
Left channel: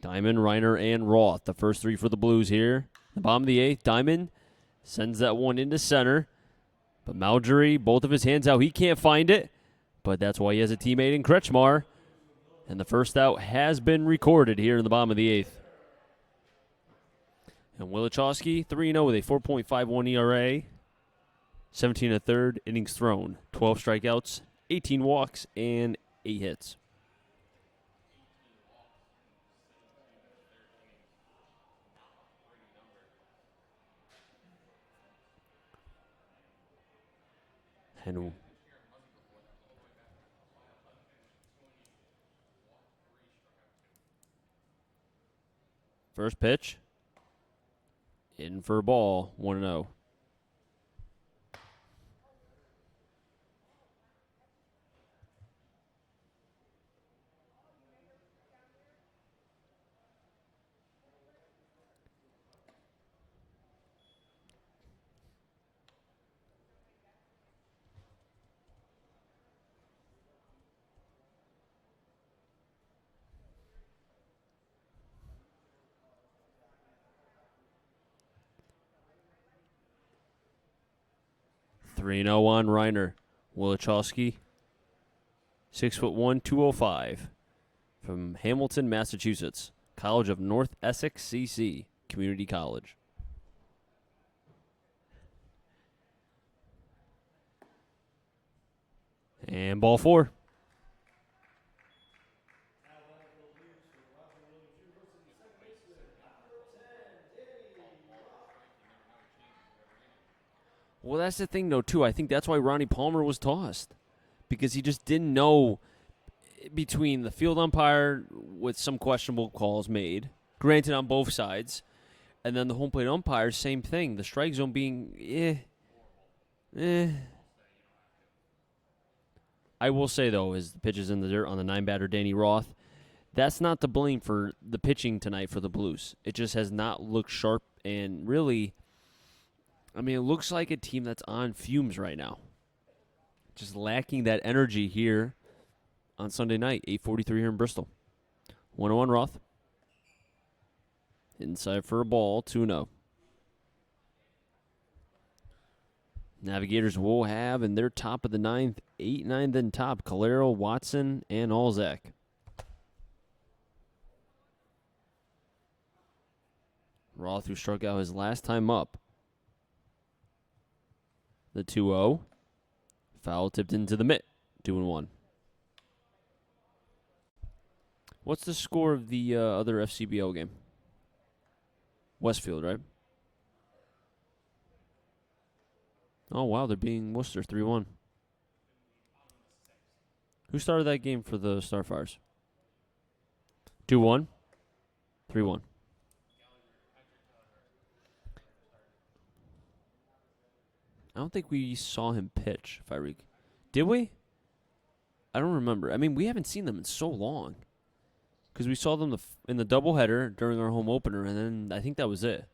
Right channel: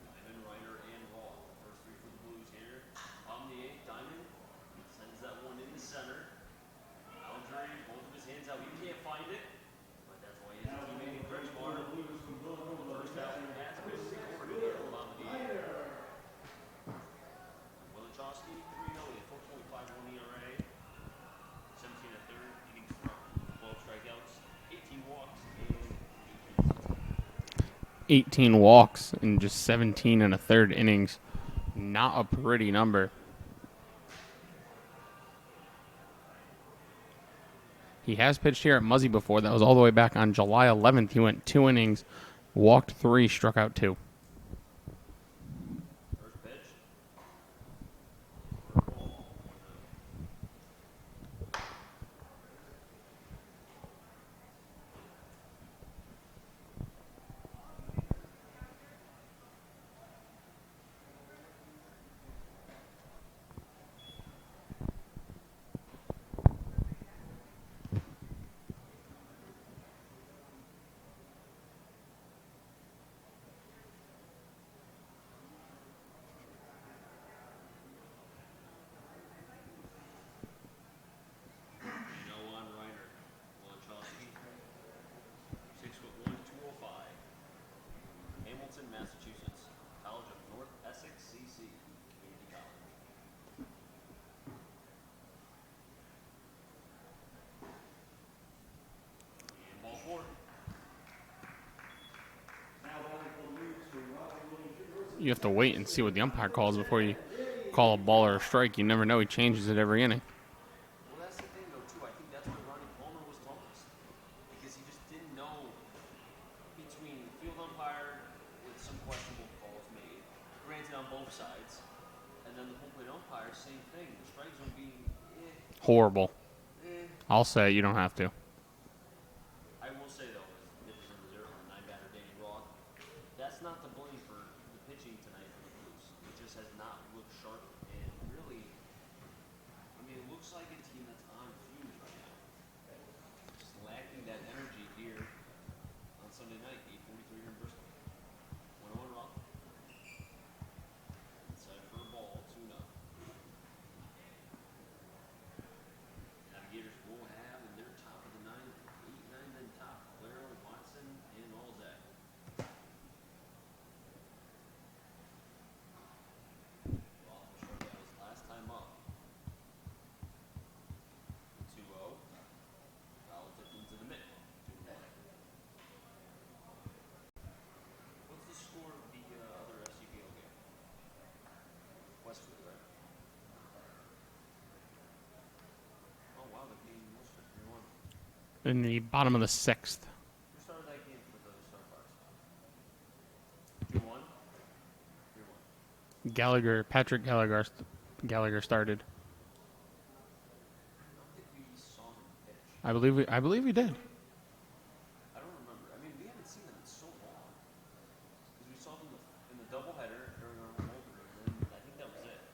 Diamond, Reiner, and Roth, the first 3 for the Blues here. Bottom of the 8th, Diamond sends that one into center. But Malgeri, both of his hands out. He can't find it, but that's why he has a teammate in Kretschmar. And the first out has been recorded here in the bottom of the 8th. And Wilachowski, 3-0 with a 4.51 ERA. 17 and a third, innings thrown. 12 strikeouts, 18 walks, and 8 hits. 18 walks in just 17 and a third innings. Not a pretty number. He has pitched here at Muzzy before. That was all the way back on July 11th. He went 2 innings, walked 3, struck out 2. First pitch. In for a ball, 1-0. Three 0 on Reiner. Wilichowski, 6'1", 205, from Hamilton, Massachusetts. College of North Essex, CC, Community College. And ball 4. You have to wait and see what the umpire calls before you call a ball or a strike. You never know. He changes it every inning. Well, that's the thing, though, too. I think that's why Ronnie Palmer was tossed, because he just didn't know between the field umpire with some questionable calls made, granted on both sides, and then the home plate umpire, same thing. The strike zone being, Horrible. I'll say you don't have to. I will say, though, as the pitch is in the dirt on the 9-batter Danny Roth, that's not to blame for the pitching tonight for the Blues. It just has not looked sharp, and really, I mean, it looks like a team that's on fumes right now. Just lacking that energy here on Sunday night, 8:43 here in Bristol. 1-0 Roth. Inside for a ball, 2-0. Navigators will have in their top of the 9th, 8-9 then top, Calero, Watson, and Alzak. Roth, who struck out his last time up. The 2-0. Foul tipped into the mitt. 2-1. What's the score of the other FCBO game? Westfield, right? Oh, wow. They're beating Worcester 3-1. In the bottom of the 6th. Who started that game for the Starfires? 2-1? 3-1. Patrick Gallagher started. I don't think we saw him pitch. I believe we did. Did we? I don't remember. I mean, we haven't seen them in so long. Because we saw them in the doubleheader during our home opener, and then I think that was it.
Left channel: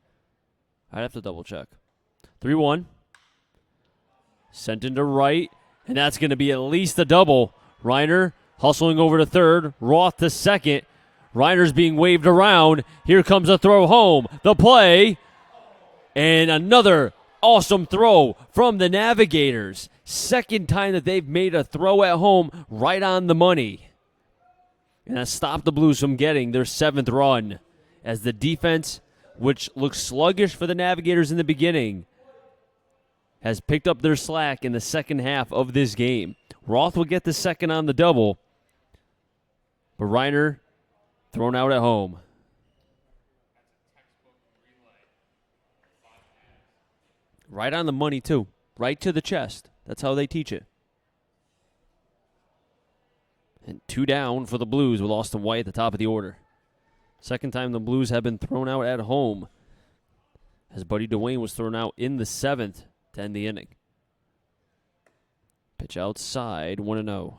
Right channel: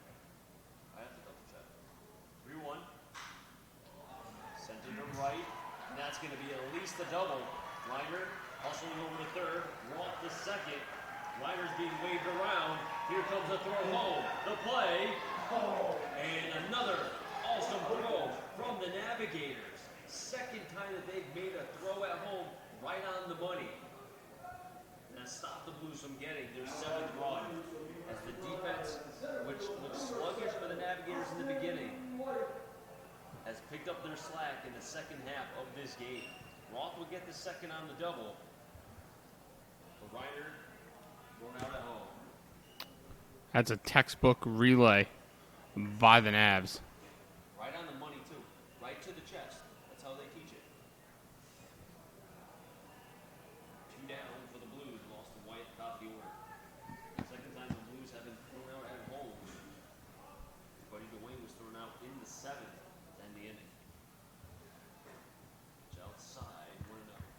I'd have to double check. 3-1. Sent into right, and that's going to be at least a double. Reiner hustling over to third. Roth to second. Reiner's being waved around. Here comes a throw home. The play. And another awesome throw from the Navigators. Second time that they've made a throw at home right on the money. And that stopped the Blues from getting their 7th run. As the defense, which looked sluggish for the Navigators in the beginning, has picked up their slack in the second half of this game. Roth will get the second on the double. But Reiner thrown out at home. That's a textbook relay by the Navs. Right on the money, too. Right to the chest. That's how they teach it. And 2 down for the Blues with Austin White at the top of the order. Second time the Blues have been thrown out at home, as Buddy Dwayne was thrown out in the 7th to end the inning. Pitch outside, 1-0.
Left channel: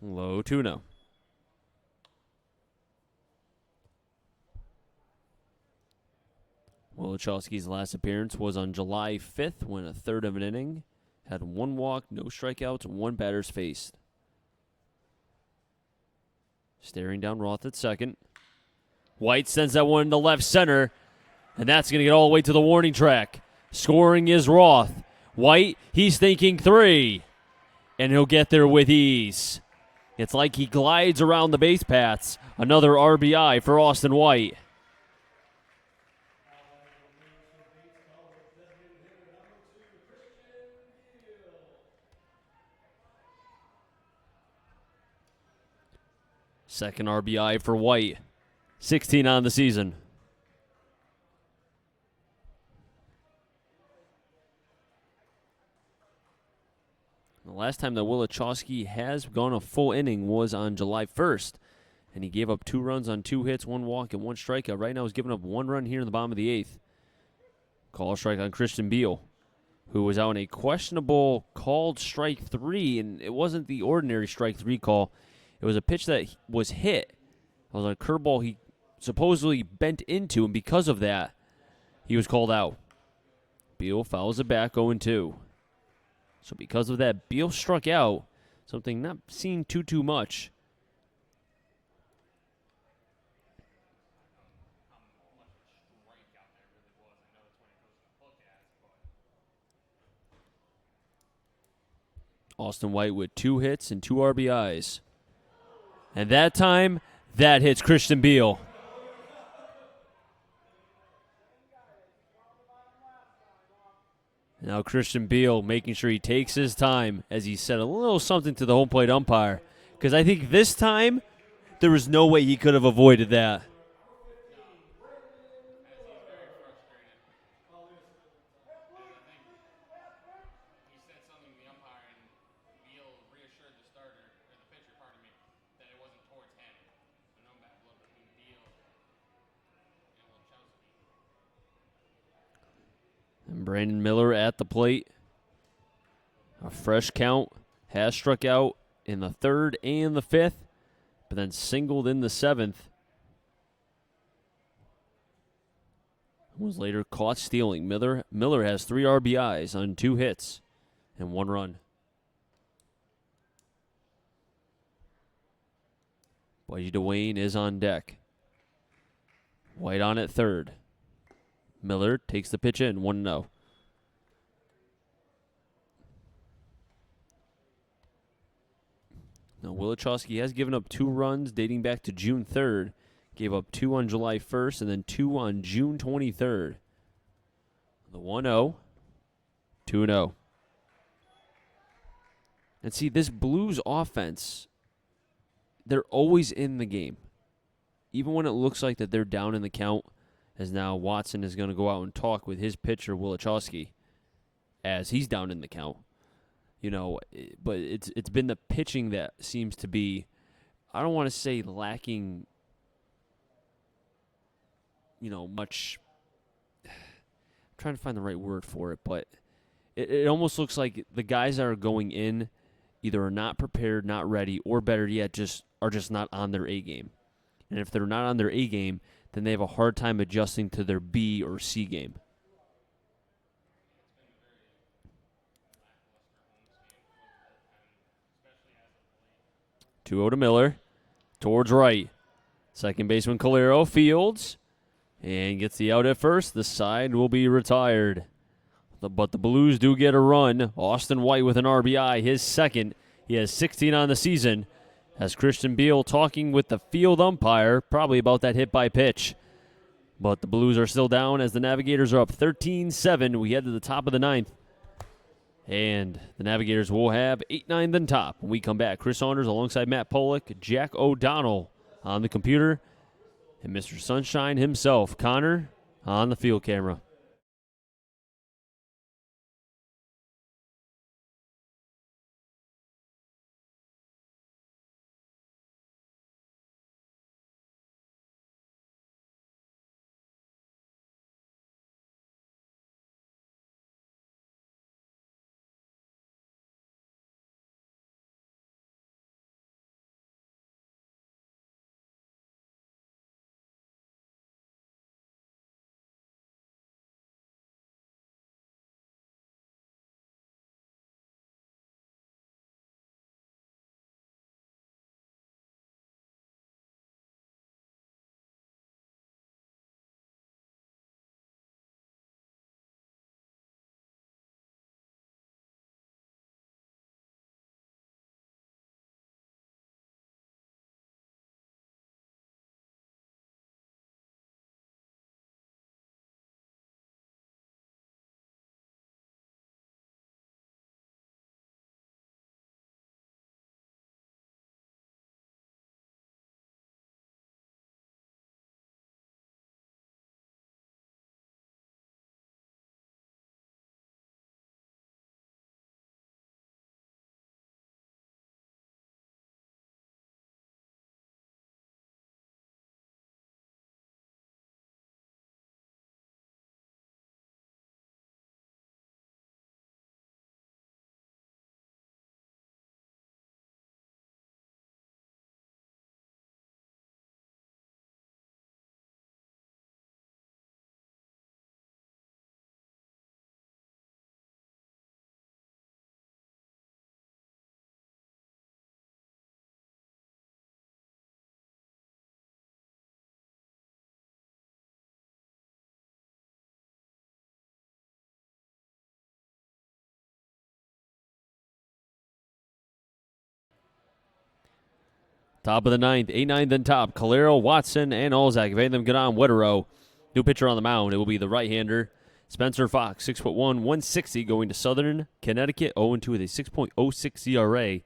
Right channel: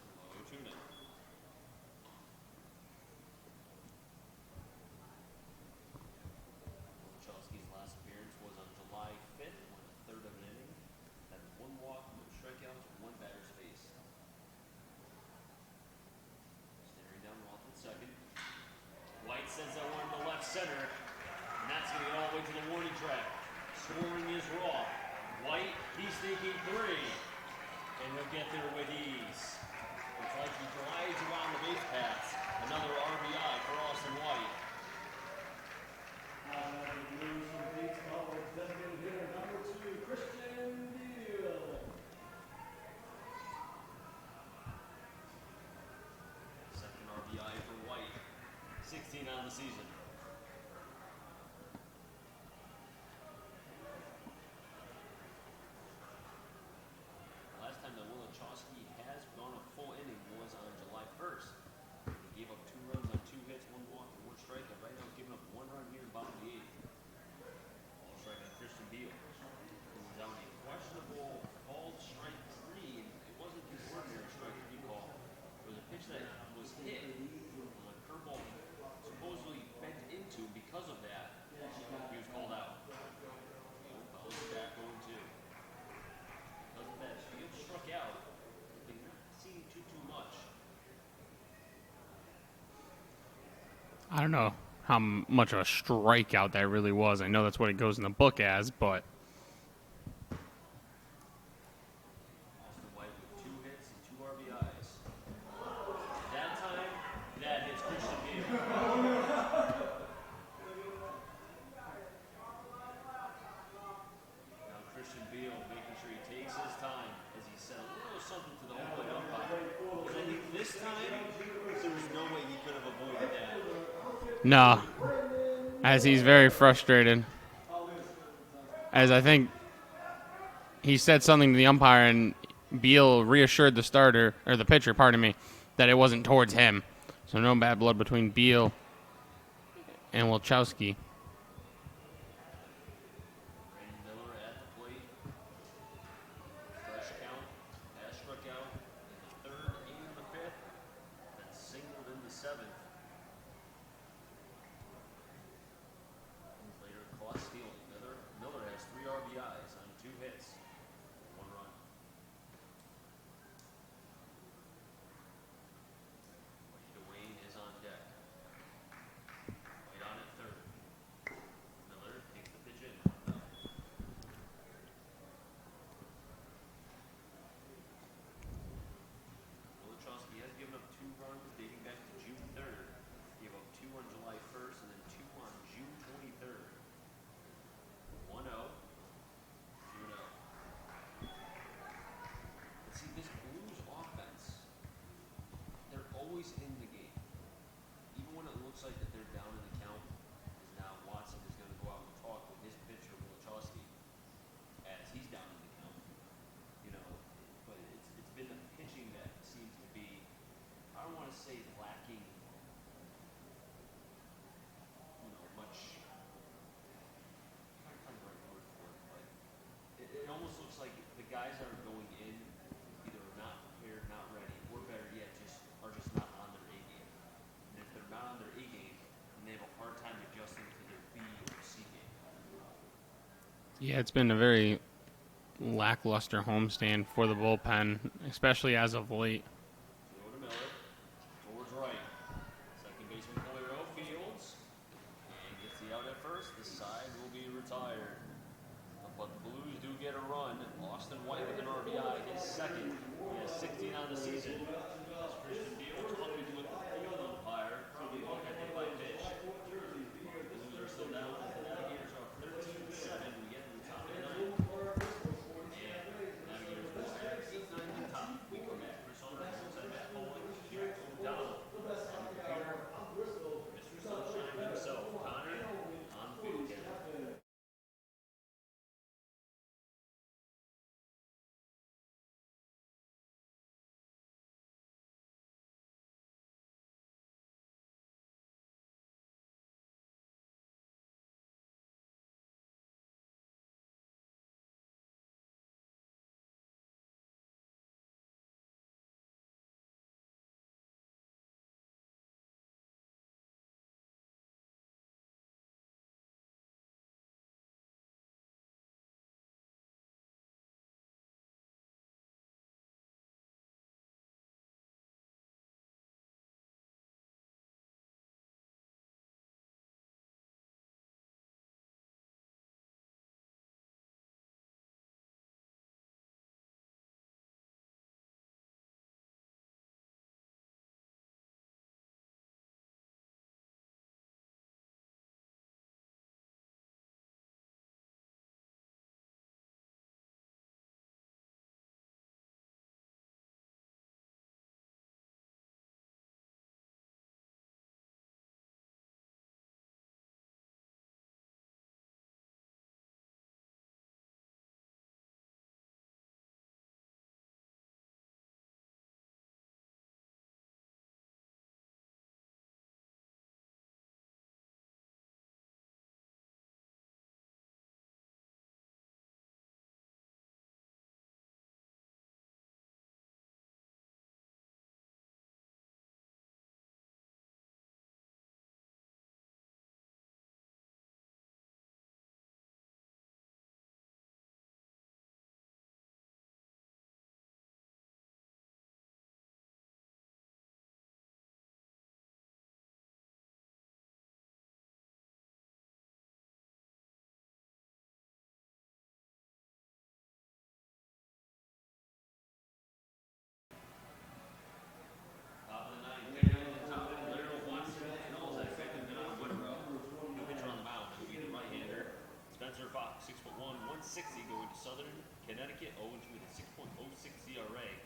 Low 2-0. Wilichowski's last appearance was on July 5th when a third of an inning had 1 walk, no strikeouts, 1 batters faced. Staring down Roth at second. White sends that one to left center, and that's going to get all the way to the warning track. Scoring is Roth. White, he's thinking 3. And he'll get there with ease. It's like he glides around the base paths. Another RBI for Austin White. Second RBI for White. 16 on the season. The last time that Wilachowski has gone a full inning was on July 1st. And he gave up 2 runs on 2 hits, 1 walk, and 1 strikeout. Right now he's giving up 1 run here in the bottom of the 8th. Call strike on Christian Beal, who was out in a questionable called strike 3, and it wasn't the ordinary strike 3 call. It was a pitch that was hit. It was a curveball he supposedly bent into, and because of that, he was called out. Beal fouls it back 0-2. So because of that, Beal struck out, something not seen too much. I don't know how much of a strikeout that really was. I know that's what it goes in the book as, but Austin White with 2 hits and 2 RBIs. And that time, that hits Christian Beal. Now Christian Beal making sure he takes his time as he said a little something to the home plate umpire. Because I think this time, there was no way he could have avoided that. no, as he's very frustrated. As I think he said something to the umpire, and Beal reassured the starter, or the pitcher, pardon me, that it wasn't towards him. So no bad blood between Beal and Wilachowski. Brandon Miller at the plate. A fresh count. Has struck out in the 3rd and the 5th, but then singled in the 7th. Was later caught stealing. Miller has 3 RBIs on 2 hits and 1 run. Budgie DeWayne is on deck. White on at 3rd. Miller takes the pitch in, 1-0. Now, Wilachowski has given up 2 runs dating back to June 3rd. Gave up 2 on July 1st and then 2 on June 23rd. The 1-0, 2-0. And see, this Blues offense, they're always in the game. Even when it looks like that they're down in the count, as now Watson is going to go out and talk with his pitcher, Wilachowski, as he's down in the count. You know, but it's been the pitching that seems to be, I don't want to say lacking, much. I'm trying to find the right word for it, but it almost looks like the guys that are going in either are not prepared, not ready, or better yet, are just not on their A game. And if they're not on their A game, then they have a hard time adjusting to their B or C game. Yeah, it's been a very lackluster homestand for the bullpen, especially as of late. 2-0 to Miller, towards right. Second baseman Calero fields and gets the out at first. The side will be retired. But the Blues do get a run. Austin White with an RBI, his second. He has 16 on the season. As Christian Beal talking with the field umpire, probably about that hit by pitch. But the Blues are still down as the Navigators are up 13-7. We head to the top of the 9th. And the Navigators will have 8-9 then top. When we come back, Chris Saunders alongside Matt Pollock, Jack O'Donnell on the computer, and Mr. Sunshine himself, Connor, on the field camera. Top of the ninth, 8-9 then top. Calero, Watson, and Olzak. If any of them get on, Wetterow. New pitcher on the mound. It will be the right-hander, Spencer Fox, 6'1", 160, going to Southern Connecticut, 0-2 with a 6.06 ERA.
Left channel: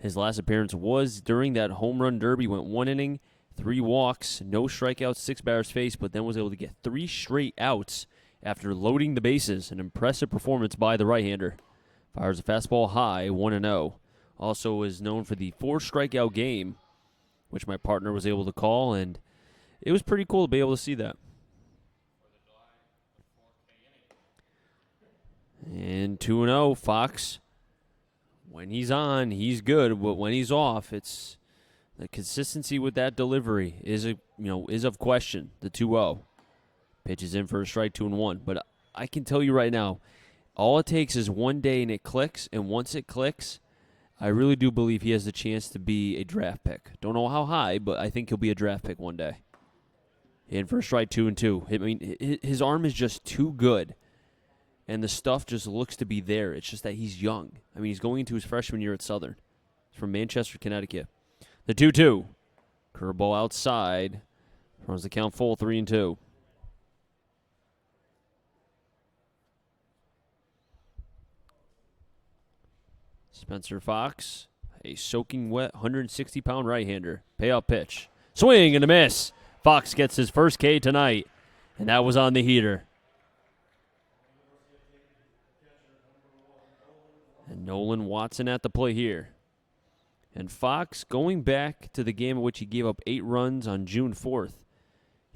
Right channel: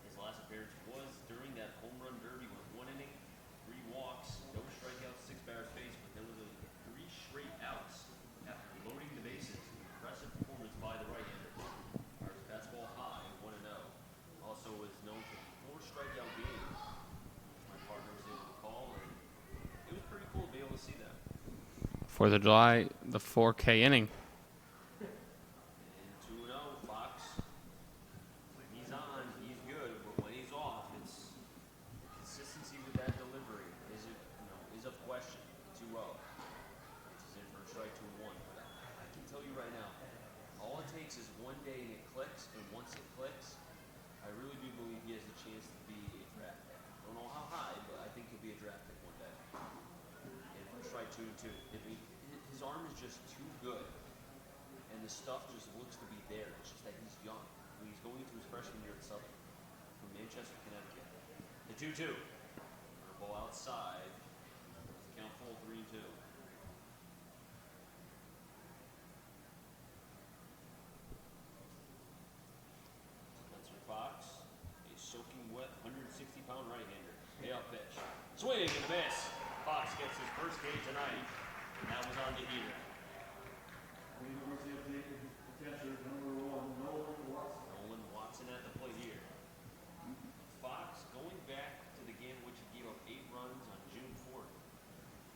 His last appearance was during that home run derby. Went 1 inning, 3 walks, no strikeouts, 6 batters faced, but then was able to get 3 straight outs after loading the bases. An impressive performance by the right-hander. Fires a fastball high, 1-0. Also is known for the 4 strikeout game, which my partner was able to call, and it was pretty cool to be able to see that. 4th of July, the 4K inning. And 2-0, Fox. When he's on, he's good, but when he's off, it's the consistency with that delivery is of question. The 2-0 pitches in for a strike, 2-1. But I can tell you right now, all it takes is one day and it clicks, and once it clicks, I really do believe he has the chance to be a draft pick. Don't know how high, but I think he'll be a draft pick one day. In for a strike, 2-2. I mean, his arm is just too good, and the stuff just looks to be there. It's just that he's young. I mean, he's going into his freshman year at Southern. He's from Manchester, Connecticut. The 2-2. Curveball outside. Runs the count full, 3-2. Spencer Fox, a soaking wet 160-pound right-hander. Payoff pitch. Swing and a miss. Fox gets his first K tonight, and that was on the heater. And Nolan Watson at the plate here. And Fox, going back to the game in which he gave up 8 runs on June 4th,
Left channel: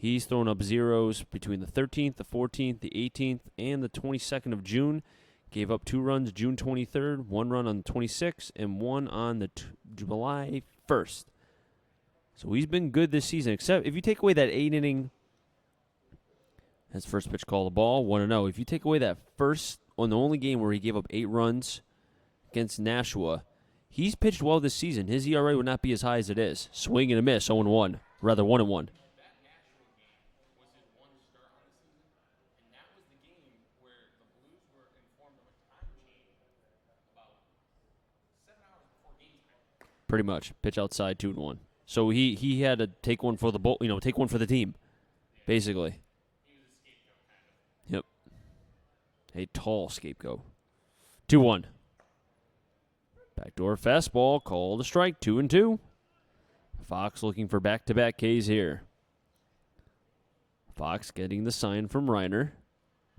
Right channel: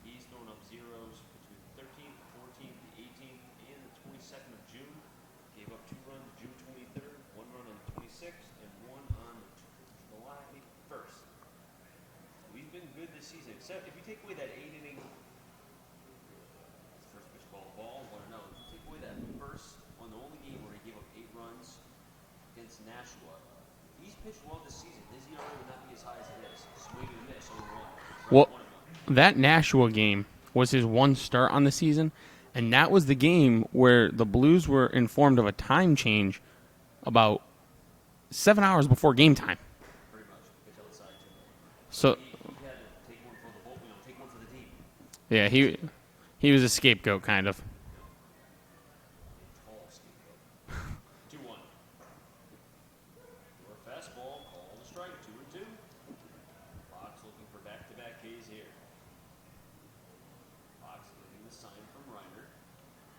he's thrown up zeros between the 13th, the 14th, the 18th, and the 22nd of June. Gave up 2 runs June 23rd, 1 run on the 26th, and 1 on the July 1st. So he's been good this season, except if you take away that 8-inning, his first pitch call the ball, 1-0. If you take away that first, on the only game where he gave up 8 runs against Nashua, he's pitched well this season. His ERA would not be as high as it is. Swing and a miss, 0-1, rather 1-1. That Nashua game was his 1 start on the season, and that was the game where the Blues were informed of a time change about 7 hours before game time. Pretty much. Pitch outside, 2-1. So he had to take one for the take one for the team. Yeah, basically. He was a scapegoat, kind of. Yep. A tall scapegoat. 2-1. Backdoor fastball, called a strike, 2-2. Fox looking for back-to-back Ks here. Fox getting the sign from Reiner.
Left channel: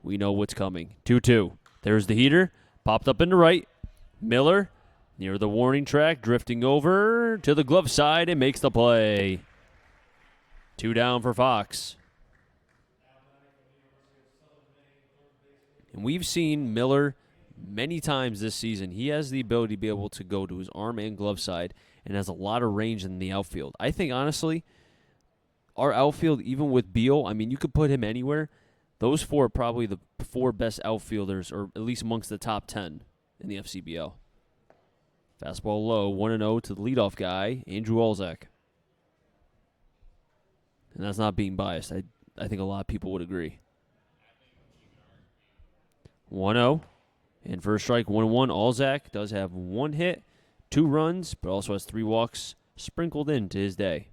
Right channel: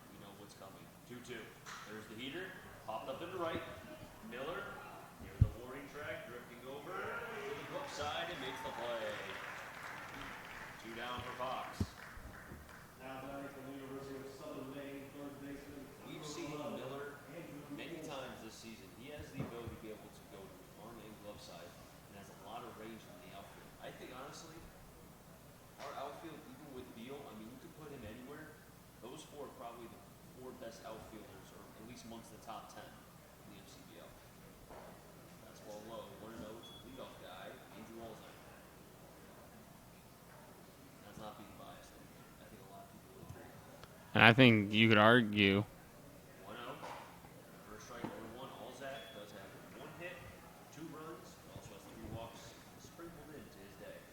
We know what's coming. 2-2. There's the heater. Popped up into right. Miller near the warning track, drifting over to the glove side and makes the play. 2 down for Fox. And we've seen Miller many times this season. He has the ability to be able to go to his arm and glove side and has a lot of range in the outfield. I think, honestly, our outfield, even with Beal, I mean, you could put him anywhere. Those 4 are probably the 4 best outfielders, or at least amongst the top 10 in the FCBL. Fastball low, 1-0 to the leadoff guy, Andrew Olzak. And that's not being biased. I think a lot of people would agree. And I think you could argue 1-0. And first strike, 1-1. Olzak does have 1 hit, 2 runs, but also has 3 walks sprinkled into his day.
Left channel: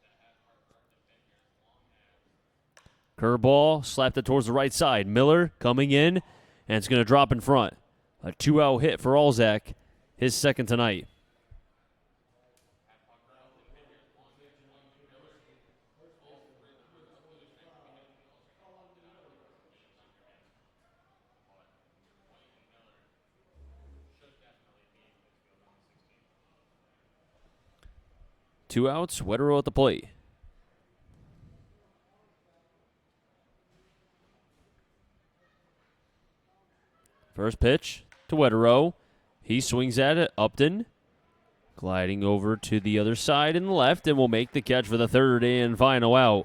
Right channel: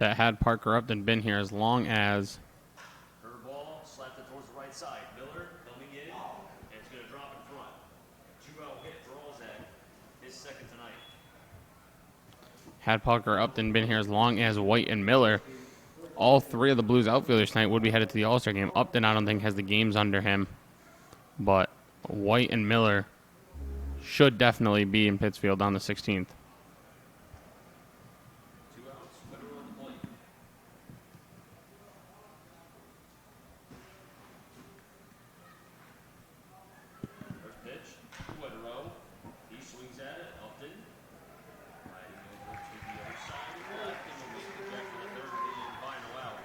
that had Parker Upton been here as long as. Curveball, slapped it towards the right side. Miller coming in, and it's going to drop in front. A 2-out hit for Olzak, his second tonight. Had Parker Upton been here as long as White and Miller, all 3 of the Blues outfielders tonight would be headed to the All-Star game. Upton, I don't think, has the games under him, but White and Miller should definitely be in Pittsfield on the 16th. 2 outs, Wetterow at the plate. First pitch to Wetterow. He swings at it. Upton gliding over to the other side in the left and will make the catch for the third and final out.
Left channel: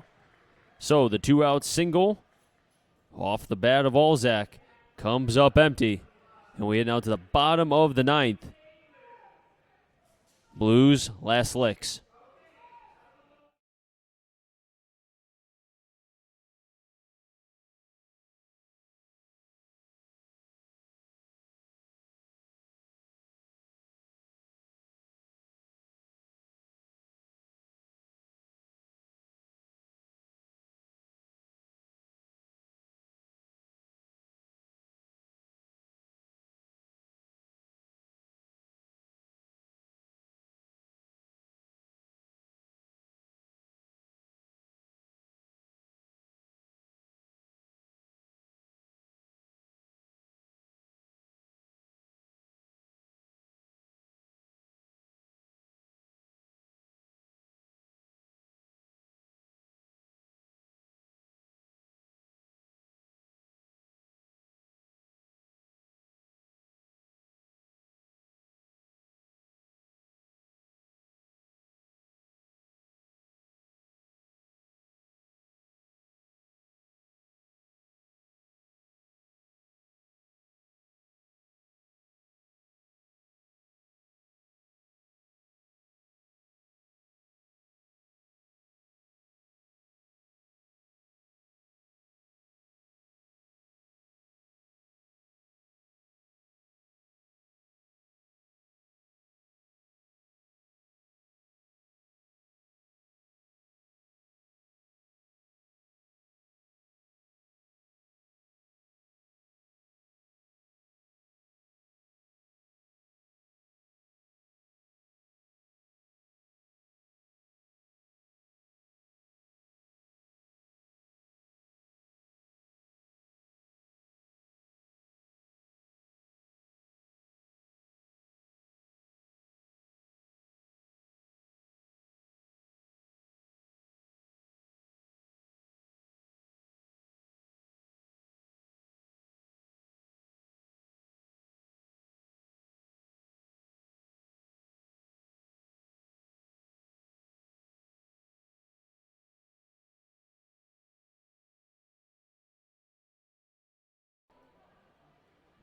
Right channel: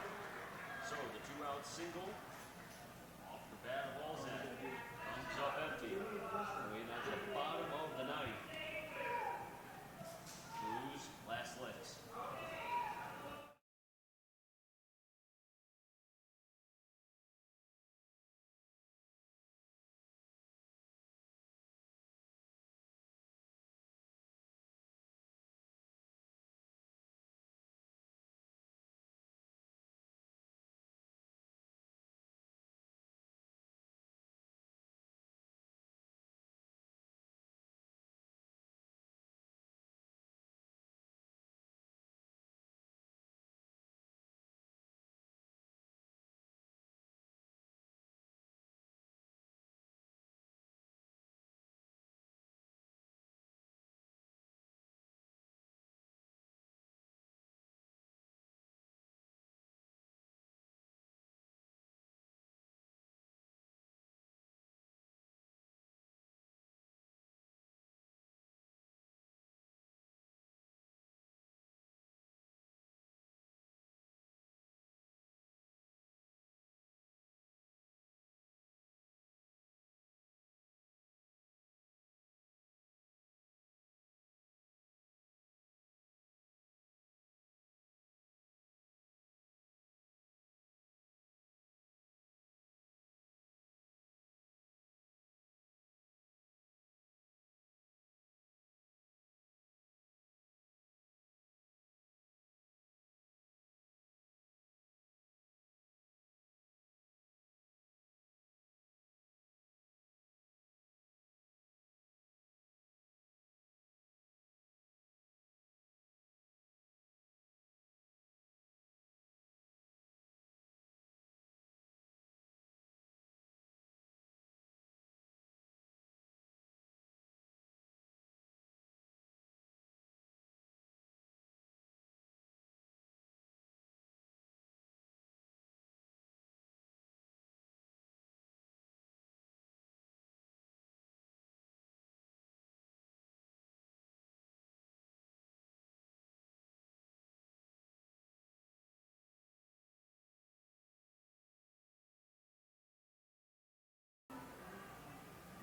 So the 2-out single off the bat of Olzak comes up empty. And we head now to the bottom of the 9th. Blues last licks.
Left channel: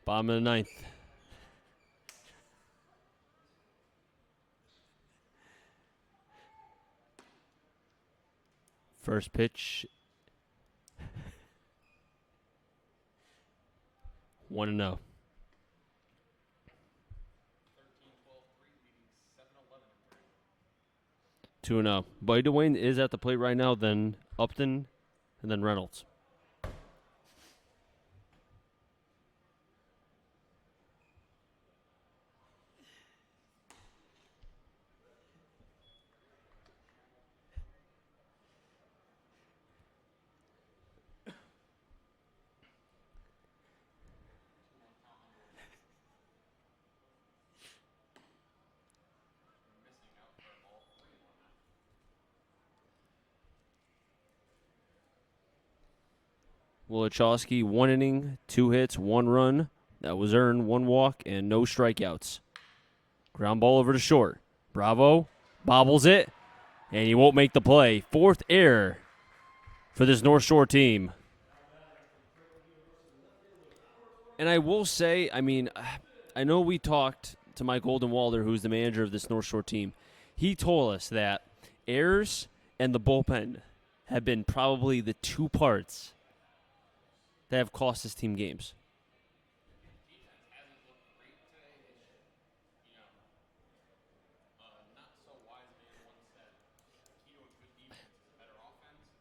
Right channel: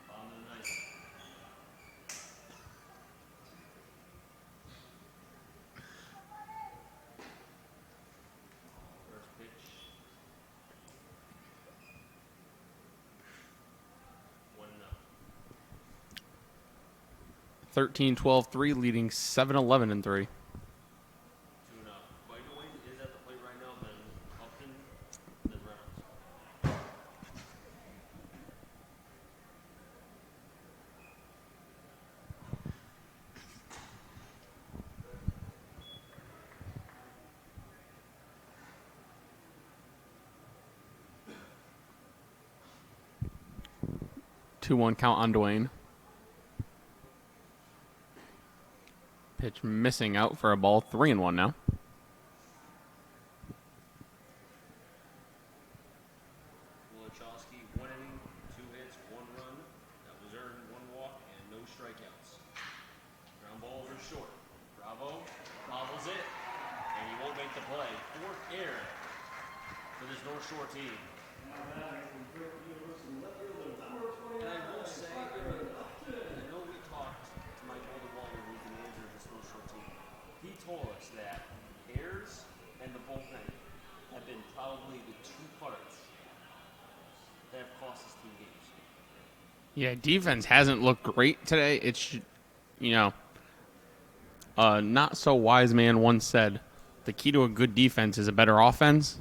Bottom of the ninth. First pitch. 1-0. 13-12-3, leading 7-11-3. 2-0. Buddy Dwayne is at the plate right now, then Upton, and then Reynolds. Two one count on Dwayne. Pitch missing out for a ball. 3-1 now. Wilichowski, 1 inning, 2 hits, 1 run. That was earned, 1 walk, and no strikeouts. Ground ball over to short. Bravo bobbles it, and he won't make the play. 4th error for this North Shore team. And I will say, I mean, I know we talked to Mike Goldenwalder, who's the manager of this North Shore team. He told us that errors and the bullpen have been probably the 2 parts that have cost his team games. Yeah, defense hasn't looked great today. It's, not so wise man once said, the key to a good defense is a better offense.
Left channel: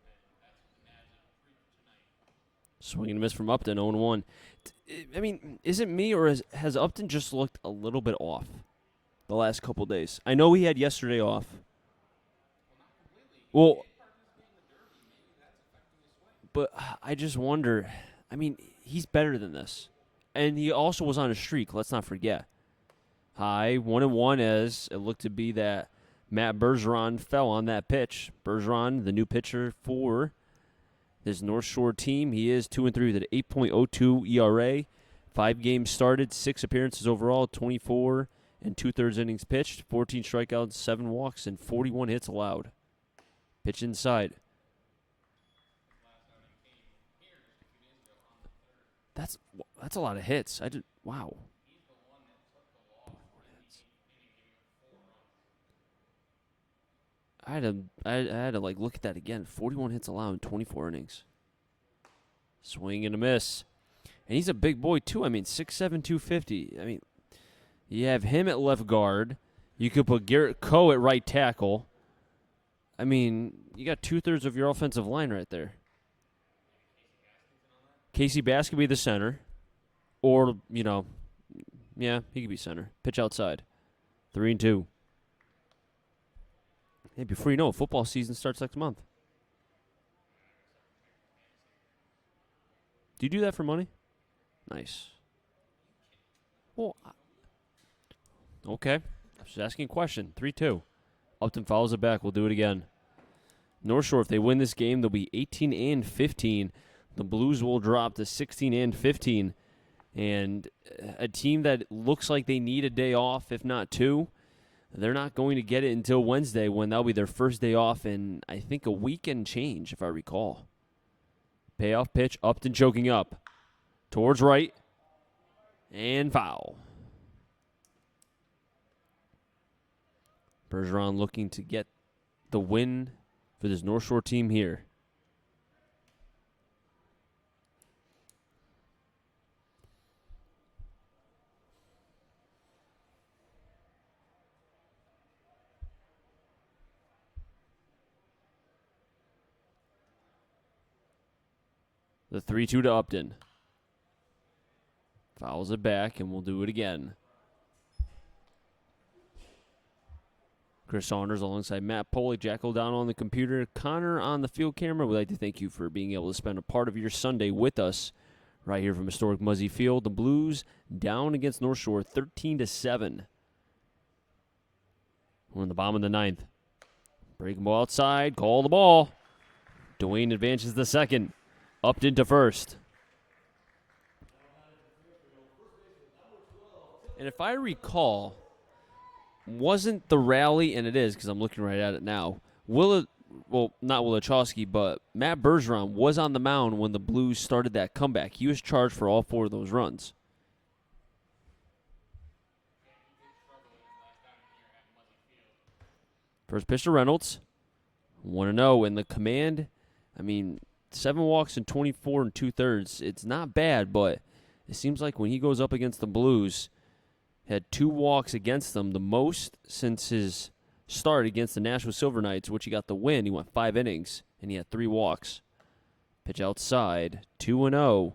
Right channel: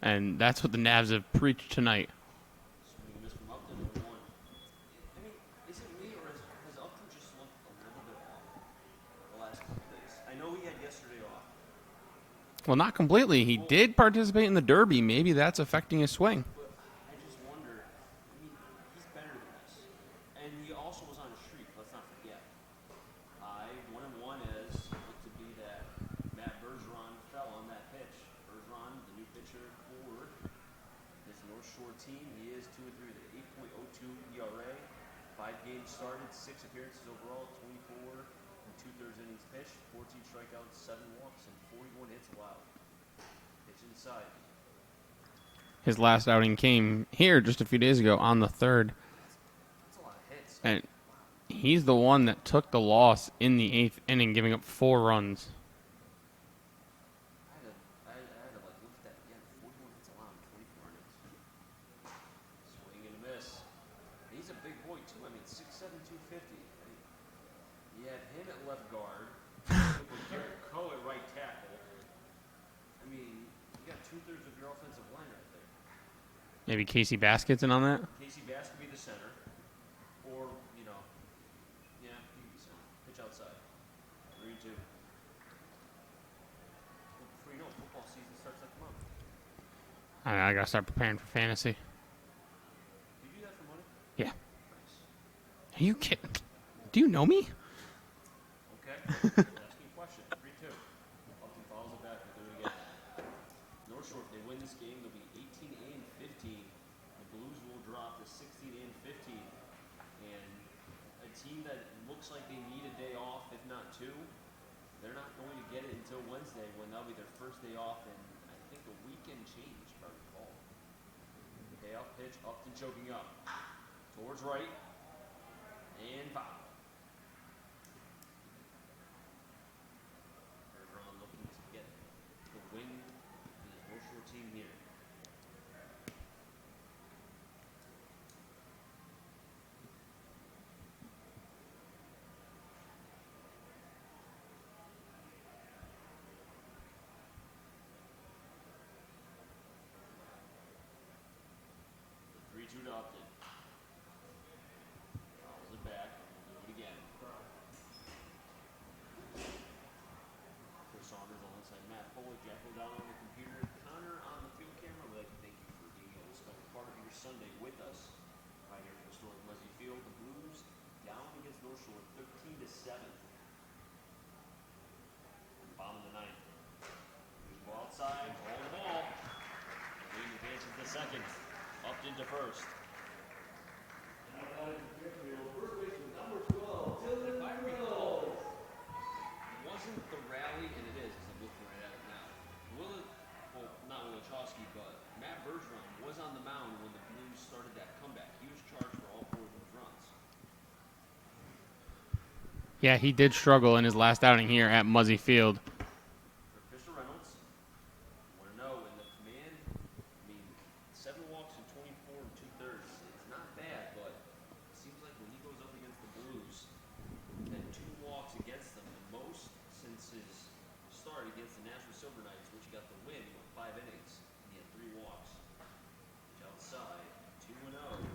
And that's what the Navs have preached tonight. Swing and a miss from Upton, 0-1. I mean, is it me, or has Upton just looked a little bit off the last couple days? I know he had yesterday off. Well, not completely. He did participate in the Derby. Maybe that's affecting his swing. But I just wonder, I mean, he's better than this. And he also was on a streak, let's not forget. High 1-1 as it looked to be that Matt Bergeron fell on that pitch. Bergeron, the new pitcher for this North Shore team. He is 2-3 with an 8.02 ERA. 5 games started, 6 appearances overall, 24 and 2/3 innings pitched, 14 strikeouts, 7 walks, and 41 hits allowed. Pitch inside. His last outing came here just a few days ago on the 3rd. That's a lot of hits. Wow. He's the one that took the loss in the 8th inning, giving up 4 runs. I had to look at that again. 41 hits allowed in 24 innings. Swing and a miss. And he's a big boy, too. I mean, 6'7", 250. I mean, you have him at left guard. You could put Garrett Coe at right tackle. I mean, you got 2/3 of your offensive line right there. Maybe Casey Baskett's in on that? Casey Bass could be the center. Or, yeah, he could be center. Pitch outside. 3-2. Hey, before you know it, football season starts next month. I got to start preparing for fantasy. Do you do that for money? Yeah. Nice. Are you kidding? Well, do you know me? Okay. Just asking a question. 3-2. Upton fouls it back. We'll do it again. North Shore, if they win this game, they'll be 18-15. The Blues will drop to 16-15. And a team that looks like they need a day off, if not 2, they're not going to get it until Wednesday, when that'll be their first day off in, I think, a week and change, if I recall. Payoff pitch, Upton choking up. Towards right. And foul. Bergeron looking to get the win for this North Shore team here. The 3-2 to Upton. Fouls it back, and we'll do it again. Chris Saunders alongside Matt Poley, Jack O'Donnell on the computer, Connor on the field camera. We'd like to thank you for being able to spend a part of your Sunday with us right here from historic Muzzy Field. The Blues down against North Shore 13-7. We're in the bottom of the 9th. Breaking ball outside, call the ball. Dwayne advances the second. Upton to first. And if I recall, wasn't the rally, and it is because I'm looking right at it now, well, not Wilichowski, but Matt Bergeron was on the mound when the Blues started that comeback. He was charged for all 4 of those runs. Yeah, he did struggle in his last outing here at Muzzy Field. First pitch to Reynolds. 1-0. And the command, 7 walks in 24 and 2/3. It's not bad, but it seems like when he goes up against the Blues, had 2 walks against them, the most since his start against the Nashville Silver Knights, which he got the win. He went 5 innings, and he had 3 walks. Pitch outside, 2-0.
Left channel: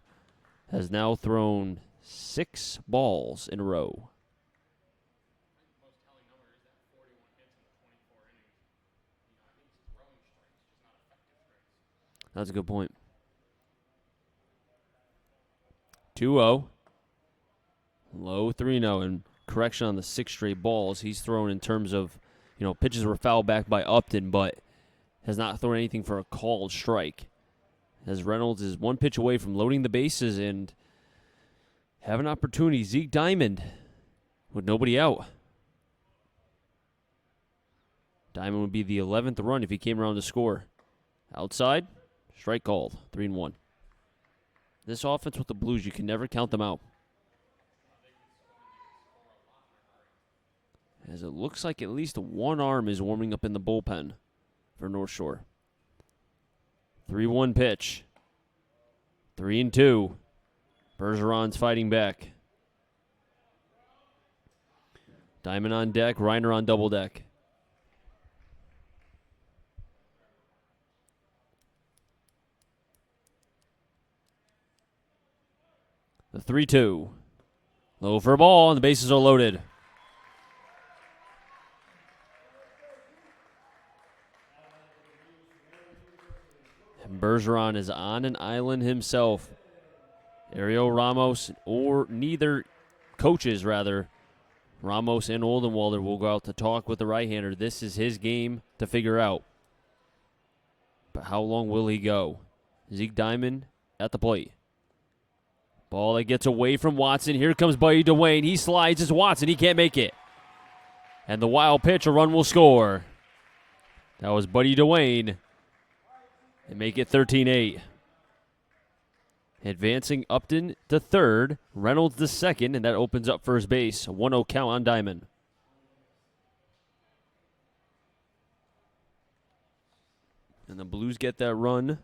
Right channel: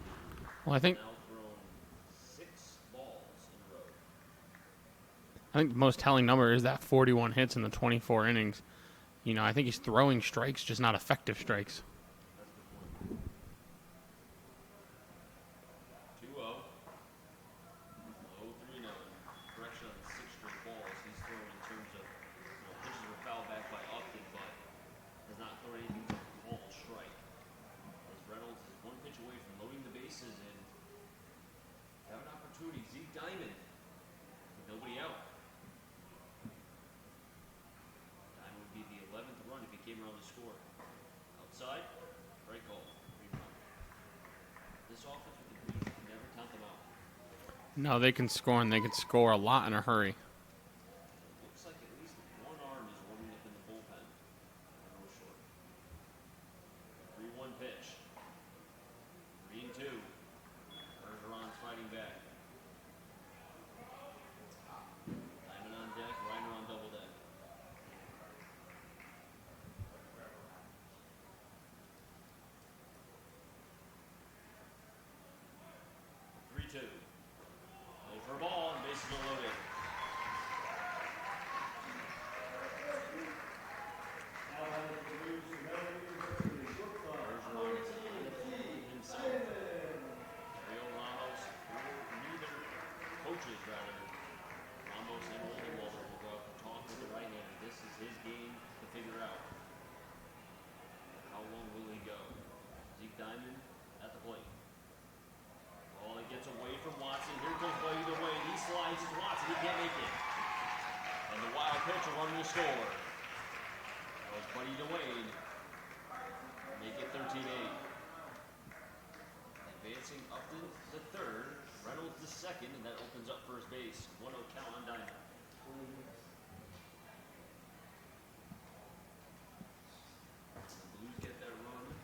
Has now thrown 6 balls in a row. I think the most telling number is that 41 hits in the 24 innings. I think he's throwing strikes, just not effective strikes. That's a good point. 2-0. Low 3-0. And correction on the 6 straight balls he's thrown in terms of, pitches were fouled back by Upton, but has not thrown anything for a called strike. As Reynolds is 1 pitch away from loading the bases and have an opportunity. Zeke Diamond with nobody out. Diamond would be the 11th run if he came around to score. Outside, strike called, 3-1. This offense with the Blues, you can never count them out. No, they can score, and they can score a lot in a hurry. As it looks like at least one arm is warming up in the bullpen for North Shore. 3-1 pitch. 3-2. Bergeron's fighting back. Diamond on deck, Reiner on double deck. The 3-2. Low for a ball, and the bases are loaded. Bergeron is on an island himself. Ariel Ramos, or neither coaches, rather, Ramos and Oldenwalder will go out to talk with the right-hander. This is his game to figure out. But how long will he go? Zeke Diamond at the plate. Ball that gets away from Watson. Here comes Buddy DeWayne. He slides. It's Watson. He can't make it. And the wild pitch, a run will score. That was Buddy DeWayne. They make it 13-8. Advancing Upton to third. Reynolds to second, and that opens up first base. A 1-0 count on Diamond. And the Blues get that run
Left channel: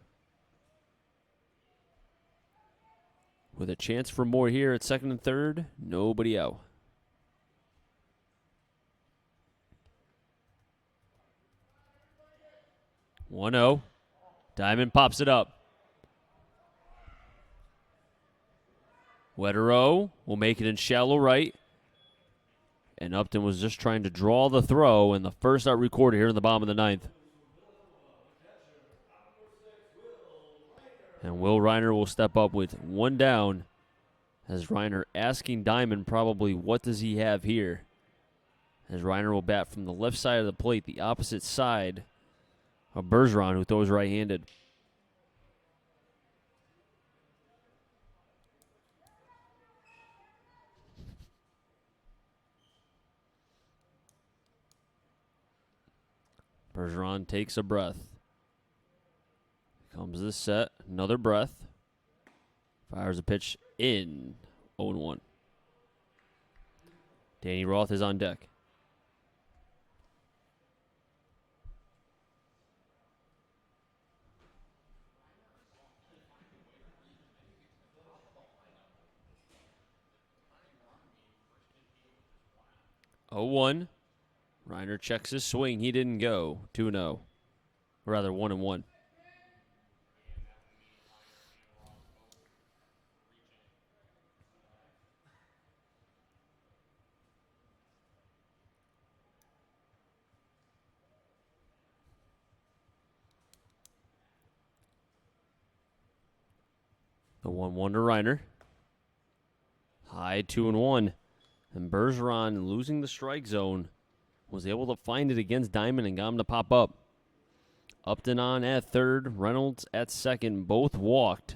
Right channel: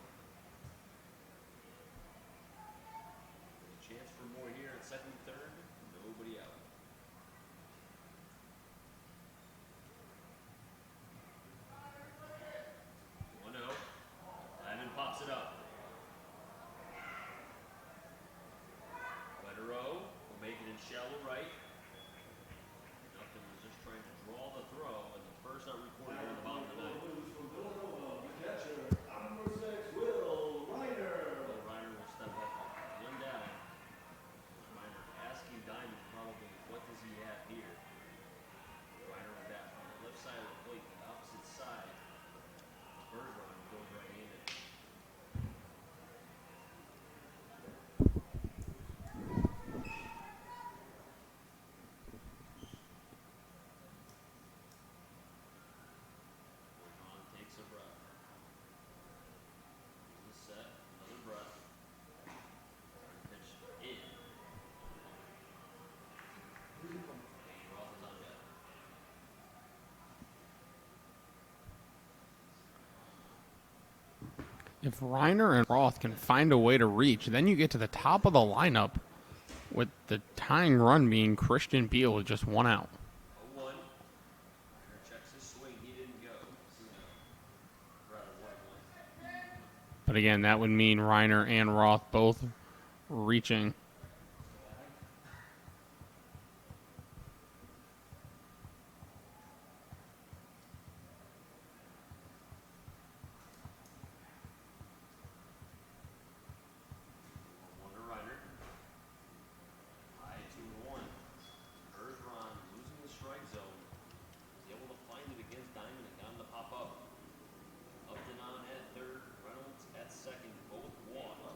with a chance for more here at second and third. Nobody out. One-0. Diamond pops it up. Wetero will make it in shallow right. And Upton was just trying to draw the throw, and the first out recorded here in the bottom of the ninth. And Will Reiner will step up with 1 down, as Reiner asking Diamond probably what does he have here. As Reiner will bat from the left side of the plate, the opposite side of Bergeron, who throws right-handed. Bergeron takes a breath. Comes this set, another breath. Fires a pitch in. 0-1. Danny Roth is on deck. If Reiner and Roth can find a way to reach, then you get to the top of the lineup with the tying run being Christian Beal with just 1 out. 0-1. Reiner checks his swing. He didn't go. 2-0. Or rather, 1-1. But again, that would mean Reiner and Roth both reaching. The 1-1 to Reiner. High 2-1. And Bergeron, losing the strike zone, was able to find it against Diamond and got him to pop up. Upton on at third, Reynolds at second, both walked.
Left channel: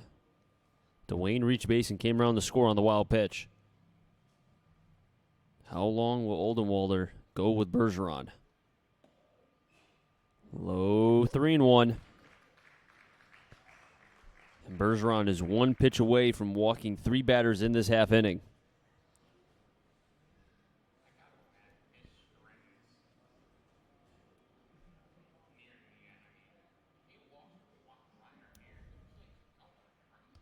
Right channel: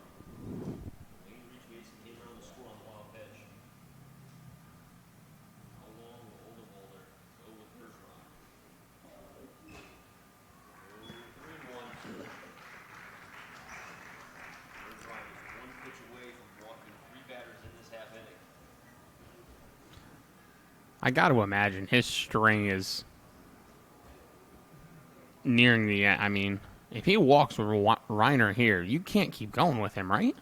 DeWayne reached base and came around to score on the wild pitch. How long will Oldenwalder go with Bergeron? Low 3-1. Bergeron is one pitch away from walking 3 batters in this half inning. I got to imagine his string is nearing the end. I mean, if he walks with Reiner here, you can't keep going with him, right?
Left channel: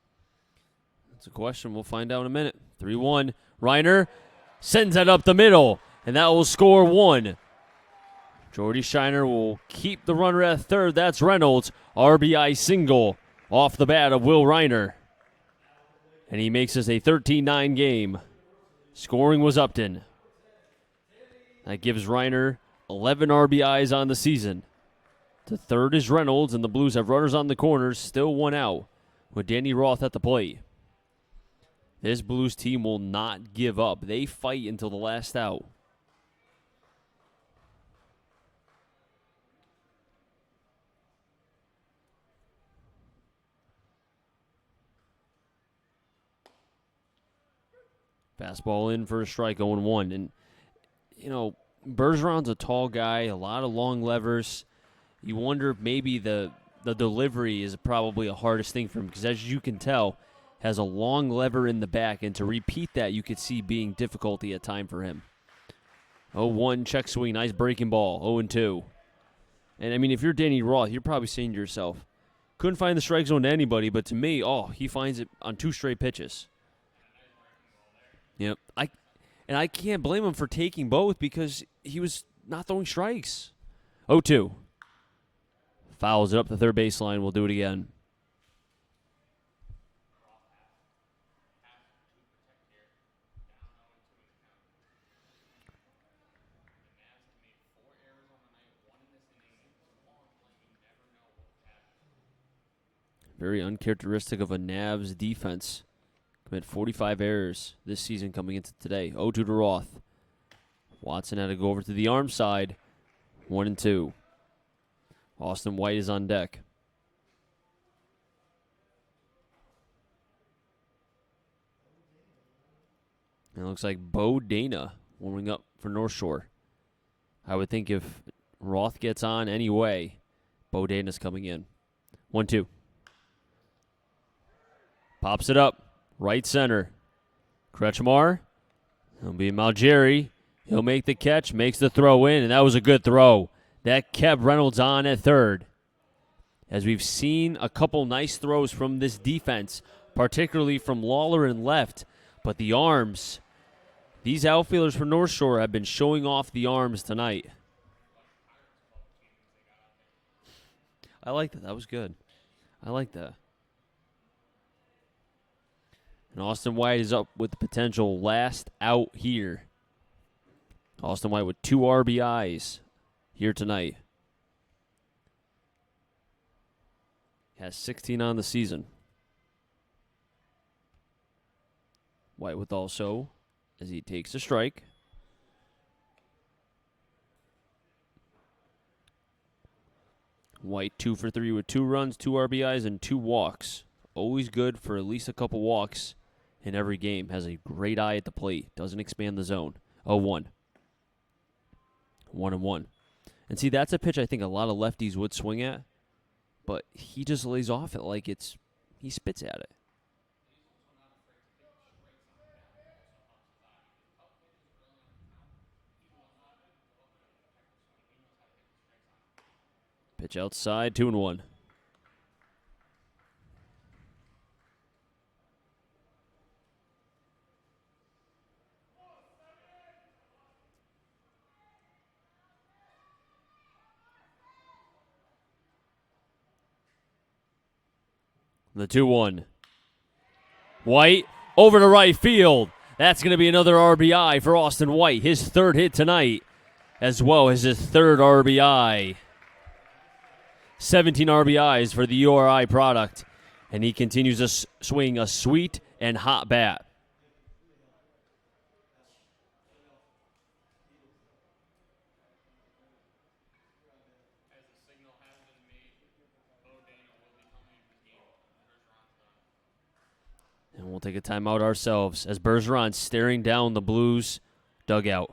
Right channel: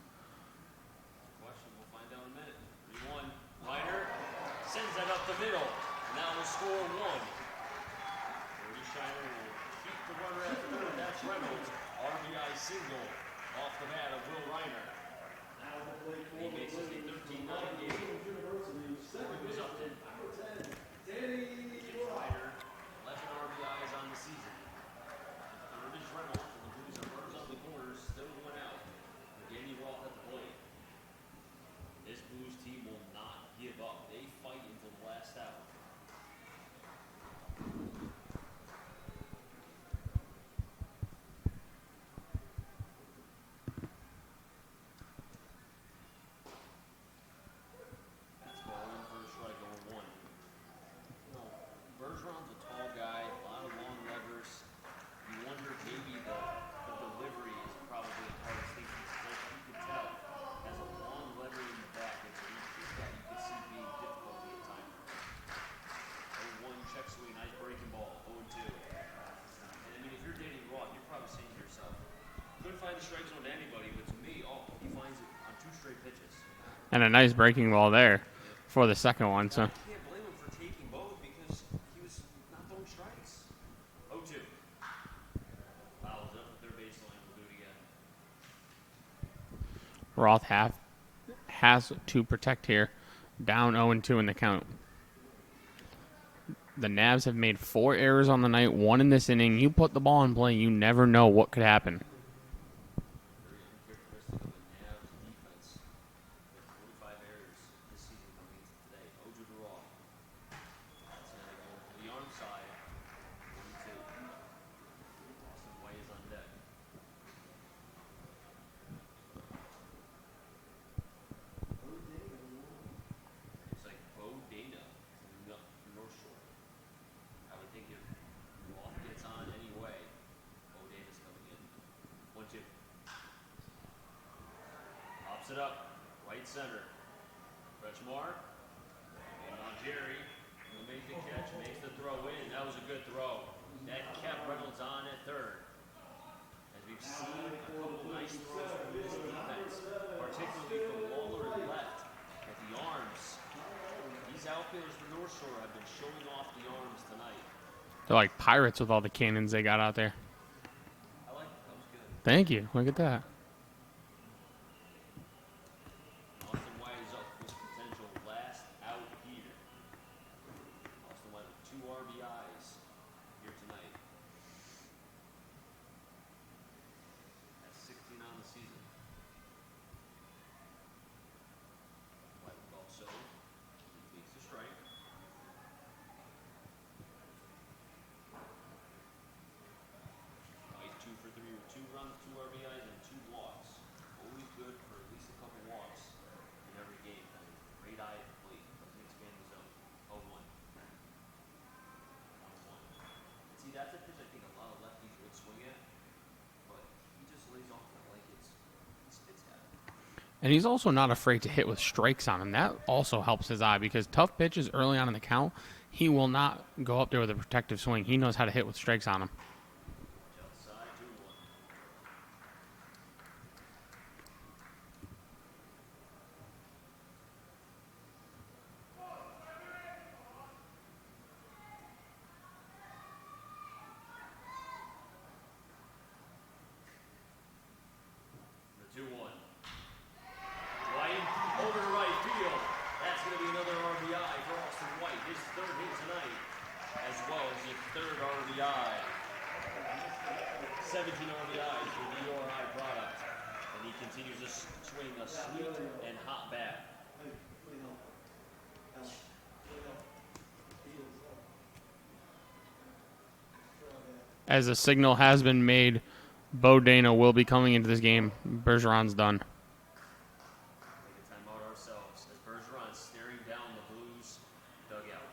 It's a question. We'll find out in a minute. 3-1. Reiner sends that up the middle, and that will score 1. Jordy Shiner will keep the runner at third. That's Reynolds. RBI single off the bat of Will Reiner. And he makes this a 13-9 game. Scoring was Upton. That gives Reiner 11 RBIs on the season. The third is Reynolds, and the Blues have runners on the corners, still 1 out, with Danny Roth at the plate. This Blues team will not give up. They fight until the last out. Fastball in for a strike, 0-1. And, you know, Bergeron's a tall guy, a lot of long levers. You wonder if maybe the delivery is probably the hardest thing for him, because as you can tell, has a long lever in the back, and to repeat that you could see being difficulty at time for him. 0-1, check swing, nice breaking ball, 0-2. And, I mean, if you're Danny Roth, you're probably saying to yourself, couldn't find the strike zone to anybody, but to me, he finds it on 2 straight pitches. And a nice breaking ball there for the second one. And I can't blame him for taking both because he was not throwing strikes. 0-2. Fouls it up the third baseline. We'll do it again. Roth has to protect here. Down 0-2 in the count. The Navs have made 4 errors on the night, 1 in this inning. You put the ball in play, you never know what could happen. Very uncharacteristic of a Navs defense. Commit 45 errors this season coming into today. 0-2 to Roth. Watson had to go over to the arm side. 1-2. Austin White is on deck. And it looks like Bo Dana warming up for North Shore. I would think if Roth gets on anyway, Bo Dana's coming in. 1-2. Pops it up. Right center. Kretschmar. It'll be Malgeri. He'll make the catch, makes the throw in, and that was a good throw. That kept Reynolds on at third. As we've seen a couple nice throws from this defense, particularly from Lawler and left, but the arms, these outfielders for North Shore have been showing off the arms tonight. They're like pirates with all the cannons they got out there. I like that. That was good. Thank you. Look I at like that. that. And Austin White is up with potential last out here. Austin White with 2 RBIs here tonight. Has 16 on the season. White with also, as he takes a strike. White 2 for 3 with 2 runs, 2 RBIs, and 2 walks. Always good for at least a couple walks in every game. Has a great eye at the plate. Doesn't expand the zone. 0-1. 1-1. And see, that's a pitch I think a lot of lefties would swing at, but he just lays off it like he spits at it. And he's also not afraid to hit with strikes on him. That also helps his eye because tough pitches early on in the count, he will not go up there with a protective swing. He knows how to hit with strikes on him. Pitch outside, 2-1. The 2-1. White over to right field. That's going to be another RBI for Austin White. His 3rd hit tonight, as well as his 3rd RBI. 17 RBIs for the URI product. And he continues to swing a sweet and hot bat. As a signal has been made, Bo Dana will be coming into this game. Bergeron's done. And we'll take a timeout ourselves as Bergeron's staring down the Blues dugout.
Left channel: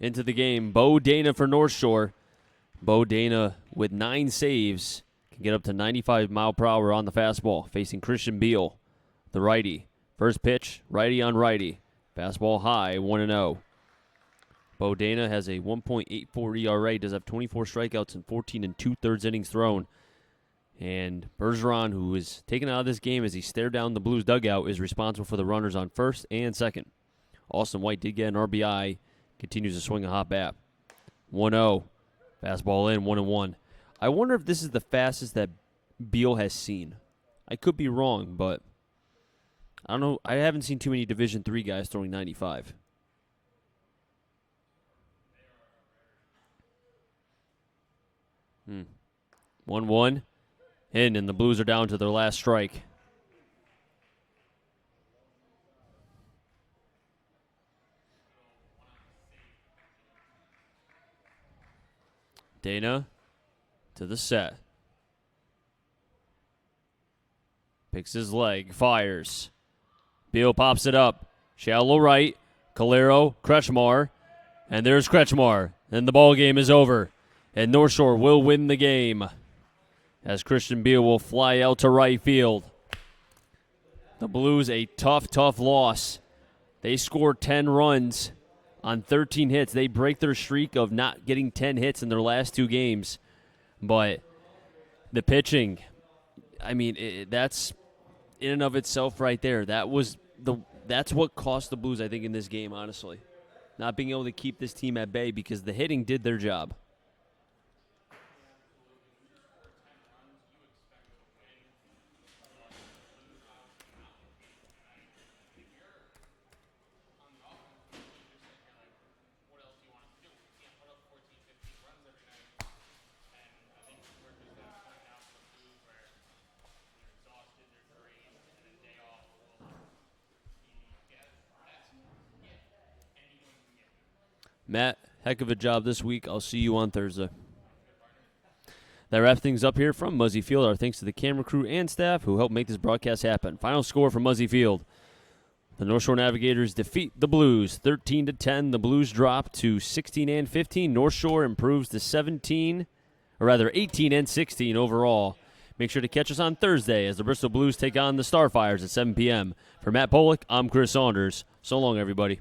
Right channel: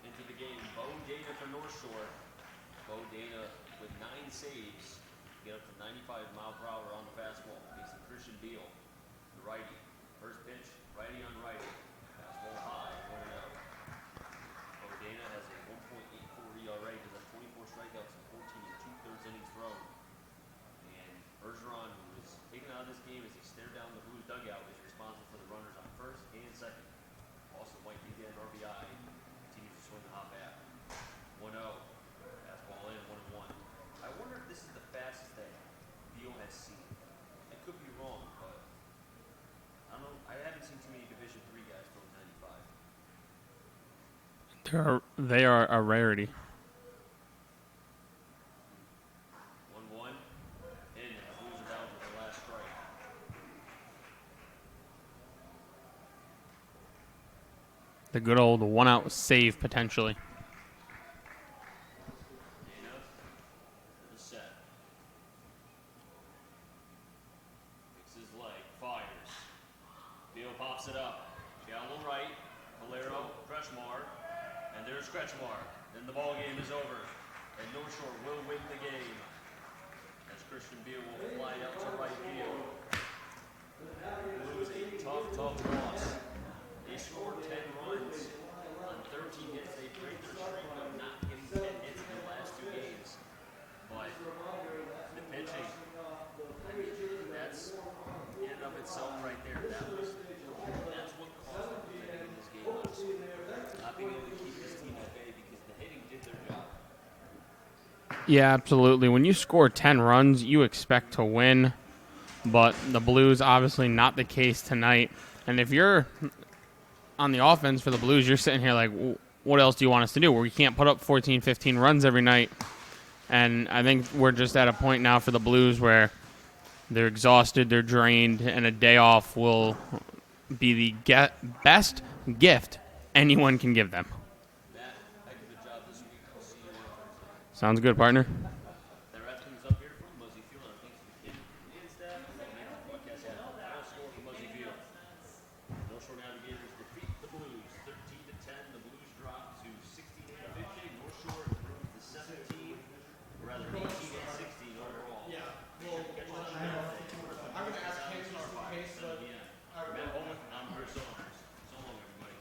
into the game. Bo Dana for North Shore. Bo Dana with 9 saves. Can get up to 95 mile per hour on the fastball. Facing Christian Beal, the righty. First pitch, righty on righty. Fastball high, 1-0. Bo Dana has a 1.84 ERA, does have 24 strikeouts and 14 2/3 innings thrown. And Bergeron, who is taken out of this game as he stared down the Blues dugout, is responsible for the runners on first and second. Austin White did get an RBI, continues to swing a hot bat. 1-0, fastball in, 1-1. I wonder if this is the fastest that Beal has seen. I could be wrong, but I don't know. I haven't seen too many Division III guys throwing 95. They are a rarity. 1-1. And the Blues are down to their last strike. The good old one-out save, potentially. Dana to the set. Picks his leg, fires. Beal pops it up. Shallow right. Calero, Kretschmar. And there's Kretschmar. And the ball game is over. And North Shore will win the game, as Christian Beal will fly out to right field. The Blues, a tough loss. They scored 10 runs on 13 hits. They break their streak of not getting 10 hits in their last 2 games. But the pitching, I mean, that's in and of itself right there. That's what cost the Blues, I think, in this game, honestly. Not being able to keep this team at bay because the hitting did their job. Yeah, absolutely. When you score 10 runs, you expect to win. But the Blues, obviously not the case tonight. And if you're on the offense for the Blues, you're sitting here like, what else do you want us to do? Where we can't put up 14, 15 runs every night. And I think we're just at a point now for the Blues where they're exhausted, they're drained, and a day off will be the best gift anyone can give them. Matt, heck of a job this week. I'll see you on Thursday. Sounds good, partner. That wraps things up here from Muzzy Field. Our thanks to the camera crew and staff who helped make this broadcast happen. Final score from Muzzy Field. The North Shore Navigators defeat the Blues 13-10. The Blues drop to 16-15. North Shore improves to 18-16 overall. Make sure to catch us on Thursday as the Bristol Blues take on the Starfires at 7 p.m. For Matt Pollock, I'm Chris Saunders. So long, everybody.